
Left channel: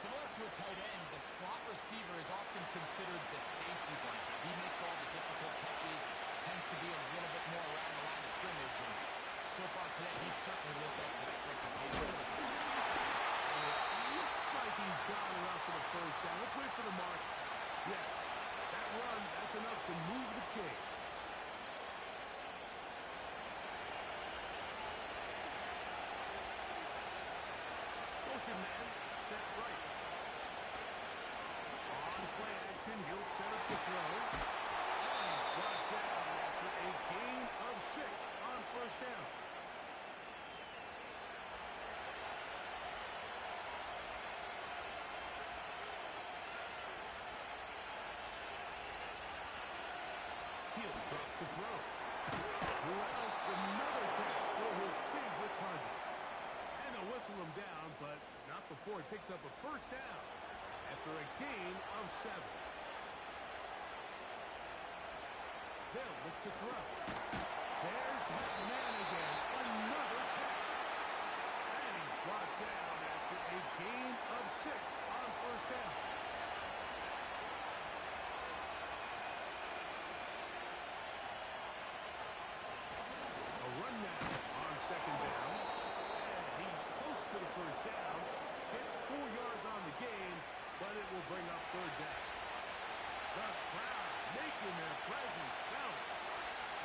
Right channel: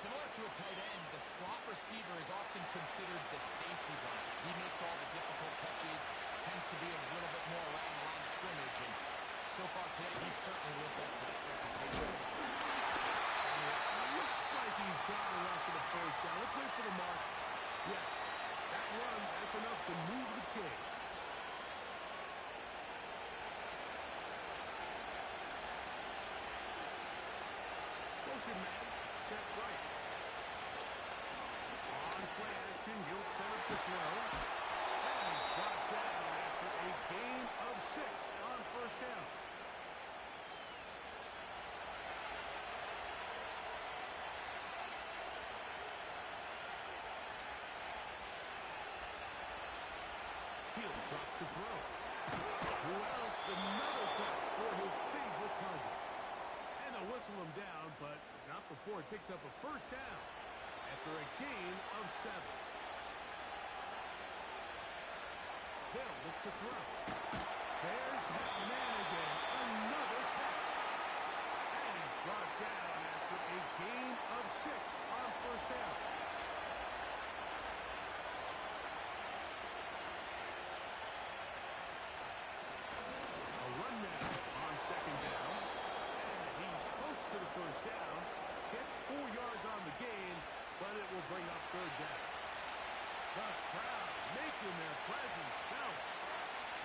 Similar to a tight end, the slot receiver is often considered the safety blanket. He makes all the difficult catches, tends to be a little bit more around the line of scrimmage, and so far today, he's certainly lived up to that reputation. And it looks like he's got enough for the 1st down. Let's wait for the mark. Yes, that run, that's enough to move the chains. Motion man, set right. On play action, he'll set up to throw. And he's brought down after a gain of 6 on 1st down. He'll drop to throw. Who else? Another catch for his favorite target. And they'll whistle him down, but not before he picks up a 1st down after a gain of 7. They'll look to throw. There's that man again. Another catch. And he's brought down after a gain of 6 on 1st down. A run now on 2nd down. And he's close to the 1st down. Gets 4 yards on the gain, but it will bring up 3rd down. The crowd making their presence felt.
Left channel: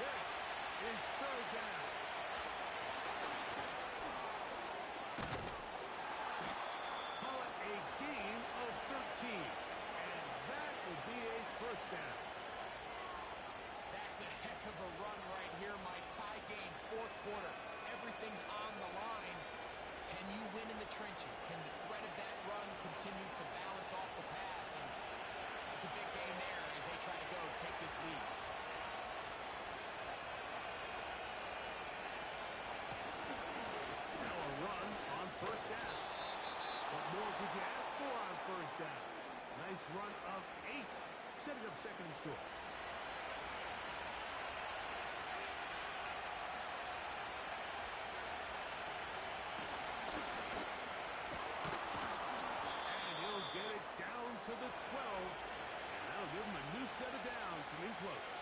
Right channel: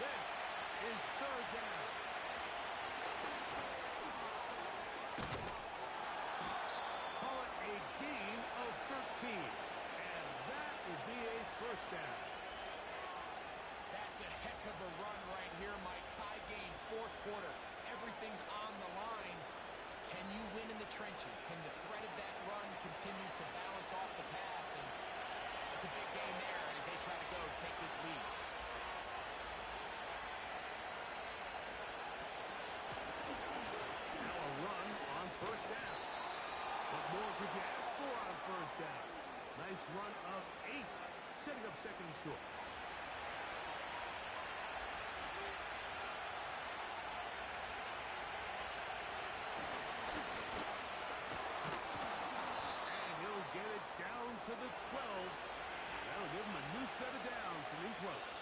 This is 3rd down. Call it a gain of 13. And that will be a 1st down. That's a heck of a run right here, Mike. Tie game, 4th quarter. Everything's on the line. Can you win in the trenches? Can the threat of that run continue to balance off the pass? And it's a big game there as they try to go take this lead. Now a run on 1st down. What more could you ask for on 1st down? Nice run of 8, setting up 2nd and short. Get it down to the 12. And that'll give him a new set of downs from in close.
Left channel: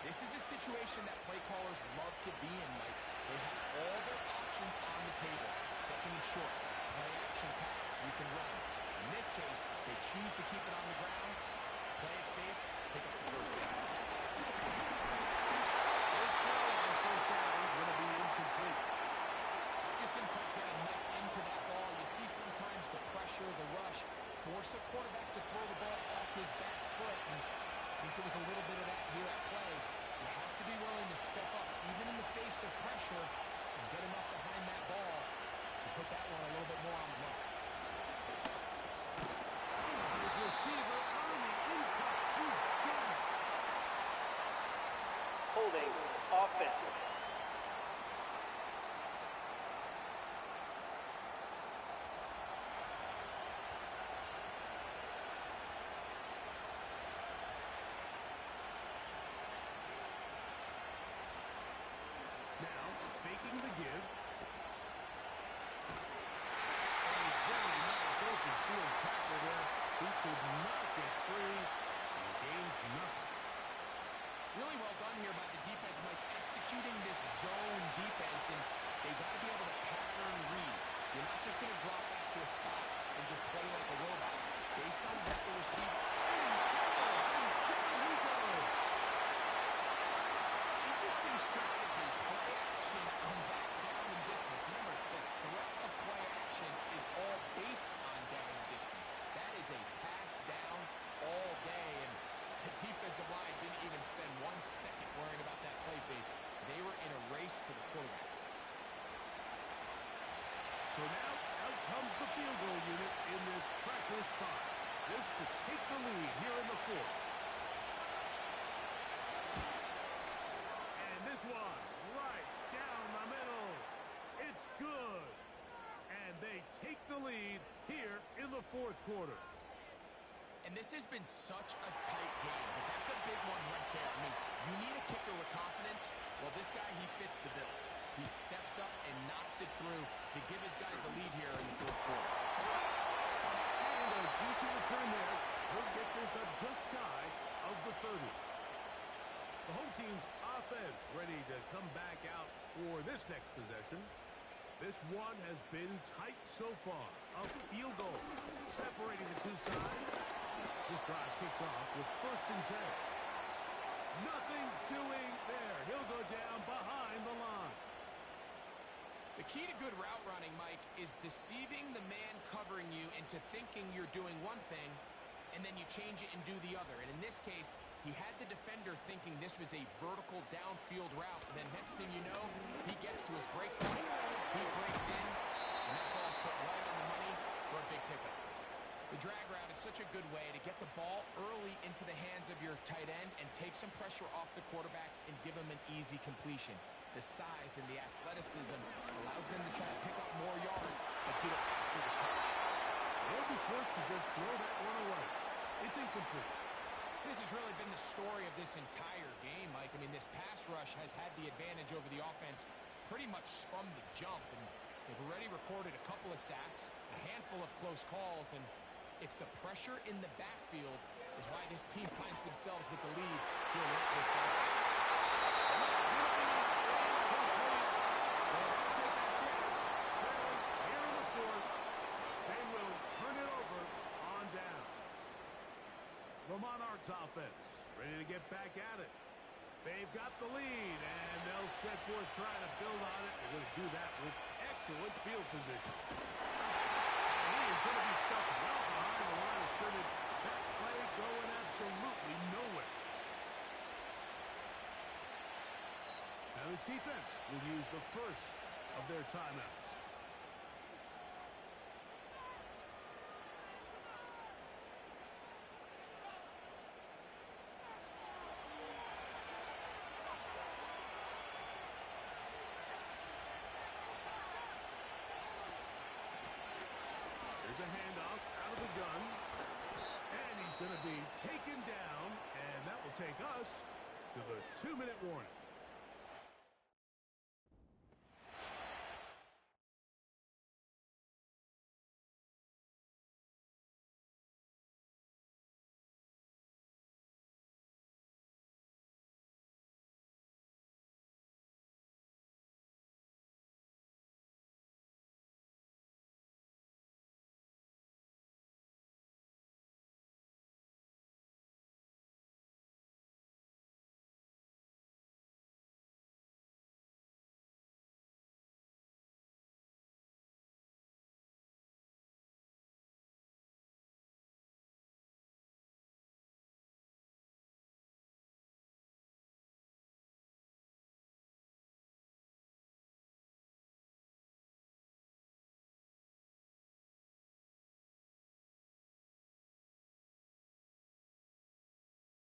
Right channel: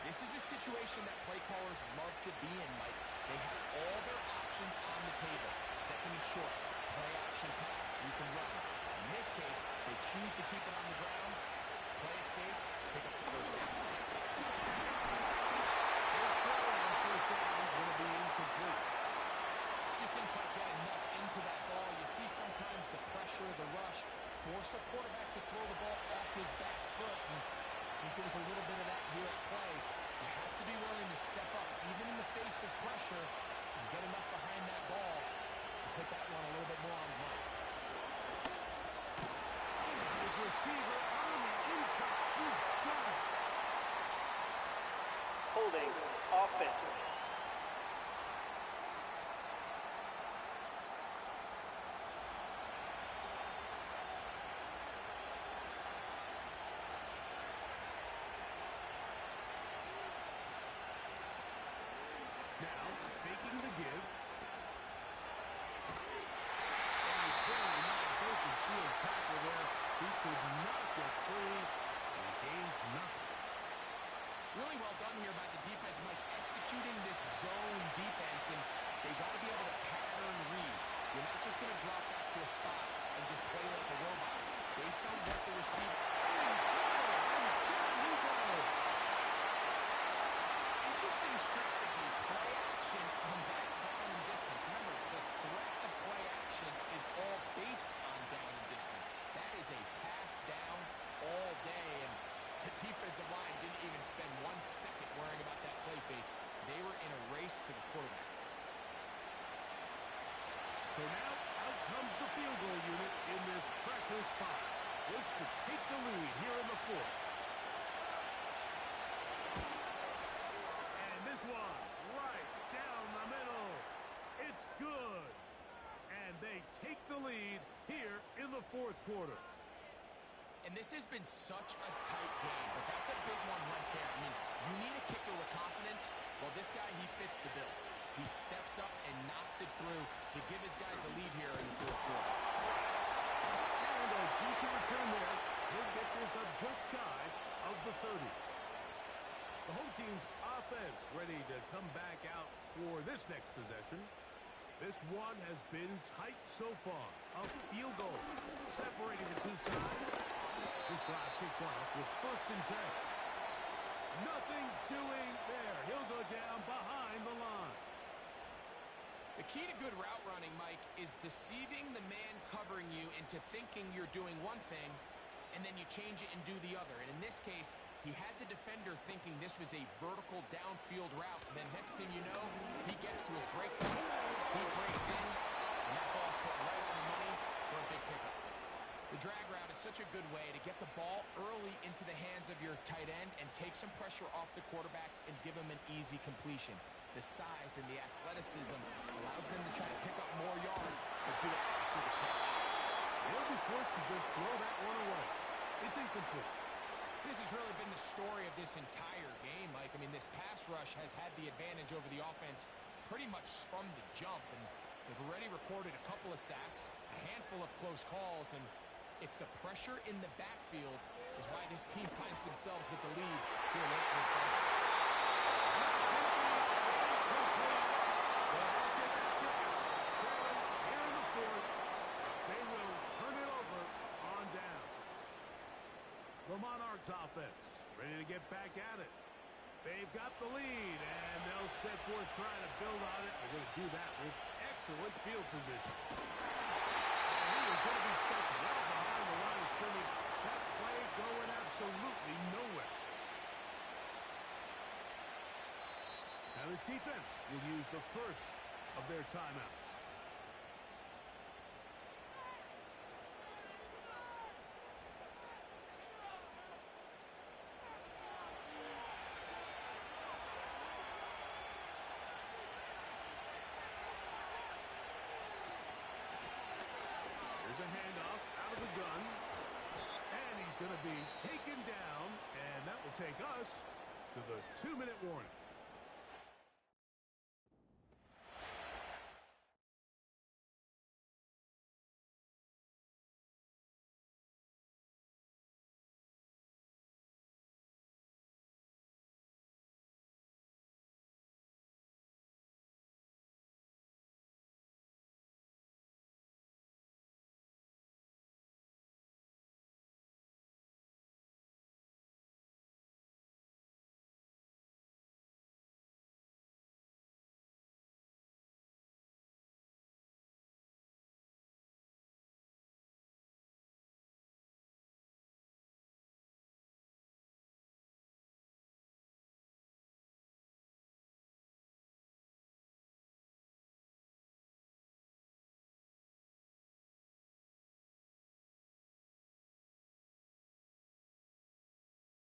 This is a situation that play callers love to be in, Mike. They have all their options on the table. 2nd and short, play action pass, you can run. In this case, they choose to keep it on the ground, play it safe, pick up the 1st down. His throw on 1st down is going to be incomplete. Just didn't quite get enough into that ball. You see sometimes the pressure, the rush, force a quarterback to throw the ball off his back foot. And I think there was a little bit of that here at play. You have to be willing to step up, even in the face of pressure, and get enough behind that ball to put that one a little bit more on the money. His receiver on the in-cut. He's got it. Holding offense. Now, faking the give, just don't let the receiver. And down he goes. Interesting strategy, play action on that down and distance. Remember, the threat of play action is all based on down and distance. That is a pass down all day, and the defensive line didn't even spend 1 second worrying about that play fake. They were in a race to the quarterback. So now out comes the field goal unit in this pressure spot. This to take the lead here in the fourth. And this one right down the middle. It's good. And they take the lead here in the fourth quarter. And this has been such a tight game, but that's a big one right there. I mean, you need a kicker with confidence. Well, this guy, he fits the bill. He steps up and knocks it through to give his guys a lead here in the fourth quarter. And a decent return there. He'll get this up just shy of the 30. The home team's offense ready to come back out for this next possession. This one has been tight so far. A field goal separating the two sides. This drive kicks off with 1st and 10. Nothing doing there. He'll go down behind the line. The key to good route running, Mike, is deceiving the man covering you into thinking you're doing one thing, and then you change it and do the other. And in this case, he had the defender thinking this was a vertical downfield route. And then next thing you know, he gets to his break point. He breaks in, and that ball's put right on the money for a big pickup. The drag route is such a good way to get the ball early into the hands of your tight end and take some pressure off the quarterback and give him an easy completion. The size and the athleticism allows them to try to pick up more yards, but do it after the catch. They'll be forced to just throw that one away. It's incomplete. This has really been the story of this entire game, Mike. I mean, this pass rush has had the advantage over the offense pretty much from the jump, and they've already recorded a couple of sacks, a handful of close calls, and it's the pressure in the backfield is why this team finds themselves with the lead here late in this game. They had to take that chance. Trailing here in the fourth. They will turn it over on downs. The Monarchs offense ready to get back at it. They've got the lead, and they'll set forth trying to build on it. They're going to do that with excellent field position. And he is going to be stuck well behind the line of scrimmage. That play going absolutely nowhere. Now this defense will use the first of their timeouts. Here's a handoff out of the gun. And he's going to be taken down, and that will take us to the 2-minute warning.